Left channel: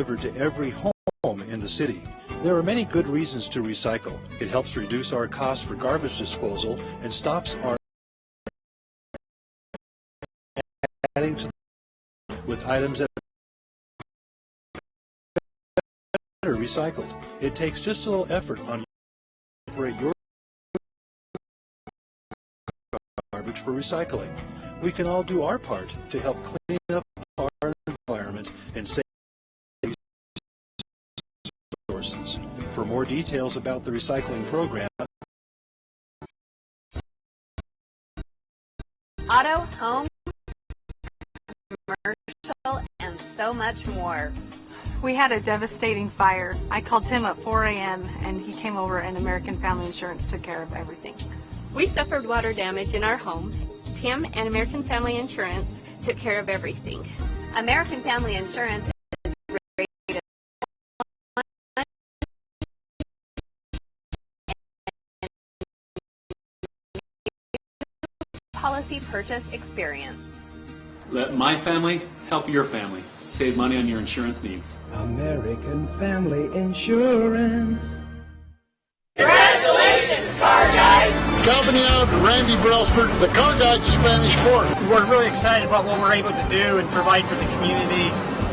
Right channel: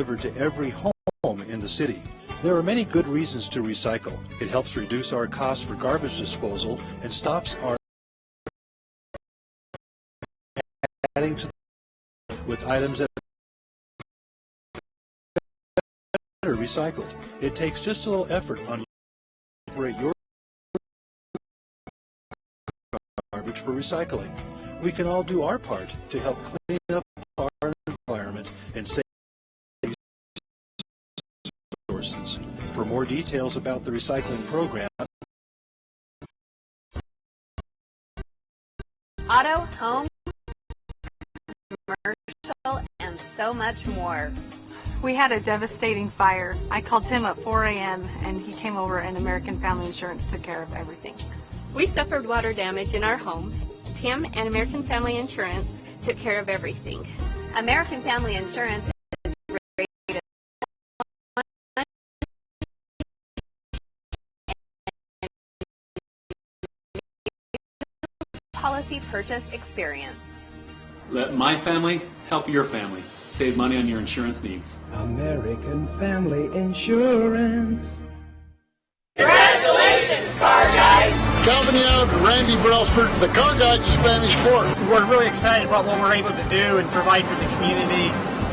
delivered to every home in the city. There are many good reasons to recycle. It helps reduce our costs for garbage disposal and stops our adding to with items that are recycled. It takes just a little effort on your garbage for recycling. We can all do our part to help clean up our environment and save resources. For more details about the recycling program, auto, home, commercial, and so much more. We had a devastating fire. I called Tim at 4 a.m. and he came over and American Family Insurance took care of everything. We suffered water damage in our home. Tim and American Family Insurance took care of everything. American Family Insurance is rated policy purchase experience. Let my family help your family. Save money on your insurance needs. American Family Insurance. Congratulations, car guys! Calvin Young, Randy Brailsford, the car guys of Spanish Fork. We're really excited about what we're able to do and provide for the community.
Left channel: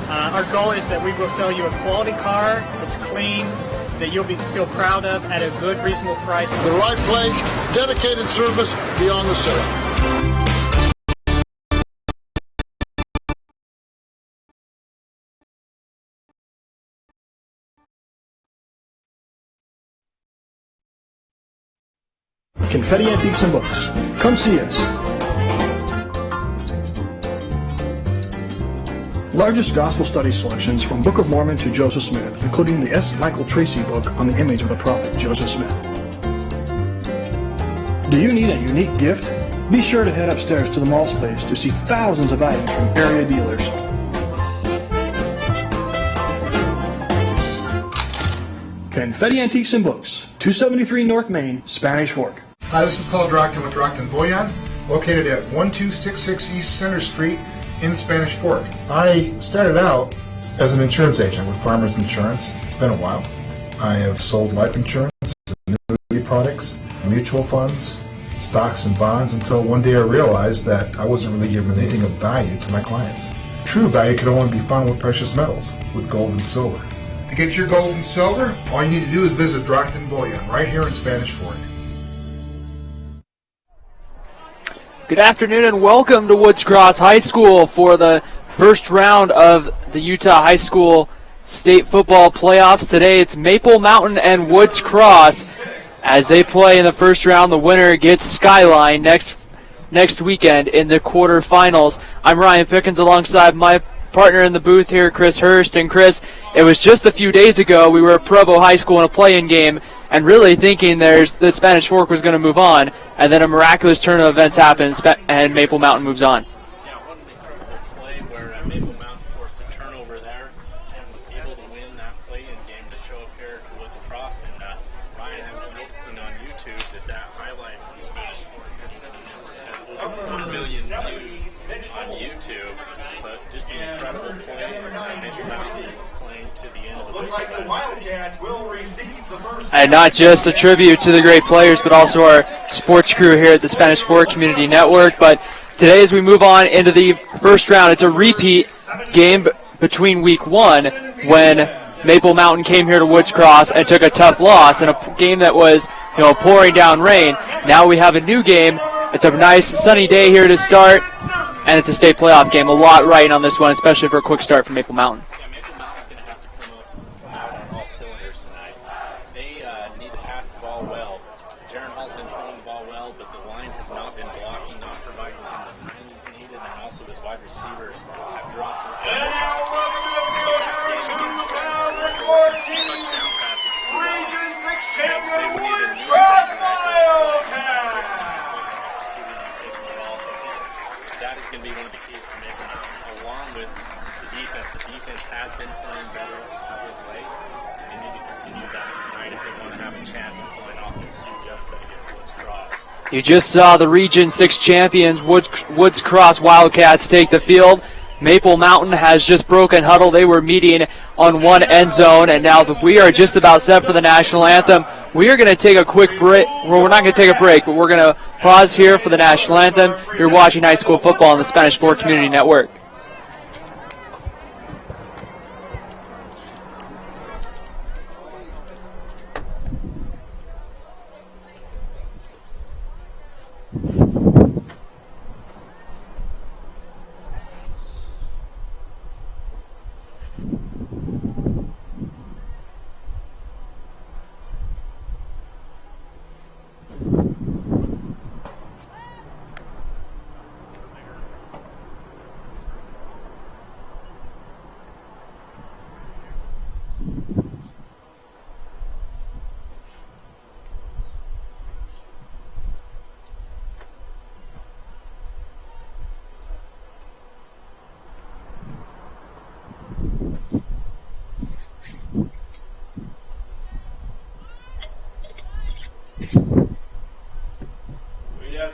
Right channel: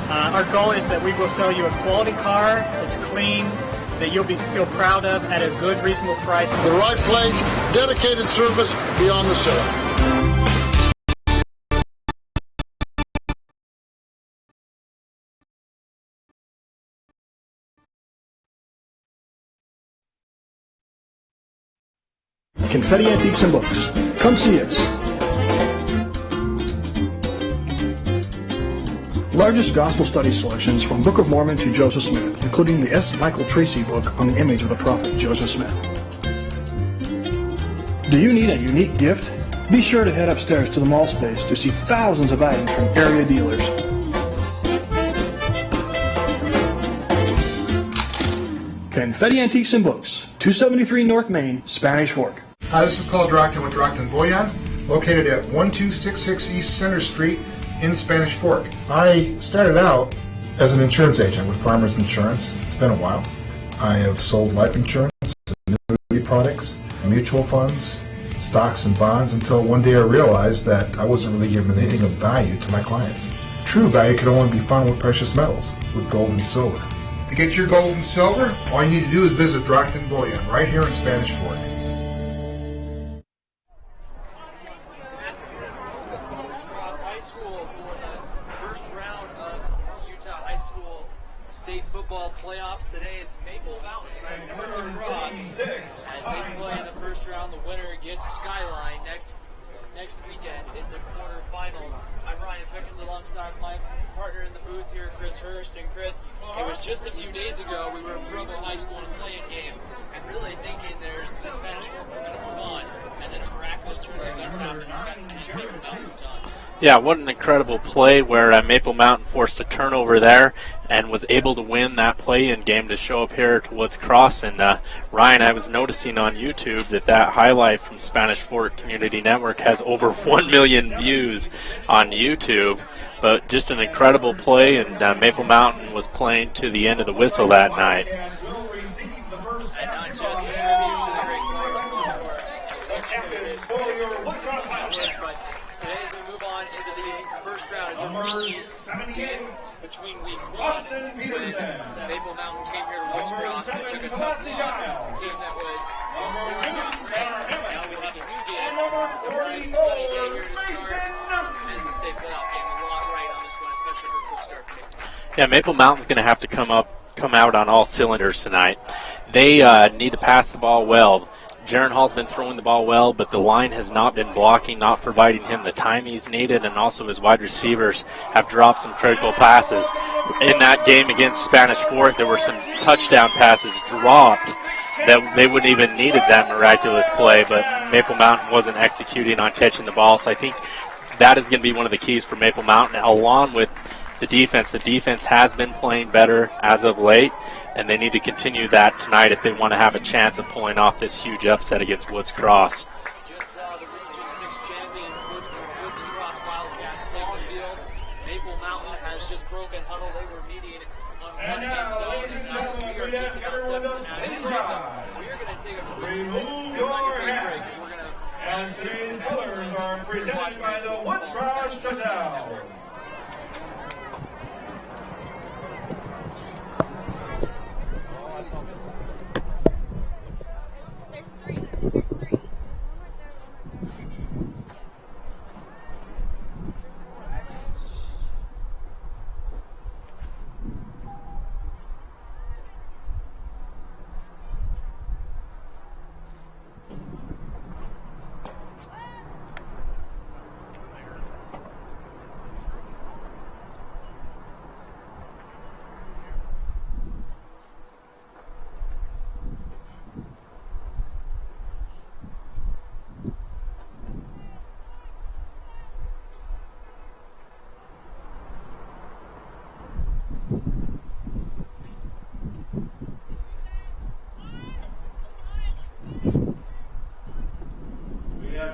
Our goal is that we will sell you a quality car that's clean, that you'll feel proud of at a good, reasonable price. The right place, dedicated service beyond the sale. Confetti Antiques and Books. Come see us. Largest gospel study selections from Book of Mormon to Joseph Smith, including the S. Michael Tracy book on the image of the prophet Joseph Smith. Do you need a unique gift? Be sure to head upstairs to the mall space to see thousands of items from area dealers. Confetti Antiques and Books, 273 North Main, Spanish Fork. Hi, this is Paul Drockton with Drockton Boyan, located at 1266 East Center Street in Spanish Fork. I started out as an insurance agent with Farmers Insurance. It's been a while. I have sold life insurance, annuity products, mutual funds, stocks and bonds until one day I realized that I wasn't really giving anything of value to my clients. True value could only be found with precious metals, with gold and silver. To get your gold and silver, all you need to do is visit Drockton Bullion right here in Spanish Fork. Good afternoon and welcome to Woods Cross High School for the first round of the Utah High School State Football Playoffs. Today it's Maple Mountain and Woods Cross as they play in the first round. The winner gets Skyline next weekend in the quarterfinals. I'm Ryan Pickens alongside my partner in the booth here, Chris Hurst. And Chris, it was just a few days ago we were at Provo High School in a play-in game and really thinking the Spanish Fork was going to move on, and then a miraculous turn of events happens and Maple Mountain moves on. Yeah, what an incredible play where Maple Mountain forced a turnover there and was able to win that play-in game to show up here to Woods Cross. And Ryan, I was noticing on YouTube that highlight from Spanish Fork Community Network has over 1 million views on YouTube. But just an incredible play, and Maple Mountain was playing to the end of the whistle that night. And not just a tribute to the great players, but also our sports crew here at the Spanish Fork Community Network. But today, as we move on into the first round, it's a repeat game between week one when Maple Mountain came here to Woods Cross and took a tough loss in a game that was, pouring down rain. Now we have a new game. It's a nice sunny day here to start, and it's a state playoff game. A lot riding on this one, especially for a quick start for Maple Mountain. Yeah, Maple Mountain's going to have to come out on all cylinders tonight. They need to pass the ball well. Jaron Hall's been throwing the ball well, but the line has not been blocking, not providing him the time he's needed, and also his wide receivers have dropped some critical passes. In that game against Spanish Fork, there were some touchdown passes dropped that they wouldn't even needed that miraculous play, but Maple Mountain wasn't executing on catching the ball, so I think that is going to be one of the keys for Maple Mountain, along with the defense. The defense has been playing better as of late, and they need to continue that tonight if they want to have a chance of pulling off this huge upset against Woods Cross. You just saw the Region 6 champions, Woods Cross Wildcats, take the field. Maple Mountain has just broken huddle. They were meeting on one end zone, and now we are just about set for the national anthem. We are going to take a quick break. Well, we're not going to take a break, but we're going to pause here for the national anthem. You're watching high school football on the Spanish Sport Community Network.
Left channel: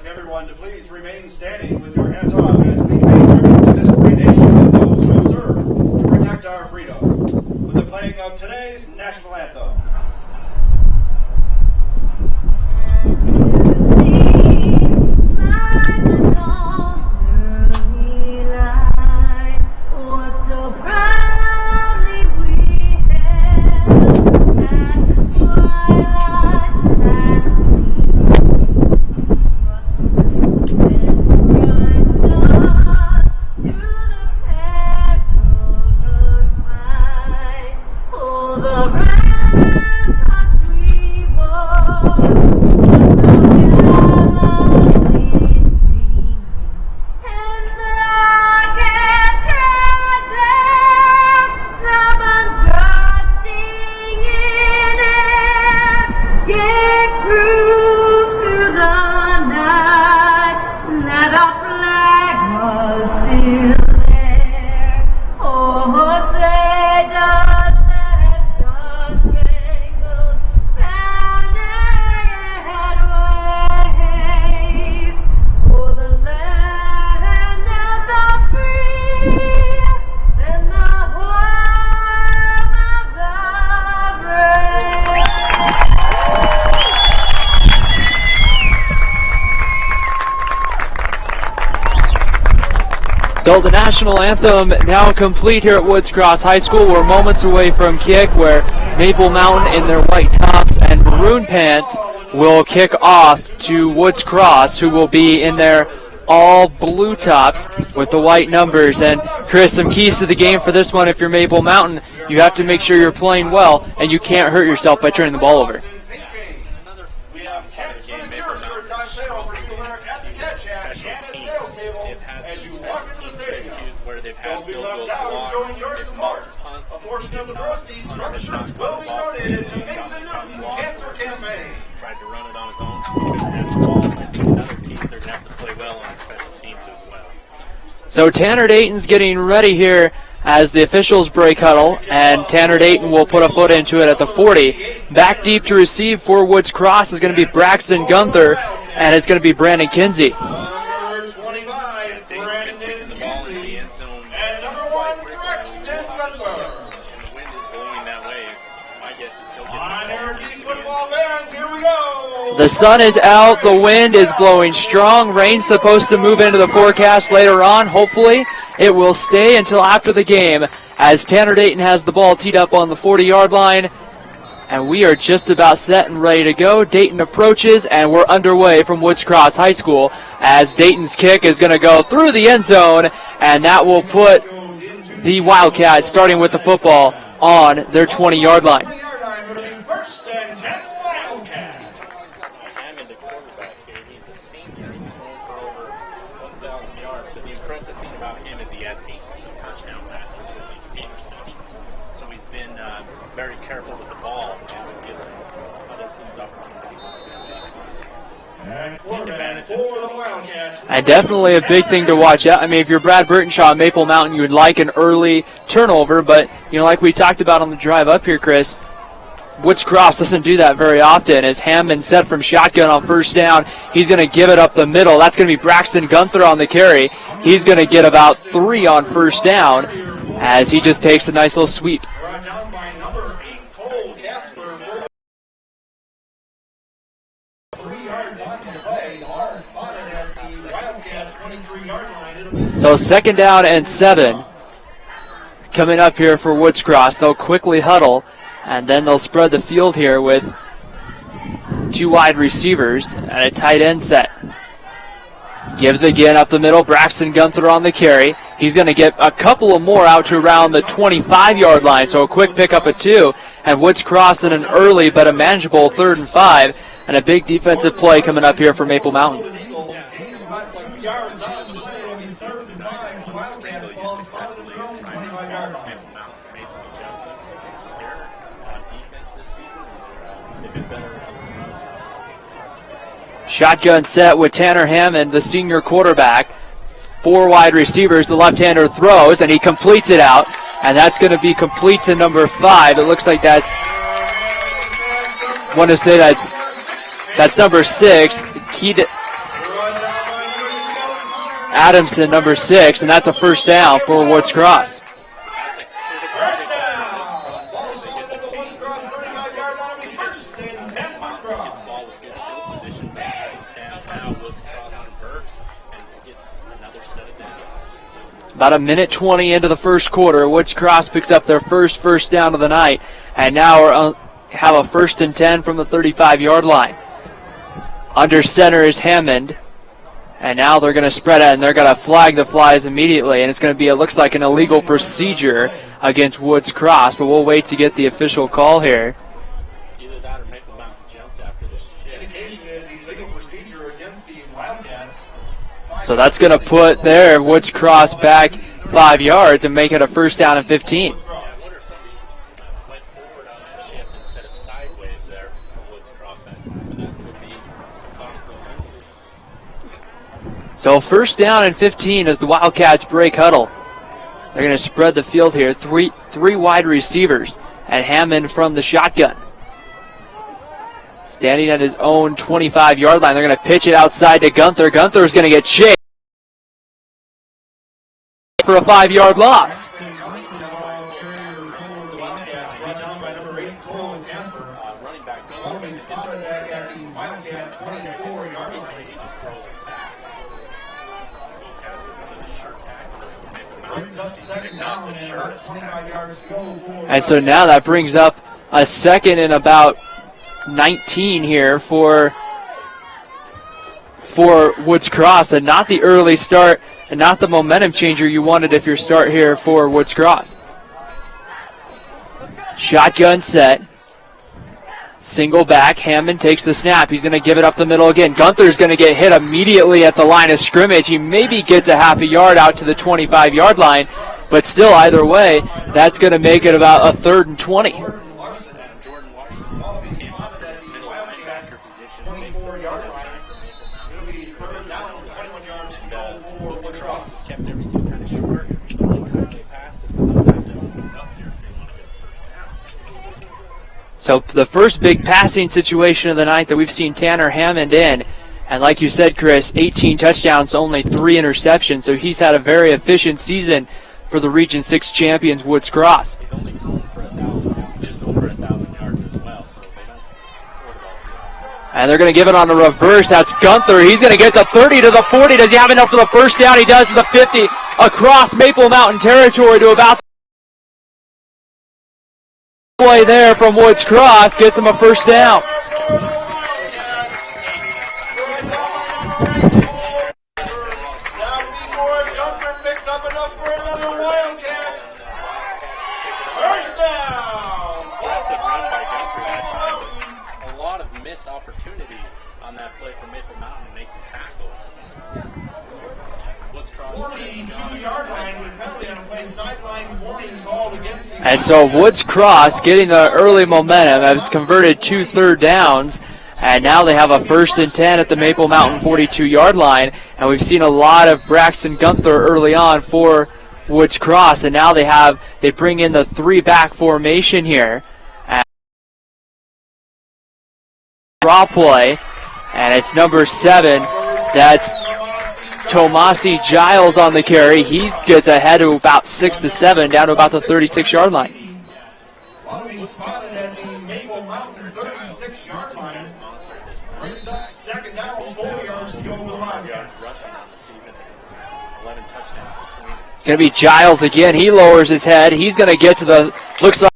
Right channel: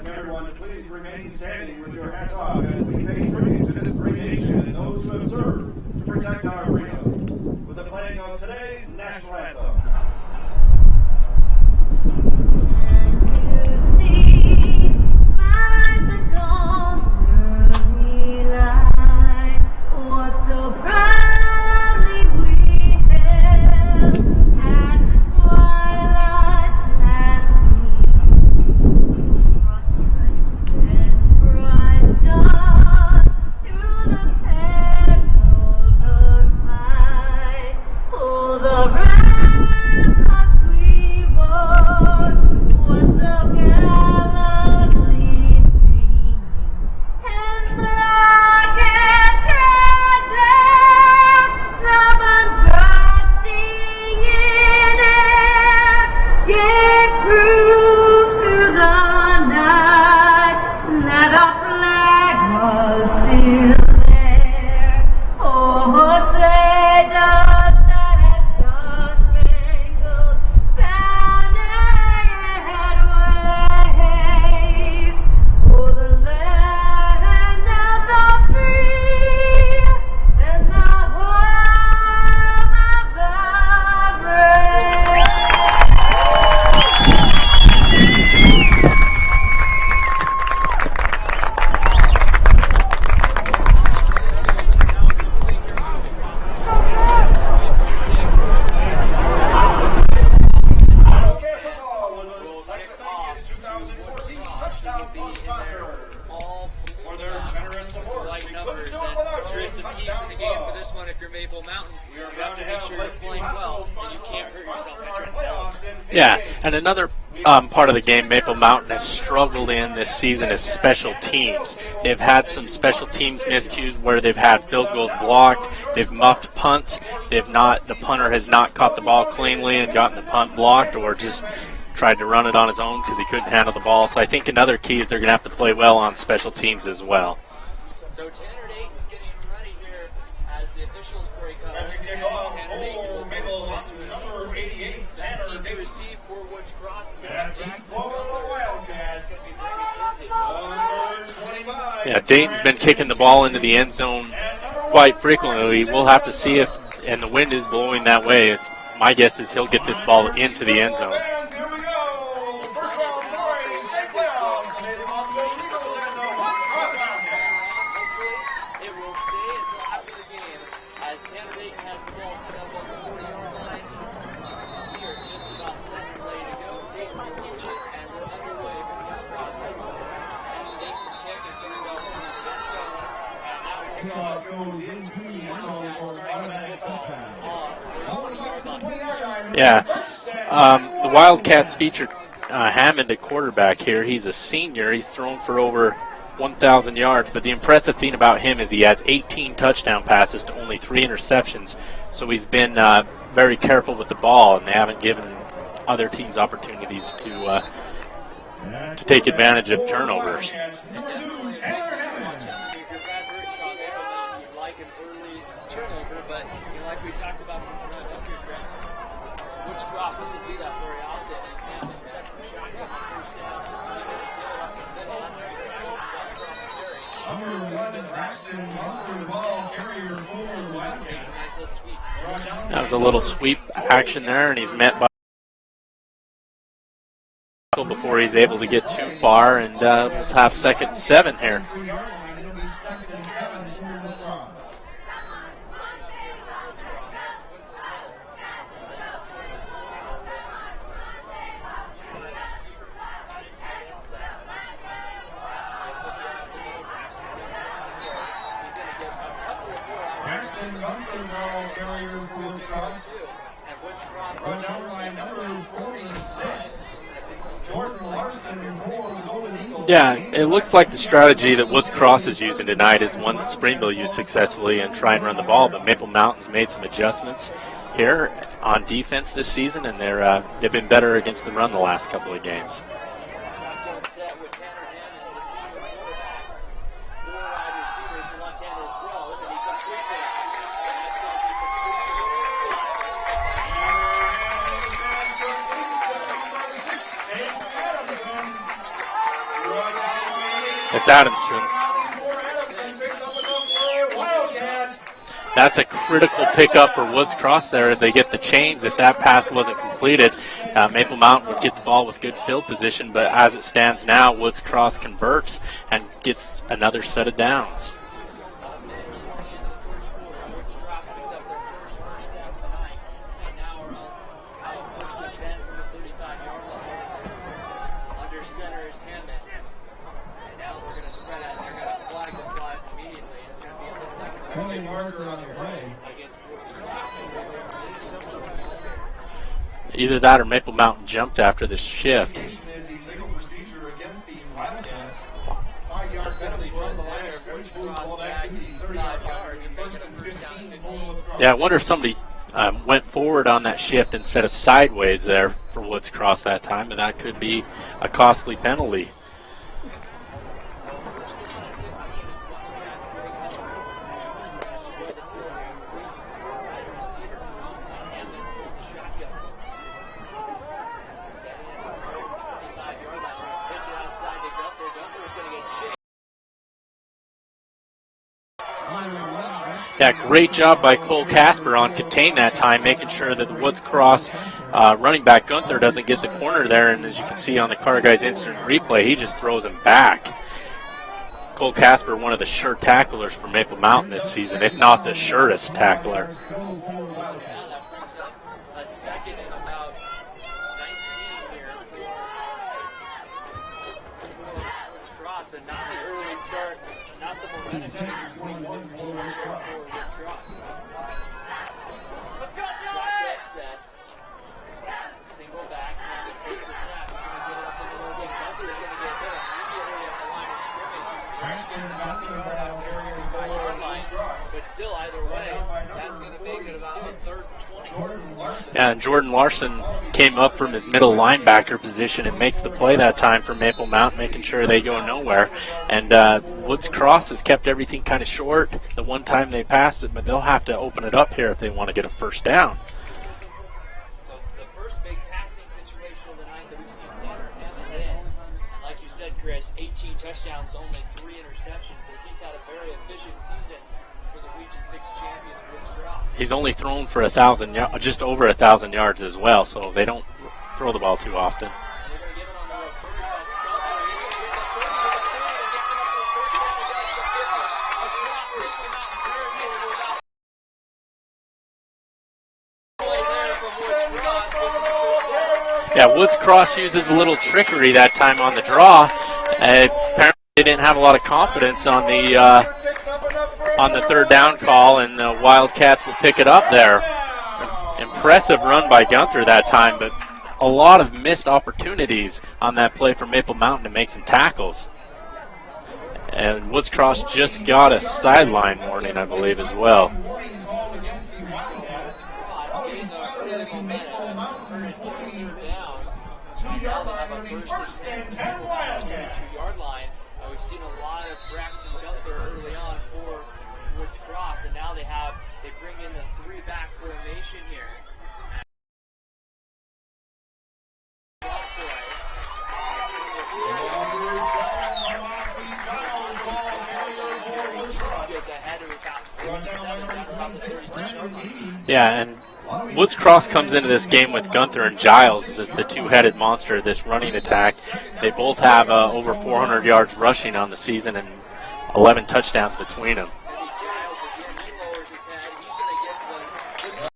Everyone to please remain standing with your hats off as we pay tribute to this great nation and those who have served to protect our freedoms with the playing of today's national anthem. So the national anthem now complete here at Woods Cross High School. We're moments away from kick, where Maple Mountain in their white tops and maroon pants will kick off to Woods Cross, who will be in their all blue tops with the white numbers. And Chris, some keys to the game for this one: if you're Maple Mountain, you have to make sure you're playing well, and you can't hurt yourself by turning the ball over. Yeah, and another part of the game Maple Mountain has struggled in this season is special teams. They've had some special teams miscues where they've had field goals blocked, they've muffed punts, the punter has not caught the ball cleanly and gotten the punt blocked, or just tried to run it on his own because he couldn't handle the ball. So I think another key is they're going to have to play well on special teams as well. So Tanner Dayton's getting ready here as the officials break huddle, and Tanner Dayton will put a foot into it at the 40. Back deep to receive for Woods Cross is going to be Braxton Gunther, and it's going to be Brandon Kinsey. Yeah, Dayton's been kicking the ball into the end zone quite frequently. We'll have to see if, and the wind is blowing that way. My guess is he'll get this ball into the end zone. The sun is out, the wind is blowing strong. Rain's supposed to move into the forecast later on. Hopefully it will stay until after the game, as Tanner Dayton has the ball teed up on the 40-yard line. And we are just about set and ready to go. Dayton approaches, and we're underway from Woods Cross High School, as Dayton's kick is going to go through the end zone, and that will put the Wildcats, starting with the football, on their 20-yard line. Yeah, the Wildcats featured Hammond at quarterback here. He's a senior. He's thrown for over 1,000 yards, but the impressive thing about him is he has 18 touchdown passes to only 3 interceptions. So he's been very careful with the ball, and they haven't given other teams opportunities to take advantage of turnovers. And definitely a big thing to watch out. I mean, if you're Brad Burtonshaw at Maple Mountain, you would like an early turnover, but, you know, like we talked about on the drive up here, Chris, Woods Cross doesn't do that very often as Hammond set from shotgun on first down. He's going to give it up the middle. That's going to be Braxton Gunther on the carry. He's going to get about 3 on first down as he just takes a nice little sweep. That was a little sweep action there, and he's met by before he's able to get too far, and have 2nd and 7 here. So 2nd down and 7 coming up here for Woods Cross. They'll quickly huddle, and then they'll spread the field here with 2 wide receivers and a tight end set. Gives again up the middle. Braxton Gunther on the carry. He's going to get a couple of more out to around the 25-yard line, so a quick pickup of 2. And Woods Cross in an early but a manageable 3rd and 5. And a big defensive play coming up here for Maple Mountain. Yeah, it looks like the strategy that Woods Cross is using tonight is one that Springville used successfully and try and run the ball, but Maple Mountain's made some adjustments here on defense this season, and they've been better against the run the last couple of games. Shotgun set with Tanner Hammond, the senior quarterback. 4 wide receivers. The left-hander throws, and he completes it out, and that's going to be complete to number 5. It looks like that's, want to say that's number 6. It's Adamson. Adamson, number 6, and that's a first down for Woods Cross. That's a critical pickup for Woods Cross there as they get the chains. If that pass wasn't completed, Maple Mountain would get the ball with good field position, but as it stands now, Woods Cross converts and gets another set of downs. About 1:20 into the first quarter, Woods Cross picks up their first down of the night, and now have a 1st and 10 from the 35-yard line. Under center is Hammond. And now they're going to spread it, and they're going to flag the flies immediately. And it's going to be, it looks like an illegal procedure against Woods Cross, but we'll wait to get the official call here. Either that or Maple Mountain jumped after this shift. So that's going to put their Woods Cross back 5 yards and make it a 1st down and 15. Yeah, I wonder if somebody went forward on that shift instead of sideways there for Woods Cross that time, and that could be a costly penalty. So 1st down and 15 as the Wildcats break huddle. They're going to spread the field here. Three wide receivers and Hammond from the shotgun. Standing at his own 25-yard line. They're going to pitch it outside to Gunther. Gunther's going to get chased for a 5-yard loss. Yeah, great job by Cole Casper on contain that time, making sure that the Woods Cross running back Gunther doesn't get the corner there. And as you can see on the Car Guys instant replay, he just throws him back. Cole Casper, one of the sure tacklers for Maple Mountain this season, if not the surest tackler. And so now that brings up a 2nd and about 19 here for Woods Cross, and not the early start and not the momentum changer you wanted if you start here for Woods Cross. Shotgun set. Single back. Hammond takes the snap. He's going to give it up the middle again. Gunther's going to get hit immediately at the line of scrimmage. He maybe gets a half a yard out to the 25-yard line, but still, either way, that's going to make it about a 3rd and 20. And Jordan Larson came up from his middle linebacker position and makes the play that time for Maple Mountain, making sure they go nowhere. And Woods Cross has kept everything kind of short the one time they passed it, but they'll have to open it up here if they want to get a 1st down. So the first big passing situation of the night that we've seen Tanner Hammond in. And like you said, Chris, 18 touchdowns, only 3 interceptions. So he's had a very efficient season for the Region 6 champions, Woods Cross. He's only thrown for just over 1,000 yards as well, so they don't throw the ball too often. And they're going to give it on the reverse. That's Gunther. He's going to get the 30 to the 40. Does he have enough for the 1st down? He does to the 50 across Maple Mountain territory to about play there from Woods Cross, gets him a 1st down. Yeah, Woods Cross uses a little trickery that time on the draw, and apparently they didn't have a lot of confidence on the 3rd down call, and the Wildcats will pick it up there. Impressive run by Gunther that time, but a lot of missed opportunities on that play for Maple Mountain to make some tackles. And Woods Cross just got a sideline warning, I believe, as well. And so Woods Cross getting the early momentum has converted 2 3rd downs, and now they have a 1st and 10 at the Maple Mountain 42-yard line. And we've seen a lot of Braxton Gunther early on for Woods Cross, and now they bring in the 3-back formation here. draw play, and it's number 7. That's Tomasi Giles on the carry. He gets ahead of about 6 to 7, down to about the 36-yard line. Yeah, and Woods Cross comes into this game with Gunther and Giles as the two-headed monster of this running attack. They both have over 400 yards rushing on the season and 11 touchdowns between them. It's going to be Giles again. He lowers his head. He's going to get to the, looks like,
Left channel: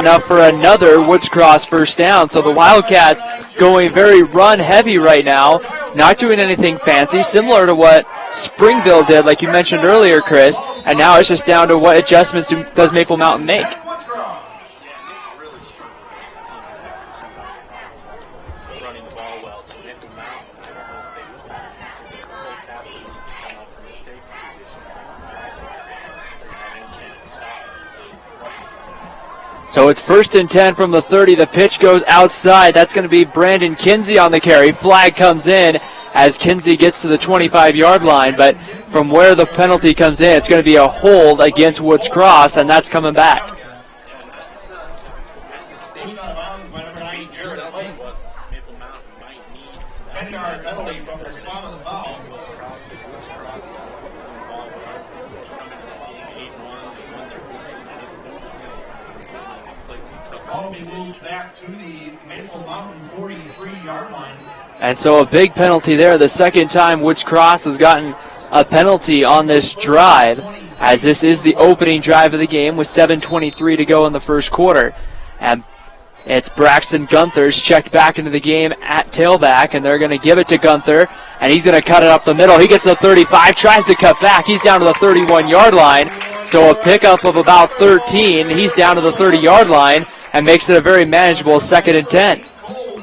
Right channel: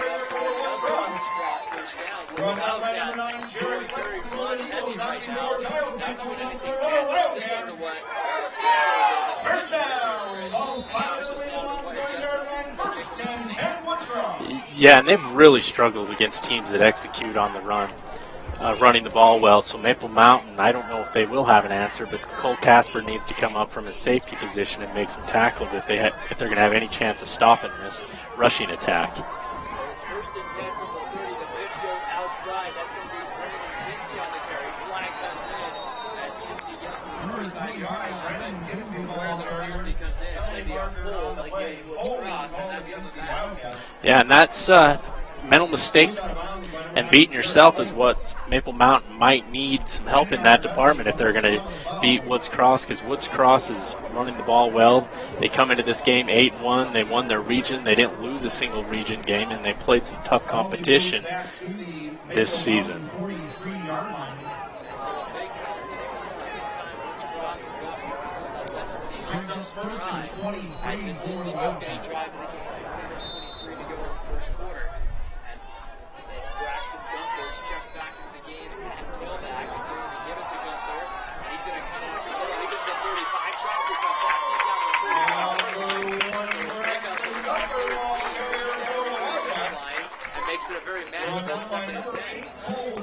enough for another Woods Cross first down. So the Wildcats going very run heavy right now, not doing anything fancy, similar to what Springville did, like you mentioned earlier, Chris. And now it's just down to what adjustments does Maple Mountain make. Yeah, and they've really struggled against teams that execute on the run, running the ball well. So Maple Mountain, I don't know if they will have an answer, but Cole Casper needs to come up from his safety position and make some tackles if they're going to have any chance of stopping this rushing attack. So it's 1st and 10 from the 30. The pitch goes outside. That's going to be Brandon Kinsey on the carry. Flag comes in as Kinsey gets to the 25-yard line. But from where the penalty comes in, it's going to be a hold against Woods Cross, and that's coming back. Yeah, and that's mental mistakes and beating yourself is what Maple Mountain might need some help in that department if they're going to beat Woods Cross, because Woods Cross is running the ball well. They come into this game 8-1. They won their region. They didn't lose a single region game, and they played some tough competition this season. And so a big penalty there. The second time Woods Cross has gotten a penalty on this drive, as this is the opening drive of the game with 7:23 to go in the first quarter. And it's Braxton Gunther's checked back into the game at tailback, and they're going to give it to Gunther, and he's going to cut it up the middle. He gets to the 35, tries to cut back. He's down to the 31-yard line, so a pickup of about 13. He's down to the 30-yard line and makes it a very manageable 2nd and 10.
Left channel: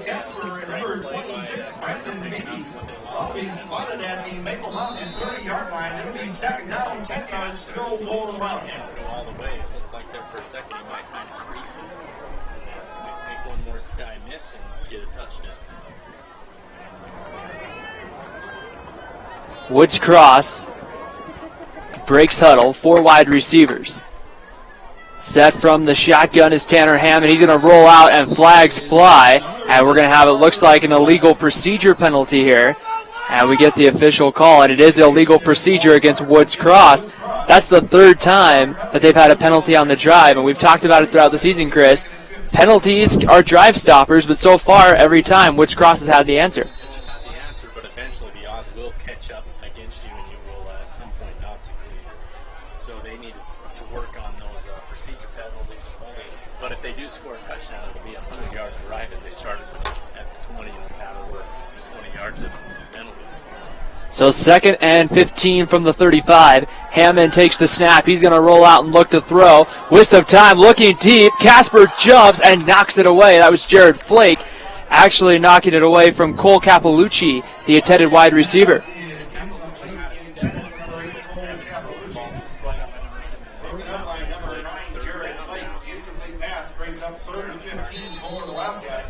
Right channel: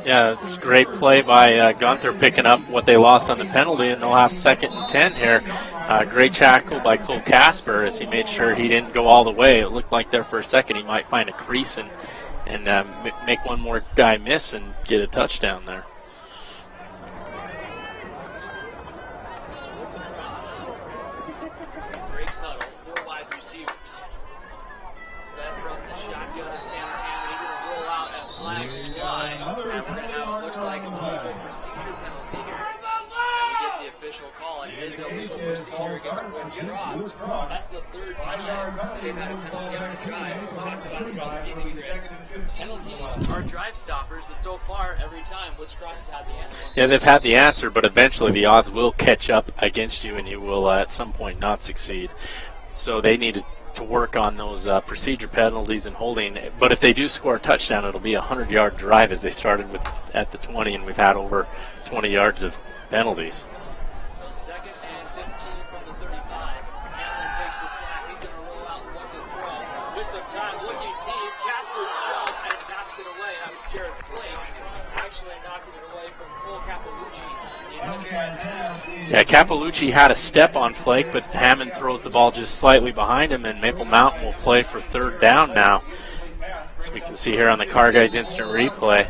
Yeah, it's a great play by Gunther picking up what they lost on the penalty, and they'll have 2nd and 10 here. Great tackle by Cole Casper as he made sure he didn't go all the way. It looked like there for a second he might find a crease and make one more guy miss and get a touchdown there. Woods Cross breaks huddle, 4 wide receivers. Set from the shotgun is Tanner Hammond. He's going to roll out and flags fly. And we're going to have, it looks like, an illegal procedure penalty here. And we get the official call, and it is illegal procedure against Woods Cross. That's the 3rd time that they've had a penalty on the drive, and we've talked about it throughout the season, Chris. Penalties are drive stoppers, but so far, every time, Woods Cross has had the answer. Yeah, they've had the answer, but eventually the odds will catch up against you, and you will at some point not succeed. So they need to work on those procedure penalties and holding. But if they do score a touchdown, it'll be a 100-yard drive as they started with at the 20, and we've had over 20 yards of penalties. So 2nd and 15 from the 35. Hammond takes the snap. He's going to roll out and look to throw. Waste of time, looking deep. Casper jumps and knocks it away. That was Jared Flake actually knocking it away from Cole Capalucci, the intended wide receiver. Yeah, Capalucci had a step on Flake, but Hammond throws the ball just slightly behind him, and Maple Mountain will play for 3rd down now. As we can see here on the Car Guys instant replay.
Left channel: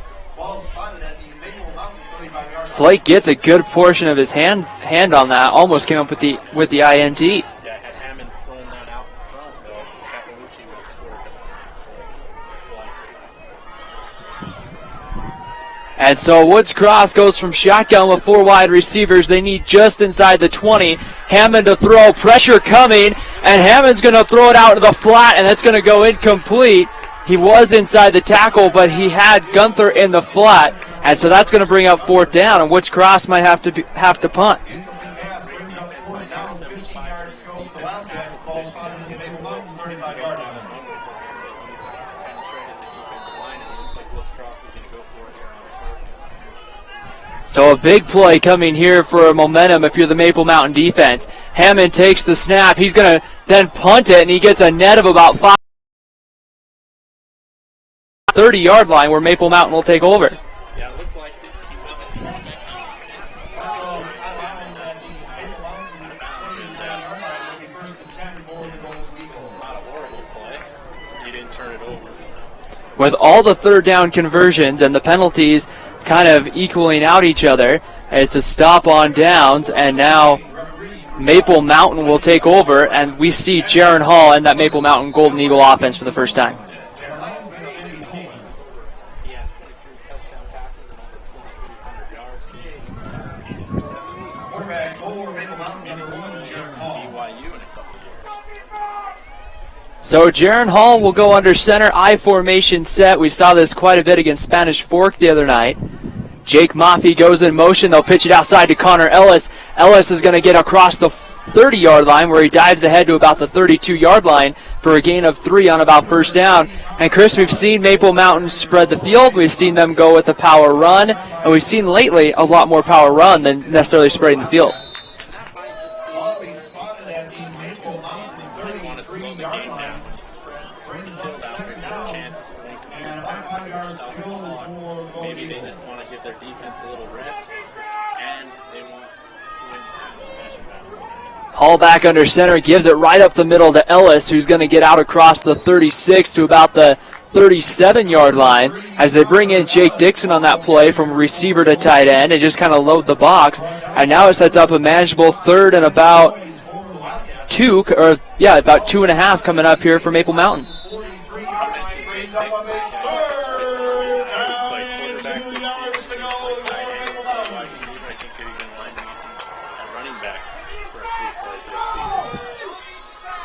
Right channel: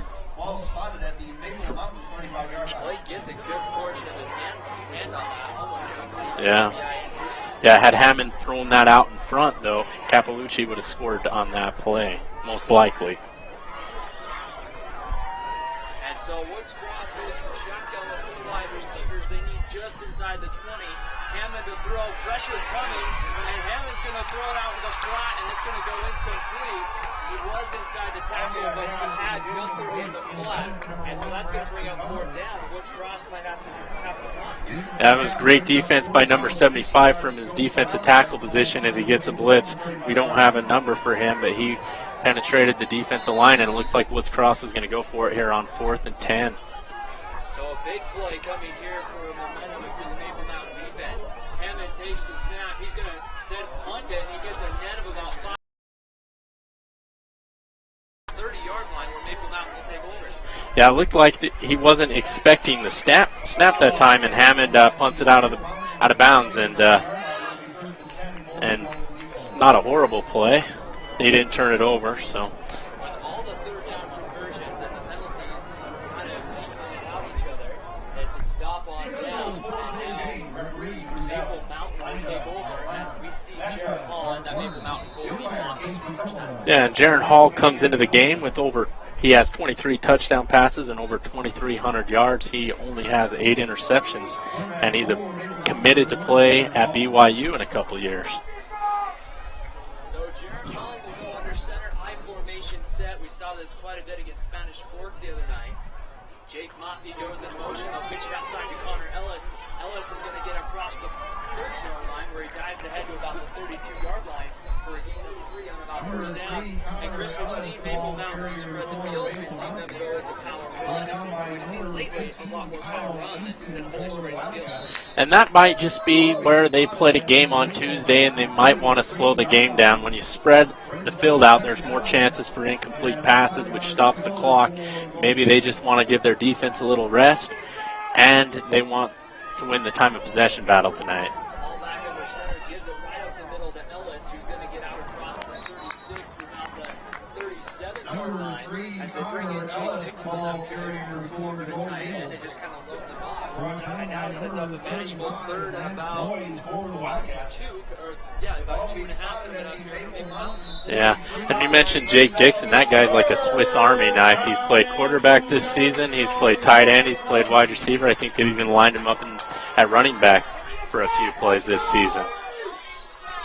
Flake gets a good portion of his hand on that. Almost came up with the INT. Yeah, had Hammond thrown that out in front, though, Capalucci would have scored on that play, most likely. And so Woods Cross goes from shotgun with 4 wide receivers. They need just inside the 20. Hammond to throw, pressure coming, and Hammond's going to throw it out to the flat, and it's going to go incomplete. He was inside the tackle, but he had Gunther in the flat, and so that's going to bring up 4th down, and Woods Cross might have to punt. That was great defense by number 75 from his defensive tackle position as he gets a blitz. We don't have a number for him, but he penetrated the defensive line, and it looks like Woods Cross is going to go for it here on 4th and 10. So a big play coming here for a momentum if you're the Maple Mountain defense. Hammond takes the snap. He's going to then punt it, and he gets a net of about 5. 30-yard line where Maple Mountain will take over. Yeah, it looked like he wasn't expecting the snap that time, and Hammond punts it out of bounds, and it's not a horrible play. He didn't turn it over. So with all the 3rd down conversions and the penalties kind of equaling out each other, it's a stop on downs, and now Maple Mountain will take over, and we see Jaron Hall and that Maple Mountain Golden Eagle offense for the first time. Yeah, and Jaron Hall comes into the game with over He has 23 touchdown passes and over 2,300 yards. He only has 8 interceptions, and he's committed to play at BYU in a couple years. So Jaron Hall will go under center, I formation set. We saw this quite a bit against Spanish Fork the other night. Jake Maffey goes in motion. They'll pitch it outside to Connor Ellis. Ellis is going to get across the 30-yard line where he dives ahead to about the 32-yard line for a gain of 3 on about first down. And Chris, we've seen Maple Mountain spread the field. We've seen them go with the power run. And we've seen lately a lot more power run than necessarily spreading the field. And that might just be where they played a game on Tuesday, and they might want to slow the game down. When you spread the field out, there's more chances for incomplete passes, which stops the clock. Maybe they just want to give their defense a little rest, and they want to win the time of possession battle tonight. Hall back under center, gives it right up the middle to Ellis, who's going to get out across the 36 to about the 37-yard line as they bring in Jake Dixon on that play from receiver to tight end and just kind of load the box. And now it sets up a manageable 3rd and about 2.5 coming up here for Maple Mountain. Yeah, and you mentioned Jake Dixon. That guy's like a Swiss Army knife. He's played quarterback this season. He's played tight end. He's played wide receiver. I think they've even lined him up at running back for a few plays this season.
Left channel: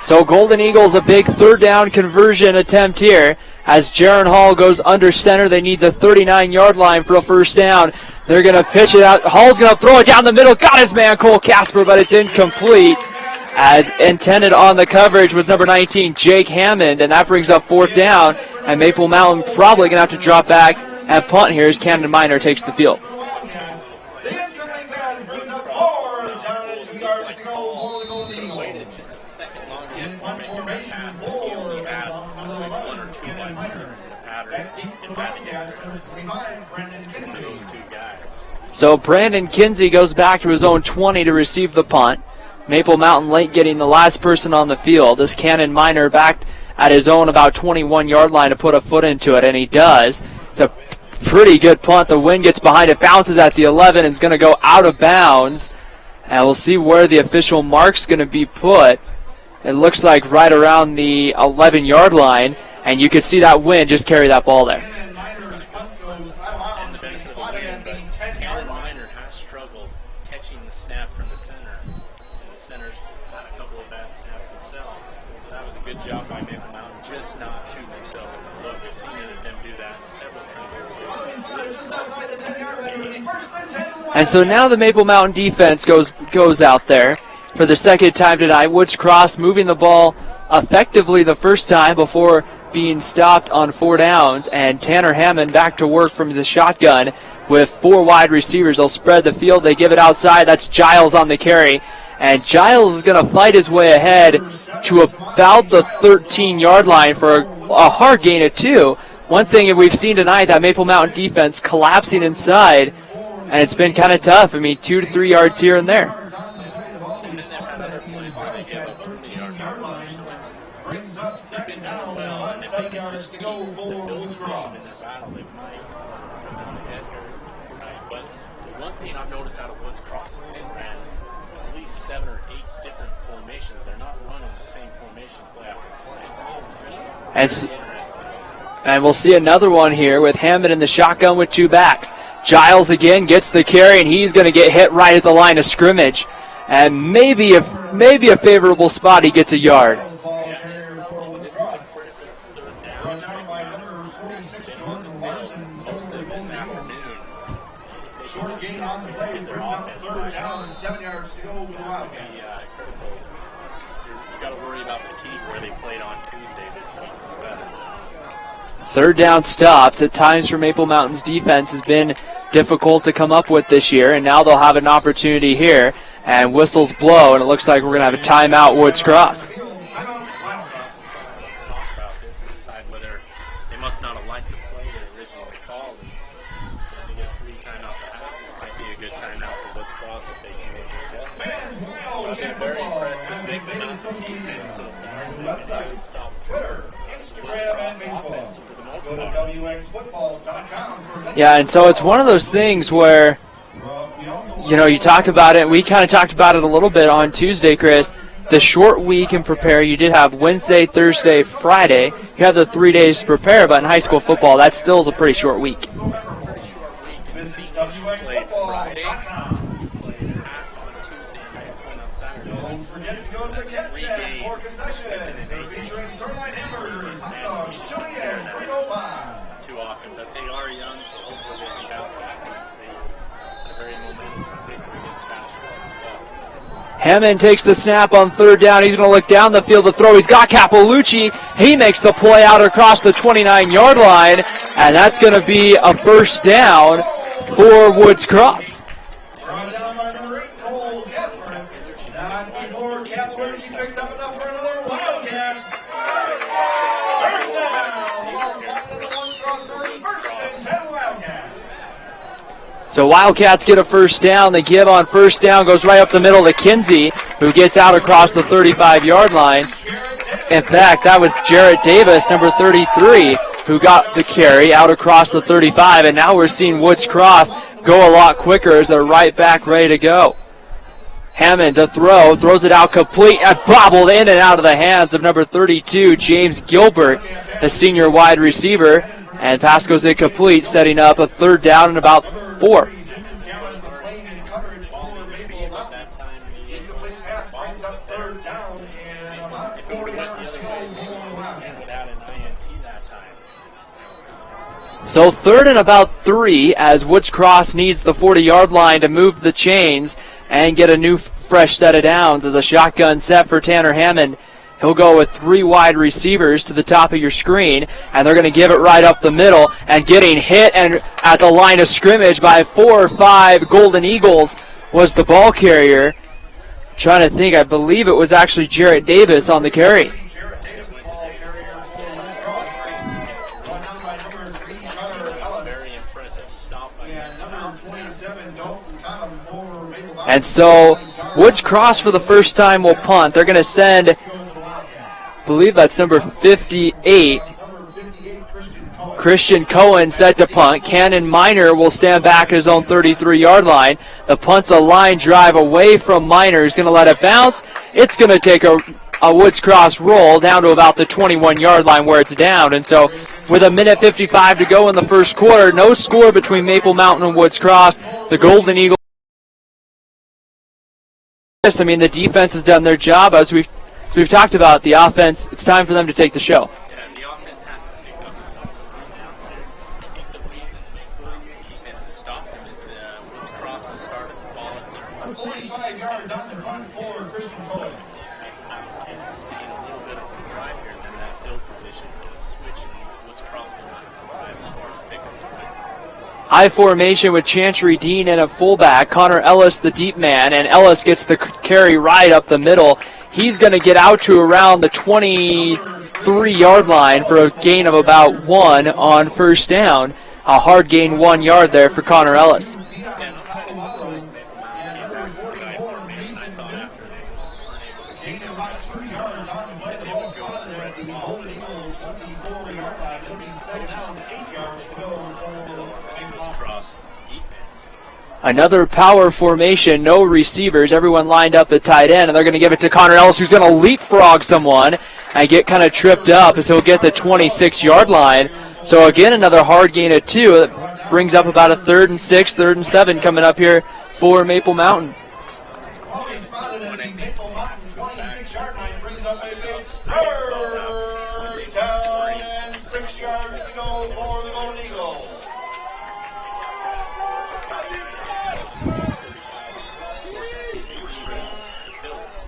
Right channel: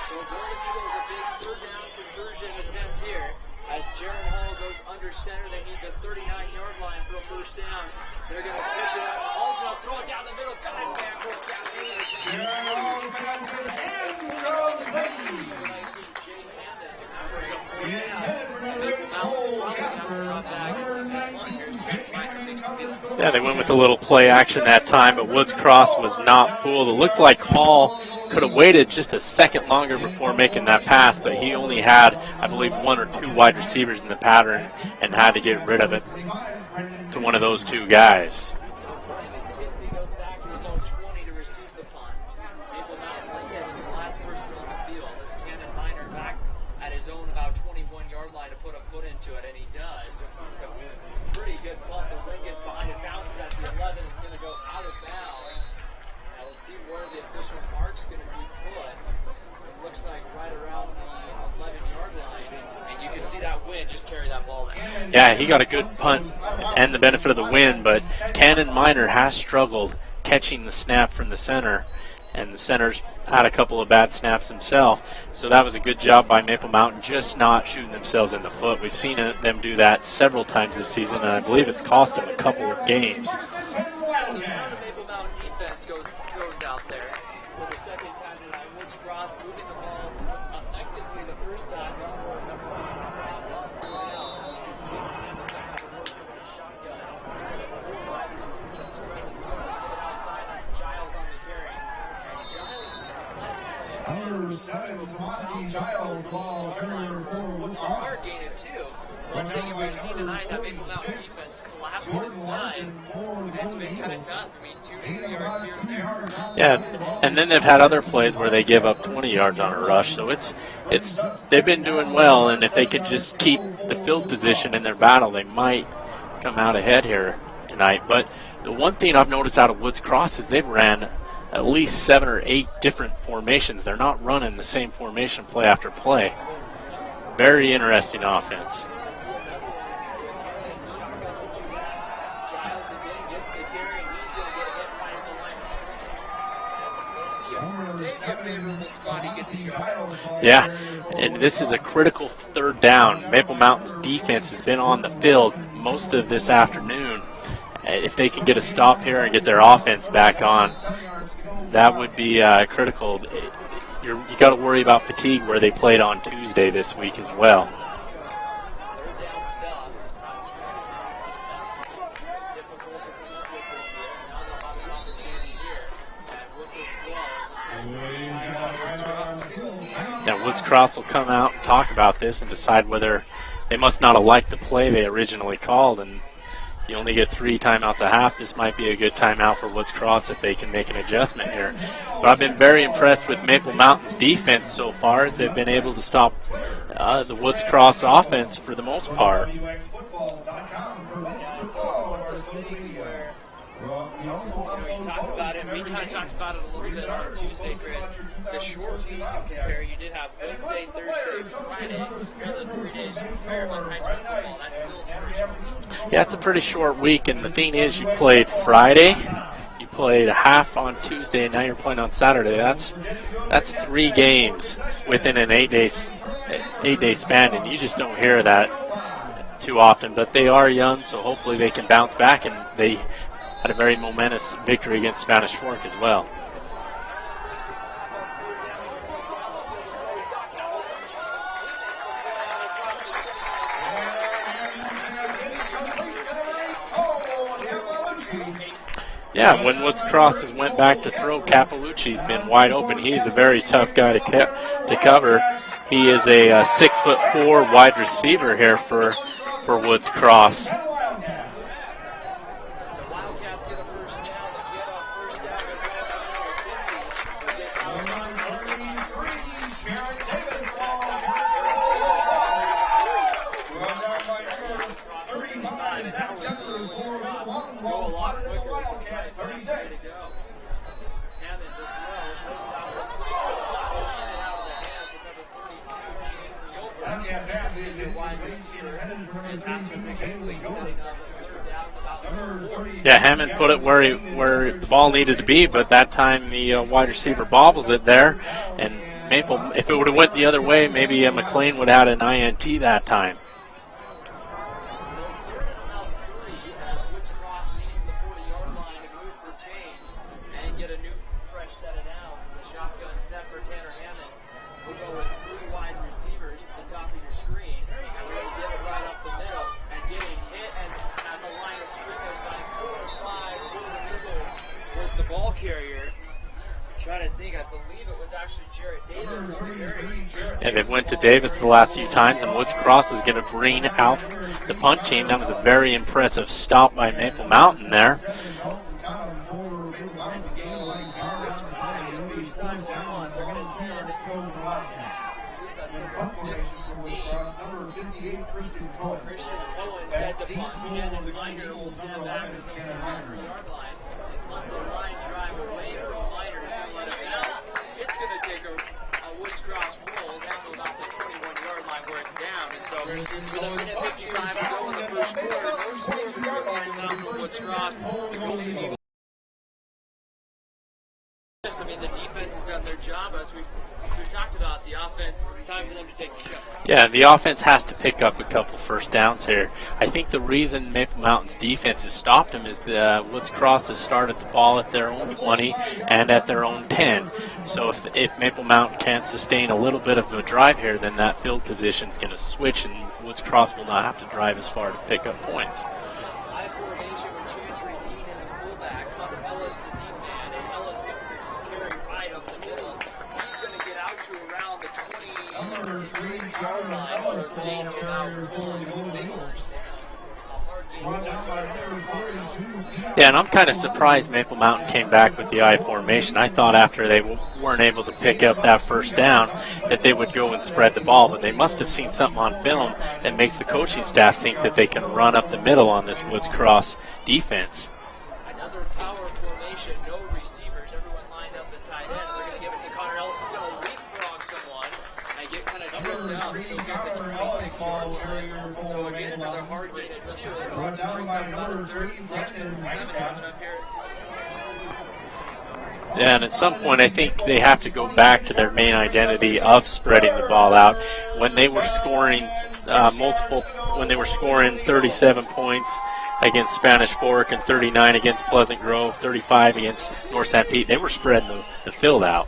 So Golden Eagles, a big 3rd down conversion attempt here. As Jaron Hall goes under center, they need the 39-yard line for a first down. They're going to pitch it out. Hall's going to throw it down the middle. Got his man, Cole Casper, but it's incomplete. As intended on the coverage was number 19, Jake Hammond, and that brings up 4th down. And Maple Mountain probably going to have to drop back and punt here as Camden Minor takes the field. Yeah, they went with a little play action that time, but Woods Cross was not fooled. It looked like Hall could have waited just a second longer before making that pass, but he only had, I believe, 1 or 2 wide receivers in the pattern and had to get rid of it to one of those 2 guys. So Brandon Kinsey goes back to his own 20 to receive the punt. Maple Mountain late getting the last person on the field as Cannon Minor back at his own about 21-yard line to put a foot into it, and he does. It's a pretty good punt. The wind gets behind it, bounces at the 11, and is going to go out of bounds. And we'll see where the official mark's going to be put. It looks like right around the 11-yard line, and you can see that wind just carry that ball there. Yeah, he got a good punt and the benefit of the wind, but Cannon Minor has struggled catching the snap from the center, and the center's had a couple of bad snaps himself. So that was a good job by Maple Mountain, just not shooting themselves in the foot. We've seen them do that several times this season, and I believe it's cost them a couple of games. And so now the Maple Mountain defense goes out there for the second time tonight. Woods Cross moving the ball effectively the first time before being stopped on 4 downs. And Tanner Hammond back to work from the shotgun with 4 wide receivers. They'll spread the field. They give it outside. That's Giles on the carry. And Giles is going to fight his way ahead to about the 13-yard line for a hard gain of 2. One thing that we've seen tonight, that Maple Mountain defense collapsing inside, and it's been kind of tough. I mean, 2 to 3 yards here and there. Yeah, and then they've had other plays where they give up 20 yards on a rush. So they've been doing well, and if they could just keep the field position in their battle, they might come out ahead here tonight. But the one thing I've noticed out of Woods Cross is they've ran at least 7 or 8 different formations. They're not running the same formation play after play. Very interesting offense. And we'll see another one here with Hammond in the shotgun with 2 backs. Giles again gets the carry, and he's going to get hit right at the line of scrimmage. And maybe a favorable spot, he gets a yard. Yeah, and this is a critical 3rd down. Maple Mountain's defense has been on the field most of this afternoon. If they can get a stop here and get their offense back on, that would be critical. You got to worry about fatigue where they played on Tuesday this week as well. 3rd down stops at times for Maple Mountain's defense has been difficult to come up with this year, and now they'll have an opportunity here. And whistles blow, and it looks like we're going to have a timeout, Woods Cross. Now Woods Cross will come out and talk about this and decide whether they must not have liked the play they originally called, and you only get 3 timeouts a half. This might be a good timeout for Woods Cross if they can make an adjustment here. But I've been very impressed with Maple Mountain's defense so far. They've been able to stop the Woods Cross offense for the most part. Yeah, and so it's one of those things where, you talk about it. We kind of talked about it a little bit on Tuesday, Chris. the short week and prepare. You did have Wednesday, Thursday, Friday. You have the 3 days to prepare, but in high school football, that still is a pretty short week. Yeah, it's a pretty short week, and the thing is, you played Friday, you played a half on Tuesday, and now you're playing on Saturday. That's 3 games within an 8-day span, and you just don't hear that too often. But they are young, so hopefully they can bounce back, and they had a very momentous victory against Spanish Fork as well. Hammond takes the snap on 3rd down. He's going to look down the field to throw. He's got Capalucci. He makes the play out across the 29-yard line, and that's going to be a first down for Woods Cross. Yeah, when Woods Cross has went back to throw, Capalucci's been wide open. He's a very tough guy to cover. He is a 6'4" wide receiver here for Woods Cross. So Wildcats get a first down. The give on first down goes right up the middle to Kinsey, who gets out across the 35-yard line. In fact, that was Jarrett Davis, number 33, who got the carry out across the 35. And now we're seeing Woods Cross go a lot quicker as they're right back ready to go. Hammond to throw, throws it out complete and bobbled in and out of the hands of number 32, James Gilbert, the senior wide receiver. And pass goes incomplete, setting up a 3rd down and about 4. Yeah, Hammond put it where the ball needed to be, but that time the wide receiver bobbles it there. And Maple, if it would have went the other way, maybe McLean would have had an INT that time. So 3rd and about 3 as Woods Cross needs the 40-yard line to move the chains and get a new fresh set of downs as a shotgun set for Tanner Hammond. He'll go with 3 wide receivers to the top of your screen, and they're going to give it right up the middle, and getting hit and at the line of scrimmage by 4 or 5 Golden Eagles was the ball carrier. Trying to think, I believe it was actually Jarrett Davis on the carry. And it went to Davis the last few times, and Woods Cross is going to bring out the punt team. That was a very impressive stop by Maple Mountain there. And so Woods Cross for the first time will punt. They're going to send, I believe that's number 58, Christian Cohen, set to punt. Cannon Minor will stand back at his own 33-yard line. The punt's a line drive away from Minor. He's going to let it bounce. It's going to take a Woods Cross roll down to about the 21-yard line where it's down. And so with 1:55 to go in the first quarter, no score between Maple Mountain and Woods Cross. The Golden Eagles, I mean, the defense has done their job. As we've talked about, the offense, it's time for them to take the show. Yeah, the offense has to pick up a couple of first downs here. I think the reason Maple Mountain's defense has stopped them is the Woods Cross has started the ball at their own 20 and at their own 10. So if Maple Mountain can't sustain a little bit of a drive here, then that field position is going to switch, and Woods Cross will not have to drive as far to pick up points. High formation with Chantry Dean and a fullback. Connor Ellis, the deep man, and Ellis gets the carry right up the middle. He's going to get out to around the 23-yard line for a gain of about 1 on first down. A hard gain 1 yard there for Connor Ellis. Yeah, and I'm kind of surprised Maple Mountain came back with the I formation. I thought after they weren't able to pick up that first down that they would go and spread the ball, but they must have seen something on film that makes the coaching staff think that they can run up the middle on this Woods Cross defense. Another power formation, no receivers, everyone lined up at tight end, and they're going to give it to Connor Ellis, who's going to leapfrog someone and get kind of tripped up as he'll get the 26-yard line. So again, another hard gain of 2. That brings up about a 3rd and 6, 3rd and 7 coming up here for Maple Mountain. Yeah, and at some point I think they have to go back to their main identity of spreading the ball out. When they were scoring when they were scoring 37 points against Spanish Fork and 39 against Pleasant Grove, 35 against North St. Pete, they were spreading the field out.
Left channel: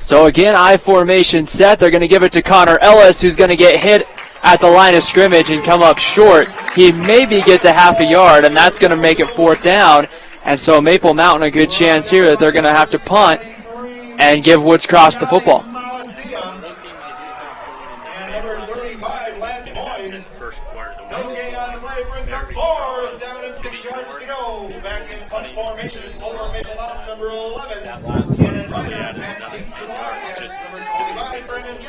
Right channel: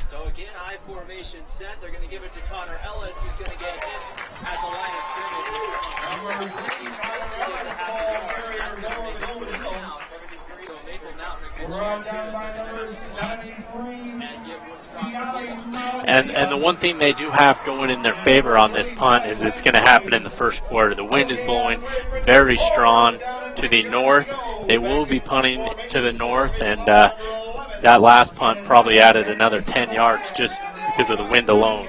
So again, I formation set. They're going to give it to Connor Ellis, who's going to get hit at the line of scrimmage and come up short. He maybe gets a half a yard, and that's going to make it 4th down. And so Maple Mountain a good chance here that they're going to have to punt and give Woods Cross the football. And the one thing they do have going in their favor on this punt is it's going to happen in the first quarter. The wind is blowing very strong to the north. They will be punting to the north, and that last punt probably added another 10 yards just because of the wind alone.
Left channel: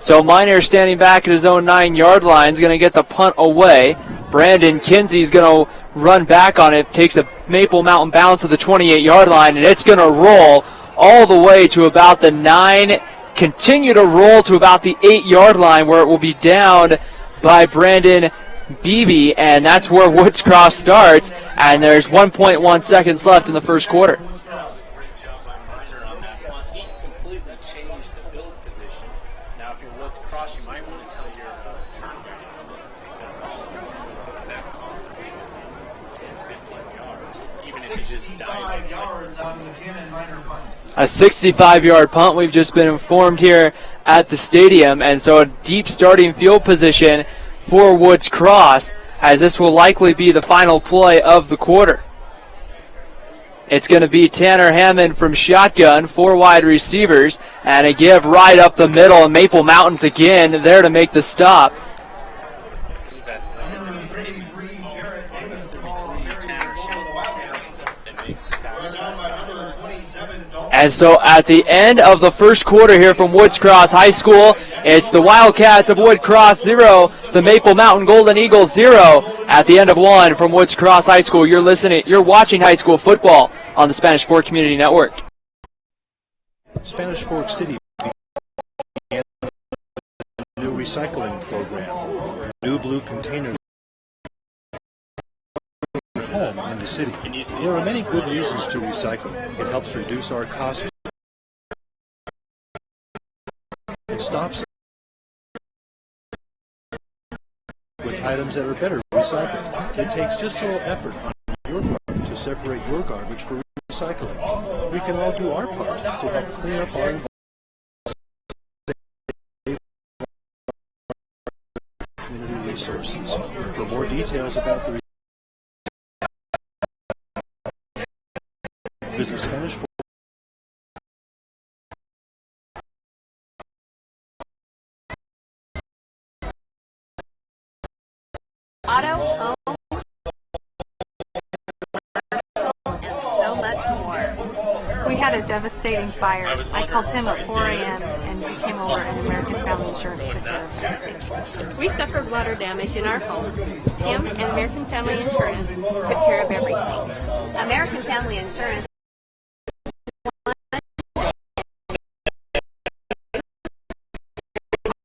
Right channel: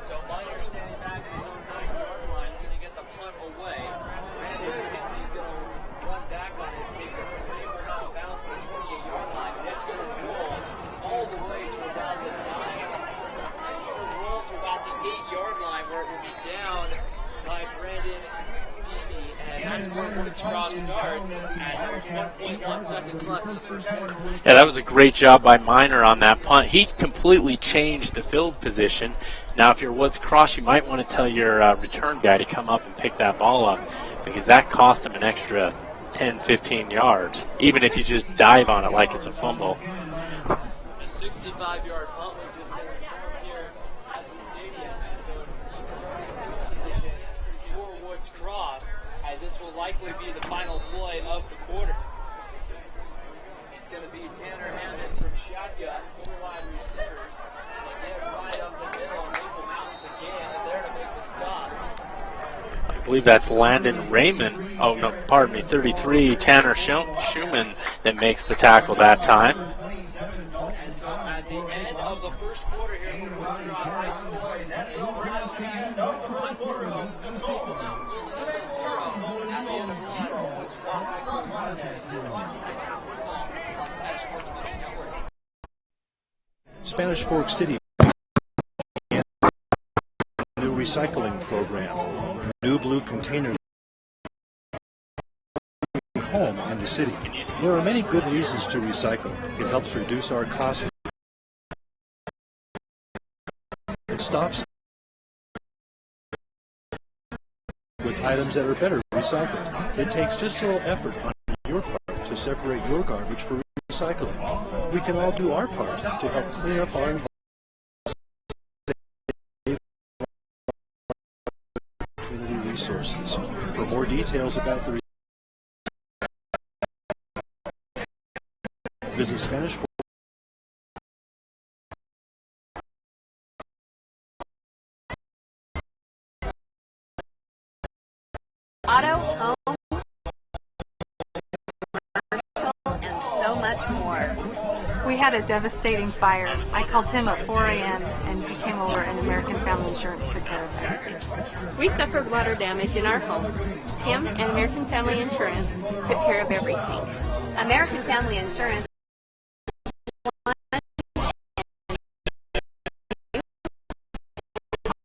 So Minor standing back at his own 9-yard line is going to get the punt away. Brandon Kinsey's going to run back on it, takes a Maple Mountain bounce to the 28-yard line, and it's going to roll all the way to about the 9, continue to roll to about the 8-yard line where it will be down by Brandon Beebe, and that's where Woods Cross starts, and there's 1.1 seconds left in the first quarter. Yeah, that was a great job by Miner on that punt. He completely changed the field position. Now, if you're Woods Cross, you might want to tell your return guy to come up and pick that ball up, because that cost him an extra 10, 15 yards, even if you just dive on it like it's a fumble. A 65-yard punt, we've just been informed here at the stadium, and so a deep starting field position for Woods Cross, as this will likely be the final play of the quarter. It's going to be Tanner Hammond from shotgun, 4 wide receivers, and a give right up the middle, and Maple Mountains again there to make the stop. I believe that's Landon Raymond. Oh, no, pardon me, 33, Tanner Schumann that makes the tackle that time. And so at the end of the first quarter here from Woods Cross High School, it's the Wildcats of Woods Cross 0, the Maple Mountain Golden Eagles 0. At the end of 1 from Woods Cross High School, you're watching high school football on the Spanish Fork Community Network. Spanish Fork City began a new recycling program. New blue container home in the city. There are many good reasons to recycle. It helps reduce our costs. It stops with items that are better recycled. It takes just a little effort on your part to separate your garbage for recycling. We can all do our part to help clean up our environment. Community resources. For more details about the visit Spanish Fork. Auto, home, commercial, and so much more. We had a devastating fire. I called Tim at 4 a.m. and he came over and American Family Insurance took care of it. We suffered water damage in our home. Tim and American Family Insurance took care of everything. American Family Insurance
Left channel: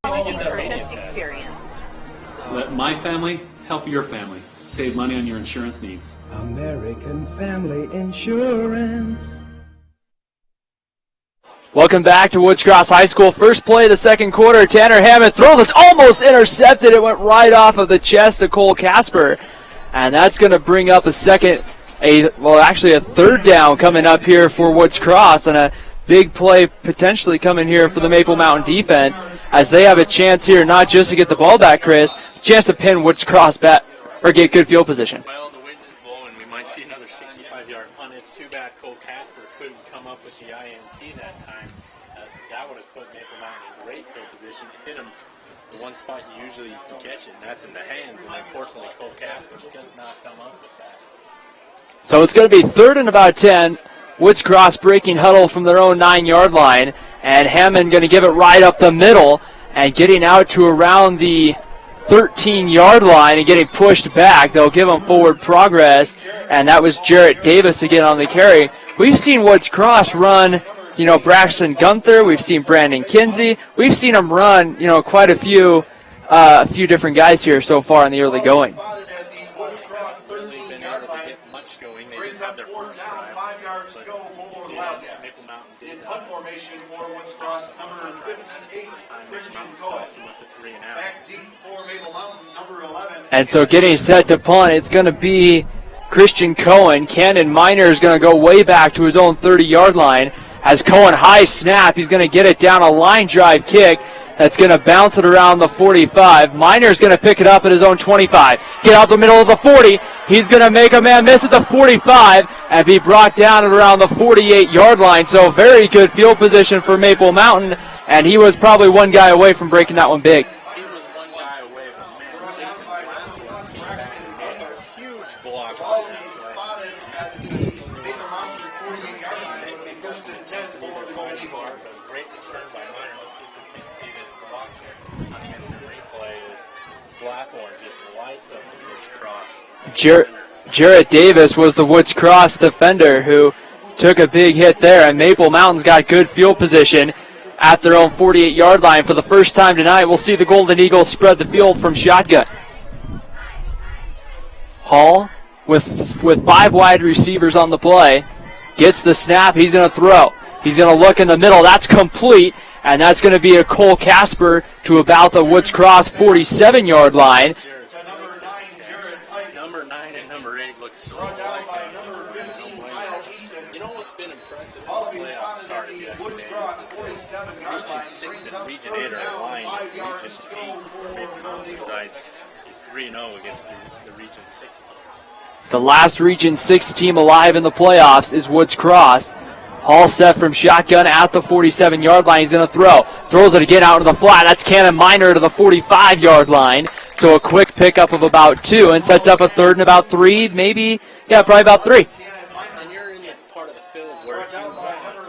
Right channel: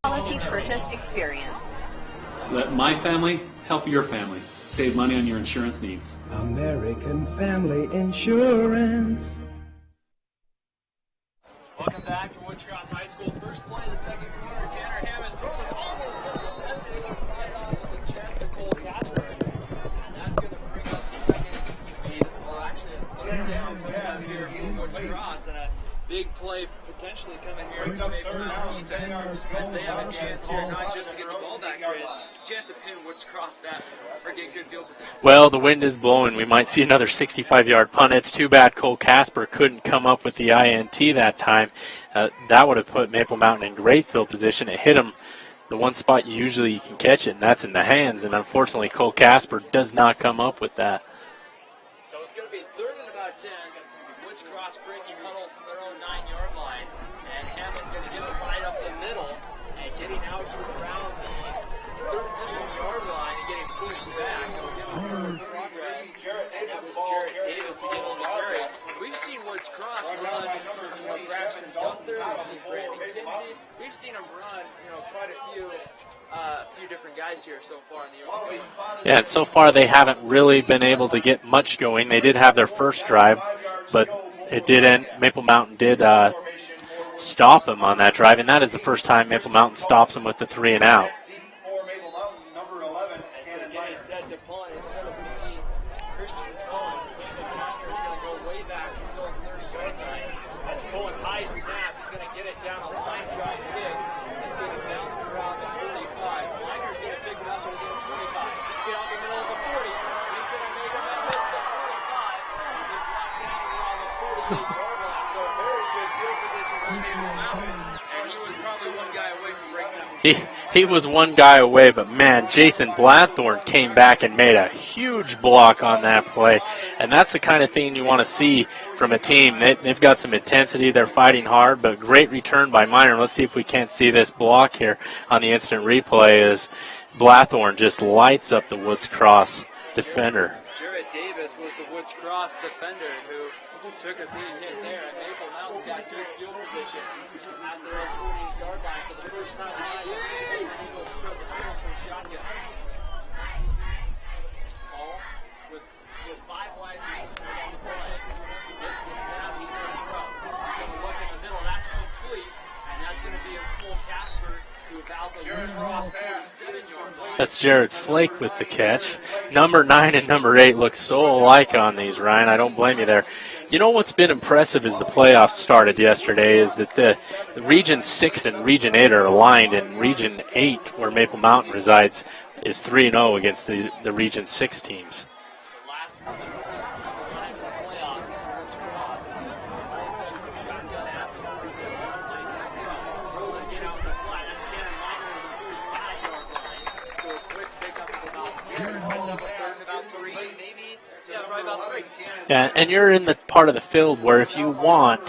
policy purchase experience. Let my family help your family. Save money on your insurance needs. American Family Insurance. Welcome back to Woods Cross High School. First play of the second quarter. Tanner Hammond throws. It's almost intercepted. It went right off of the chest of Cole Casper. And that's going to bring up a third down coming up here for Woods Cross. And a big play potentially coming here for the Maple Mountain defense, as they have a chance here not just to get the ball back, Chris, a chance to pin Woods Cross back or get good field position. Well, the wind is blowing. We might see another 65-yard punt. It's too bad Cole Casper couldn't come up with the INT that time. That would have put Maple Mountain in great field position. It hit him the one spot usually you can catch it, and that's in the hands. And unfortunately, Cole Casper does not come up with that. So it's going to be 3rd and about 10. Woods Cross breaking huddle from their own 9-yard line, and Hammond going to give it right up the middle and getting out to around the 13-yard line and getting pushed back. They'll give him forward progress, and that was Jarrett Davis again on the carry. We've seen Woods Cross run, Braxton Gunther. We've seen Brandon Kinsey. We've seen them run, quite a few different guys here so far in the early going. Yeah, so far they haven't really been able to get much going. They did have their first drive, but it did end. Maple Mountain did stop them on that drive, and that is the first time Maple Mountain stops them with the 3 and out. And so getting set to punt, it's going to be Christian Cohen. Cannon Miner is going to go way back to his own 30-yard line. As Cohen high snap, he's going to get it down a line drive kick. That's going to bounce it around the 45. Miner's going to pick it up at his own 25. Get out the middle of the 40. He's going to make a man miss at the 45 and be brought down at around the 48-yard line. So very good field position for Maple Mountain, and he was probably one guy away from breaking that one big. He was one guy away, but man, Jason Blathorn came back and made a huge block on that play. And that's the kind of thing you want to see from a team. They've got some intensity. They're fighting hard, but great return by Miner. Let's see if we can't see this block here on the instant replay as Blathorn just lights up the Woods Cross defender. Jarrett Davis was the Woods Cross defender who took a big hit there, and Maple Mountain's got good field position at their own 48-yard line. For the first time tonight, we'll see the Golden Eagles spread the field from shotgun. Hall with 5 wide receivers on the play. Gets the snap. He's going to throw. He's going to look in the middle. That's complete, and that's going to be a Cole Casper to about the Woods Cross 47-yard line. That's Jared Flake with the catch. Number 9 and number 8 look so alike on these, Ryan. I don't blame you there. You know what's been impressive as the playoffs started yesterday is that the Region 6 and Region 8 are aligned, and Region 8, where Maple Mountain resides, is 3-0 against the Region 6 teams. The last Region 6 team alive in the playoffs is Woods Cross. Hall set from shotgun at the 47-yard line. He's going to throw. Throws it again out to the flat. That's Cannon Minor to the 45-yard line. So a quick pickup of about 2 and sets up a third and about 3, maybe, yeah, probably about 3. Yeah, and you're in the part of the field where if you want,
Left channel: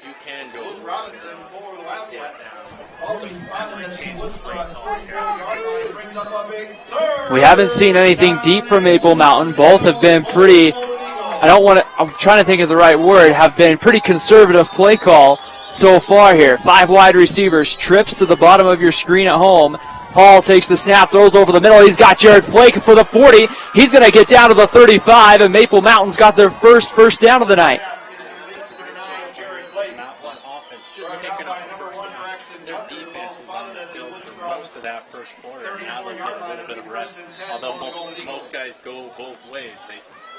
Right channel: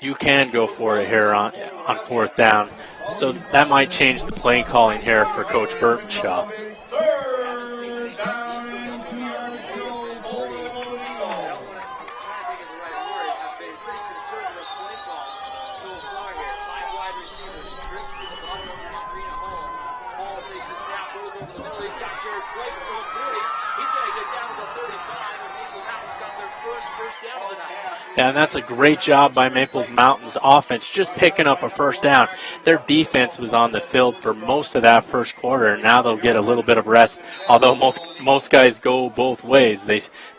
you can go for it here on 4th down. So that might change the play calling here for Coach Burtonshaw. We haven't seen anything deep from Maple Mountain. Both have been pretty, I'm trying to think of the right word, have been pretty conservative play call so far here. 5 wide receivers, trips to the bottom of your screen at home. Hall takes the snap, throws over the middle. He's got Jared Flake for the 40. He's going to get down to the 35, and Maple Mountain's got their first down of the night. Yeah, and that's a great job by Maple Mountain's offense, just picking up a first down. Their defense was on the field for most of that first quarter, and now they'll get a little bit of rest. Although most guys go both ways,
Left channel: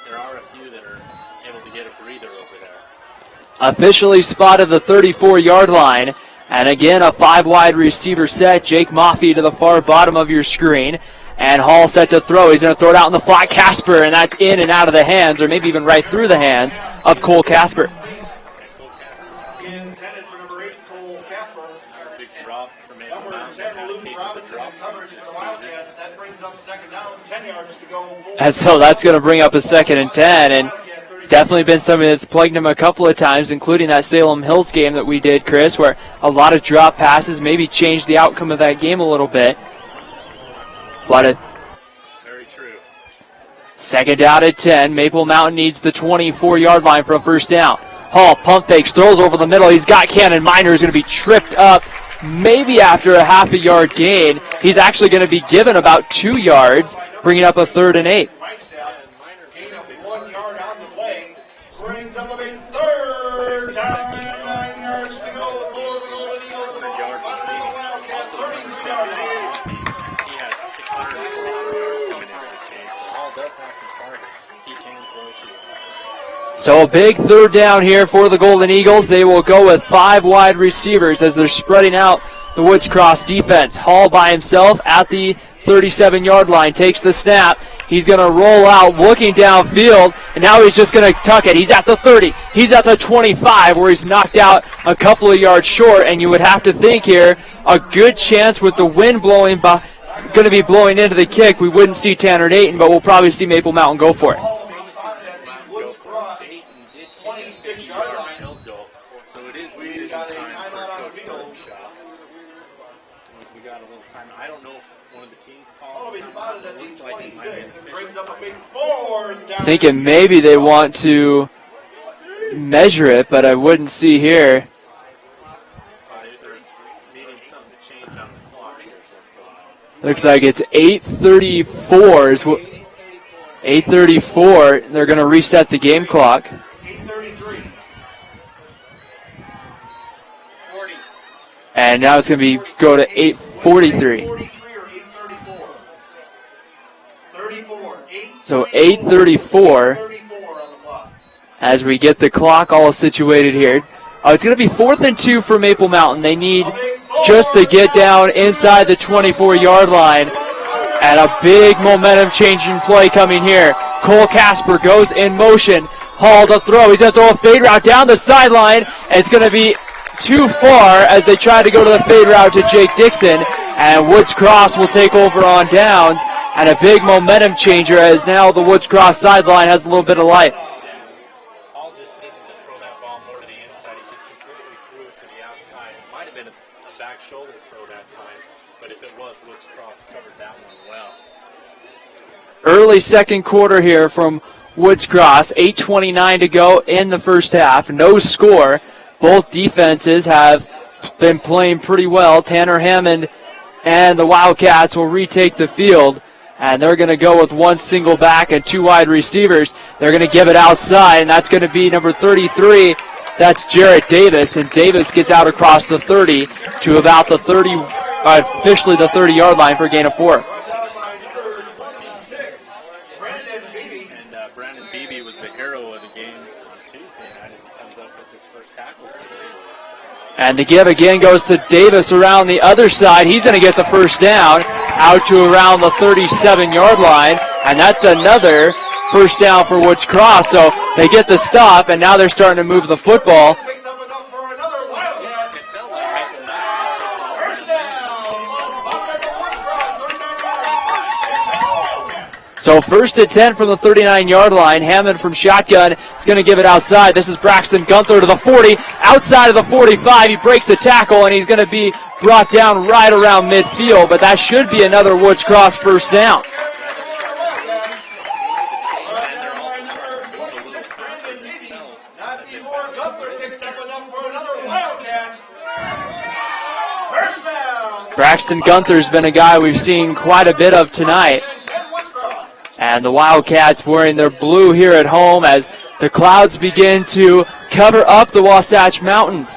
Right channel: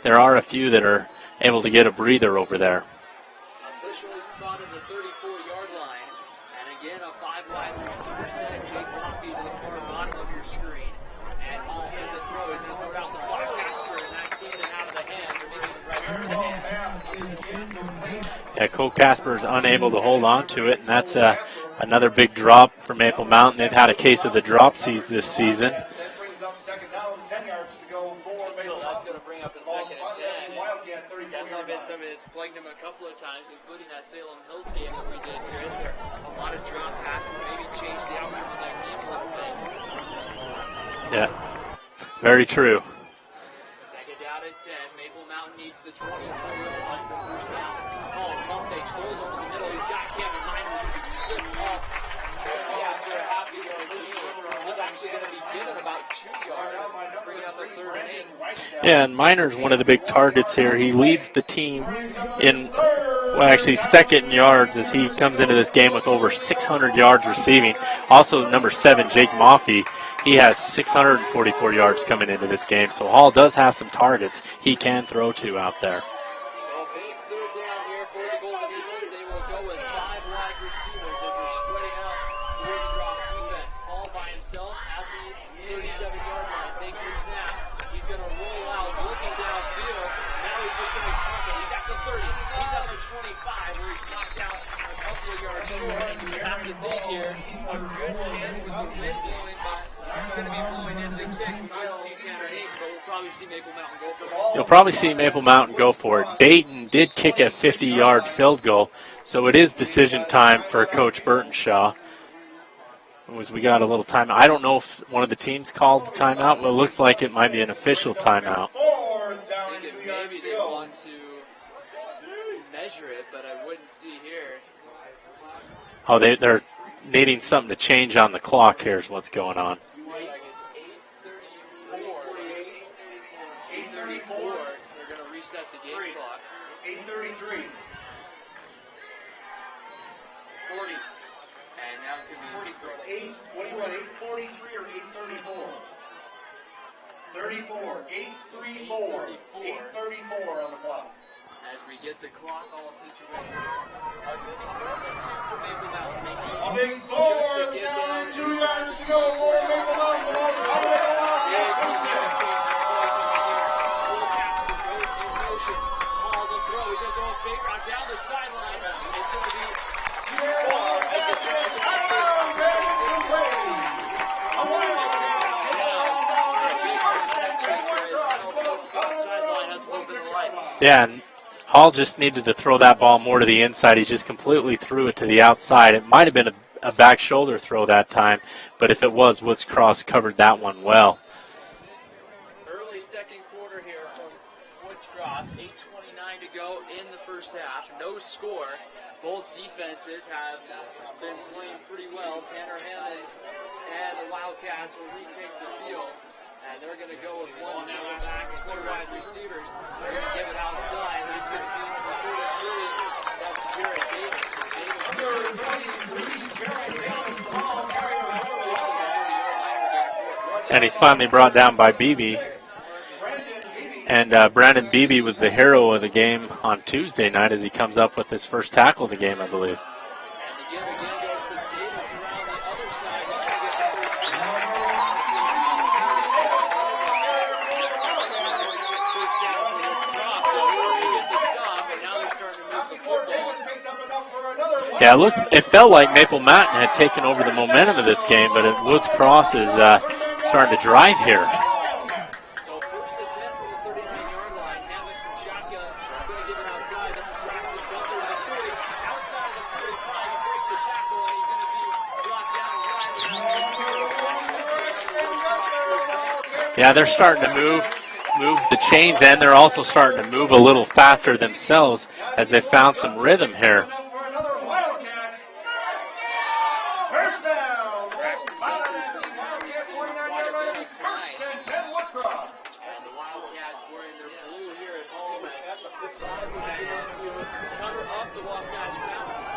there are a few that are able to get a breather over there. Officially spotted the 34-yard line. And again, a 5 wide receiver set. Jake Maffey to the far bottom of your screen. And Hall set to throw. He's going to throw it out in the flat. Casper, and that's in and out of the hands, or maybe even right through the hands of Cole Casper. Yeah, Cole Casper is unable to hold on to it, and that's another big drop for Maple Mountain. They've had a case of the dropsies this season. And so that's going to bring up a 2nd and 10, and definitely been something that's plagued him a couple of times, including that Salem Hills game that we did, Chris, where a lot of drop passes maybe changed the outcome of that game a little bit. Very true. 2nd down at 10. Maple Mountain needs the 24-yard line for a first down. Hall pump fakes, throws over the middle. He's got Cannon Minor, who's going to be tripped up maybe after a half a yard gain. He's actually going to be given about 2 yards, bringing up a 3rd and 8. Yeah, and Minor's one of the big targets here. He leads the team in, second in yards as he comes into this game with over 600 yards receiving. Also, number 7, Jake Maffey, he has 644 yards coming into this game. So Hall does have some targets he can throw to out there. So a big 3rd down here for the Golden Eagles. They will go with 5 wide receivers as they're spreading out the Woods Cross defense. Hall by himself at the 37-yard line, takes the snap. He's going to roll out, looking downfield, and now he's just going to tuck it. He's at the 30. He's at the 25, where he's knocked out a couple of yards short, and you would have to think here a good chance with the wind blowing going to be blowing into the kick. We wouldn't see Tanner Dayton, but we'll probably see Maple Mountain go for it. You'll probably see Maple Mountain go for it. Dayton did kick a 50-yard field goal, so it is decision time for Coach Burtonshaw. We got a little timeout. I don't know if one of the teams called the timeout, but it looks like it might be an official timeout. Thinking maybe they want to measure it, but I wouldn't see here. Oh, they're needing something to change on the clock. Here's what's going on. Looks like it's 8:34. 8:34. They're going to reset the game clock. 8:33. And now it's going to go to 8:43. So 8:34 as we get the clock all situated here. It's going to be 4th and 2 for Maple Mountain. They need just to get down inside the 24-yard line. And a big momentum-changing play coming here. Cole Casper goes in motion. Hall to throw. He's going to throw a fade route down the sideline. And it's going to be too far as they try to go to the fade route to Jake Dixon. And Woods Cross will take over on downs. And a big momentum changer as now the Woods Cross sideline has a little bit of life. Yeah, and Hall just needed to throw that ball more to the inside. He just completely threw it to the outside. It might have been a back shoulder throw that time, but if it was, Woods Cross covered that one well. Early second quarter here from Woods Cross. 8:29 to go in the first half. No score. Both defenses have been playing pretty well. Tanner Hammond and the Wildcats will retake the field, and they're going to go with one single back and two wide receivers. They're going to give it outside, and that's going to be number 33. That's Jarrett Davis, and Davis gets out across the 30 to about the 30, officially the 30-yard line for a gain of 4. And he's finally brought down by Beebe. And Brandon Beebe was the hero of the game on Tuesday night as he comes up with his first tackle of the game, I believe. And the give again goes to Davis around the other side. He's going to get the first down out to around the 37-yard line. And that's another first down for Woods Cross. So they get the stop, and now they're starting to move the football. Yeah, look, it felt like Maple Mountain had taken over the momentum of this game, but as Woods Cross is starting to drive here. So first and 10 from the 39-yard line. Hammond from shotgun is going to give it outside. This is Braxton Gunther to the 40. Outside of the 45, he breaks the tackle, and he's going to be brought down right around midfield, but that should be another Woods Cross first down. Yeah, they're starting to move the chains, and they're also starting to move a little faster themselves as they found some rhythm here. Braxton Gunther's been a guy we've seen quite a bit of tonight. And the Wildcats wearing their blue here at home as the clouds begin to cover up the Wasatch Mountains.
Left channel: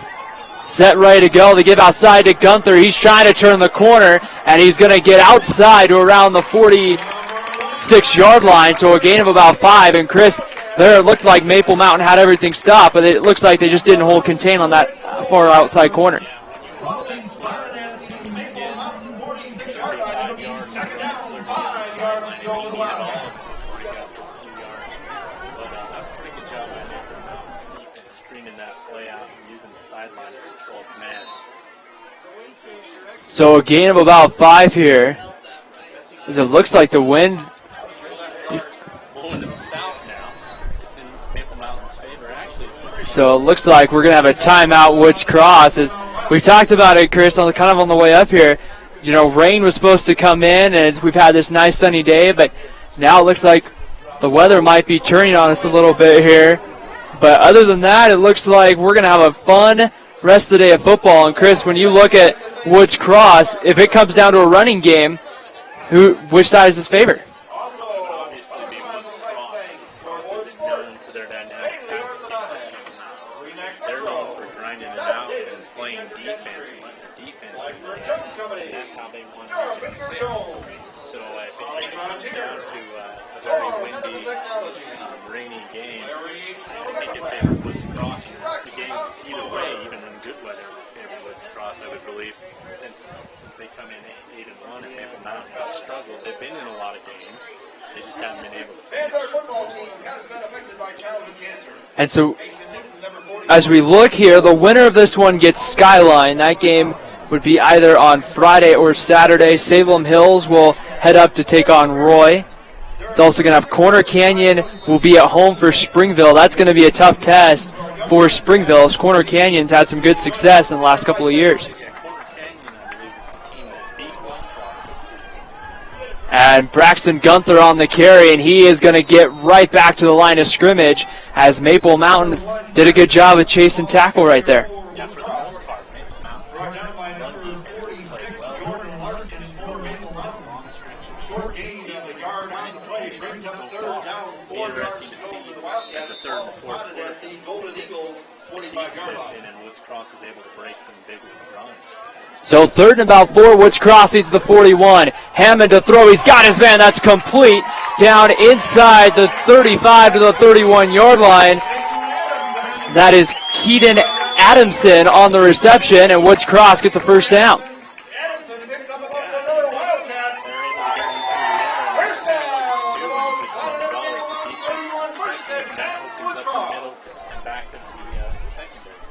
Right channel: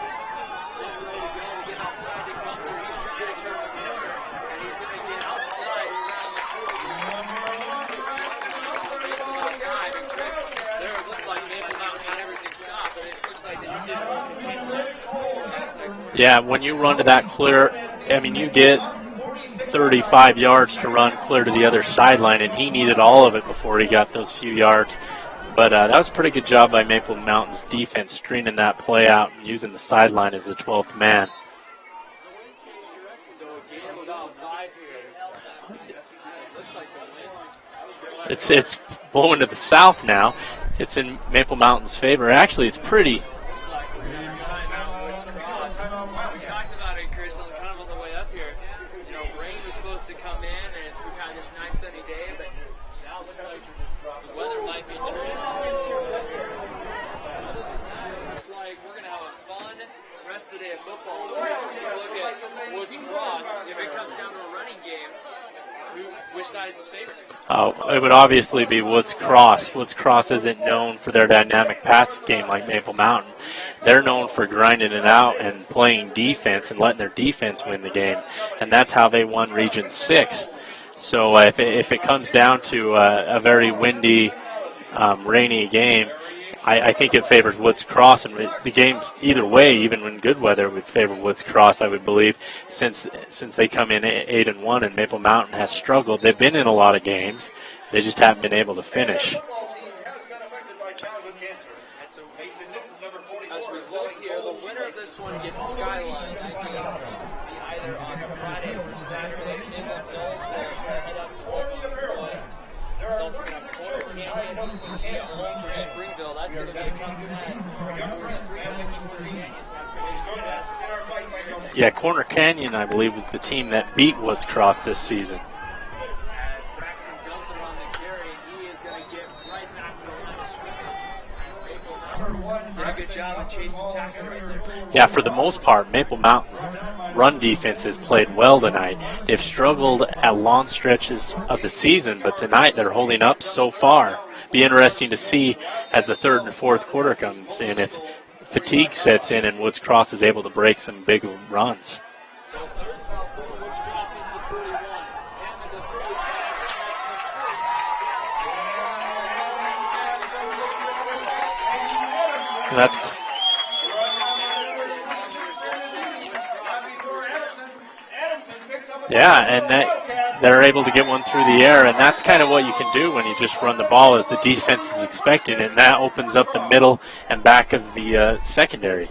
Set ready to go. They give outside to Gunther. He's trying to turn the corner, and he's going to get outside to around the 46-yard line, so a gain of about 5. And Chris, there it looked like Maple Mountain had everything stopped, but it looks like they just didn't hold contain on that far outside corner. Yeah, when you run to that clear, I mean, you get 35 yards to run clear to the other sideline, and he needed all of it before he got those few yards. But that was a pretty good job by Maple Mountain's defense, screening that play out and using the sideline as the 12th man. So a gain of about 5 here. As it looks like the wind. It's blowing to the south now. It's in Maple Mountain's favor. Actually, it's pretty. So it looks like we're going to have a timeout, Woods Cross. As we talked about it, Chris, kind of on the way up here. You know, rain was supposed to come in, and we've had this nice sunny day, but now it looks like the weather might be turning on us a little bit here. But other than that, it looks like we're going to have a fun rest of the day of football. And, Chris, when you look at Woods Cross, if it comes down to a running game, which side is his favorite? It would obviously be Woods Cross. Woods Cross isn't known for their dynamic pass game like Maple Mountain. They're known for grinding it out and playing defense and letting their defense win the game, and that's how they won Region 6. So if it comes down to a very windy, rainy game, I think it favors Woods Cross, and the game either way, even when good weather, would favor Woods Cross, I would believe, since they come in 8-1 and Maple Mountain has struggled. They've been in a lot of games, they just haven't been able to finish. And so, as we look here, the winner of this one gets Skyline. That game would be either on Friday or Saturday. Salem Hills will head up to take on Roy. It's also going to have Corner Canyon will be at home for Springville. That's going to be a tough test for Springville, as Corner Canyon's had some good success in the last couple of years. Yeah, Corner Canyon, I believe, is the team that beat Woods Cross this season. And Braxton Gunther on the carry, and he is going to get right back to the line of scrimmage as Maple Mountain did a good job of chasing tackle right there. Yeah, for the most part, Maple Mountain's run defense has played well tonight. They've struggled at long stretches of the season, but tonight they're holding up so far. Be interesting to see as the third and fourth quarter comes in if fatigue sets in and Woods Cross is able to break some big runs. So third and about 4, Woods Cross needs the 41. Hammond to throw. He's got his man. That's complete. Down inside the 35 to the 31-yard line. That is Keaton Adamson on the reception, and Woods Cross gets a first down. Yeah, and they're able to get one through the air, and that's kind of what you can do when you just run the ball as the defense is expecting, and that opens up the middle and back of the secondary.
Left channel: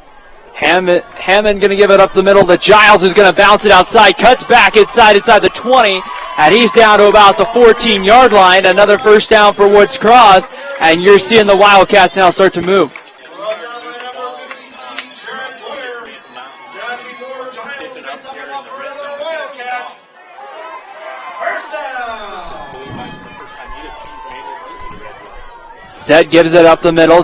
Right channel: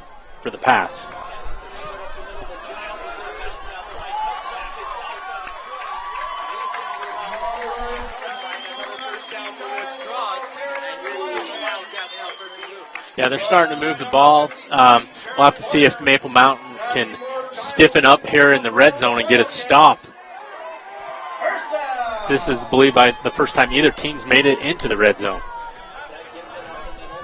Hammond going to give it up the middle. The Giles is going to bounce it outside, cuts back inside the 20, and he's down to about the 14-yard line. Another first down for Woods Cross, and you're seeing the Wildcats now start to move. Yeah, they're starting to move the ball. We'll have to see if Maple Mountain can stiffen up here in the red zone and get a stop. This is, believed by the first time either team's made it into the red zone. Set gives it up the middle.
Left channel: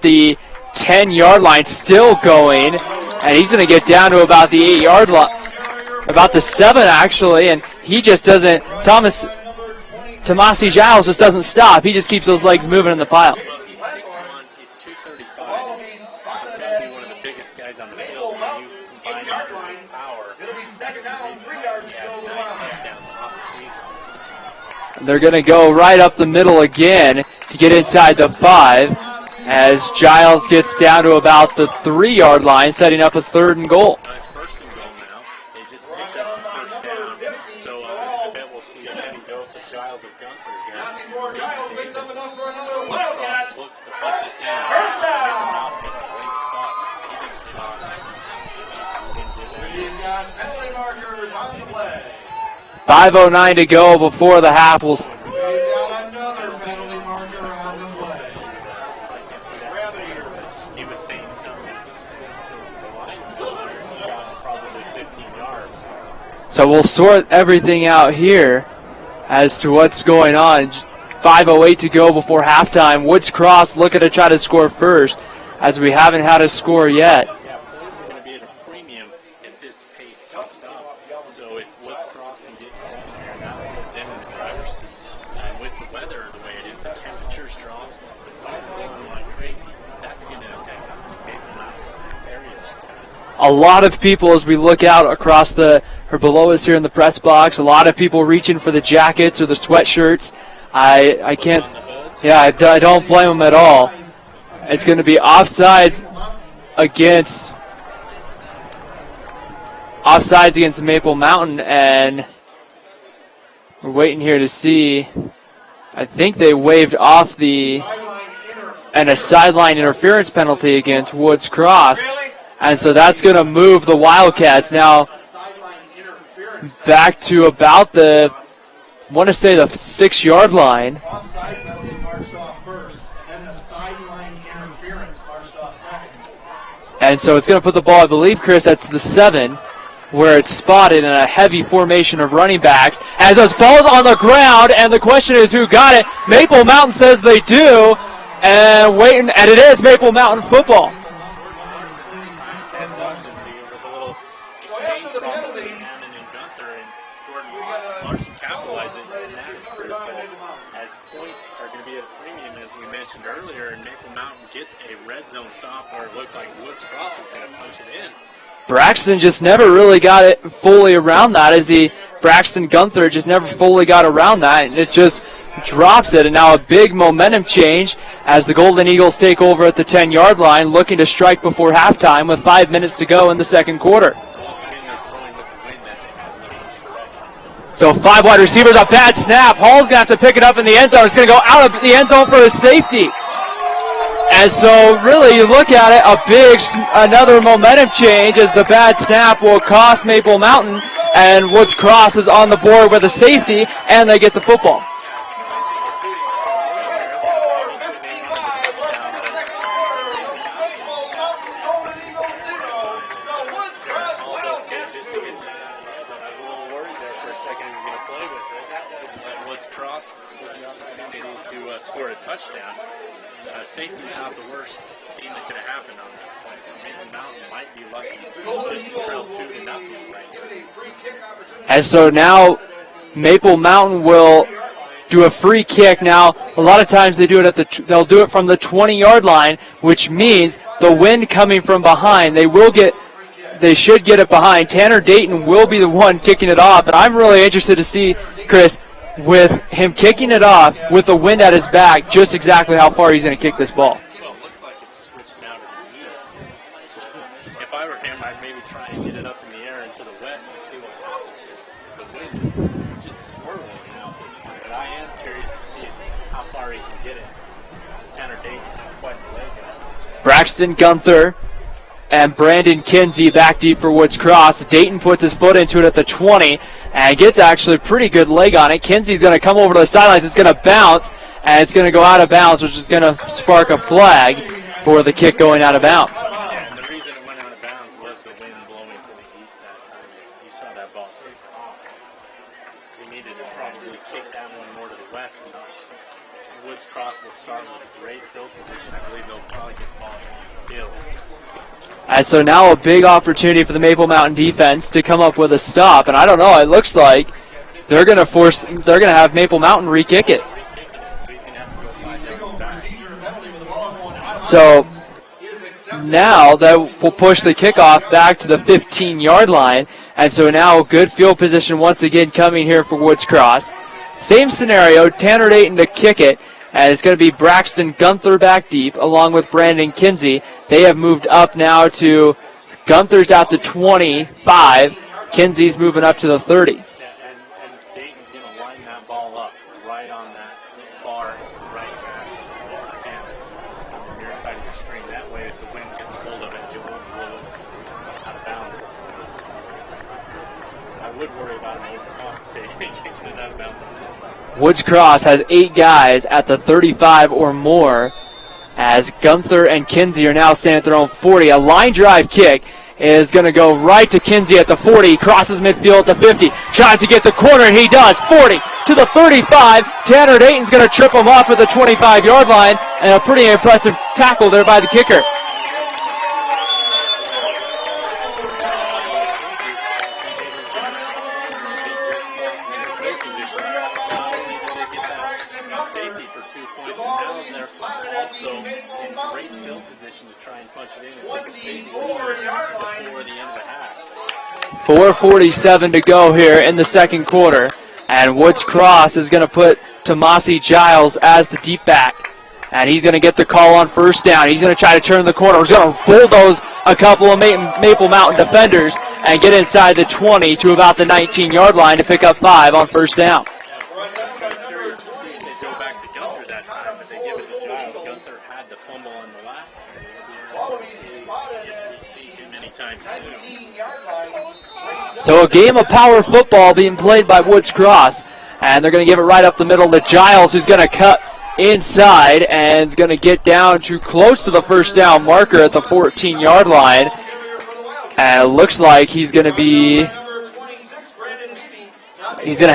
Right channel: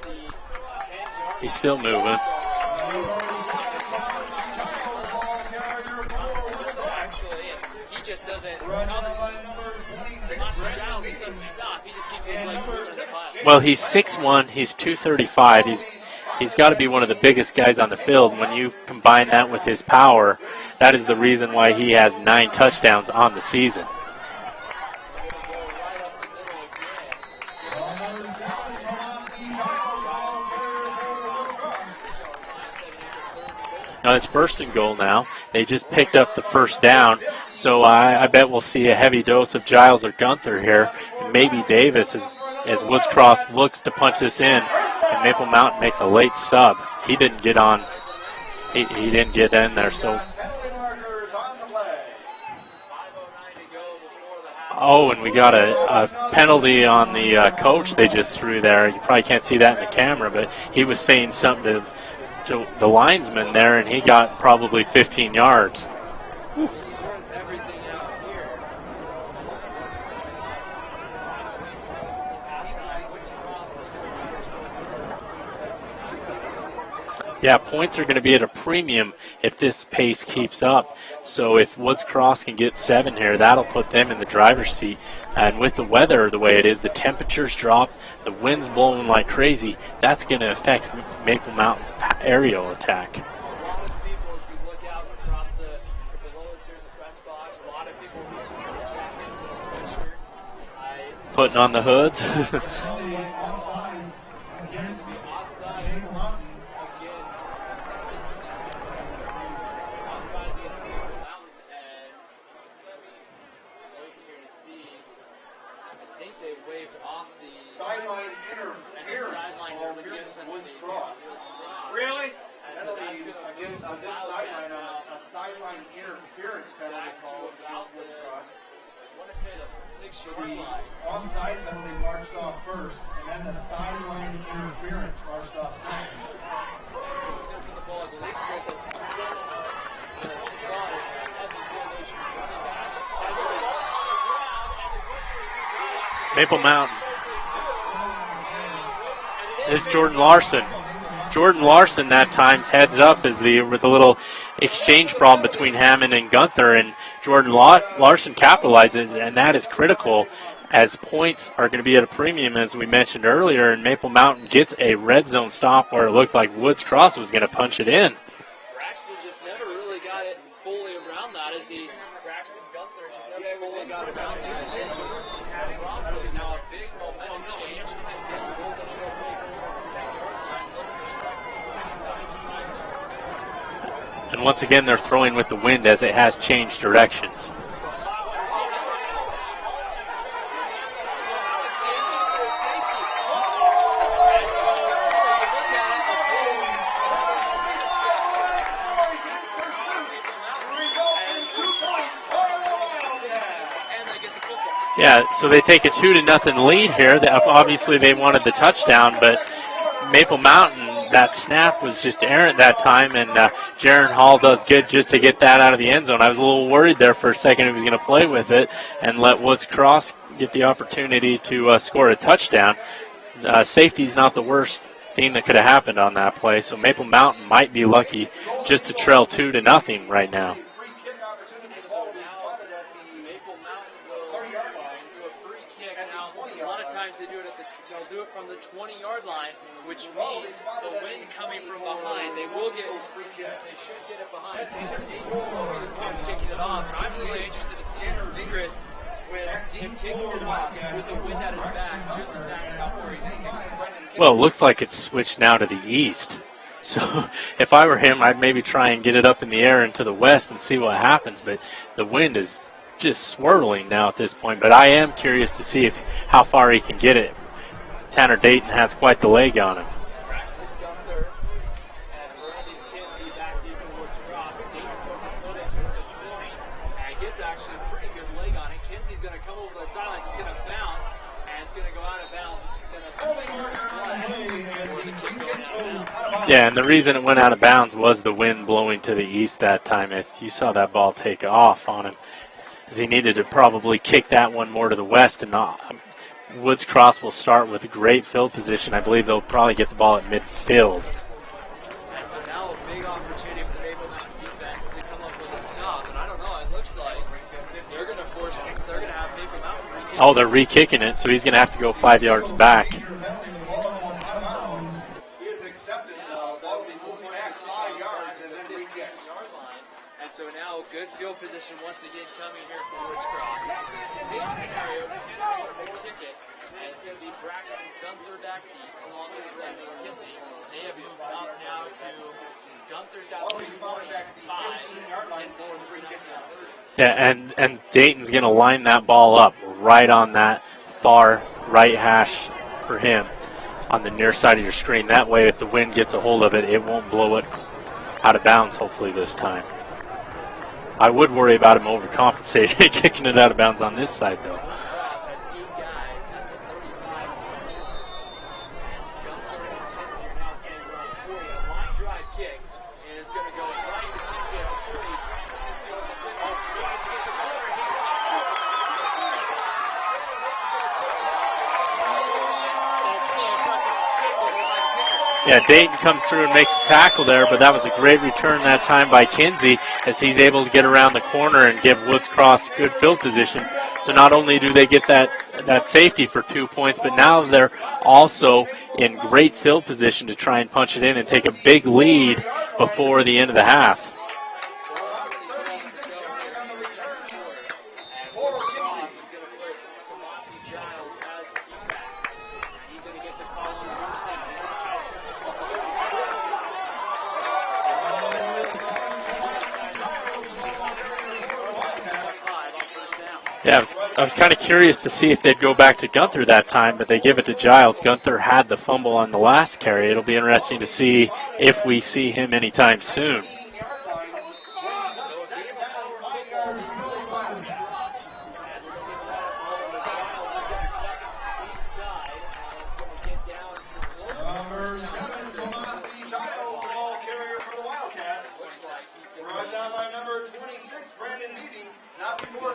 The 10-yard line, still going, and he's going to get down to about the 8-yard line, about the 7 actually, and he just doesn't. Tomasi Giles just doesn't stop. He just keeps those legs moving in the pile. Well, he's 6'1", he's 235. He's got to be one of the biggest guys on the field. When you combine that with his power, that is the reason why he has 9 touchdowns on the season. They're going to go right up the middle again to get inside the 5 as Giles gets down to about the 3-yard line, setting up a 3rd and goal. No, it's 1st and goal now. They just picked up the 1st down, so I bet we'll see a heavy dose of Giles or Gunther here. Maybe Davis as Woods Cross looks to punch this in. And Maple Mountain makes a late sub. He didn't get on. He didn't get in there, so 5:09 to go before the half. And we got a penalty on the coach they just threw there. You probably can't see that in the camera, but he was saying something to the linesman there, and he got probably 15 yards. So we'll sort everything out here as to what's going on. 5:08 to go before halftime. Woods Cross looking to try to score first, as we haven't had a score yet. Yeah, points are going to be at a premium if this pace keeps up. So if Woods Cross can get 7 here, that'll put them in the driver's seat. And with the weather the way it is, the temperatures drop, the wind's blowing like crazy, that's going to affect Maple Mountain's aerial attack. A lot of people, as we look out across or below us here in the press box, a lot of people reaching for the jackets or the sweatshirts. I Puts can't. on the hoods. Yeah, I don't blame them at all. It's going to be offsides against Maple Mountain, and we're waiting here to see. I think they waved off a sideline interference penalty against Woods Cross, and so that's going to move the Wildcats now back to about the 6-yard line. And so it's going to put the ball, I believe, Chris, that's the 7, where it's spotted in a heavy formation of running backs. As those balls on the ground, and the question is who got it. Maple Mountain says they do, and it is Maple Mountain football. Jordan Larson that time heads up with a little exchange problem between Hammond and Gunther, and Jordan Larson capitalizes, and that is critical, as points are going to be at a premium, as we mentioned earlier, and Maple Mountain gets a red zone stop where it looked like Woods Cross was going to punch it in. Braxton just never really got it fully around that, Braxton Gunther just never fully got around that, and it just drops it, and now a big momentum change as the Golden Eagles take over at the 10-yard line, looking to strike before halftime with 5 minutes to go in the second quarter. And once again, they're throwing with the wind as it has changed directions. So 5 wide receivers, a bad snap. Hall's going to have to pick it up in the end zone. It's going to go out of the end zone for a safety. And so really you look at it, another momentum change as the bad snap will cost Maple Mountain, and Woods Cross is on the board with a safety, and they get the football. Yeah, so they take a 2-0 lead here. Obviously they wanted the touchdown, but Maple Mountain, that snap was just errant that time, and Jaron Hall does good just to get that out of the end zone. I was a little worried there for a second if he was going to play with it and let Woods Cross get the opportunity to score a touchdown. Safety's not the worst thing that could have happened on that play, so Maple Mountain might be lucky just to trail 2-0 right now. And so now Maple Mountain will do a free kick. Now, a lot of times they'll do it from the 20-yard line, which means the wind coming from behind, they should get it behind. Tanner Dayton will be the one kicking it off, and I'm really interested to see, Chris, with him kicking it off with the wind at his back, just exactly how far he's going to kick this ball. Well, it looks like it's switched now to the east. So if I were him, I'd maybe try and get it up in the air and to the west and see what happens. But the wind is just swirling now at this point. But I am curious to see how far he can get it. Tanner Dayton has quite the leg on him. Braxton Gunther and Brandon Kinsey back deep for Woods Cross. Dayton puts his foot into it at the 20 and gets actually a pretty good leg on it. Kinsey's going to come over to the sidelines. It's going to bounce, and it's going to go out of bounds, which is going to spark a flag for the kick going out of bounds. Yeah, and the reason it went out of bounds was the wind blowing to the east that time. If you saw that ball take off on him. as he needed to probably kick that one more to the west and not. Woods Cross will start with a great field position. I believe they'll probably get the ball at midfield. And so now a big opportunity for the Maple Mountain defense to come up with a stop. And I don't know, it looks like they're going to have Maple Mountain re-kick it. They're re-kicking it, so he's going to have to go 5 yards back. So now that will push the kickoff back to the 15-yard line. And so now good field position once again coming here for Woods Cross. Same scenario, Tanner Dayton to kick it. And it's going to be Braxton Gunther back deep along with Brandon Kinsey. They have moved up now to Gunther's at the 25. Kinsey's moving up to the 30. Yeah, and Dayton's going to line that ball up right on that far right hash for him on the near side of your screen. That way, if the wind gets a hold of it, it won't blow it out of bounds, hopefully, this time. I would worry about him overcompensating, kicking it out of bounds on this side. Woods Cross has 8 guys at the 35 or more as Gunther and Kinsey are now standing at their own 40. A line drive kick is going to go right to Kinsey at the 40. Crosses midfield at the 50. Tries to get the corner, and he does. 40 to the 35. Tanner Dayton's going to trip him off at the 25-yard line, and a pretty impressive tackle there by the kicker. Yeah, Dayton comes through and makes the tackle there, but that was a great return that time by Kinsey as he's able to get around the corner and give Woods Cross good field position. So not only do they get that safety for 2 points, but now they're also in great field position to try and punch it in and take a big lead before the end of the half. 4:47 to go here in the second quarter, and Woods Cross is going to put Tomasi Giles as the deep back, and he's going to get the call on first down. He's going to try to turn the corner. He's going to bulldoze a couple of Maple Mountain defenders and get inside the 20 to about the 19-yard line to pick up 5 on first down. Yeah, I was kind of curious to see if they'd go back to Gunther that time, but they give it to Giles. Gunther had the fumble on the last carry. It'll be interesting to see if we see him anytime soon. So a game of power football being played by Woods Cross, and they're going to give it right up the middle to Giles, who's going to cut inside and is going to get down to close to the first down marker at the 14-yard line. And it looks like he's going to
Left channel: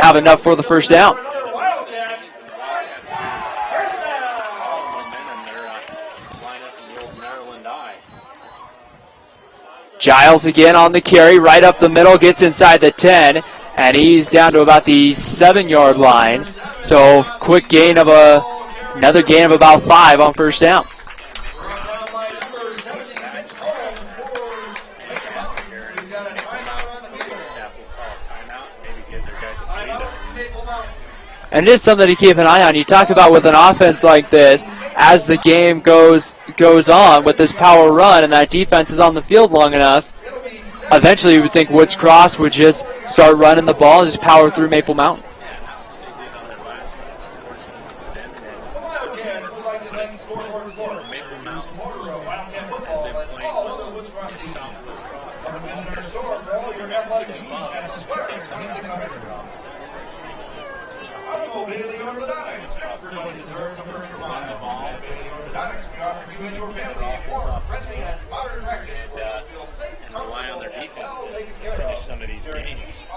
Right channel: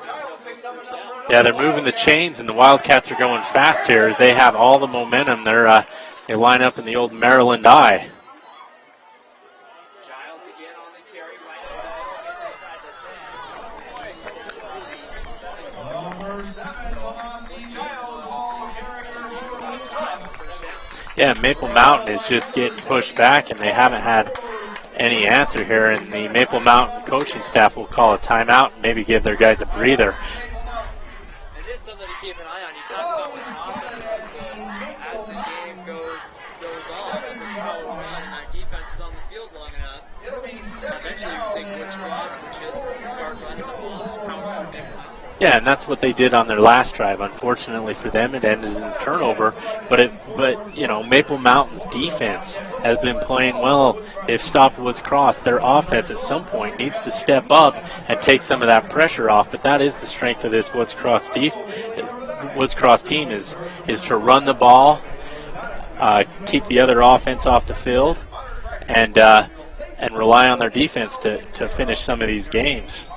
have enough for the first down. Yeah, they're moving the chains, and the Wildcats are going fast here. They have all the momentum. They line up in the old Maryland I. Giles again on the carry, right up the middle, gets inside the 10, and he's down to about the 7-yard line. So quick gain of another gain of about 5 on first down. Yeah, Maple Mountain is just getting pushed back, and they haven't had any answer here, and the Maple Mountain coaching staff will call a timeout and maybe give their guys a breather. And it is something to keep an eye on. You talk about with an offense like this, as the game goes on with this power run and that defense is on the field long enough, eventually you would think Woods Cross would just start running the ball and just power through Maple Mountain. Yeah, and that's what they did on their last drive. Unfortunately for them, it ended in a turnover. But Maple Mountain's defense has been playing well. They've stopped Woods Cross. Their offense at some point needs to step up and take some of that pressure off. But that is the strength of this Woods Cross team is to run the ball, keep the other offense off the field, and rely on their defense to finish some of these games.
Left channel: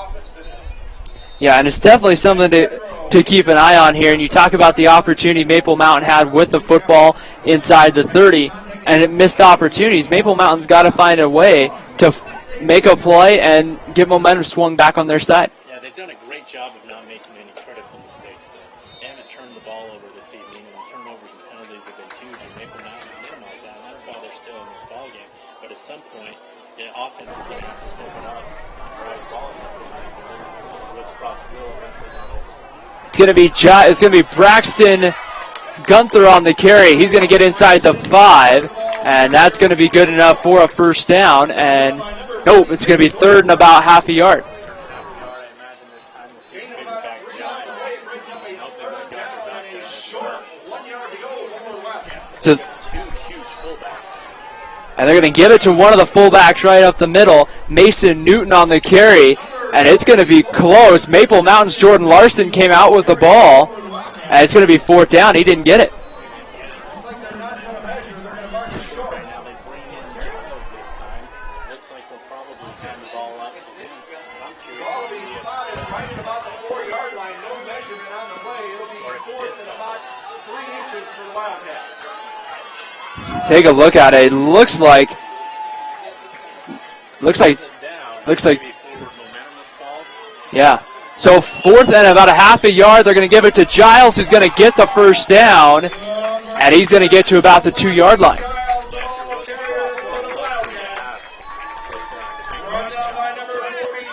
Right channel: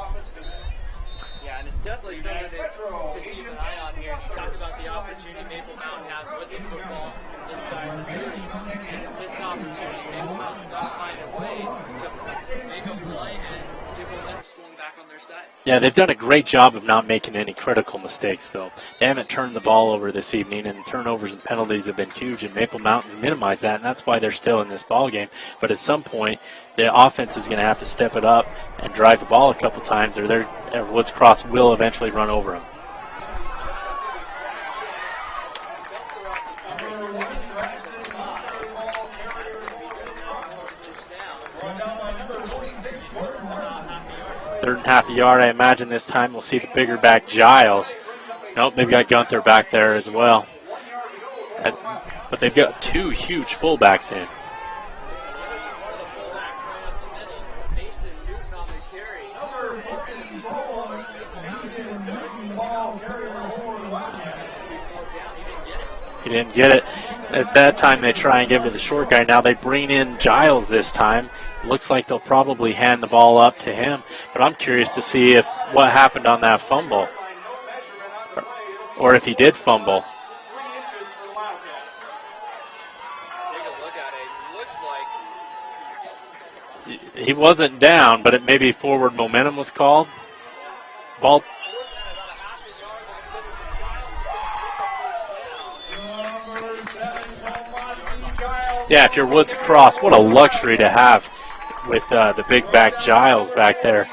Yeah, and it's definitely something to keep an eye on here. And you talk about the opportunity Maple Mountain had with the football inside the 30, and it missed opportunities. Maple Mountain's got to find a way to make a play and get momentum swung back on their side. Yeah, they've done a great job of not making any critical mistakes, though. They haven't turned the ball over this evening, and turnovers and penalties have been huge, and Maple Mountain's minimized that, and that's why they're still in this ball game. But at some point, the offense is going to have to step it up and drive the ball a couple times, or Woods Cross will eventually run over them. It's going to be Braxton Gunther on the carry. He's going to get inside the 5, and that's going to be good enough for a first down. And it's going to be third and about half a yard. Third and half a yard. I imagine this time we'll see the bigger back Giles. Nope, they've got Gunther back there as well. But they've got 2 huge fullbacks in. And they're going to give it to one of the fullbacks right up the middle, Mason Newton on the carry, and it's going to be close. Maple Mountain's Jordan Larson came out with the ball, and it's going to be fourth down. He didn't get it. He didn't get it. At that time, they try and give it to the short guy. Now they bring in Giles this time. Looks like they'll probably hand the ball up to him, but I'm curious to see what happened on that fumble, or if he did fumble. Take a look at it. It looks like he wasn't down, but maybe forward momentum was called. Yeah. So 4th and about a half a yard. They're going to give it to Giles, who's going to get the first down, and he's going to get to about the 2-yard line. Yeah, if you're Woods Cross, what a luxury to have with the big back Giles back there.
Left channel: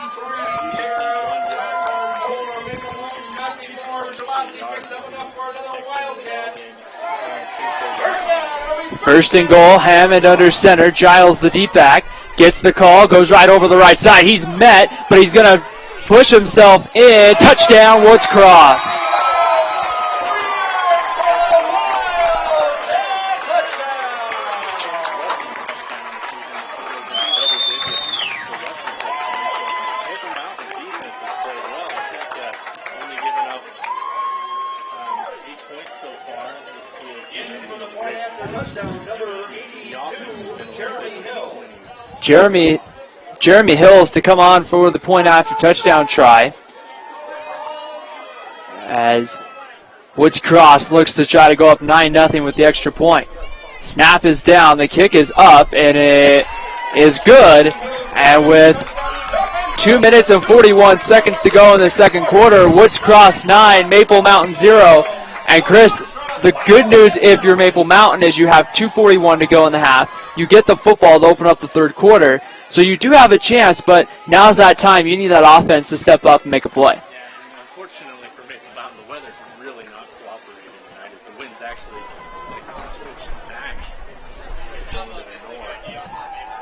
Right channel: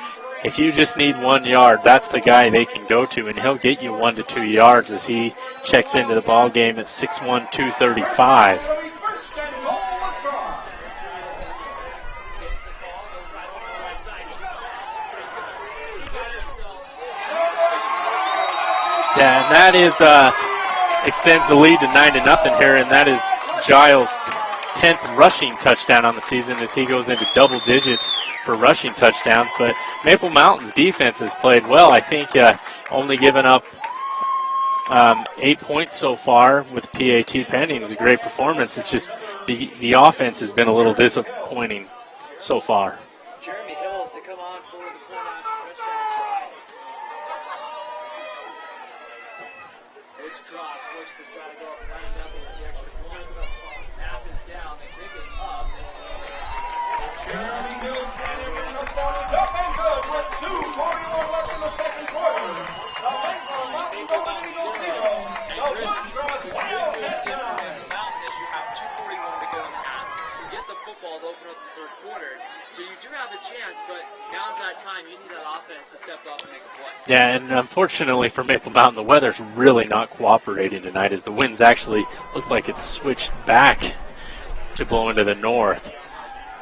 If you just need 1 yard, that's the guy they can go to, and he'll get you 1 to 2 yards as he checks into the ball game at 6'1", 235. First and goal, Hammond under center. Giles, the deep back, gets the call, goes right over the right side. He's met, but he's going to push himself in. Touchdown, Woods Cross. Yeah, and that is extends the lead to 9-0 here, and that is Giles' 10th rushing touchdown on the season as he goes into double digits for rushing touchdowns. But Maple Mountain's defense has played well. I think only given up 8 points so far with PAT pending is a great performance. It's just the offense has been a little disappointing so far. Jeremy Hills to come on for the point after touchdown try, as Woods Cross looks to try to go up 9-0 with the extra point. Snap is down, the kick is up, and it is good. And with 2 minutes and 41 seconds to go in the second quarter, Woods Cross 9, Maple Mountain 0. And Chris, the good news if you're Maple Mountain is you have 2:41 to go in the half. You get the football to open up the third quarter. So you do have a chance, but now's that time. You need that offense to step up and make a play. Yeah, and unfortunately for Maple Mountain, the weather's really not cooperating tonight as the winds actually look like it's switched back to blow into the north.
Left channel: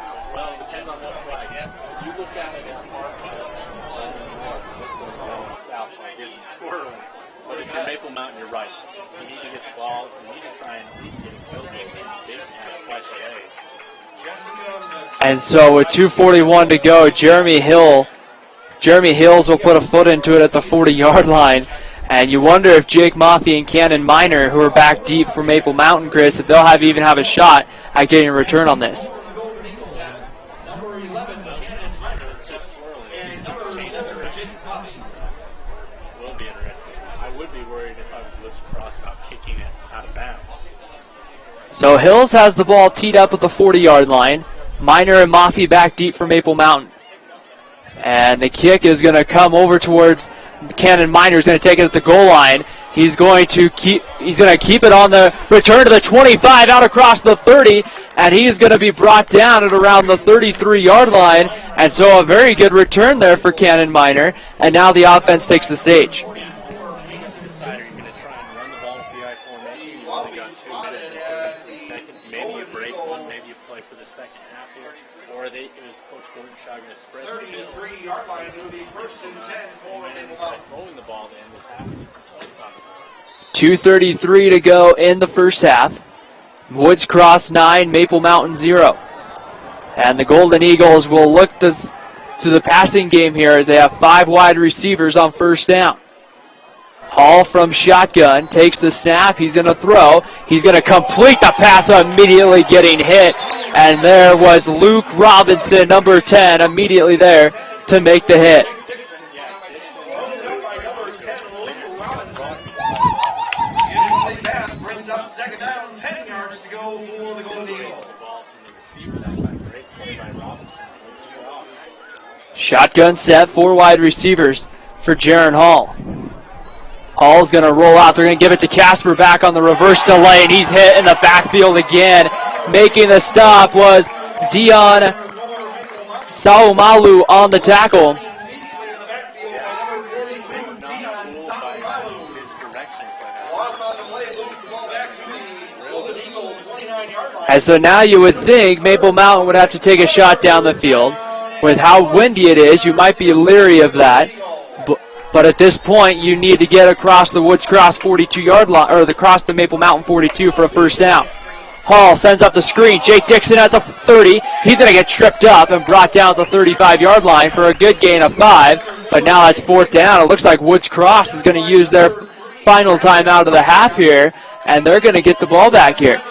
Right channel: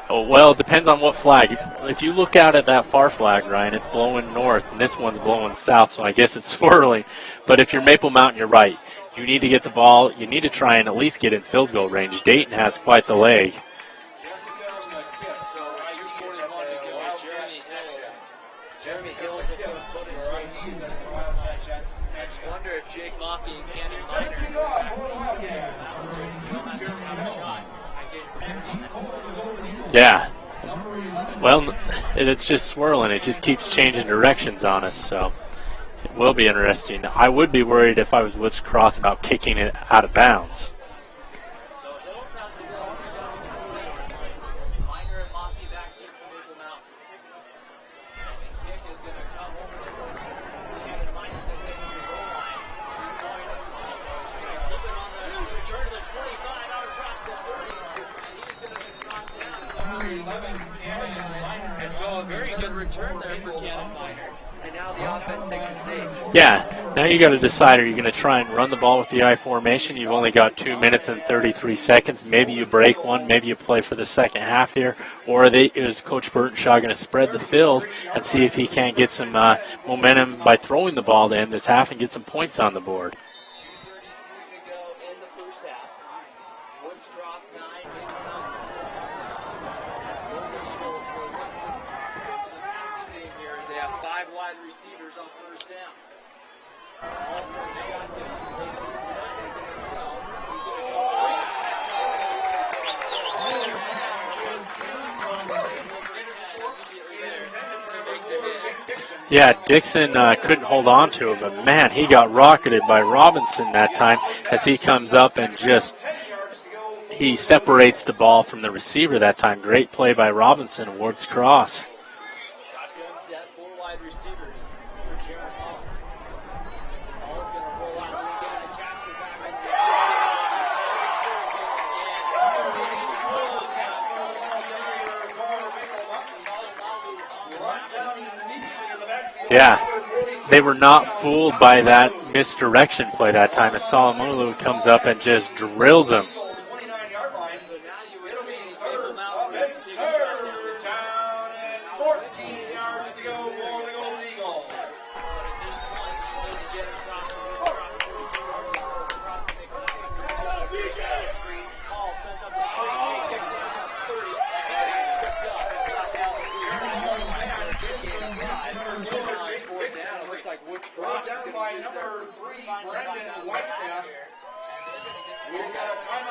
Oh, well, it depends on what flag. If you look out at that far flag, Ryan, it's blowing north, and this one's blowing south, so I guess it's swirling. But if you're Maple Mountain, you're right. You need to get the ball. You need to try and at least get in field goal range. Dayton has quite the leg. And so with 2:41 to go, Jeremy Hills will put a foot into it at the 40-yard line. And you wonder if Jake Maffey and Cannon Minor, who are back deep for Maple Mountain, Chris, if they'll even have a shot at getting a return on this. Yeah. Well, it's just swirling. It just keeps changing directions on us, so it will be interesting. I would be worried if I was Woods Cross about kicking it out of bounds. So Hills has the ball teed up at the 40-yard line. Minor and Maffey back deep for Maple Mountain. And the kick is going to come over towards Cannon Minor. He's going to take it at the goal line. He's going to keep it on the return to the 25 out across the 30, and he is going to be brought down at around the 33-yard line. And so a very good return there for Cannon Minor, and now the offense takes the stage. Yeah, now you got to decide, are you going to try and run the ball with the I formation? You've only got 2 minutes and 33 seconds. Maybe you break one, maybe you play for the second half here, or is Coach Burtonshaw going to spread the field and see if he can't get some momentum by throwing the ball to end this half and get some points on the board? 2:33 to go in the first half. Woods Cross 9, Maple Mountain 0. And the Golden Eagles will look to the passing game here as they have 5 wide receivers on first down. Hall from shotgun takes the snap. He's going to throw. He's going to complete the pass, immediately getting hit. And there was Luke Robinson, number 10, immediately there to make the hit. Yeah, Dixon couldn't hold on to him, but man, he got rocketed by Robinson that time as he comes up and he separates the ball from the receiver that time. Great play by Robinson, Woods Cross. Shotgun set, 4 wide receivers for Jaron Hall. Hall's going to roll out. They're going to give it to Casper back on the reverse delay, and he's hit in the backfield again. Making the stop was Dion Saumalu on the tackle. Yeah, they were not fooled by that misdirection play that time. And Saumalu comes up and just drills him. And so now you would think Maple Mountain would have to take a shot down the field. With how windy it is, you might be leery of that. But at this point, you need to get across the Woods Cross 42-yard line, or across the Maple Mountain 42 for a first down. Hall sends up the screen. Jake Dixon at the 30. He's going to get tripped up and brought down at the 35-yard line for a good gain of 5. But now it's 4th down. It looks like Woods Cross is going to use their final time out of the half here, and they're going to get the ball back here.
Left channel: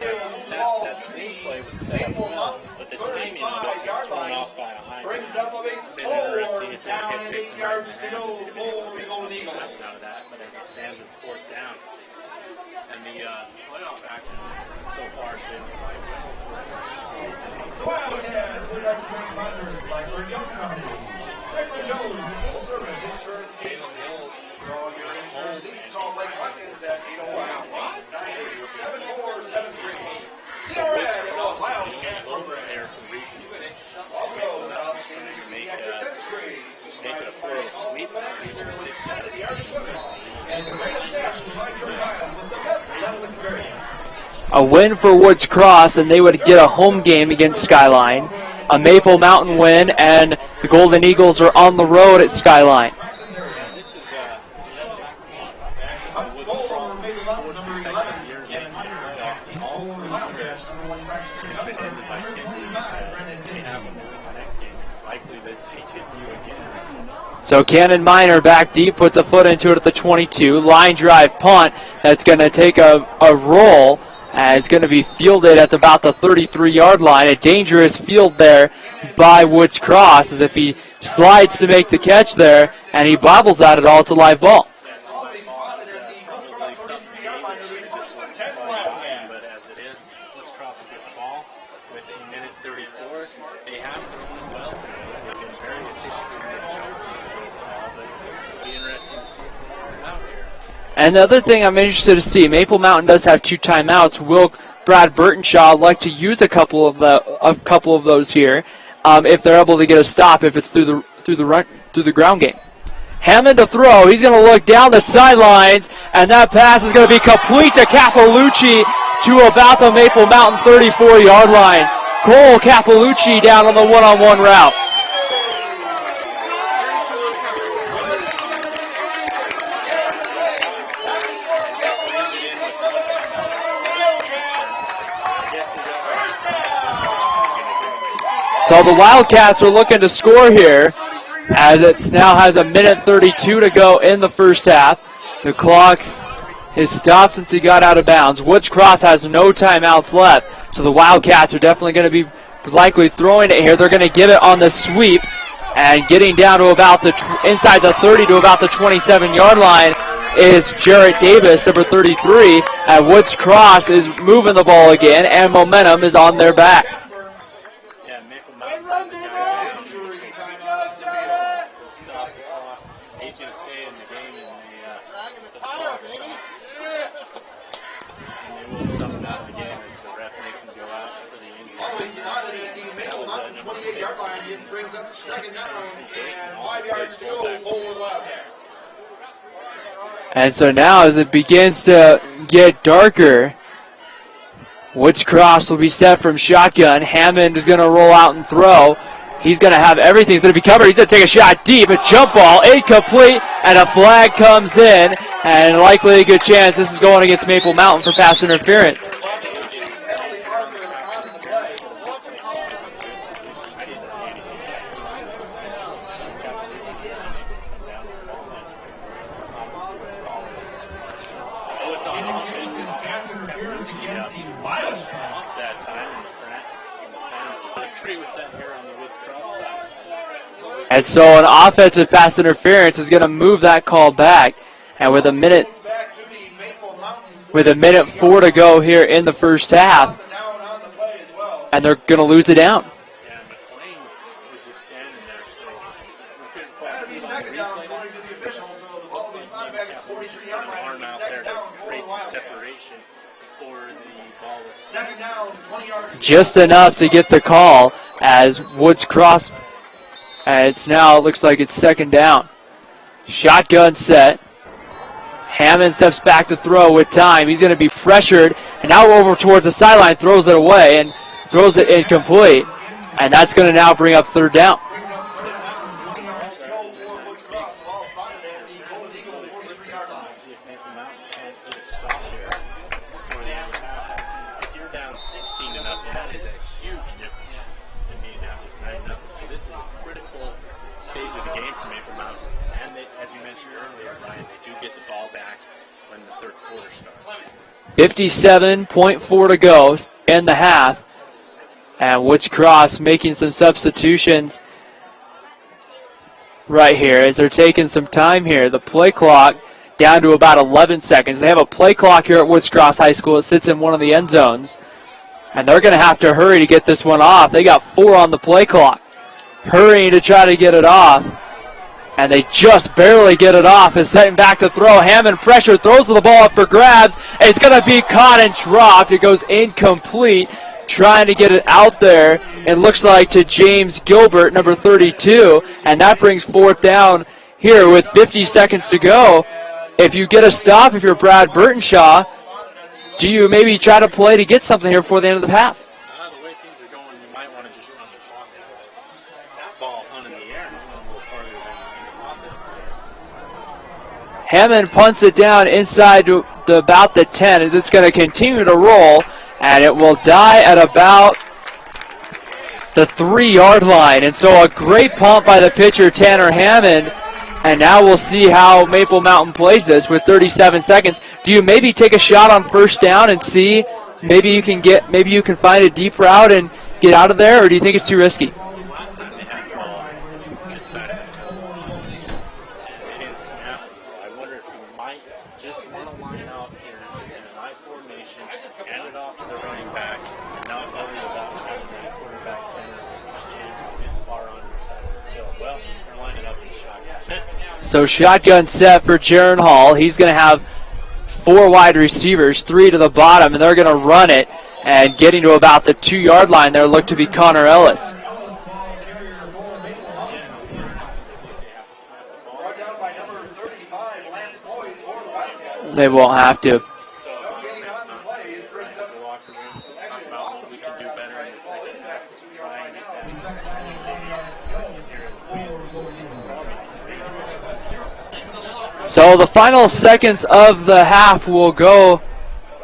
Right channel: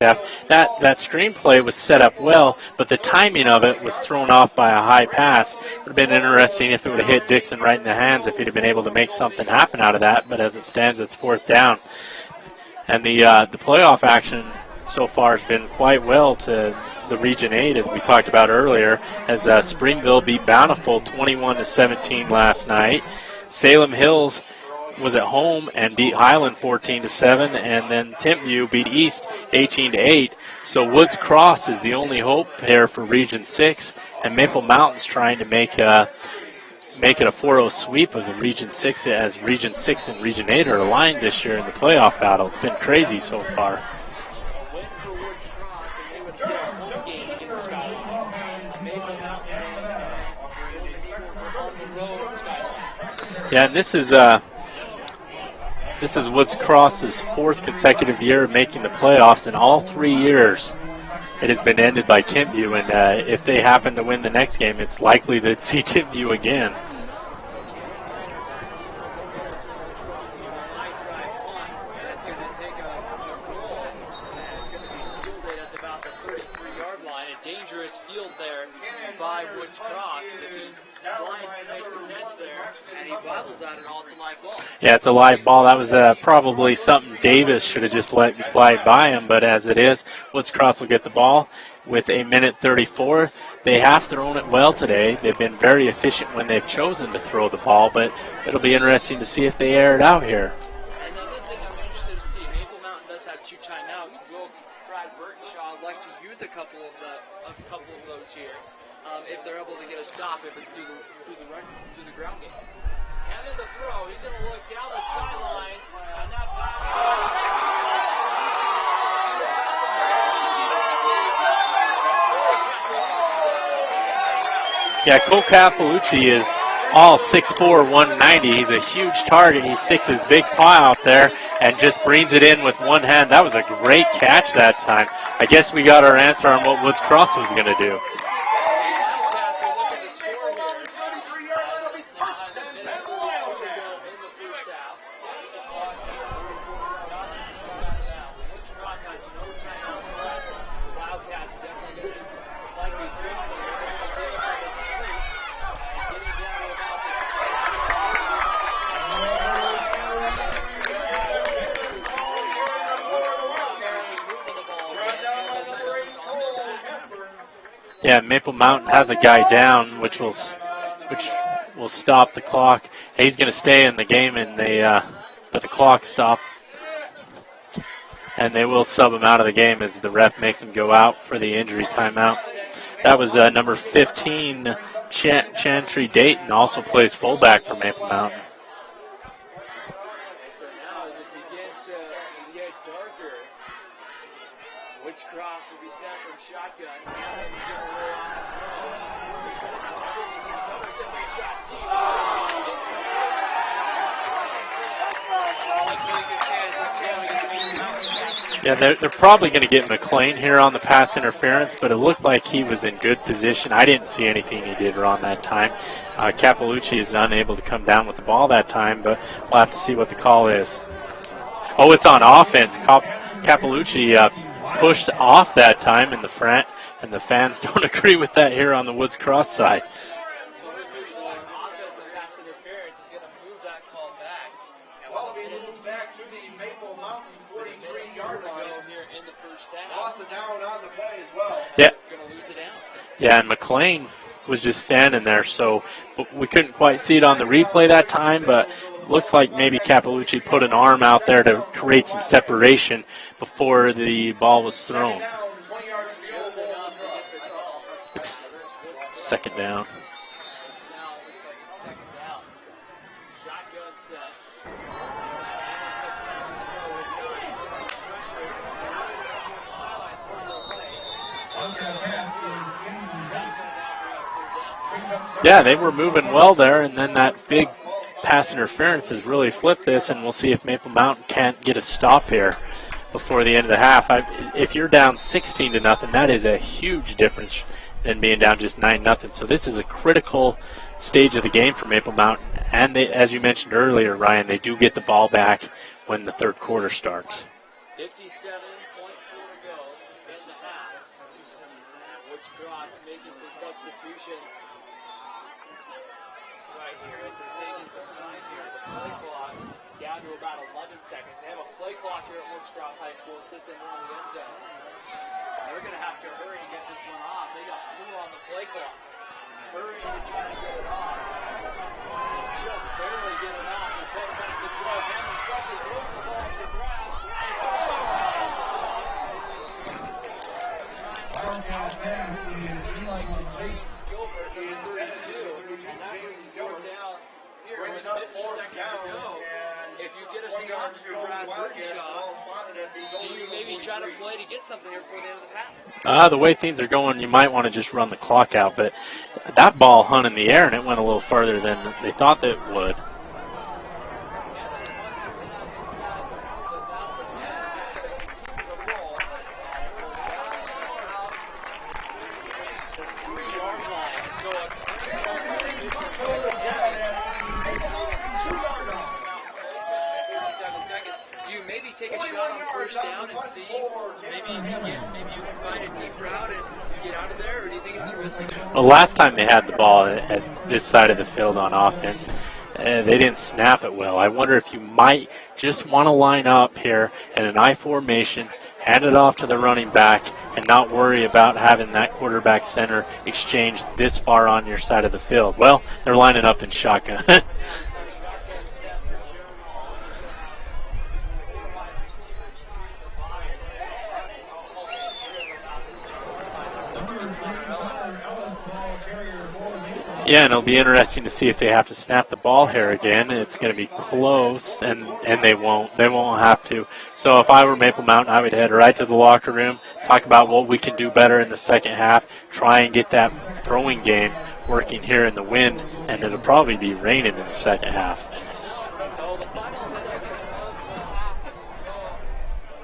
half. That screenplay was set up well, but the timing of it was thrown off by a high pass. It would have been interesting if it would have hit Dixon right in the hands, if he'd have been able to make something happen out of that. But as it stands, it's 4th down. And the playoff action so far has been quite well to the Region 8, as we talked about earlier, as Springville beat Bountiful 21-17 last night. Salem Hills was at home and beat Highland 14-7, and then Timpview beat East 18-8. So Woods Cross is the only hope here for Region 6, and Maple Mountain's trying to make it a 4-0 sweep of the Region 6, as Region 6 and Region 8 are aligned this year in the playoff battle. It's been crazy so far. A win for Woods Cross, and they would get a home game against Skyline. A Maple Mountain win, and the Golden Eagles are on the road at Skyline. Yeah, and this is Woods Cross's 4th consecutive year of making the playoffs. In all 3 years, it has been ended by Timpview, and if they happen to win the next game, it's likely to see Timpview again. So Cannon Minor back deep, puts a foot into it at the 22. Line drive punt that's going to take a roll. It's going to be fielded at about the 33-yard line. A dangerous field there by Woods Cross, as if he slides to make the catch there, and he bobbles at it all. It's a live ball. Yeah, it's a live ball. That was probably something Davis should have just let slide by him, but as it is, Woods Cross will get the ball with 1:34. They have thrown it well today. They've been very efficient when they've chosen to throw the ball, but it'll be interesting to see if they air it out here. And the other thing I'm interested to see, Maple Mountain does have 2 timeouts. Will Brad Burtonshaw like to use a couple of those here, if they're able to get a stop, if it's through the ground game? Hammond to throw. He's going to look down the sidelines, and that pass is going to be complete to Capalucci to about the Maple Mountain 34-yard line. Cole Capalucci down on the one-on-one route. Yeah, Cole Capalucci is all 6'4", 190. He's a huge target. He sticks his big paw out there and just brings it in with one hand. That was a great catch that time. I guess we got our answer on what Woods Cross was going to do. So the Wildcats are looking to score here, as it now has 1:32 to go in the first half. The clock is stopped since he got out of bounds. Woods Cross has no timeouts left, so the Wildcats are definitely going to be likely throwing it here. They're going to give it on the sweep, and getting down to about inside the 30 to about the 27-yard line is Jarrett Davis, number 33. And Woods Cross is moving the ball again, and momentum is on their back. Yeah, Maple Mountain has a guy down, which will stop the clock. He's going to stay in the game, and but the clock stopped, and they will sub him out of the game as the ref makes him go out for the injury timeout. That was number 15, Chantry Dayton, also plays fullback for Maple Mountain. And so now as it begins to get darker, Woods Cross will be set from shotgun. Hammond is going to roll out and throw. He's going to have everything. He's going to be covered. He's going to take a shot deep. A jump ball, incomplete, and a flag comes in. And likely a good chance this is going against Maple Mountain for pass interference. Yeah, they're probably going to get McLean here on the pass interference, but it looked like he was in good position. I didn't see anything he did wrong that time. Capalucci is unable to come down with the ball that time, but we'll have to see what the call is. Oh, it's on offense. Capalucci pushed off that time in the front, and the fans don't agree with that here on the Woods Cross side. And so an offensive pass interference is going to move that call back. And with a minute 4 to go here in the first half, and they're going to lose it down. Yeah, and McLean was just standing there, so we couldn't quite see it on the replay that time, but looks like maybe Capalucci put an arm out there to create some separation before the ball was thrown. Just enough to get the call as Woods Cross second down. And it looks like it's second down. Shotgun set. Hammond steps back to throw with time. He's going to be pressured, and now over towards the sideline, throws it away and throws it incomplete. And that's going to now bring up third down. Yeah, they were moving well there, and then that big pass interference has really flipped this, and we'll see if Maple Mountain can't get a stop here before the end of the half. If you're down 16-0, that is a huge difference than being down just 9-0. So this is a critical stage of the game for Maple Mountain. And they, as you mentioned earlier, Ryan, they do get the ball back when the third quarter starts. 57.4 to go in the half. And Woods Cross making some substitutions right here as they're taking some time here. The play clock down to about 11 seconds. They have a play clock here at Woods Cross High School. It sits in one of the end zones. And they're going to have to hurry to get this one off. They got 4 on the play clock. Hurrying to try to get it off. And they just barely get it off. Is setting back to throw. Hammond pressure, throws the ball up for grabs. It's going to be caught and dropped. It goes incomplete. Trying to get it out there. It looks like to James Gilbert, number 32. And that brings 4th down here with 50 seconds to go. If you get a stop, if you're Brad Burtonshaw, do you maybe try to play to get something here before the end of the half? The way things are going, you might want to just run the clock out. But that ball hung in the air, and it went a little farther than they thought that it would. Hammond punts it down inside to about the 10 as it's going to continue to roll, and it will die at about the 3-yard line. And so a great punt by the pitcher, Tanner Hammond. And now we'll see how Maple Mountain plays this with 37 seconds. Do you maybe take a shot on 1st down and see maybe you can find a deep route and get out of there, or do you think it's too risky? Well, last time they had the ball at this side of the field on offense, they didn't snap it well. I wonder if you might just want to line up here in an I formation, hand it off to the running back, and not worry about having that quarterback center exchange this far on your side of the field. Well, they're lining up in shotgun. So shotgun set for Jaron Hall. He's going to have 4 wide receivers, 3 to the bottom, and they're going to run it. And getting to about the 2-yard line there look to be Connor Ellis. Yeah, and it'll be interesting to see if they have to snap the ball here again. It's going to be close, and they won't. They won't have to. So if I were Maple Mountain, I would head right to the locker room, talk about what we can do better in the second half, try and get that throwing game working here in the wind, and it'll probably be raining in the second half. So the final seconds of the half will go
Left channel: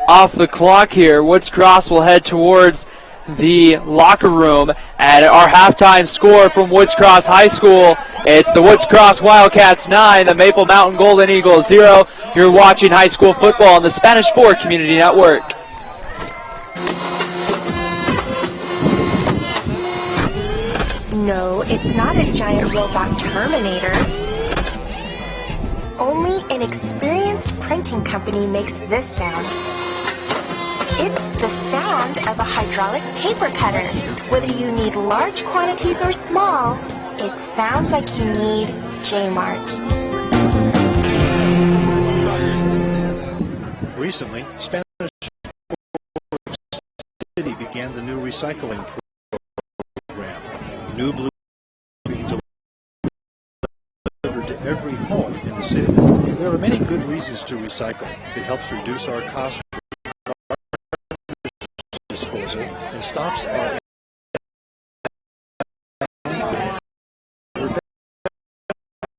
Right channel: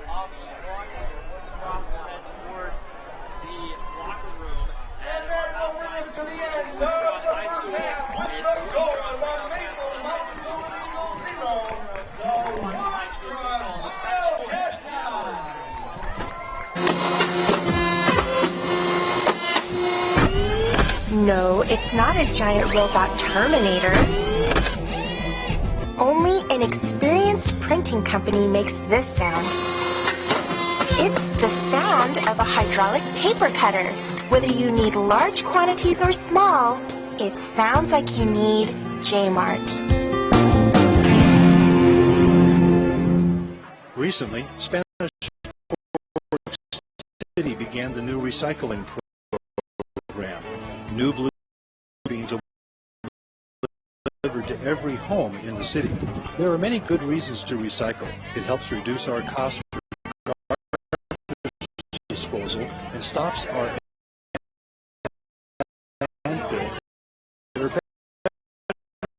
off the clock here. Woods Cross will head towards the locker room, and our halftime score from Woods Cross High School, it's the Woods Cross Wildcats 9, the Maple Mountain Golden Eagles 0. You're watching high school football on the Spanish 4 Community Network. No, it's not a giant robot Terminator. Only an experienced printing company makes this sound. It's the sound of a hydraulic paper cutter. Whether you need large quantities or small, it sounds like you need J-Mart. Recently, Spanish Fork City began the new recycling program. New blue being delivered to every home in the city. There are many good reasons to recycle. It helps reduce our costs for garbage disposal and stops our landfill. They're better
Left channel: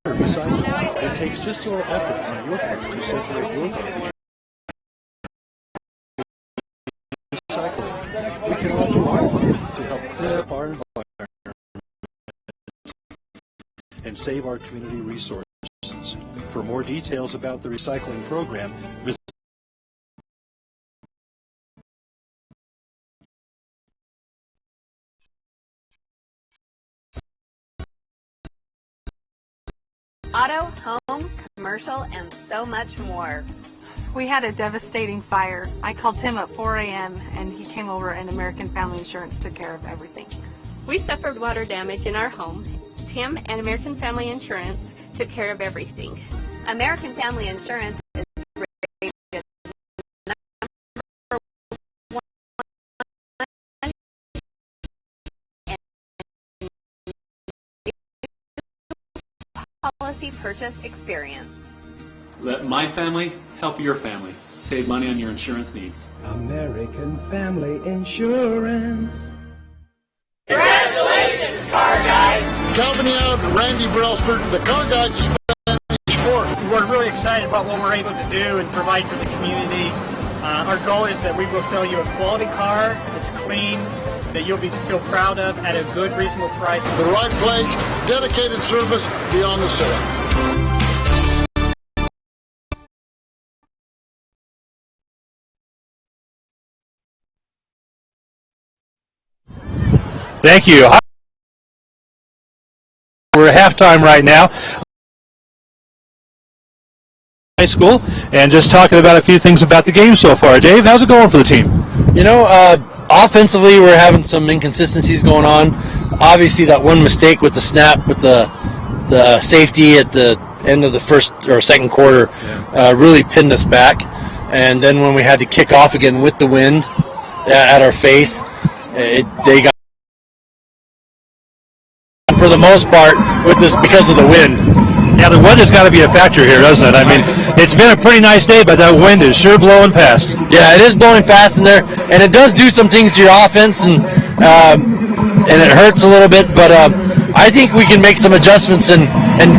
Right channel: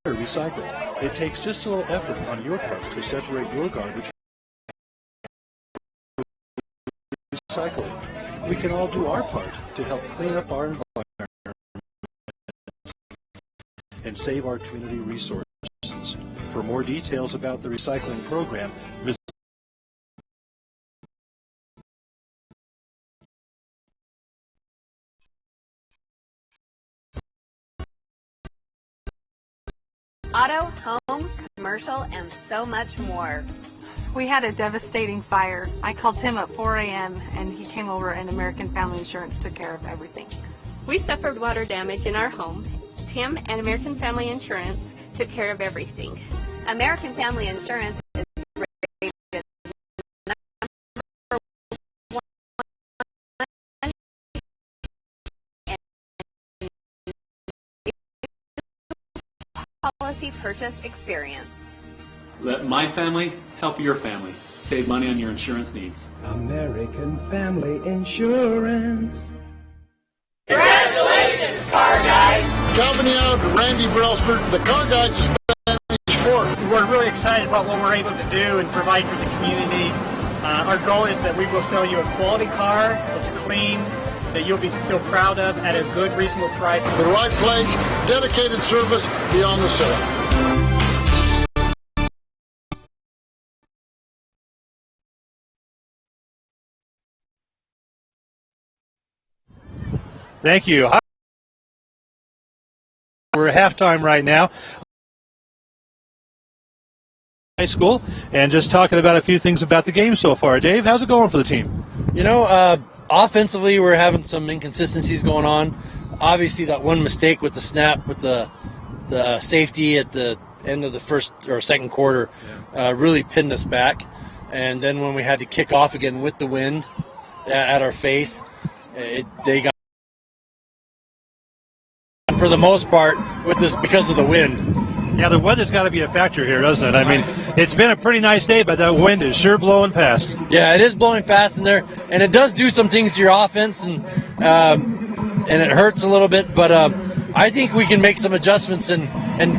recycled. It takes just a little effort on your part to separate your garbage from recycling. We can all do our part to help clean up our environment and save our community resources. For more details about the recycling program, visit auto, home, commercial, and so much more. We had a devastating fire. I called Tim at 4 a.m. and he came over and American Family Insurance took care of everything. We suffered water damage in our home. Tim and American Family Insurance took care of everything. American Family Insurance is rated number 1 in policy purchase experience. Let my family help your family. Save money on your insurance needs. American Family Insurance. Congratulations, car guys! Calvin Young, Randy Brelsford, the car guys of Spanish Fork. We're really excited about what we're able to do and provide for the community. Our goal is that we will sell you a quality car that's clean, that you'll feel proud of at a good, reasonable price. The right place, dedicated service beyond the sale. Thank you. We're at halftime right now. High school, and just talking about a few things about the game so far. Dave, how's it going for the team? You know, offensively, we're having some inconsistencies going on. Obviously, that one mistake with the snap, with the safety at the end of the first or second quarter, really pinned us back. And then when we had to kick off again with the wind at our face, they got, for the most part, with this because of the wind. Yeah, the weather's got to be a factor here, doesn't it? I mean, it's been a pretty nice day, but that wind is sure blowing fast. Yeah, it is blowing fast in there, and it does do some things to your offense, and it hurts a little bit. But I think we can make some adjustments and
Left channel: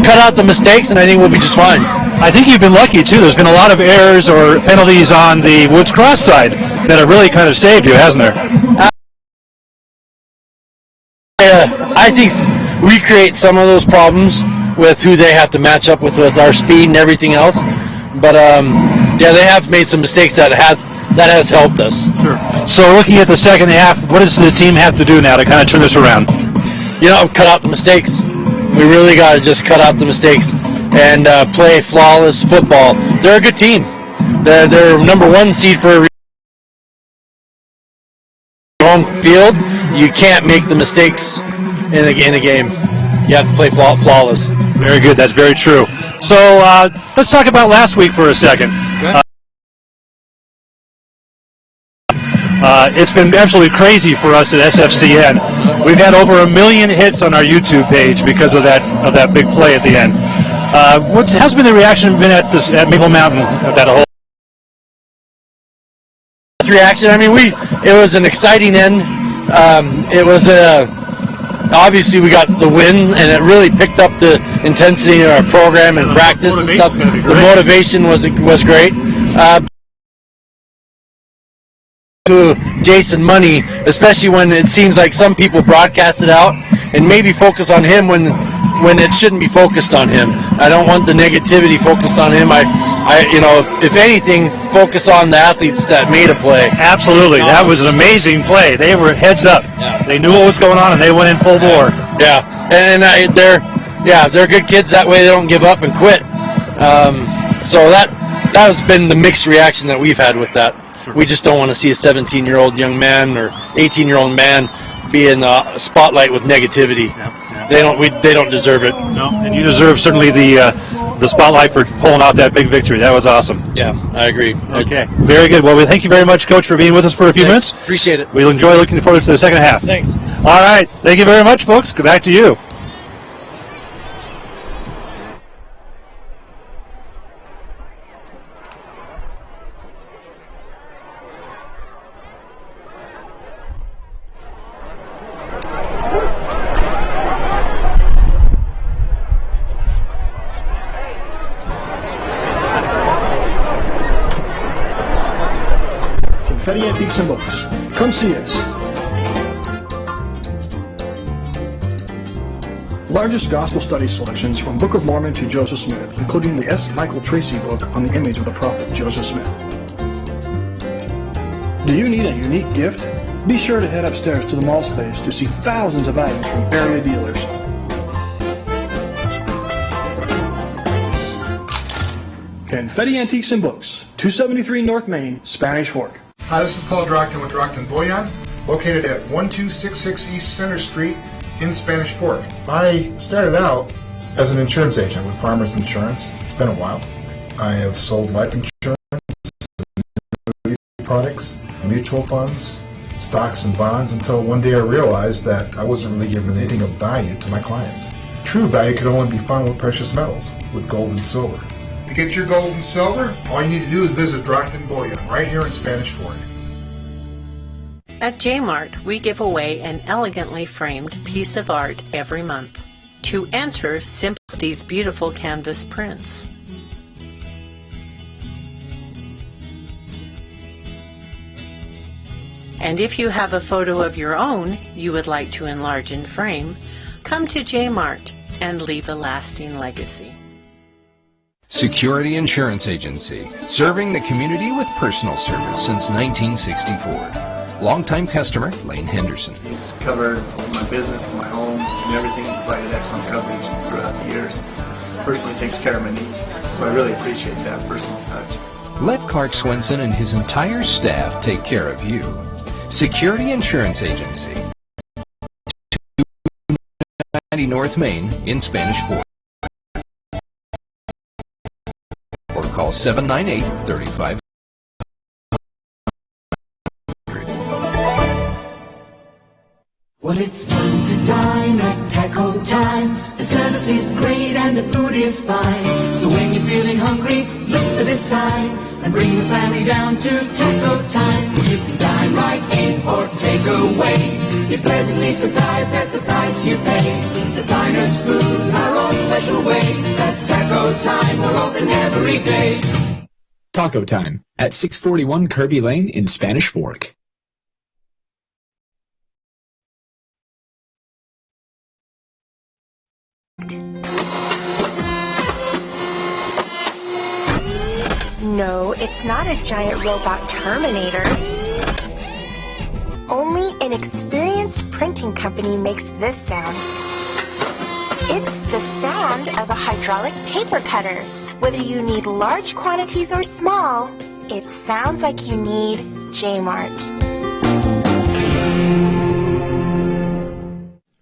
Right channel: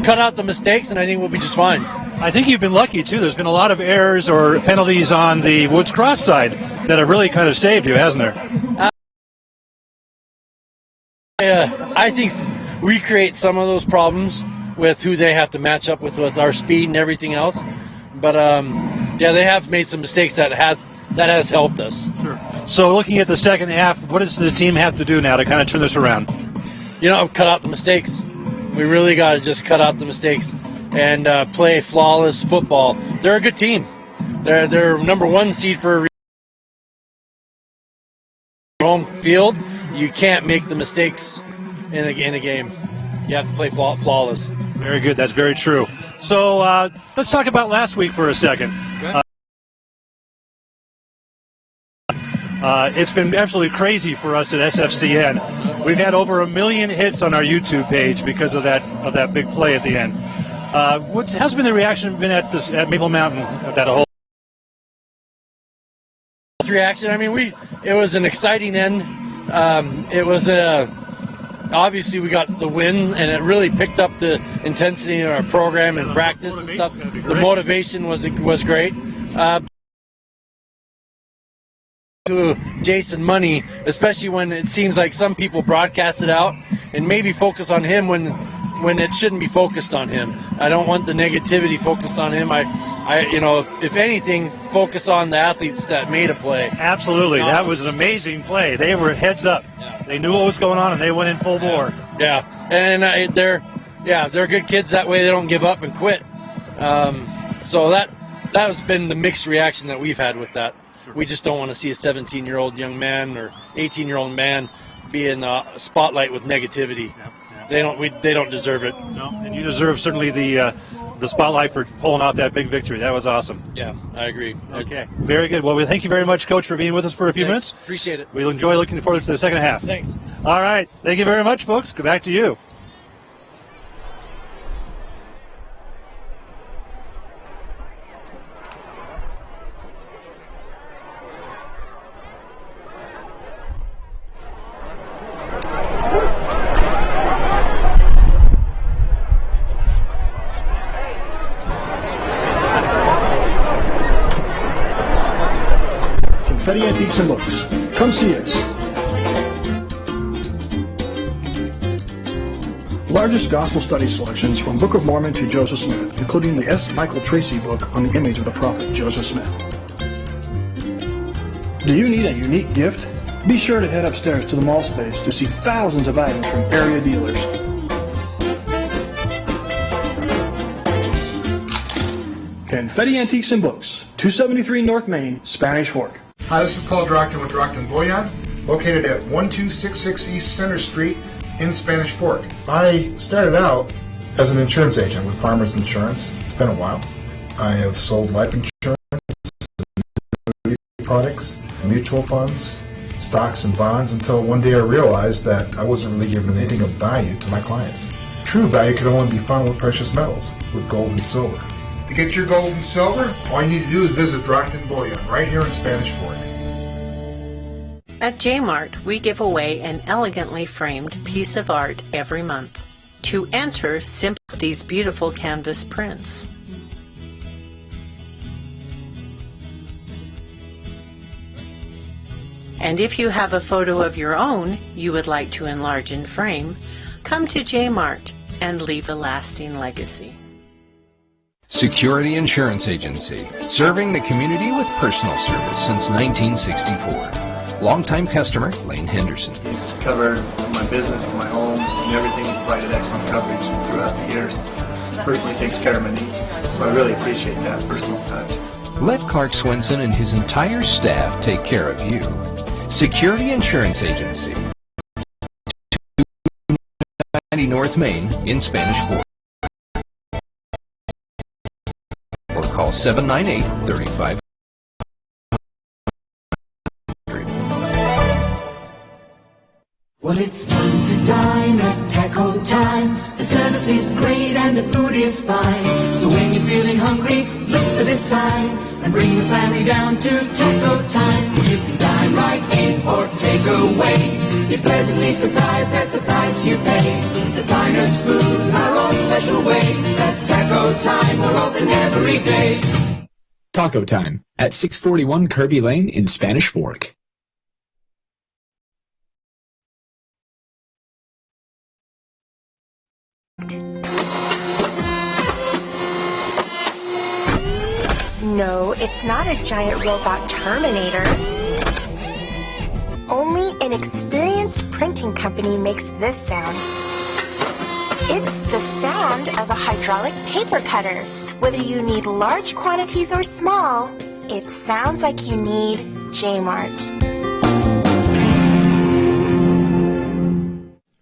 cut out the mistakes, and I think we'll be just fine. I think you've been lucky too. There's been a lot of errors or penalties on the Woods Cross side that have really kind of saved you, hasn't there? I think we create some of those problems with who they have to match up with our speed and everything else. But yeah, they have made some mistakes that has helped us. Sure. So looking at the second half, what does the team have to do now to kind of turn this around? You know, cut out the mistakes. We really got to just cut out the mistakes and play flawless football. They're a good team. They're number one seed for a home field. You can't make the mistakes in a game. You have to play flawless. Very good. That's very true. So let's talk about last week for a second. It's been absolutely crazy for us at SFCN. We've had over 1 million hits on our YouTube page because of that big play at the end. How's been the reaction been at Maple Mountain of that whole reaction? I mean, it was an exciting end. It was obviously we got the win, and it really picked up the intensity of our program and practice and stuff. The motivation was great. To Jason Money, especially when it seems like some people broadcast it out and maybe focus on him when it shouldn't be focused on him. I don't want the negativity focused on him. I if anything, focus on the athletes that made a play. Absolutely. That was an amazing play. They were heads up. Yeah. They knew what was going on, and they went in full bore. Yeah, and they're good kids. That way they don't give up and quit. So that has been the mixed reaction that we've had with that. Sure. We just don't want to see a 17-year-old young man or 18-year-old man be in the spotlight with negativity. Yeah. They don't deserve it. No, and you deserve certainly the spotlight for pulling out that big victory. That was awesome. Yeah, I agree. Okay, very good. Well, thank you very much, Coach, for being with us for a few minutes. Appreciate it. We'll enjoy looking forward to the second half. Thanks. All right. Thank you very much, folks. Go back to you. Confetti Antiques and Books. Come see us. Largest gospel study selections from Book of Mormon to Joseph Smith, including the S. Michael Tracy book on the image of the prophet Joseph Smith. Do you need a unique gift? Be sure to head upstairs to the mall space to see thousands of items from area dealers. Confetti Antiques and Books, 273 North Main, Spanish Fork. Hi, this is Paul Drockton with Drockton Boyan, located at 1266 East Center Street in Spanish Fork. I started out as an insurance agent with Farmers Insurance. It's been a while. I have sold life insurance, products, mutual funds, stocks and bonds until one day I realized that I wasn't really giving anything of value to my clients. True value could only be found with precious metals, with gold and silver. To get your gold and silver, all you need to do is visit Drockton Boyan right here in Spanish Fork. At J-Mart, we give away an elegantly framed piece of art every month. To enter, simply these beautiful canvas prints. And if you have a photo of your own you would like to enlarge and frame, come to J-Mart and leave a lasting legacy. Security Insurance Agency, serving the community with personal service since 1964. Longtime customer Lane Henderson. He's covered my business to my home and everything. He provided excellent coverage throughout the years. Personally takes care of my needs, so I really appreciate that personal touch. Let Clark Swenson and his entire staff take care of you. Security Insurance Agency, 290 North Main in Spanish Fork. Or call 798-3500. Well, it's fun to dine at Taco Time. The service is great and the food is fine. So when you're feeling hungry, look to this side and bring the family down to Taco Time. You can dine right in or take away. You're pleasantly surprised at the price you pay. The finest food, our own special way. That's Taco Time. We're open every day. Taco Time at 641 Kirby Lane in Spanish Fork. No, it's not a giant robot Terminator. Only an experienced printing company makes this sound. It's the sound of a hydraulic paper cutter. Whether you need large quantities or small, it sounds like you need J-Mart.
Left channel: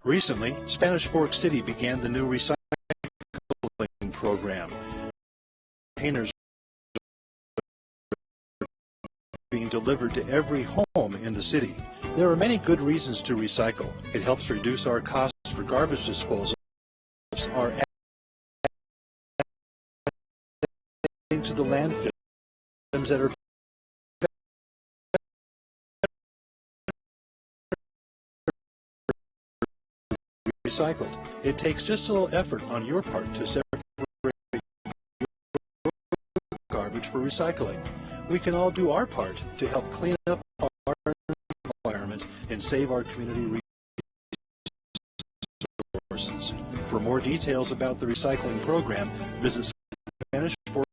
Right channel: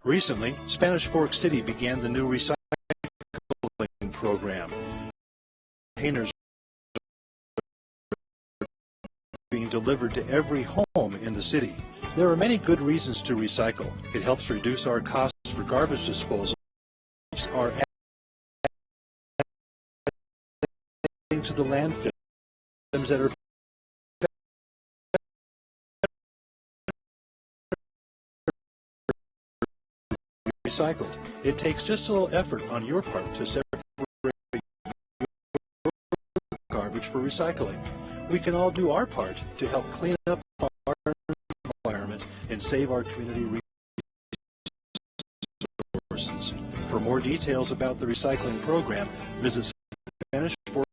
Recently, Spanish Fork City began the new recycling program. Containers being delivered to every home in the city. There are many good reasons to recycle. It helps reduce our costs for garbage disposal. Our adding to the landfill that are recycled. It takes just a little effort on your part to separate garbage for recycling. We can all do our part to help clean up our environment and save our community resources. For more details about the recycling program, visit Spanish Fork.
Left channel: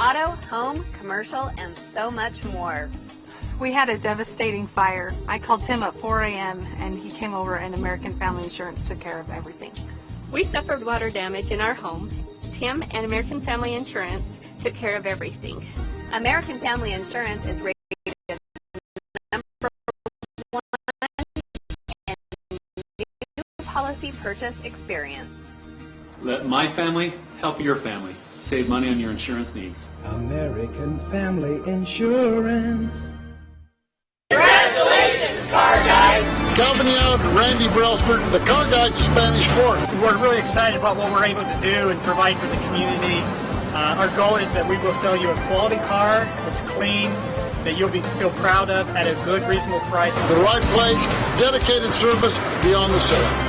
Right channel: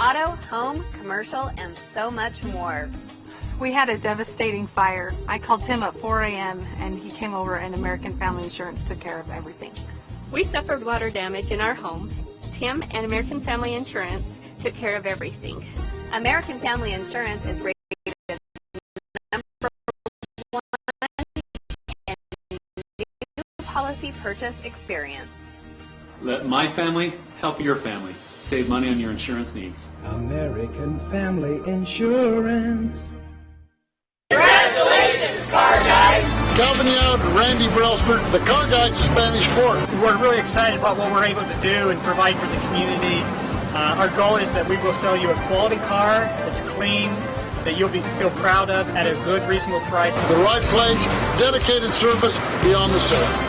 Auto, home, commercial, and so much more. We had a devastating fire. I called Tim at 4 a.m. and he came over and American Family Insurance took care of everything. We suffered water damage in our home. Tim and American Family Insurance took care of everything. American Family Insurance is rated number 1 in new policy purchase experience. Let my family help your family. Save money on your insurance needs. American Family Insurance. Congratulations, car guys! Calvin Young and Randy Brelsford, the car guys of Spanish Fork. We're really excited about what we're able to do and provide for the community. Our goal is that we will sell you a quality car that's clean, that you'll feel proud of at a good, reasonable price. The right place, dedicated service beyond the sale.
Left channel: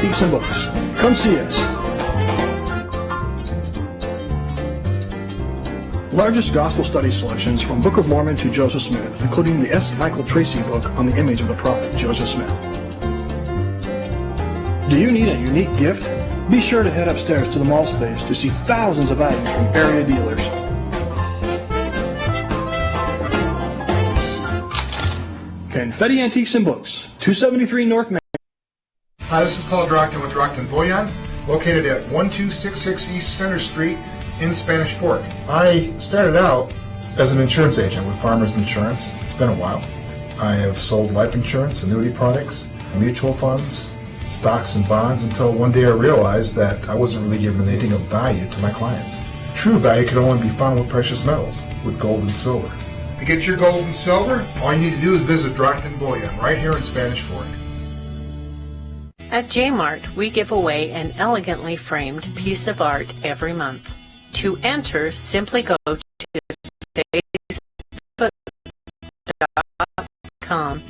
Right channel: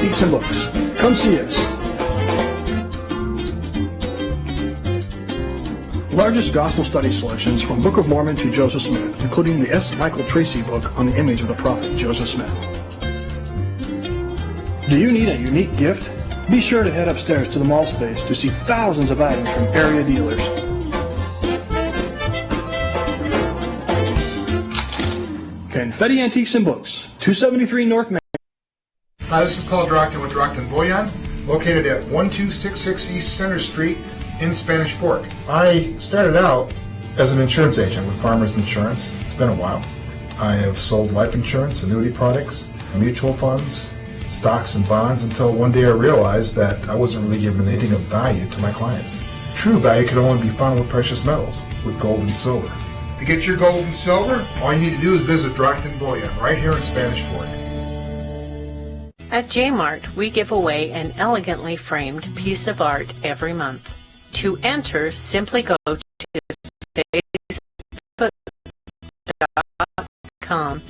Antiques and Books. Come see us. Largest gospel study selections from Book of Mormon to Joseph Smith, including the S. Michael Tracy book on the image of the prophet Joseph Smith. Do you need a unique gift? Be sure to head upstairs to the mall space to see thousands of items from area dealers. Confetti Antiques and Books, 273 North Main. Hi, this is Paul Drockton with Drockton Boyan, located at 1266 East Center Street in Spanish Fork. I started out as an insurance agent with Farmers Insurance. It's been a while. I have sold life insurance, annuity products, mutual funds, stocks and bonds until one day I realized that I wasn't really giving anything of value to my clients. True value could only be found with precious metals, with gold and silver. To get your gold and silver, all you need to do is visit Drockton Boyan right here in Spanish Fork. At J-Mart, we give away an elegantly framed piece of art every month. To enter, simply go to facebook.com.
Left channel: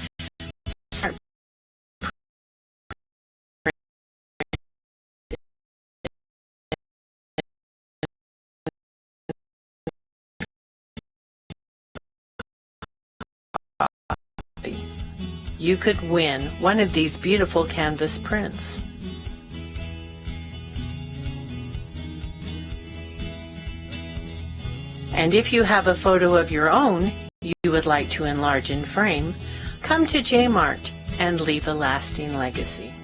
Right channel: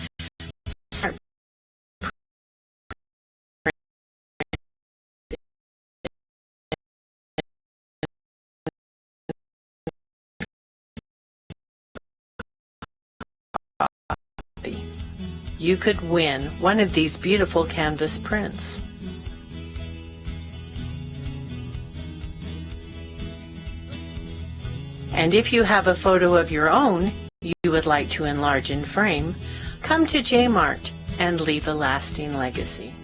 You could win one of these beautiful canvas prints. And if you have a photo of your own you would like to enlarge and frame, come to J-Mart and leave a lasting legacy.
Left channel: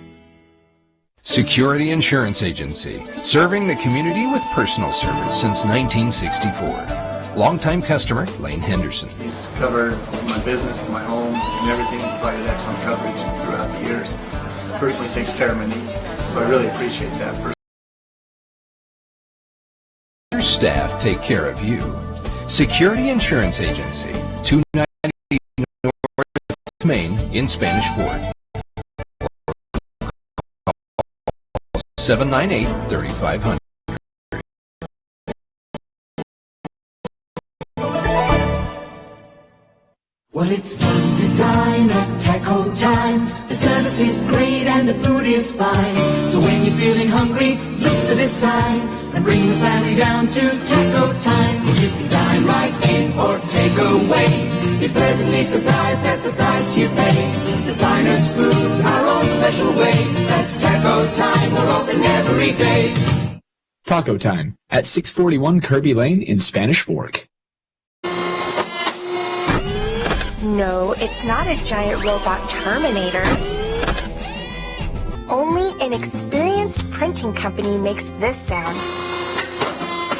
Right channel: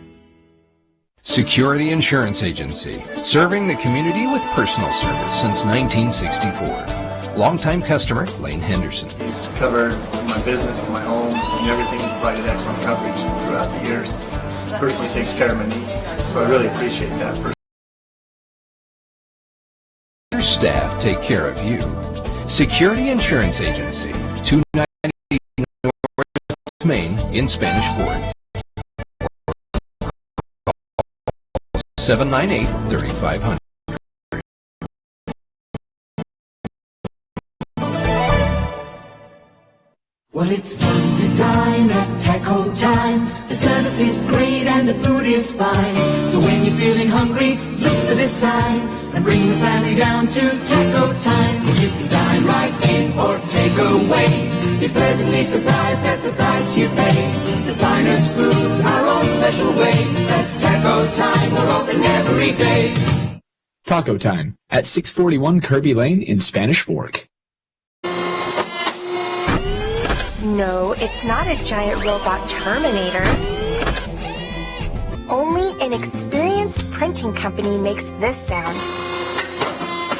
Security Insurance Agency, serving the community with personal service since 1964. Longtime customer, Lane Henderson. He's covered my business to my home and everything, provided excellent coverage throughout the years. Personally takes care of my needs, so I really appreciate that. Your staff take care of you. Security Insurance Agency, 290 North Main in Spanish Fork. 798-3500. Well, it's fun to dine at Taco Time. The service is great and the food is fine. So when you're feeling hungry, look to this side and bring the family down to Taco Time. You can dine right in or take away. Be pleasantly surprised at the price you pay. The finest food, our own special way. That's Taco Time. We're open every day. Taco Time at 641 Kirby Lane in Spanish Fork. No, it's not a giant robot Terminator. Only an experienced printing company makes this sound.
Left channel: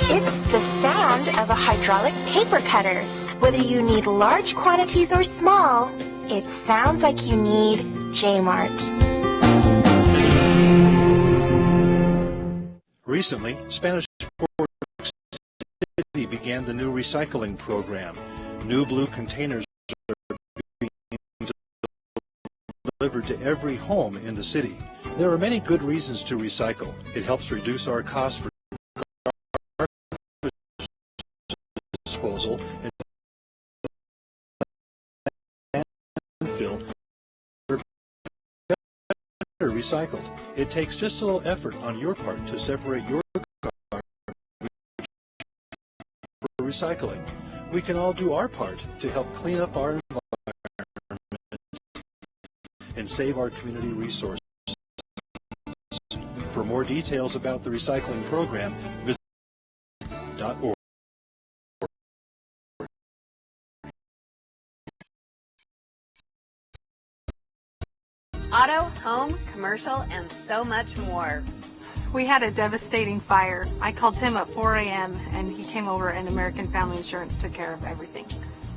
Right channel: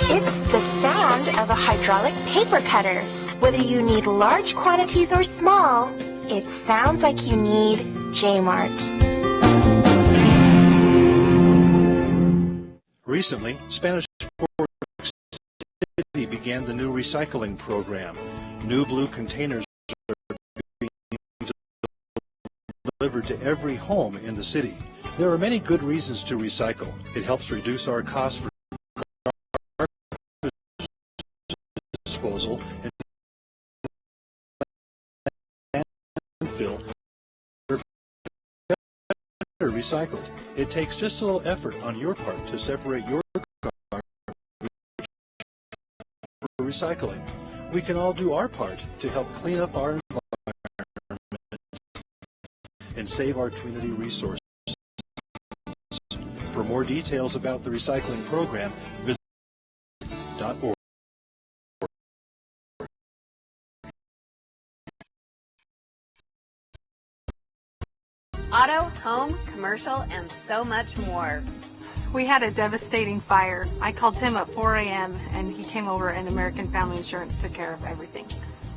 It's the sound of a hydraulic paper cutter. Whether you need large quantities or small, it sounds like you need J-Mart. Recently, Spanish Fork City began the new recycling program. New blue containers delivered to every home in the city. There are many good reasons to recycle. It helps reduce our costs for garbage disposal and landfill are better recycled. It takes just a little effort on your part to separate your garbage for recycling. we can all do our part to help clean up our environment and save our community resources. For more details about the recycling program, visit .org. Auto, home, commercial, and so much more. We had a devastating fire. I called Tim at 4 a.m. and he came over and American Family Insurance took care of everything.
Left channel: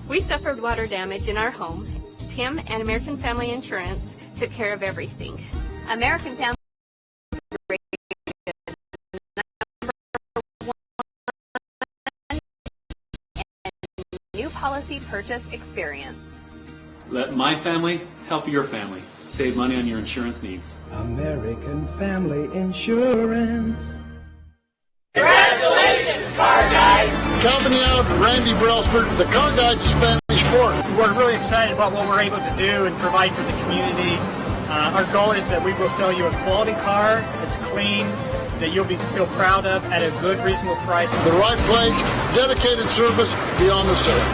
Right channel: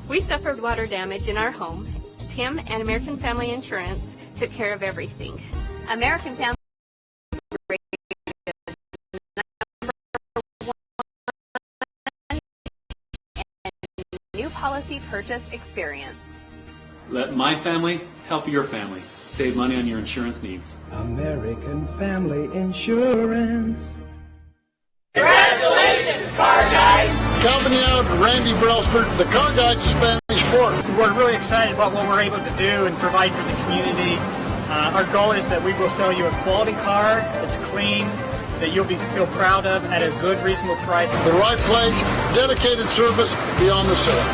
We suffered water damage in our home. Tim and American Family Insurance took care of everything. American Family new policy purchase experience. Let my family help your family. Save money on your insurance needs. American Family Insurance. Congratulations, car guys! Company out of Randy Brelsford, the car guys of Spanish Fork. We're really excited about what we're able to do and provide for the community. Our goal is that we will sell you a quality car that's clean, that you'll feel proud of at a good, reasonable price. The right place, dedicated service beyond the sale.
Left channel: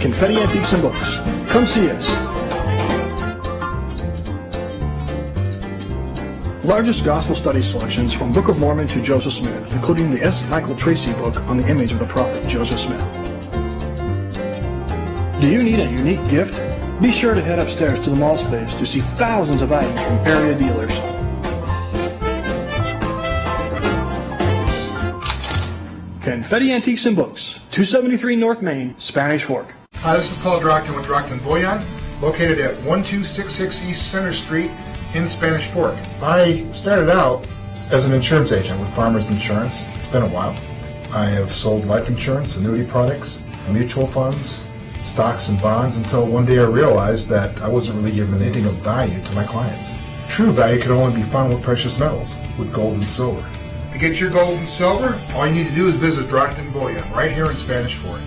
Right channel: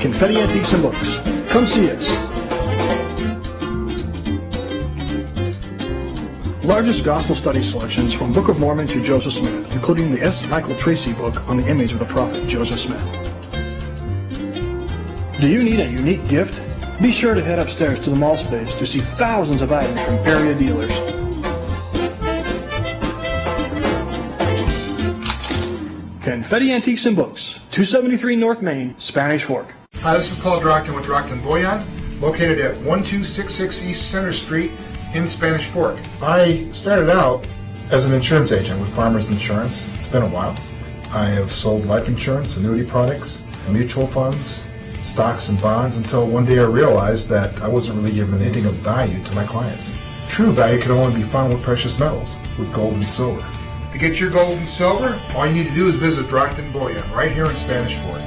Confetti Antiques and Books. Come see us. Largest gospel study selections from Book of Mormon to Joseph Smith, including the S. Michael Tracy book on the image of the prophet Joseph Smith. Do you need a unique gift? Be sure to head upstairs to the mall space to see thousands of items from area dealers. Confetti Antiques and Books, 273 North Main, Spanish Fork. Hi, this is Paul Drockton with Drockton Boyan, located at 1266 East Center Street in Spanish Fork. I started out as an insurance agent with Farmers Insurance. It's been a while. I have sold life insurance, annuity products, mutual funds, stocks and bonds until one day I realized that I wasn't really giving anything of value to my clients. True value could only be found with precious metals, with gold and silver. To get your gold and silver, all you need to do is visit Drockton Boyan right here in Spanish Fork.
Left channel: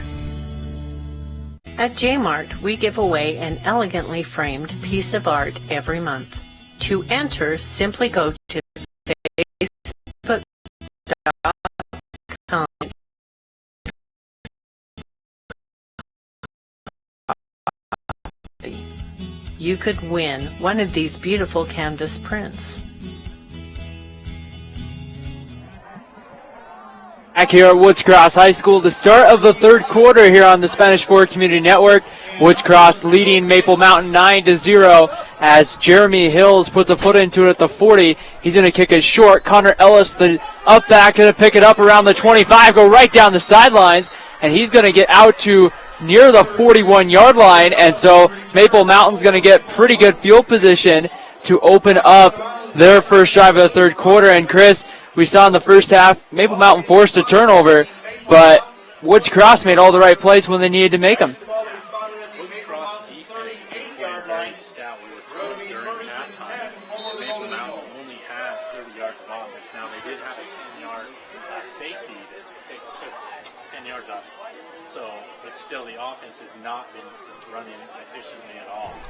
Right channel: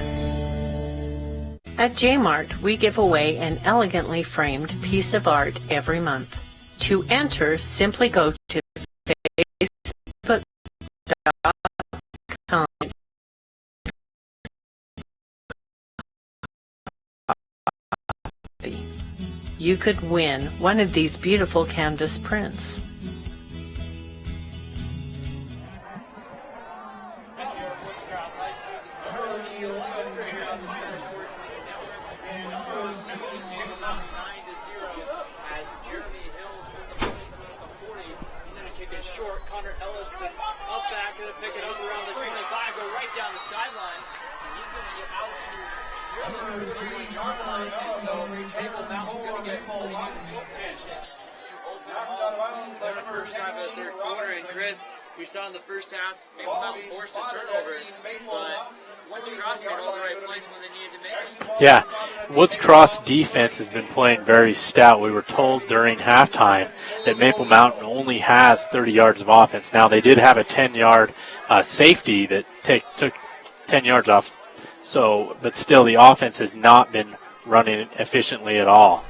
At J-Mart, we give away an elegantly framed piece of art every month. To enter, simply go to facebook.com. You could win one of these beautiful canvas prints. Back here at Woods Cross High School, the start of the third quarter here on the Spanish Fork Community Network. Woods Cross leading Maple Mountain 9-0 as Jeremy Hills puts a foot into it at the 40. He's going to kick it short. Connor Ellis, the up back, going to pick it up around the 25, go right down the sidelines, and he's going to get out to near the 41-yard line, and so Maple Mountain's going to get pretty good field position to open up their first drive of the third quarter. And Chris, we saw in the first half, Maple Mountain forced a turnover, but Woods Cross made all the right plays when they needed to make them. Yeah, Woods Cross defense has been playing very stout. We were told during halftime that Maple Mountain only has 30 yards of offense. Now, they did have a 10-yard safety that took 10 yards off. So, but still, the offense has not been running efficiently at all.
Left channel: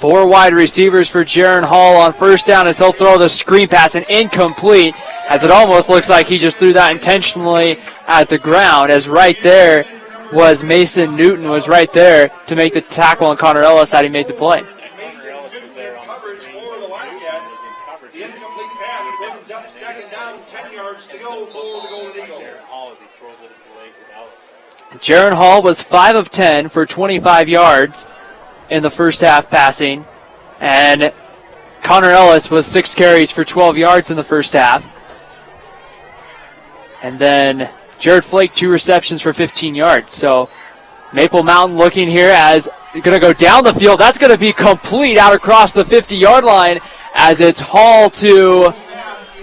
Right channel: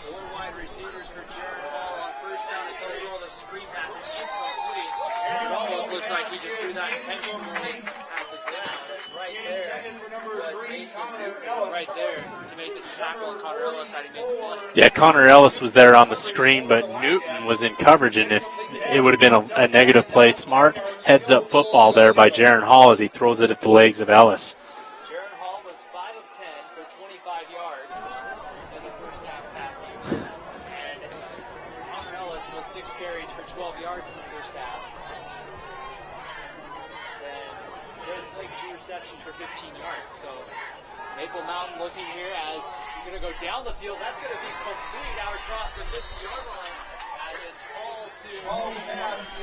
4 wide receivers for Jaron Hall on first down as he'll throw the screen pass, and incomplete, as it almost looks like he just threw that intentionally at the ground, as right there was Mason Newton was right there to make the tackle, and Connor Ellis had he made the play. Yeah, Connor Ellis was there on the screen, but Newton was in coverage, and if it would have been a negative play. Smart heads-up football there by Jaron Hall as he throws it at the legs of Ellis. Jaron Hall was 5 of 10 for 25 yards in the first half passing, and Connor Ellis was 6 carries for 12 yards in the first half. And then Jared Flake, 2 receptions for 15 yards. So Maple Mountain looking here as going to go down the field. That's going to be complete out across the 50-yard line as it's Hall to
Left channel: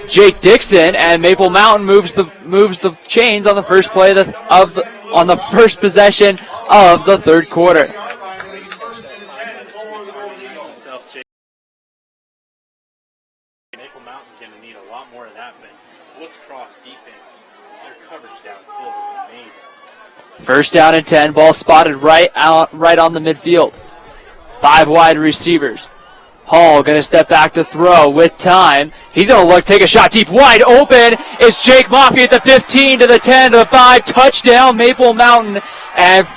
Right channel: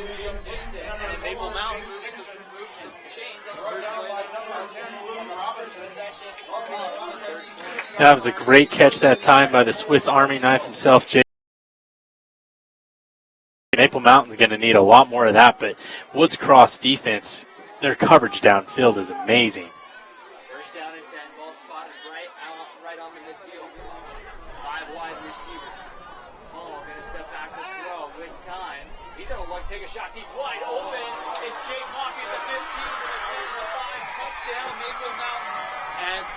Jake Dixon, and Maple Mountain moves the chains on the first play on the first possession of the third quarter. That was a great catch that time by the Swiss Army knife himself, Jake. Maple Mountain's going to need a lot more of that, but Woods Cross defense, their coverage downfield is amazing. First down and 10, ball spotted right on the midfield. 5 wide receivers. Hall going to step back to throw with time. He's going to look, take a shot deep, wide open. It's Jake Moffey at the 15 to the 10 to the 5. Touchdown, Maple Mountain. And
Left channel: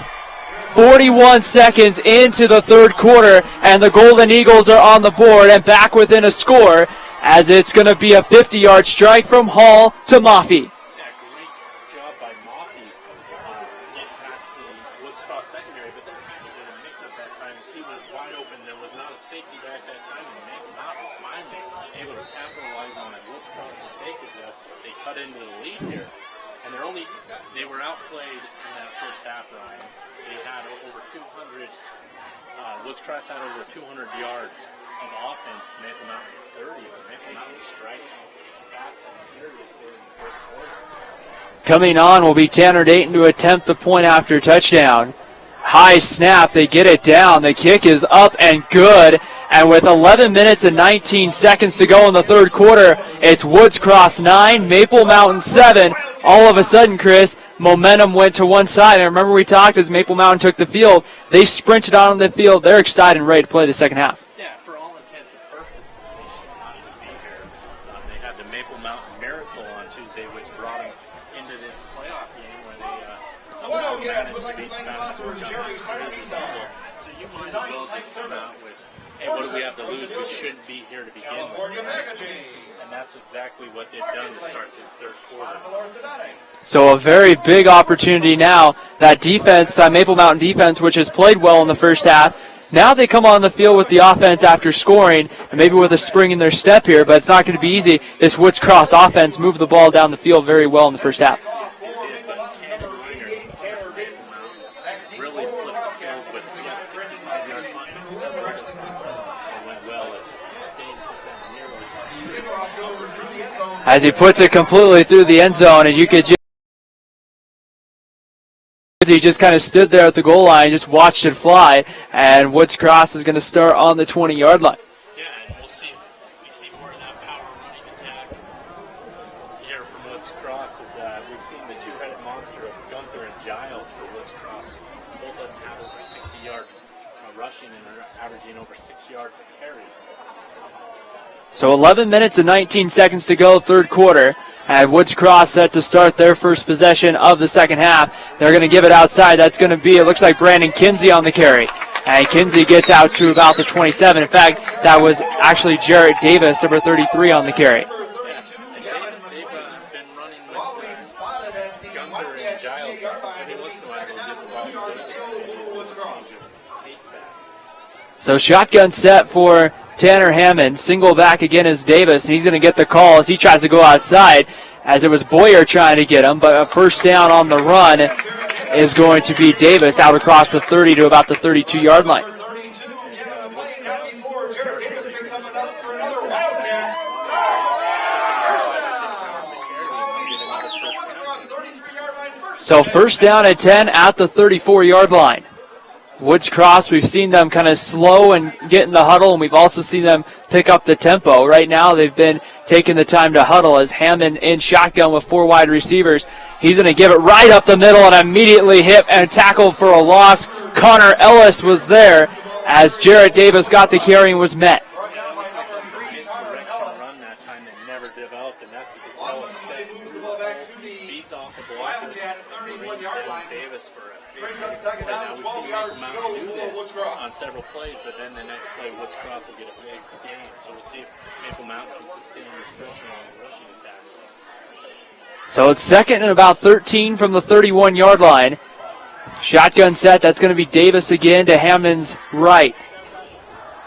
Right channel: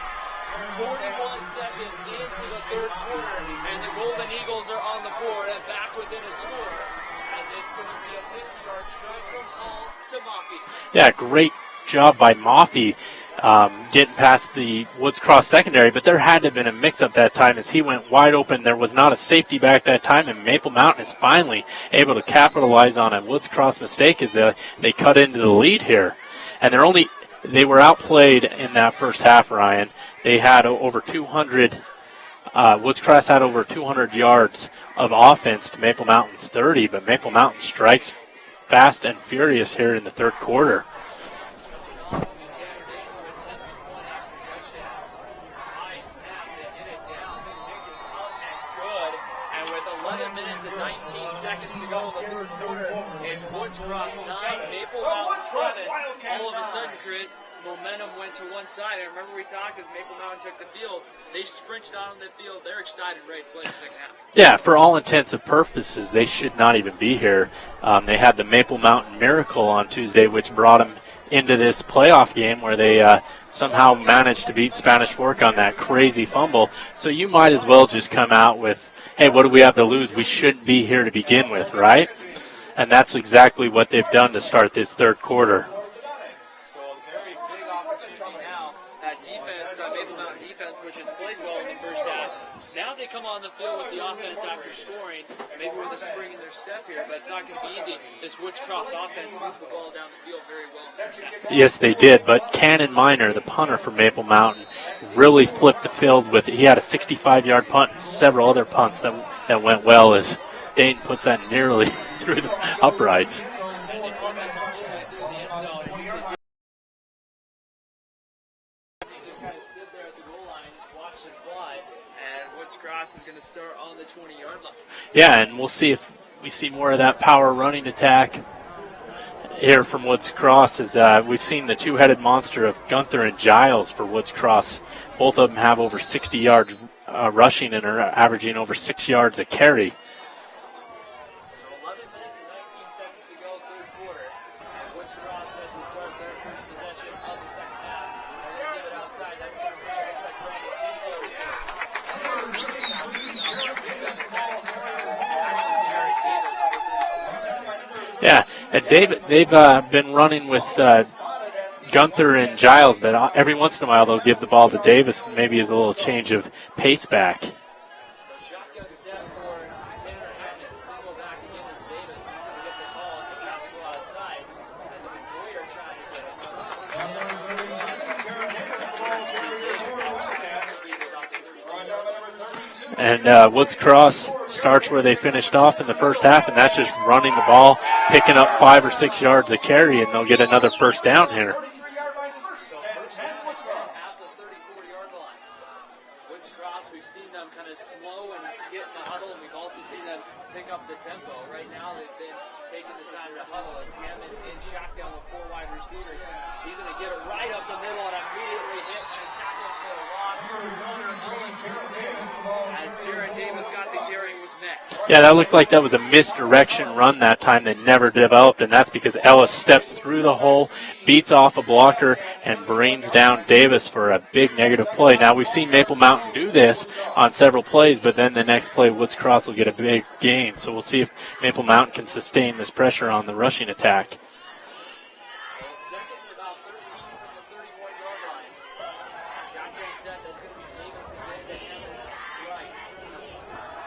41 seconds into the third quarter, and the Golden Eagles are on the board and back within a score, as it's going to be a 50-yard strike from Hall to Moffey. Yeah, great job by Moffey getting past the Woods Cross secondary, but there had to have been a mix-up that time as he went wide open. There was not a safety back that time, and Maple Mountain is finally able to capitalize on a Woods Cross mistake as they cut into the lead here. And they were outplayed in that first half, Ryan. They had over 200, Woods Cross had over 200 yards of offense to Maple Mountain's 30, but Maple Mountain strikes fast and furious here in the third quarter. Coming on will be Tanner Dayton to attempt the point after touchdown. High snap, they get it down. The kick is up and good. And with 11 minutes and 19 seconds to go in the third quarter, it's Woods Cross 9, Maple Mountain 7. All of a sudden, Chris, momentum went to one side. And remember we talked as Maple Mountain took the field, they sprinted on the field. They're excited and ready to play the second half. Yeah, for all intents and purposes, they should not even be here. They had the Maple Mountain Miracle on Tuesday, which brought them into this playoff game where they somehow managed to beat Spanish Fork on that crazy fumble. So you might as well just come out with, hey, what do we have to lose? We shouldn't be here to begin with, right? And that's exactly what they've done to start this third quarter. So a very big opportunity now. That defense, that Maple Mountain defense, which has played well in the first half, now they come on the field with the offense after scoring, and maybe with a spring in their step here, but it's not going to be easy. This Woods Cross offense moved the ball down the field very well in the first half. Yes, they did, but Cannon Minor, the punter for Maple Mountain, really flipped the field with it. He had a 65-yard punt and several other punts that went well as Dayton puts that nearly through the uprights. As he puts it completely through the end zone, and you could just he just kind of stood there at the goal line, just watched it fly, and Woods Cross is going to start on the 20-yard line. Yeah, and we'll see if we see more of that power running attack here from Woods Cross, as we've seen the two-headed monster of Gunther and Giles for Woods Cross. Both of them have over 60 yards rushing and are averaging over 6 yards a carry. So 11 minutes and 19 seconds to go, third quarter. And Woods Cross set to start their first possession of the second half. They're going to give it outside. That's going to be, it looks like Brandon Kinsey on the carry. And Kinsey gets out to about the 27. In fact, that was actually Jarrett Davis, number 33, on the carry. Yeah, and they've been running with Gunther and Giles, but every once in a while they'll give the ball to Davis, maybe as a little change of pace back. So shotgun set for Tanner Hammond. Single back again is Davis, and he's going to get the call as he tries to go outside, as it was Boyer trying to get him, but a first down on the run is going to be Davis out across the 30 to about the 32-yard line. And Woods Cross starts where they finished off in the first half, and that's just running the ball, picking up 5 or 6 yards a carry, and they'll get another first down here. So first down at 10 at the 34-yard line. Woods Cross, we've seen them kind of slow and get in the huddle, and we've also seen them pick up the tempo. Right now they've been taking the time to huddle as Hammond in shotgun with 4 wide receivers. He's going to give it right up the middle and immediately hit and tackled for a loss. Connor Ellis was there as Jarrett Davis got the carry and was met. Yeah, that looked like that was a misdirection run that time that never developed, and that's because Ellis steps through the hole, beats off a blocker, and brings down Davis for a big negative play. Now, we've seen Maple Mountain do this on several plays, but then the next play, Woods Cross will get a big gain. So we'll see if Maple Mountain can sustain this pressure on the rushing attack. So it's second and about 13 from the 31-yard line. Shotgun set, that's going to be Davis again to Hammond's right.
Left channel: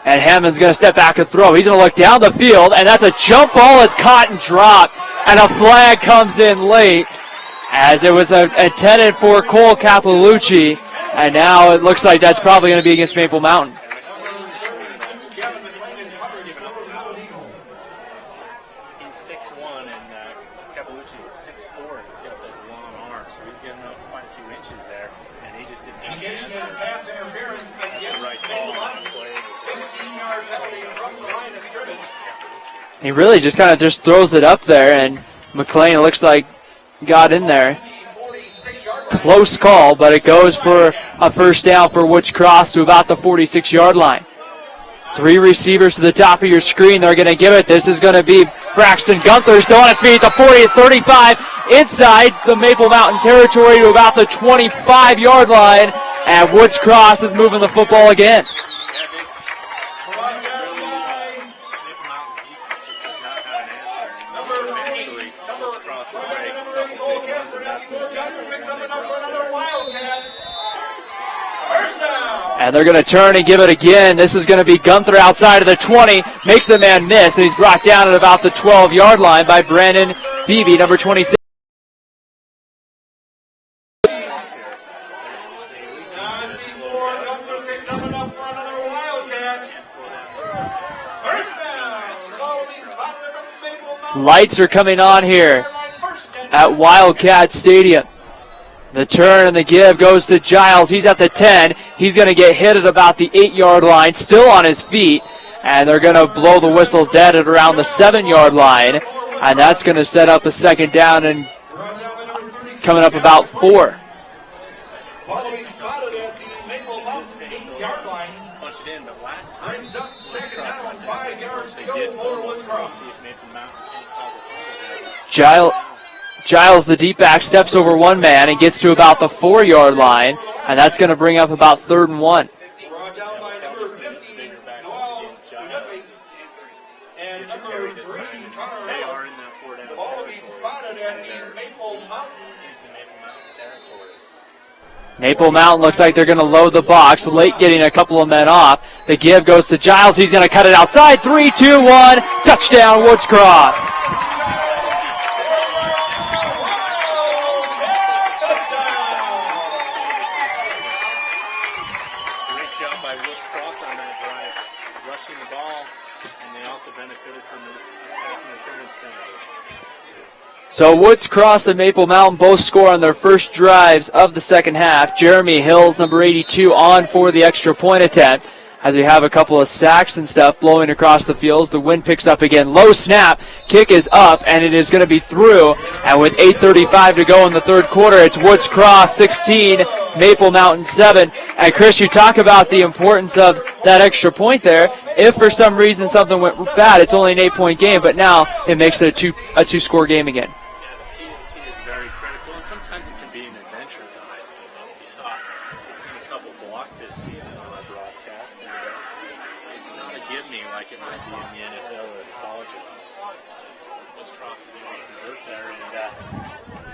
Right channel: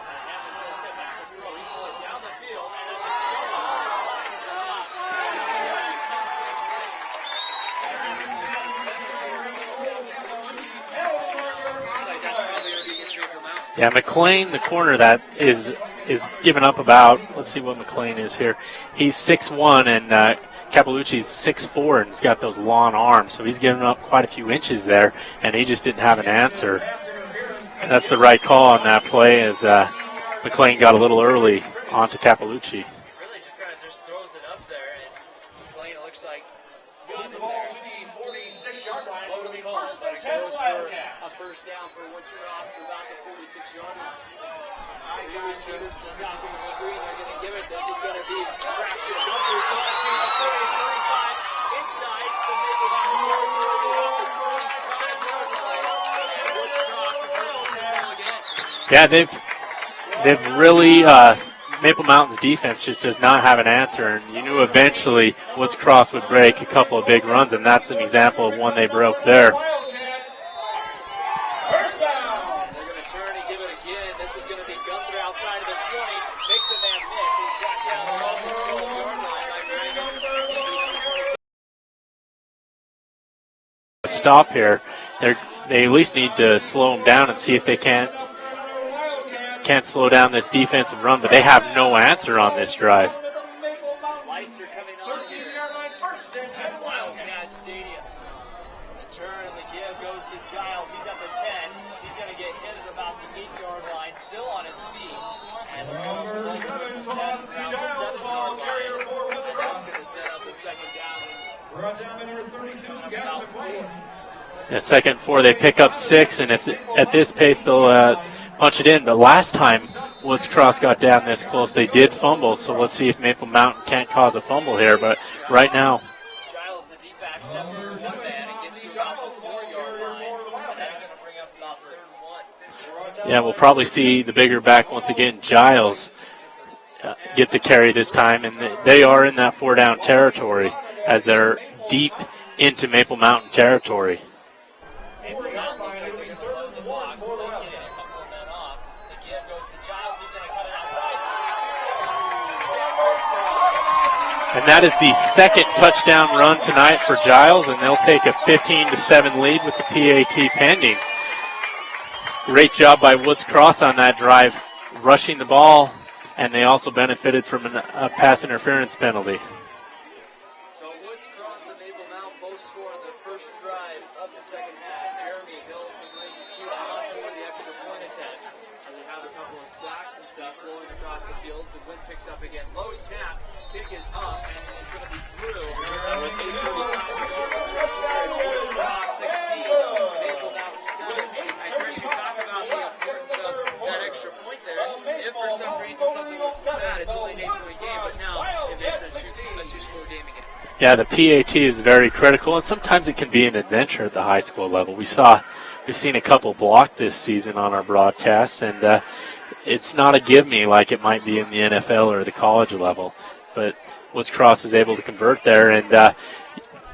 And Hammond's going to step back and throw. He's going to look down the field, and that's a jump ball. It's caught and dropped, and a flag comes in late as it was intended for Cole Capalucci, and now it looks like that's probably going to be against Maple Mountain. Yeah, McLean, the corner that is giving up about, let's see what McLean is here. He's 6'1", and Capalucci's 6'4", and he's got those long arms, so he's giving up quite a few inches there, and he just didn't have an answer. That's the right call on that play as McLean got a little early onto Capalucci. He really just kind of just throws it up there, and McLean, it looks like, got in there. Close call, but it goes for a first down for Woods Cross to about the 46-yard line. Three receivers to the top of your screen. They're going to give it. This is going to be Braxton Gunther still on his feet. The 40 35 inside the Maple Mountain territory to about the 25-yard line. And Woods Cross is moving the football again. Yeah, they've really, Maple Mountain's defense just does not have an answer. And you knew eventually Woods Cross would break a couple of big runs, and that's an example of one they broke there. And they're going to turn and give it again. This is going to be Gunther outside of the 20. Makes the man miss, and he's brought down at about the 12-yard line by Brandon Beebe, number 26. Stop here. They at least need to slow them down and see if they can't slow down this defensive run, but they have no answer on this drive. Lights are coming on here at Wildcats Stadium. The turn and the give goes to Giles. He's at the 10. He's going to get hit at about the 8-yard line, still on his feet. And they're going to blow the whistle dead at around the 7-yard line. And that's going to set up a second down and coming up about 4. The second 4, they pick up 6, and if at this pace they'll punch it in. But last time Woods Cross got down this close, they did fumble. So let's see if Maple Mountain can't cause a fumble here. But right now, Giles, the deep back, steps over one man and gets to about the 4-yard line, and that's going to bring up about 3rd and 1. Yeah, we'll probably see the bigger back once again, Giles, get the carry this time, and they are in that 4-down territory as they're deep into Maple Mountain territory. Maple Mountain looks like they're going to load the box, late getting a couple of men off. The give goes to Giles. He's going to cut it outside. 3, 2, 1, touchdown, Woods Cross. And that is the second touchdown run tonight for Giles, and they'll take a 15-7 lead with the PAT pending. Great job by Woods Cross on that drive, rushing the ball, and they also benefited from a pass interference penalty. So Woods Cross and Maple Mountain both score on their first drives of the second half. Jeremy Hills, number 82, on for the extra point attempt. As we have a couple of sacks and stuff blowing across the fields. The wind picks up again. Low snap. Kick is up, and it is going to be through. And with 8:35 to go in the third quarter, it's Woods Cross 16, Maple Mountain 7. And Chris, you talk about the importance of that extra point there. If for some reason something went bad, it's only an 8-point game, but now it makes it a two-score game again. Yeah, the PAT is very critical, and sometimes it can be an adventure at the high school level. We've seen a couple block this season on our broadcasts, and it's not a give-me like it might be in the NFL or the college level. But Woods Cross is able to convert there, and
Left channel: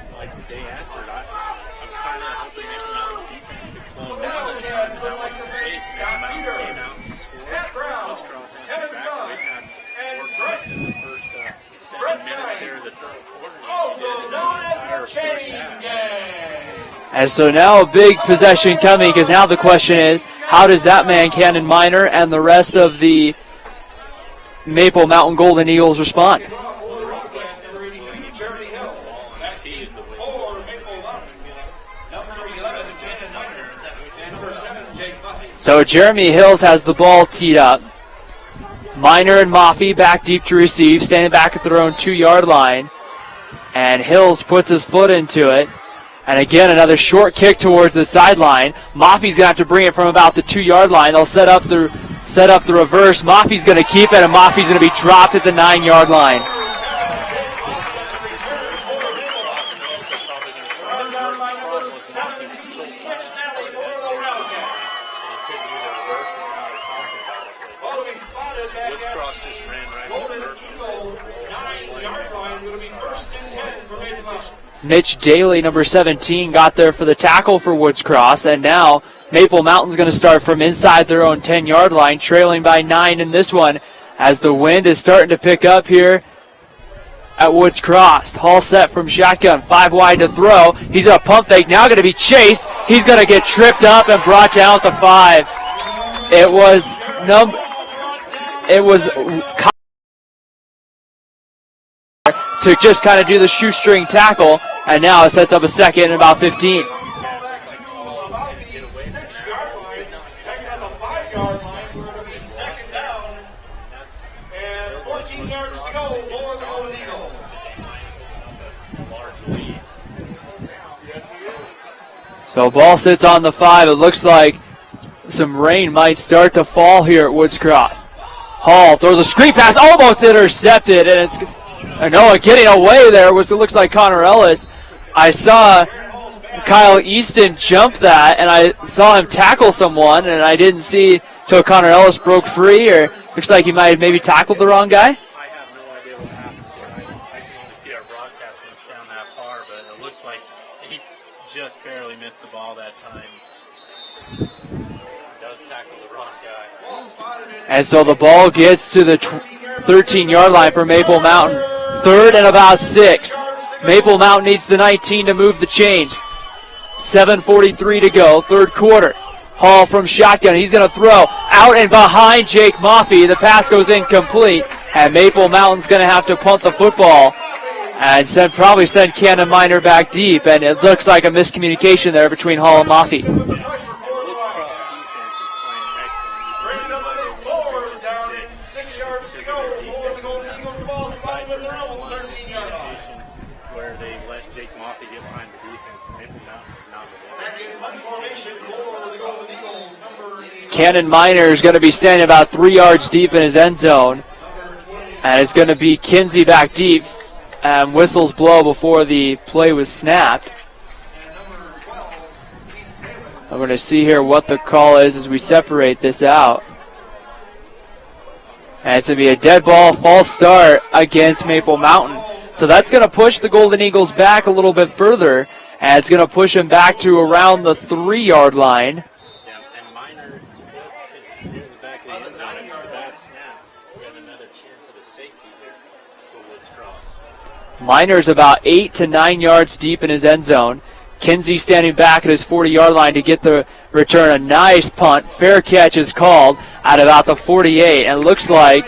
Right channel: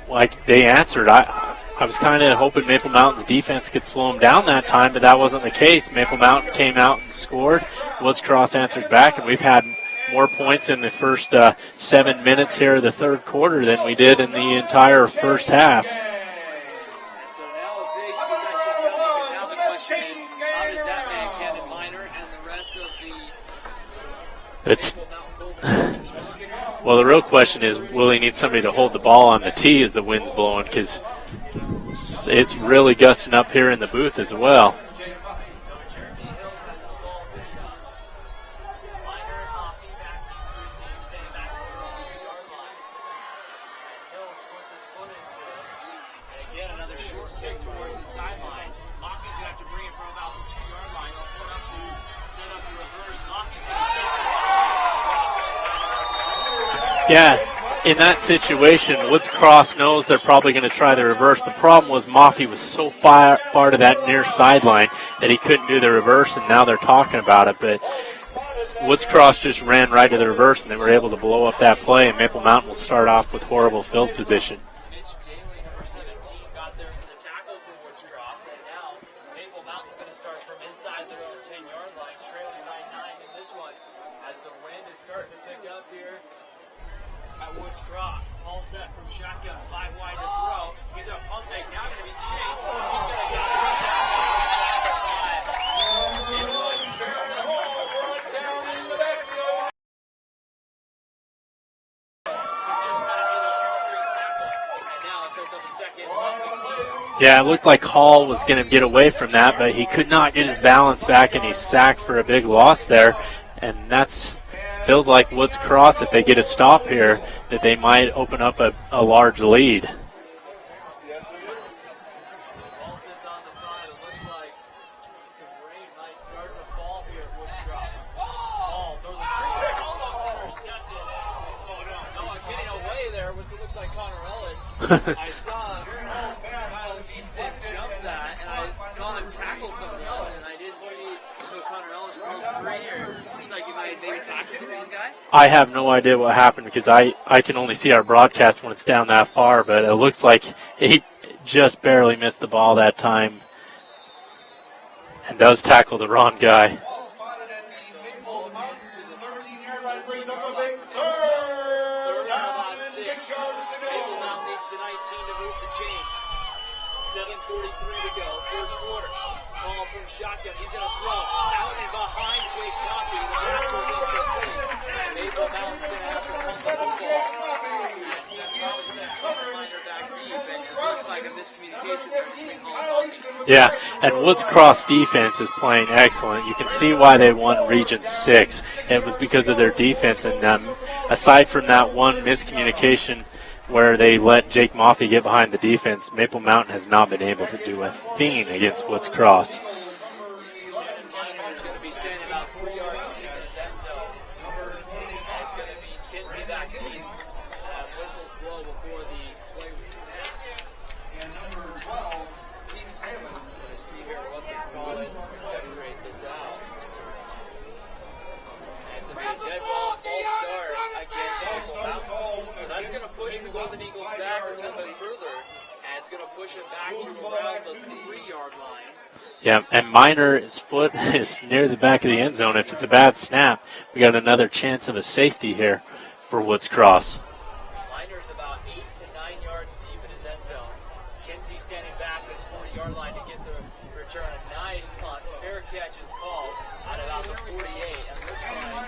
like they answered. I was kind of hoping Maple Mountain's defense could slow them down that time, but that wasn't the case. Maple Mountain came out and scored. Woods Cross answered back, and we've had more points in the first 7 minutes here of the third quarter than we did in the entire first half. And so now a big possession coming, because now the question is, how does that man, Cannon Minor, and the rest of the Maple Mountain Golden Eagles respond? Well, the real question is, will he need somebody to hold the ball on the tee as the wind's blowing, because it's really gusting up here in the booth as well. So Jeremy Hills has the ball teed up. Minor and Maffey back deep to receive, standing back at their own 2-yard line. And Hills puts his foot into it. And again, another short kick towards the sideline. Maffey's going to have to bring it from about the 2-yard line. They'll set up the reverse. Maffey's going to keep it, and Maffey's going to be dropped at the 9-yard line. Yeah, in that situation, Woods Cross knows they're probably going to try the reverse. The problem was Maffey was so far to that near sideline that he couldn't do the reverse, and now they're talking about it. But Woods Cross just ran right to the reverse, and they were able to blow up that play, and Maple Mountain will start off with horrible field position. Mitch Daly, number 17, got there for the tackle for Woods Cross, and now Maple Mountain's going to start from inside their own 10-yard line, trailing by 9 in this one, as the wind is starting to pick up here at Woods Cross. Hall set from shotgun, 5 wide to throw. He's a pump fake, now going to be chased. He's going to get tripped up and brought down at the 5. It was to just kind of do the shoestring tackle, and now it sets up a second and about 15. Yeah, it looked like Hall was going to get away from that, but he could not get his balance back, and he's sacked for a big loss there. And that's feels like Woods Cross, if they get a stop here, that they might open up a large lead. So ball sits on the 5. It looks like some rain might start to fall here at Woods Cross. Hall throws a screen pass, almost intercepted, and it's Noah getting away there. It looks like Connor Ellis. I saw Kyle Easton jump that, and I saw him tackle someone, and I didn't see till Connor Ellis broke free, or looks like he might have maybe tackled the wrong guy. I have no idea what happened because I can only see our broadcast when it's down that far, but it looks like he just barely missed the ball that time and does tackle the wrong guy. And so the ball gets to the 13-yard line for Maple Mountain. 3rd and about 6. Maple Mountain needs the 19 to move the chains. 7:43 to go, 3rd quarter. Hall from shotgun. He's going to throw out and behind Jake Moffey. The pass goes incomplete, and Maple Mountain's going to have to punt the football and probably send Cannon Minor back deep, and it looks like a miscommunication there between Hall and Moffey. Yeah, and Woods Cross defense is playing excellent. You can see why they won Region 6. It was because of their defense, and aside from that one miscommunication where they let Jake Moffey get behind the defense, Maple Mountain has not been able to do a thing against Woods Cross. Cannon Minor is going to be standing about 3 yards deep in his end zone, and it's going to be Kinsey back deep. Whistles blow before the play was snapped. I'm going to see here what the call is as we separate this out. And it's going to be a dead ball, false start against Maple Mountain. So that's going to push the Golden Eagles back a little bit further, and it's going to push them back to around the 3-yard line. Yeah, and Minor's foot is near the back of the end zone. If it's a bad snap, we got another chance of a safety here for Woods Cross. Minor's about 8 to 9 yards deep in his end zone. Kinsey standing back at his 40-yard line to get the return. A nice punt. Fair catch is called at about the 48, and it looks like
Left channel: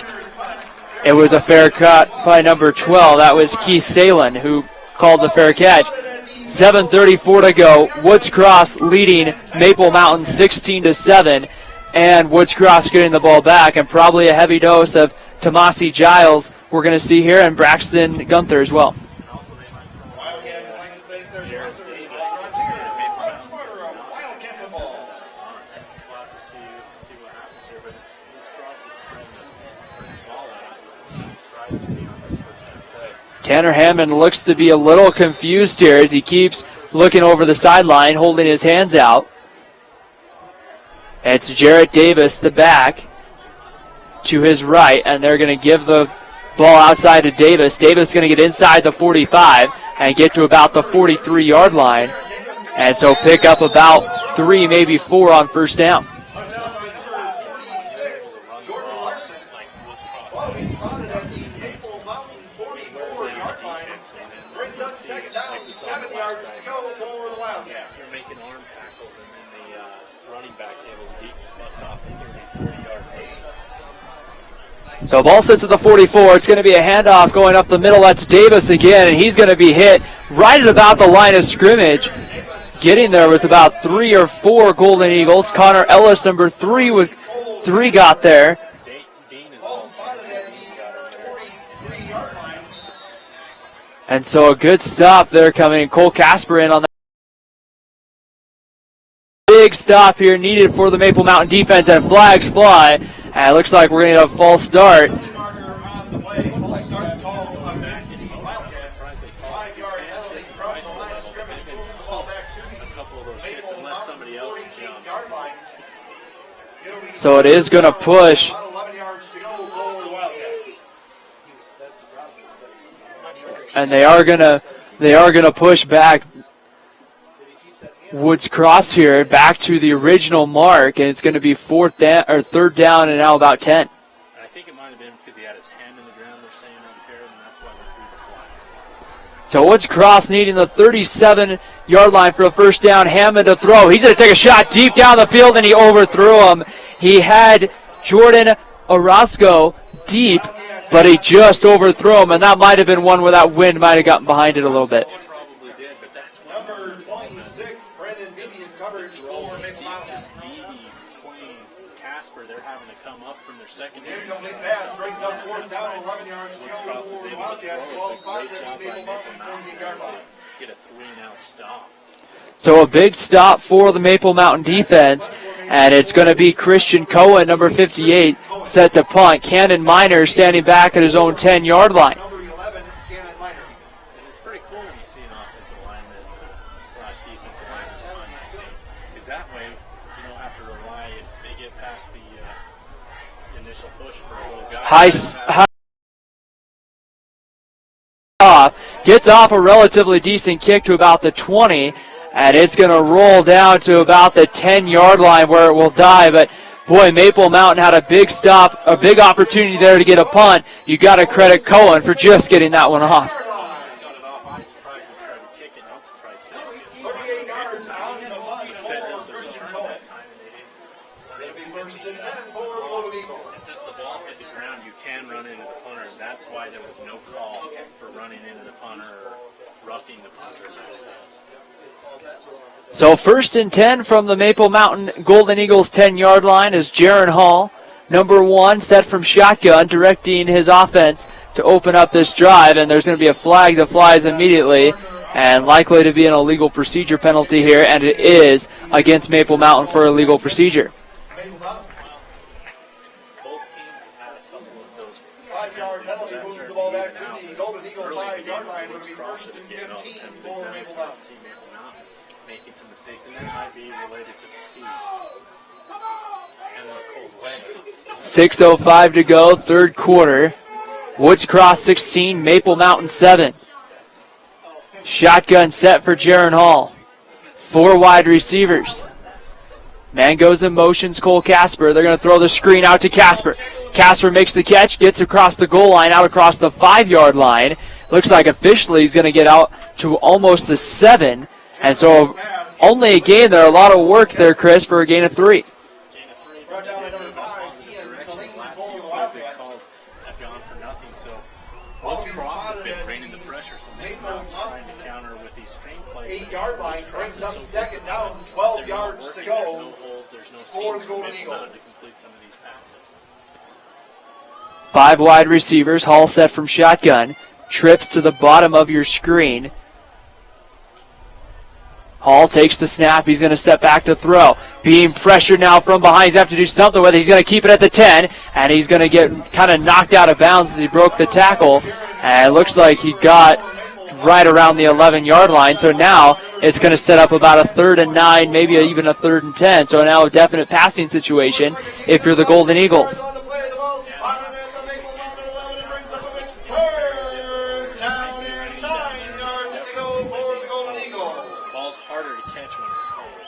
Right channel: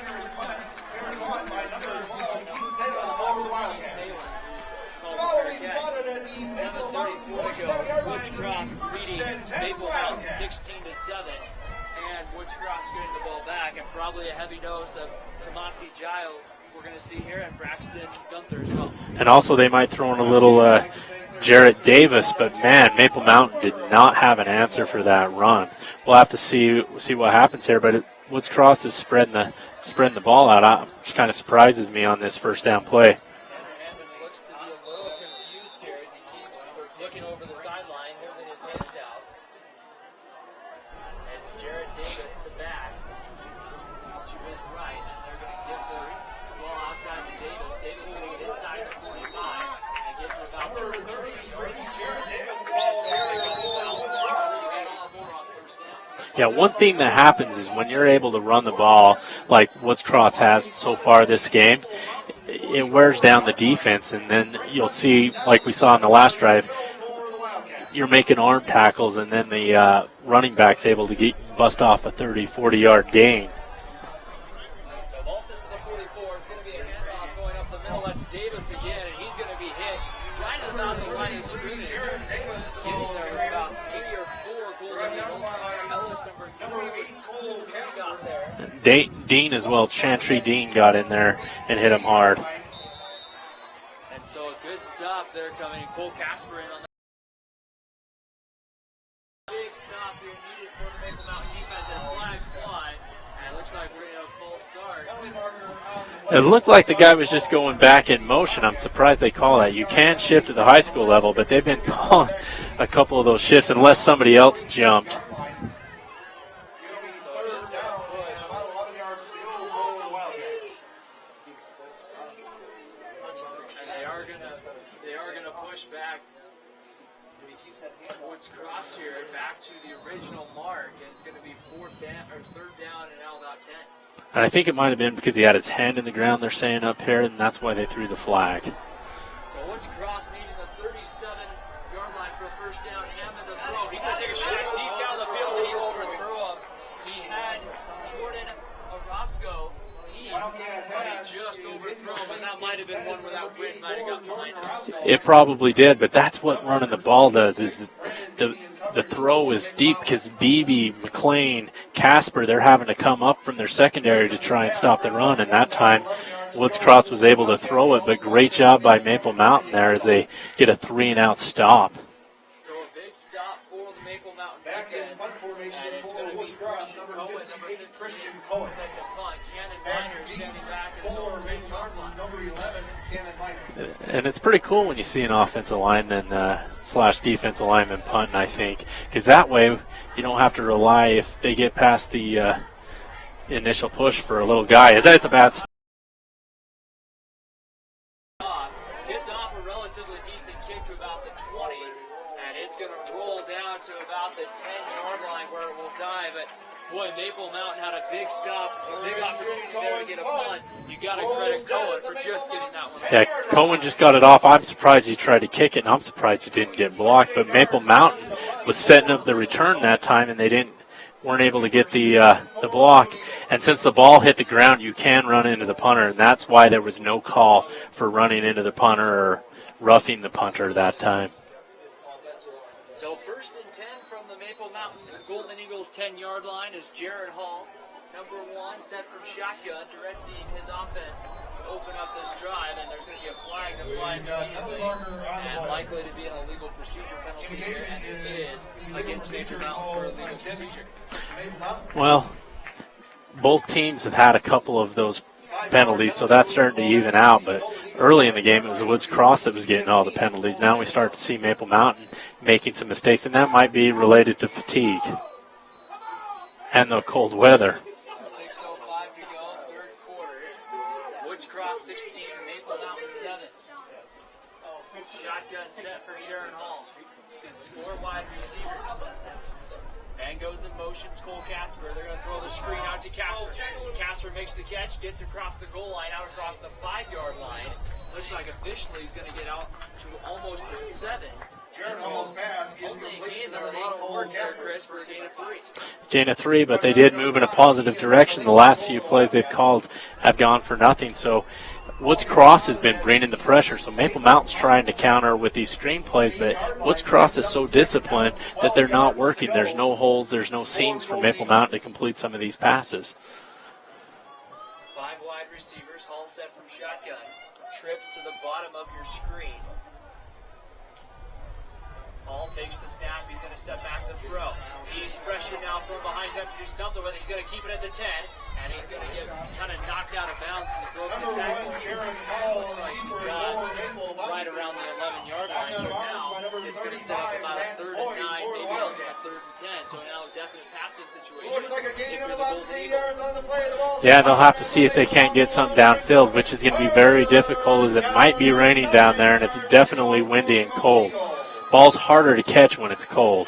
it was a fair cut by number 12. That was Keith Salin who called the fair catch. 7:34 to go. Woods Cross leading Maple Mountain 16-7, and Woods Cross getting the ball back, and probably a heavy dose of Tomasi Giles we're going to see here, and Braxton Gunther as well. And also they might throw in a little Jarrett Davis, but man, Maple Mountain did not have an answer for that run. We'll have to see what happens here, but Woods Cross is spreading the ball out, which kind of surprises me on this first down play. Tanner Hammond looks to be a little confused here as he keeps looking over the sideline, holding his hands out. And it's Jarrett Davis, the back, to his right, and they're going to give the ball outside to Davis. Davis is going to get inside the 45 and get to about the 43-yard line, and so pick up about 3, maybe 4 on first down. Yeah, one thing that happens is when you're able to run the ball like Woods Cross has so far this game, it wears down the defense, and then you'll see, like we saw in the last drive, you're making arm tackles, and then the running back's able to bust off a 30, 40-yard gain. So ball sits at the 44. It's going to be a handoff going up the middle. That's Davis again, and he's going to be hit right at about the line of scrimmage. Getting there was about 3 or 4 Golden Eagles. Connor Ellis, number 3, got there. Dean as well. Chantry Dean got in there and hit him hard. And so a good stop there coming. Cole Casper in on that. Big stop here needed for the Maple Mountain defense, and flags fly. And it looks like we're going to get a false start. It looked like the guy was just going back in motion. I'm surprised they call that. You can shift at the high school level, but they've been calling a couple of those shifts unless somebody else jumped. So it is going to push. And they are going to push back Woods Cross here back to the original mark, and it's going to be 3rd down and now about 10. And I think it might have been because he had his hand in the ground, they're saying up here, and that's why they threw the flag. So Woods Cross needing the 37-yard line for a first down. Hammond to throw. He's going to take a shot deep down the field, and he overthrew him. He had Jordan Orozco deep, but he just overthrew him, and that might have been one where that wind might have gotten behind it a little bit. It probably did, but that's what running the ball does. Is the throw is deep because Beebe, McLean, Casper, they're having to come up from their secondary to try and stop the run, and that time Woods Cross was able to throw it, but great job by Maple Mountain there as they get a 3-and-out stop. So a big stop for the Maple Mountain defense, And it's going to be Christian Cohen, number 58, set to punt. Cannon Miner standing back at his own 10-yard line. And it's pretty cool when you see an offensive lineman slash defensive lineman punting, I think, because that way you don't have to rely if they get past the initial push for a little guy. Gets off a relatively decent kick to about the 20, and it's going to roll down to about the 10-yard line where it will die. But boy, Maple Mountain had a big stop, a big opportunity there to get a punt. You got to credit Cohen for just getting that one off. Cohen just got it off. I'm surprised he tried to kick it, and I'm surprised he didn't get blocked. But Maple Mountain was setting up the return that time, and they weren't able to get the block. And since the ball hit the ground, you can run into the punter, and that's why there was no call for running into the punter or roughing the punter that time. So 1st and 10 from the Maple Mountain Golden Eagles 10-yard line is Jaron Hall, number 1, set from shotgun, directing his offense to open up this drive, and there's going to be a flag that flies immediately and likely to be an illegal procedure penalty here, and it is against Maple Mountain for illegal procedure. Well, both teams have had a couple of those penalties, so that's starting to even out, but early in the game it was Woods Cross that was getting all the penalties. Now we start to see Maple Mountain making some mistakes, and that might be related to fatigue and the cold weather. 6:05 to go, third quarter. Woods Cross 16, Maple Mountain 7. Shotgun set for Jaron Hall. 4 wide receivers. Man goes in motions, Cole Casper. They're going to throw the screen out to Casper. Casper makes the catch, gets across the goal line, out across the 5-yard line. Looks like officially he's going to get out to almost the 7. And so only a gain there. A lot of work there, Chris, for a gain of 3. Gain of 3, but they did move in a positive direction. The last few plays they've called have gone for nothing. So Woods Cross has been bringing the pressure. So Maple Mountain's trying to counter with these screen plays, but Woods Cross is so disciplined that they're not working. There's no holes, there's no seams for Maple Mountain to complete some of these passes. 5 wide receivers. Hall set from shotgun. Trips to the bottom of your screen. Hall takes the snap. He's going to step back to throw. Being pressured now from behind. He's going to have to do something with it. He's going to keep it at the 10, and he's going to get kind of knocked out of bounds as he broke the tackle. And it looks like he got right around the 11-yard line. So now it's going to set up about a 3rd and 9, maybe even a 3rd and 10. So now a definite passing situation if you're the Golden Eagles. Yeah, they'll have to see if they can't get something downfield, which is going to be very difficult as it might be raining down there, and it's definitely windy and cold. Ball's harder to catch when it's cold.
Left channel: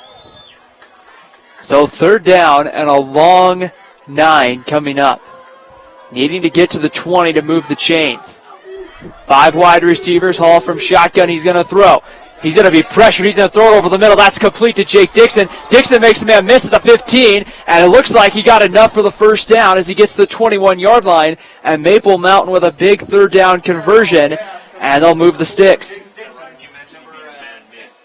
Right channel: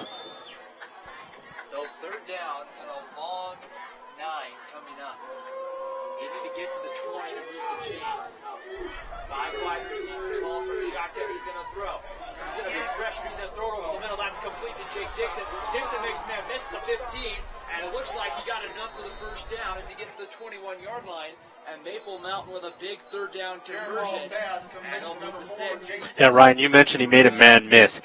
So 3rd down and a long 9 coming up. Needing to get to the 20 to move the chains. 5 wide receivers. Hall from shotgun. He's going to throw. He's going to be pressured. He's going to throw it over the middle. That's complete to Jake Dixon. Dixon makes the man miss at the 15, and it looks like he got enough for the 1st down as he gets to the 21-yard line, and Maple Mountain with a big 3rd down conversion, and they'll move the sticks. Yeah, Ryan, you mentioned he made a man miss.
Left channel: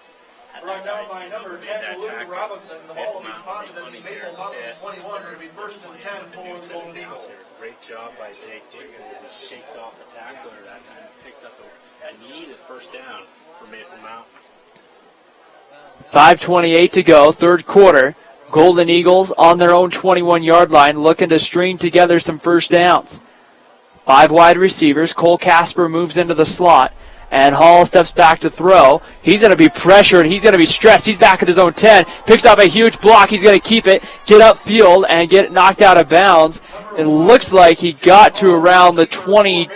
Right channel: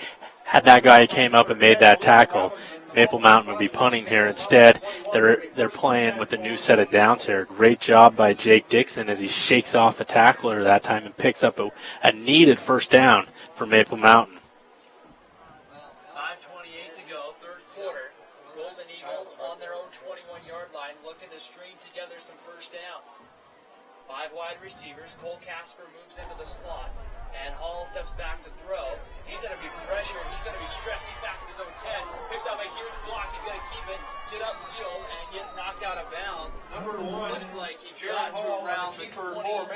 Had that guy came up and made that tackle, Maple Mountain would be punting here. Instead, they're playing with a new set of downs here. Great job by Jake Dixon as he shakes off a tackler that time and picks up a needed 1st down for Maple Mountain. 5:28 to go, 3rd quarter. Golden Eagles on their own 21-yard line looking to string together some 1st downs. 5 wide receivers. Cole Casper moves into the slot, and Hall steps back to throw. He's going to be pressured. He's going to be stressed. He's back at his own 10. Picks up a huge block. He's going to keep it, get upfield, and get knocked out of bounds. It looks like he got to around the 20.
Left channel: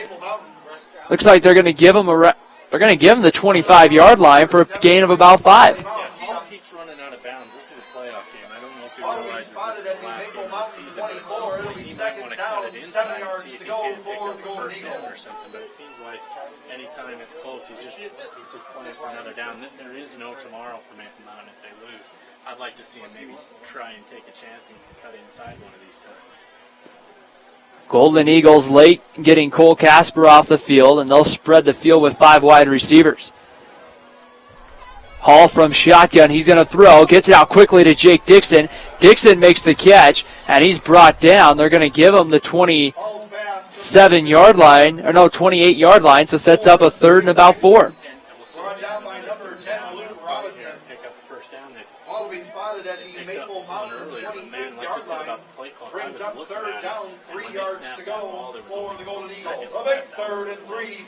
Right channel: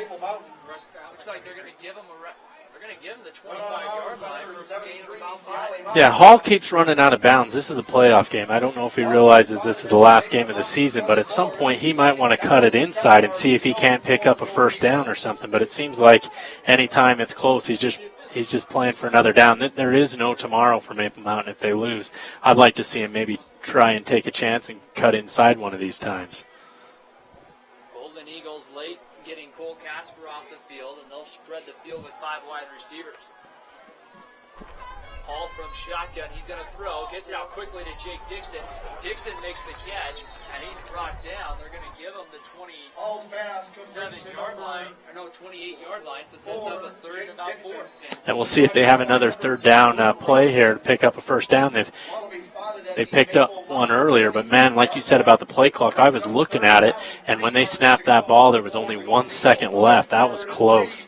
Looks like they're going to give him the 25-yard line for a gain of about 5. Yeah, Hall keeps running out of bounds. This is a playoff game. I don't know if he realizes this is the last game of the season, but at some point he might want to cut it inside and see if he can't pick up a 1st down or something. But it seems like anytime it's close, he's just playing for another down. There is no tomorrow for Maple Mountain if they lose. I'd like to see him maybe try and take a chance and cut inside one of these times. Golden Eagles late getting Cole Casper off the field, and they'll spread the field with 5 wide receivers. Hall from shotgun. He's going to throw. Gets it out quickly to Jake Dixon. Dixon makes the catch, and he's brought down. They're going to give him the 27-yard line, or no, 28-yard line, so sets up a 3rd and about 4. And we'll see if they have another 3rd down play here to pick up a 1st down. They picked up one earlier, but man, like you said about the play clock, I was looking at it, and when they snapped that ball, there was only 1 second left. That was close.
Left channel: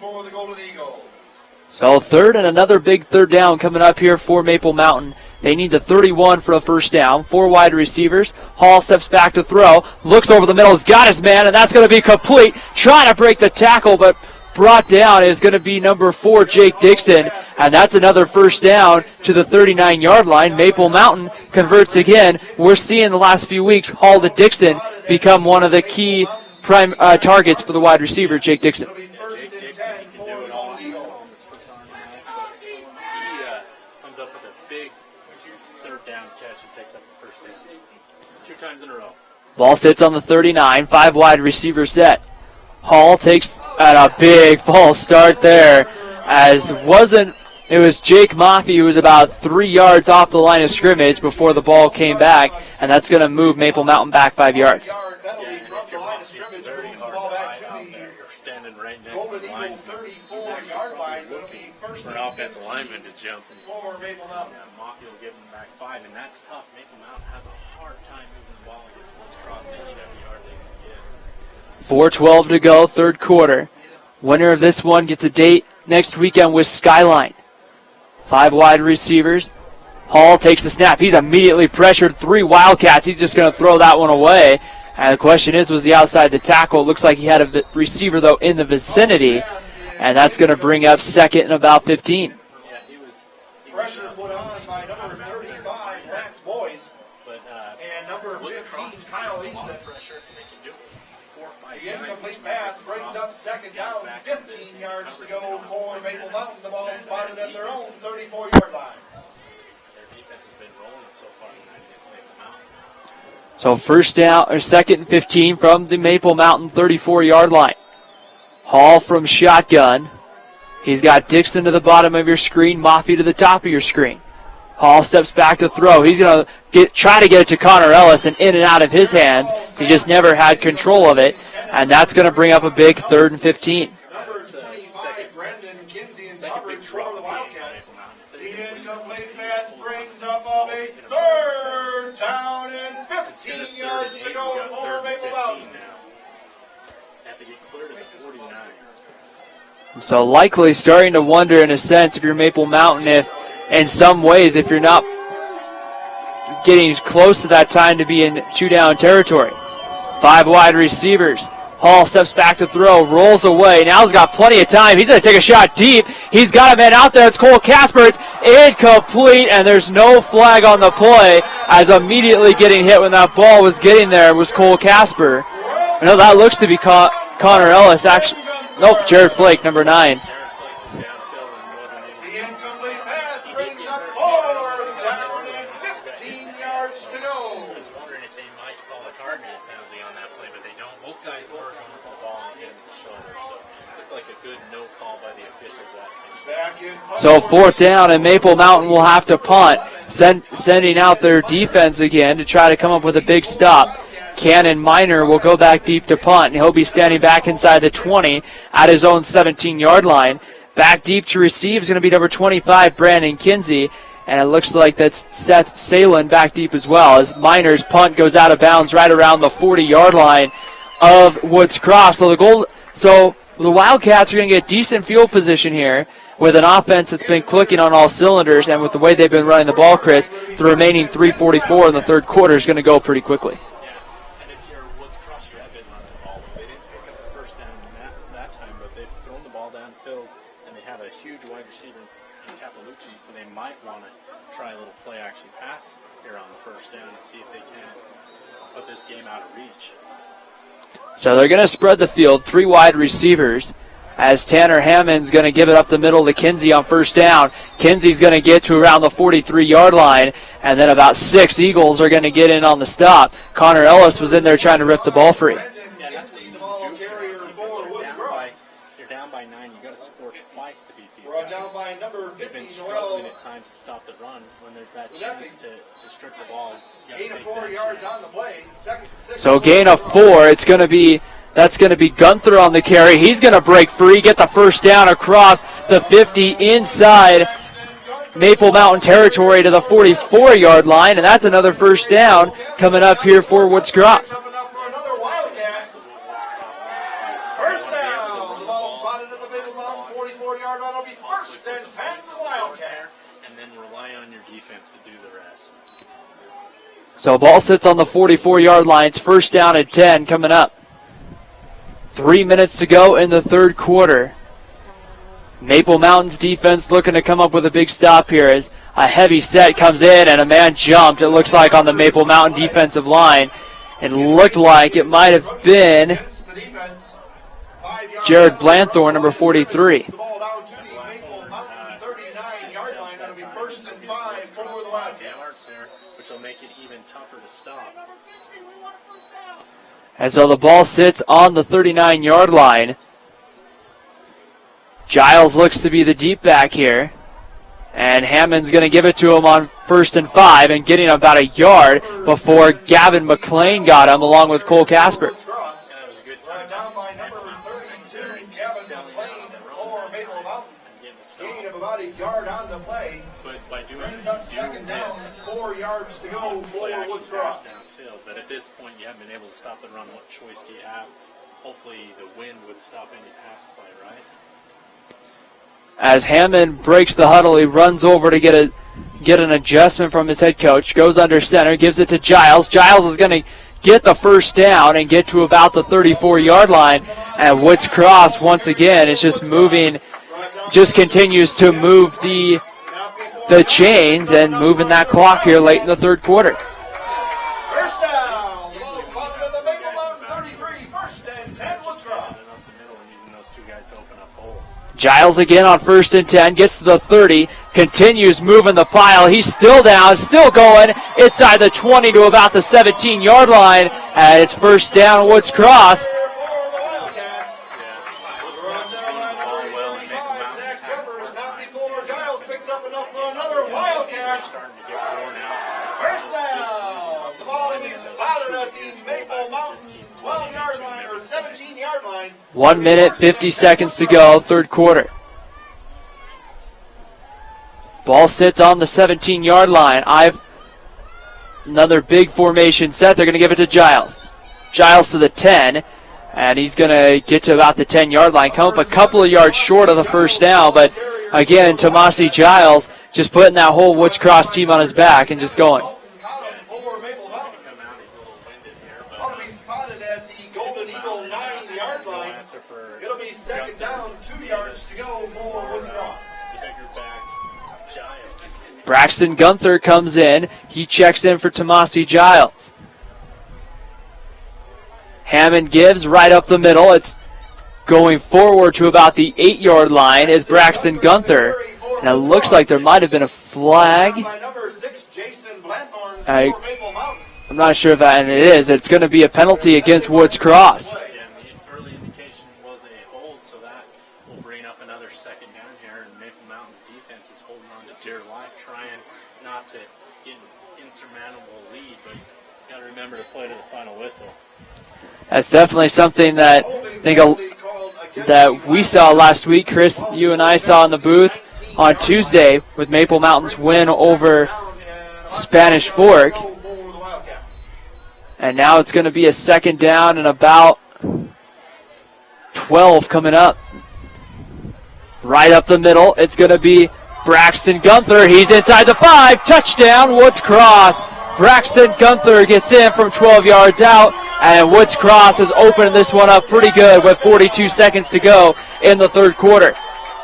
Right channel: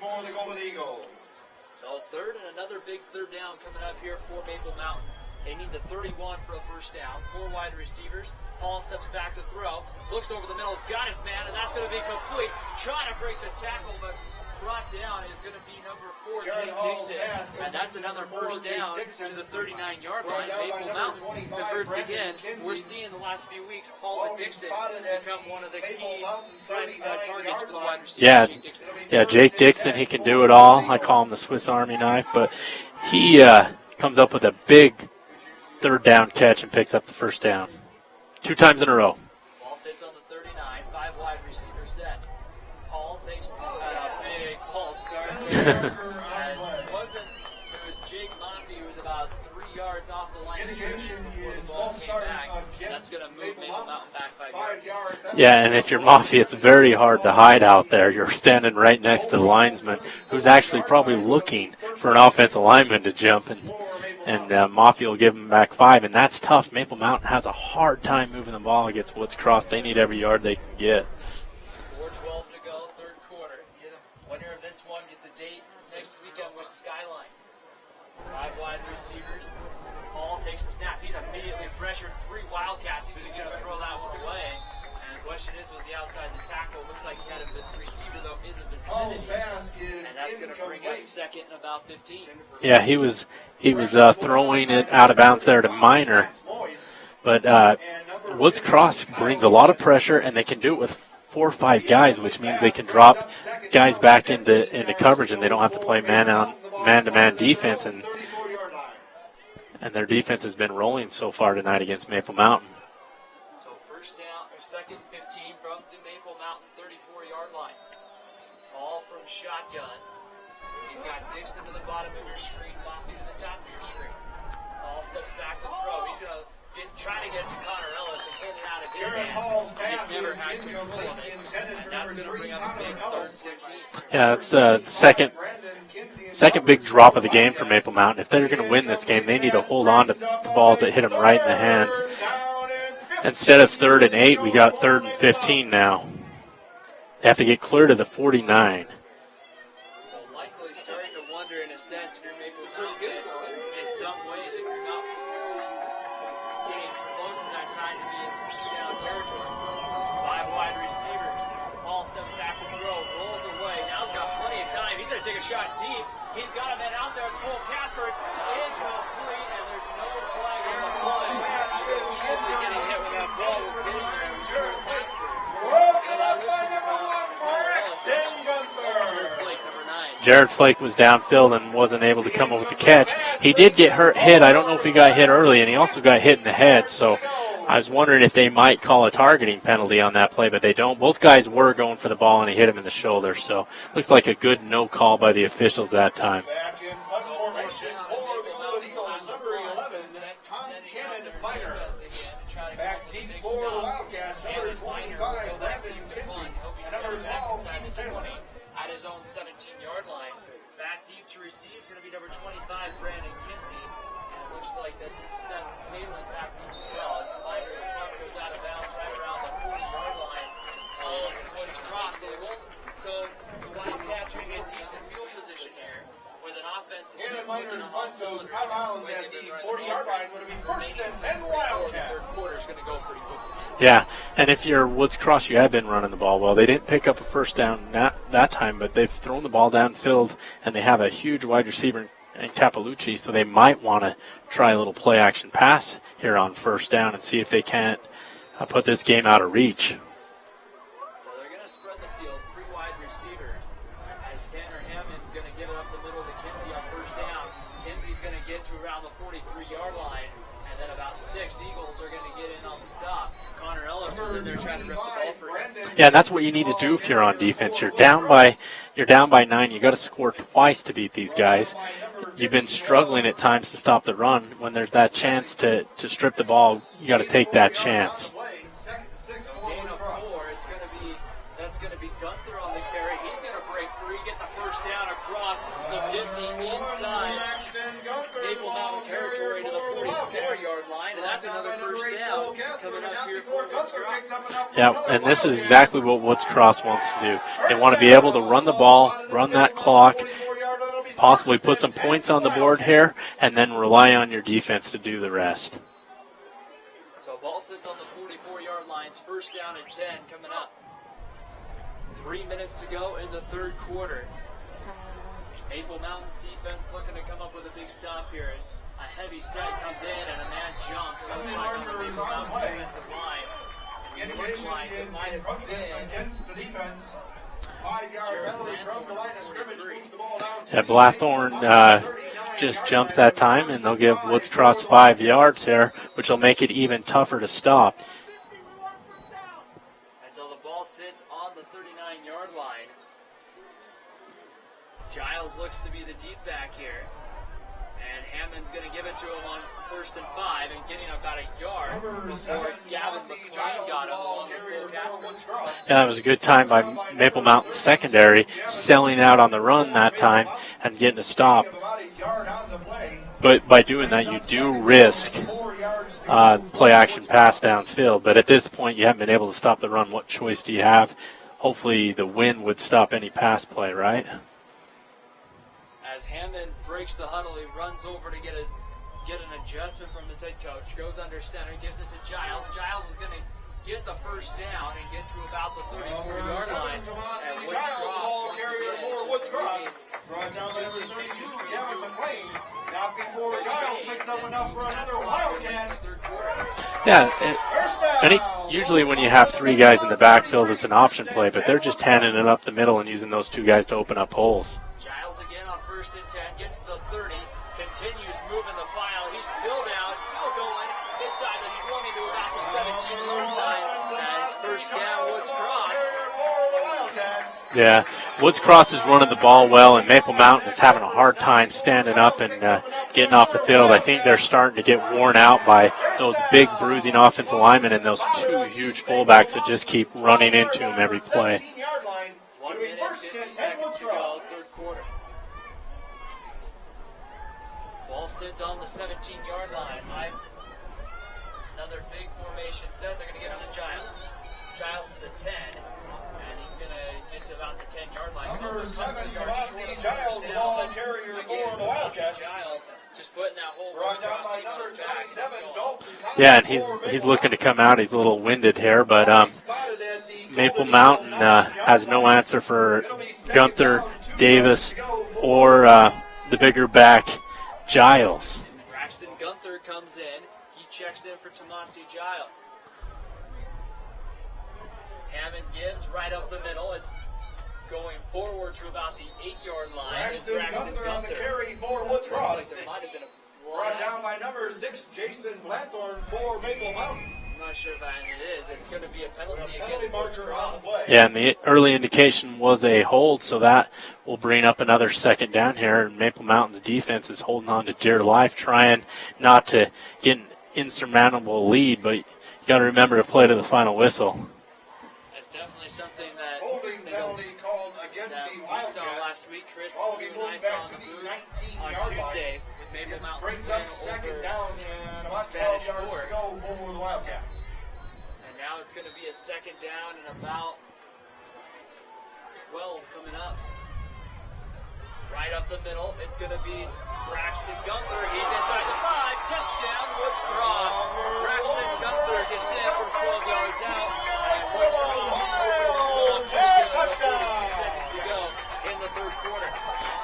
So third and another big third down coming up here for Maple Mountain. They need the 31 for a first down. 4 wide receivers. Hall steps back to throw. Looks over the middle. Has got his man, and that's going to be complete. Trying to break the tackle, but brought down is going to be number 4, Jake Dixon. And that's another first down to the 39-yard line. Maple Mountain converts again. We're seeing the last few weeks Hall to Dixon become one of the key prime targets for the wide receiver, Jake Dixon. Yeah, Jake Dixon, he can do it all. I call him the Swiss Army knife, but he comes up with a big third down catch and picks up the first down. 2 times in a row. Ball sits on the 39, 5 wide receiver set. Hall takes at a big false start there, it was Jake Maffey who was about 3 yards off the line of scrimmage before the ball came back, and that's going to move Maple Mountain back 5 yards. Yeah, and if you're Maffey, it's very hard to hide out there. You're standing right next to the linesman who's actually probably looking for an offensive lineman to jump, and Maffey will give him back 5, and that's tough. Maple Mountain has a hard time moving the ball against Woods Cross. They need every yard they can get. 4:12 to go, third quarter. Winner of this one gets a date next weekend with Skyline. 5 wide receivers. Hall takes the snap. He's immediately pressured. 3 Wildcats. He's just going to throw that one away. And the question is, was he outside the tackle? It looks like he had a receiver, though, in the vicinity. And that's going to bring up second and about 15. Yeah, he was throwing it out of bounds there to Minor. But Woods Cross brings a lot of pressure, and they can do it with 4 or 5 guys, which means they can drop guys back into coverage, and they don't have to play man-to-man defense. And their defense has been rolling so far tonight against Maple Mountain. So first down, or second and 15 from the Maple Mountain 34-yard line. Hall from shotgun. He's got Dixon to the bottom of your screen, Maffey to the top of your screen. Hall steps back to throw. He's going to try to get it to Connor Ellis and in and out of his hands. He just never had control of it, and that's going to bring up a big 3rd and 15. Yeah, it's second big drop of the game for Maple Mountain. If they're going to win this game, they need to hold on to the balls that hit them right in the hands. Instead of 3rd and 8, we got 3rd and 15 now. They have to get clear to the 49. So likely starting to wonder, in a sense, if you're Maple Mountain, if in some ways, if you're not getting close to that time to be in 2-down territory. 5 wide receivers. Hall steps back to throw, rolls away. Now he's got plenty of time. He's going to take a shot deep. He's got a man out there. It's Cole Casper. It's incomplete, and there's no flag on the play, as immediately getting hit when that ball was getting there was Cole Casper. No, that looks to be Connor Ellis. Actually, nope, Jared Flake, number 9. Jared Flake was downfield and wasn't able to come up with the catch. He did get hit. I don't know if he got hit early, and he also got hit in the head. So I was wondering if they might call a targeting penalty on that play, but they don't. Both guys were going for the ball, and he hit him in the shoulder. So looks like a good no call by the officials that time. So 4th down, and Maple Mountain will have to punt, sending out their defense again to try to come up with a big stop. Cannon Minor will go back deep to punt, and he'll be standing back inside the 20 at his own 17-yard line. Back deep to receive is going to be number 25, Brandon Kinsey, and it looks like that's Seth Salin back deep as well, as Minor's punt goes out of bounds right around the 40-yard line of Woods Cross. So the Wildcats are going to get decent field position here with an offense that's been clicking on all cylinders, and with the way they've been running the ball, Chris, the remaining 3:44 in the third quarter is going to go pretty quickly. Yeah, and if you're Woods Cross, you have been running the ball well. They didn't pick up a first down that time, but they've thrown the ball downfield, and they have a huge wide receiver in Capalucci, so they might want to try a little play-action pass here on first down and see if they can't put this game out of reach. So they're going to spread the field, 3 wide receivers, as Tanner Hammond's going to give it up the middle to Kinsey on first down. Kinsey's going to get to around the 43-yard line, and then about 6 Eagles are going to get in on the stop. Connor Ellis was in there trying to rip the ball free. Yeah, that's what you need to do if you're on defense. You're down by 9. You got to score twice to beat these guys. You've been struggling at times to stop the run. When there's that chance to strip the ball, you got to take that chance. So gain of 4. That's going to be Gunther on the carry. He's going to break free, get the first down across the 50 inside Maple Mountain territory to the 44-yard line, and that's another first down coming up here for Woods Cross. Yeah, and this is exactly what Woods Cross wants to do. They want to be able to run the ball, run that clock, possibly put some points on the board here, and then rely on your defense to do the rest. So ball sits on the 44-yard line. It's first down at 10 coming up. 3 minutes to go in the third quarter. Maple Mountain's defense looking to come up with a big stop here as a heavy set comes in and a man jumped, it looks like, on the Maple Mountain defensive line. It looked like it might have been Jared Blanthorne, number 43. Yeah, Blathorn just jumps that time, and they'll give Woods Cross 5 yards there, which will make it even tougher to stop. And so the ball sits on the 39-yard line. Giles looks to be the deep back here. And Hammond's going to give it to him on 1st and 5 and getting about a yard before Gavin McLean got him along with Cole Casper. Yeah, it was a good time by Maple Mountain secondary, selling out on the run that time and getting a stop. But by doing that, you do risk play action pass downfield. But at this point, you haven't been able to stop the run. What choice do you have? Hopefully the wind would stop any pass play, right? As Hammond breaks the huddle, he runs over to get an adjustment from his head coach, goes under center, gives it to Giles. Giles is going to get the first down and get to about the 34-yard line. And Woods Cross, once again, is just moving, just continues to move the chains and moving that clock here late in the third quarter. Yeah, usually when you have 3 guys in the backfield, it's an option play, but they're just handing it up the middle and using those 2 guys to open up holes. Giles again on 1st and 10, gets to the 30, continues moving the pile. He's still down, still going inside the 20 to about the 17-yard line, and it's first down, Woods Cross. Yeah, Woods Cross is running the ball well, and Maple Mountain is having a hard time standing up and getting off the field. I think they're starting to get worn out by those big bruising offensive linemen and those 2 huge fullbacks that just keep running into them every play. 1 minute, 50 seconds to go, third quarter. Ball sits on the 17-yard line. Another big formation set. They're going to give it to Giles. Giles to the 10. And he's going to get to about the 10-yard line. Come up a couple of yards short of the first down. But, again, Tomasi Giles just putting that whole Woods Cross team on his back and just going. Yeah, and he's looking to come out. He's a little winded here. But Maple Mountain has no answer for Gunther, Davis, or the bigger back, Giles. Braxton Gunther comes in. He checks in for Tomasi Giles. Hammond gives right up the middle. It's going forward to about the 8-yard line is Braxton Gunther. And it looks like there might have been a flag. I'm not sure if that, and it is. It's going to be a penalty against Woods Cross. Yeah, and the early indication was a hold, so that will bring up another second down here. Maple Mountain's defense is holding on to dear life, trying not to get an insurmountable lead, but you got to remember to play to the final whistle. That's definitely something that I think that we saw last week. Chris, you and I saw in the booth on Tuesday with Maple Mountain's win over Spanish Fork. And now it's going to be a second down and about 12 coming up. Right up the middle, it's going to be Braxton Gunther. He's inside the 5. Touchdown, Woods Cross. Braxton Gunther gets in from 12 yards out. And Woods Cross has opened this one up pretty good with 42 seconds to go in the third quarter.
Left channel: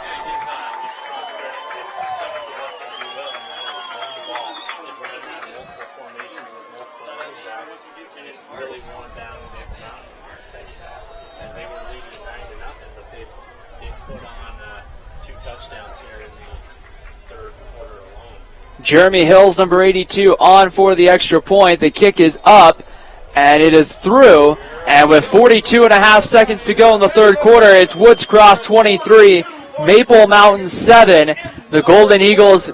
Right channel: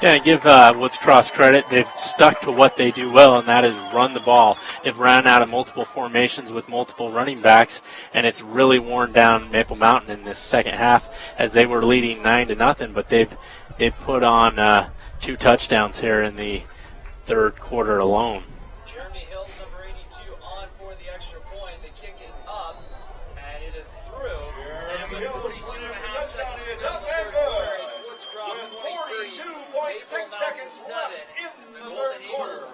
Yeah, give Woods Cross credit. They've stuck to what they do well, and that is run the ball. They've ran out of multiple formations with multiple running backs, and it's really worn down Maple Mountain in this second half as they were leading 9-0, but they've put on 2 touchdowns here in the third quarter alone. Jeremy Hills, number 82, on for the extra point. The kick is up. And it is through, and with 42.5 seconds to go in the third quarter, it's Woods Cross 23, Maple Mountain 7. The Golden Eagles,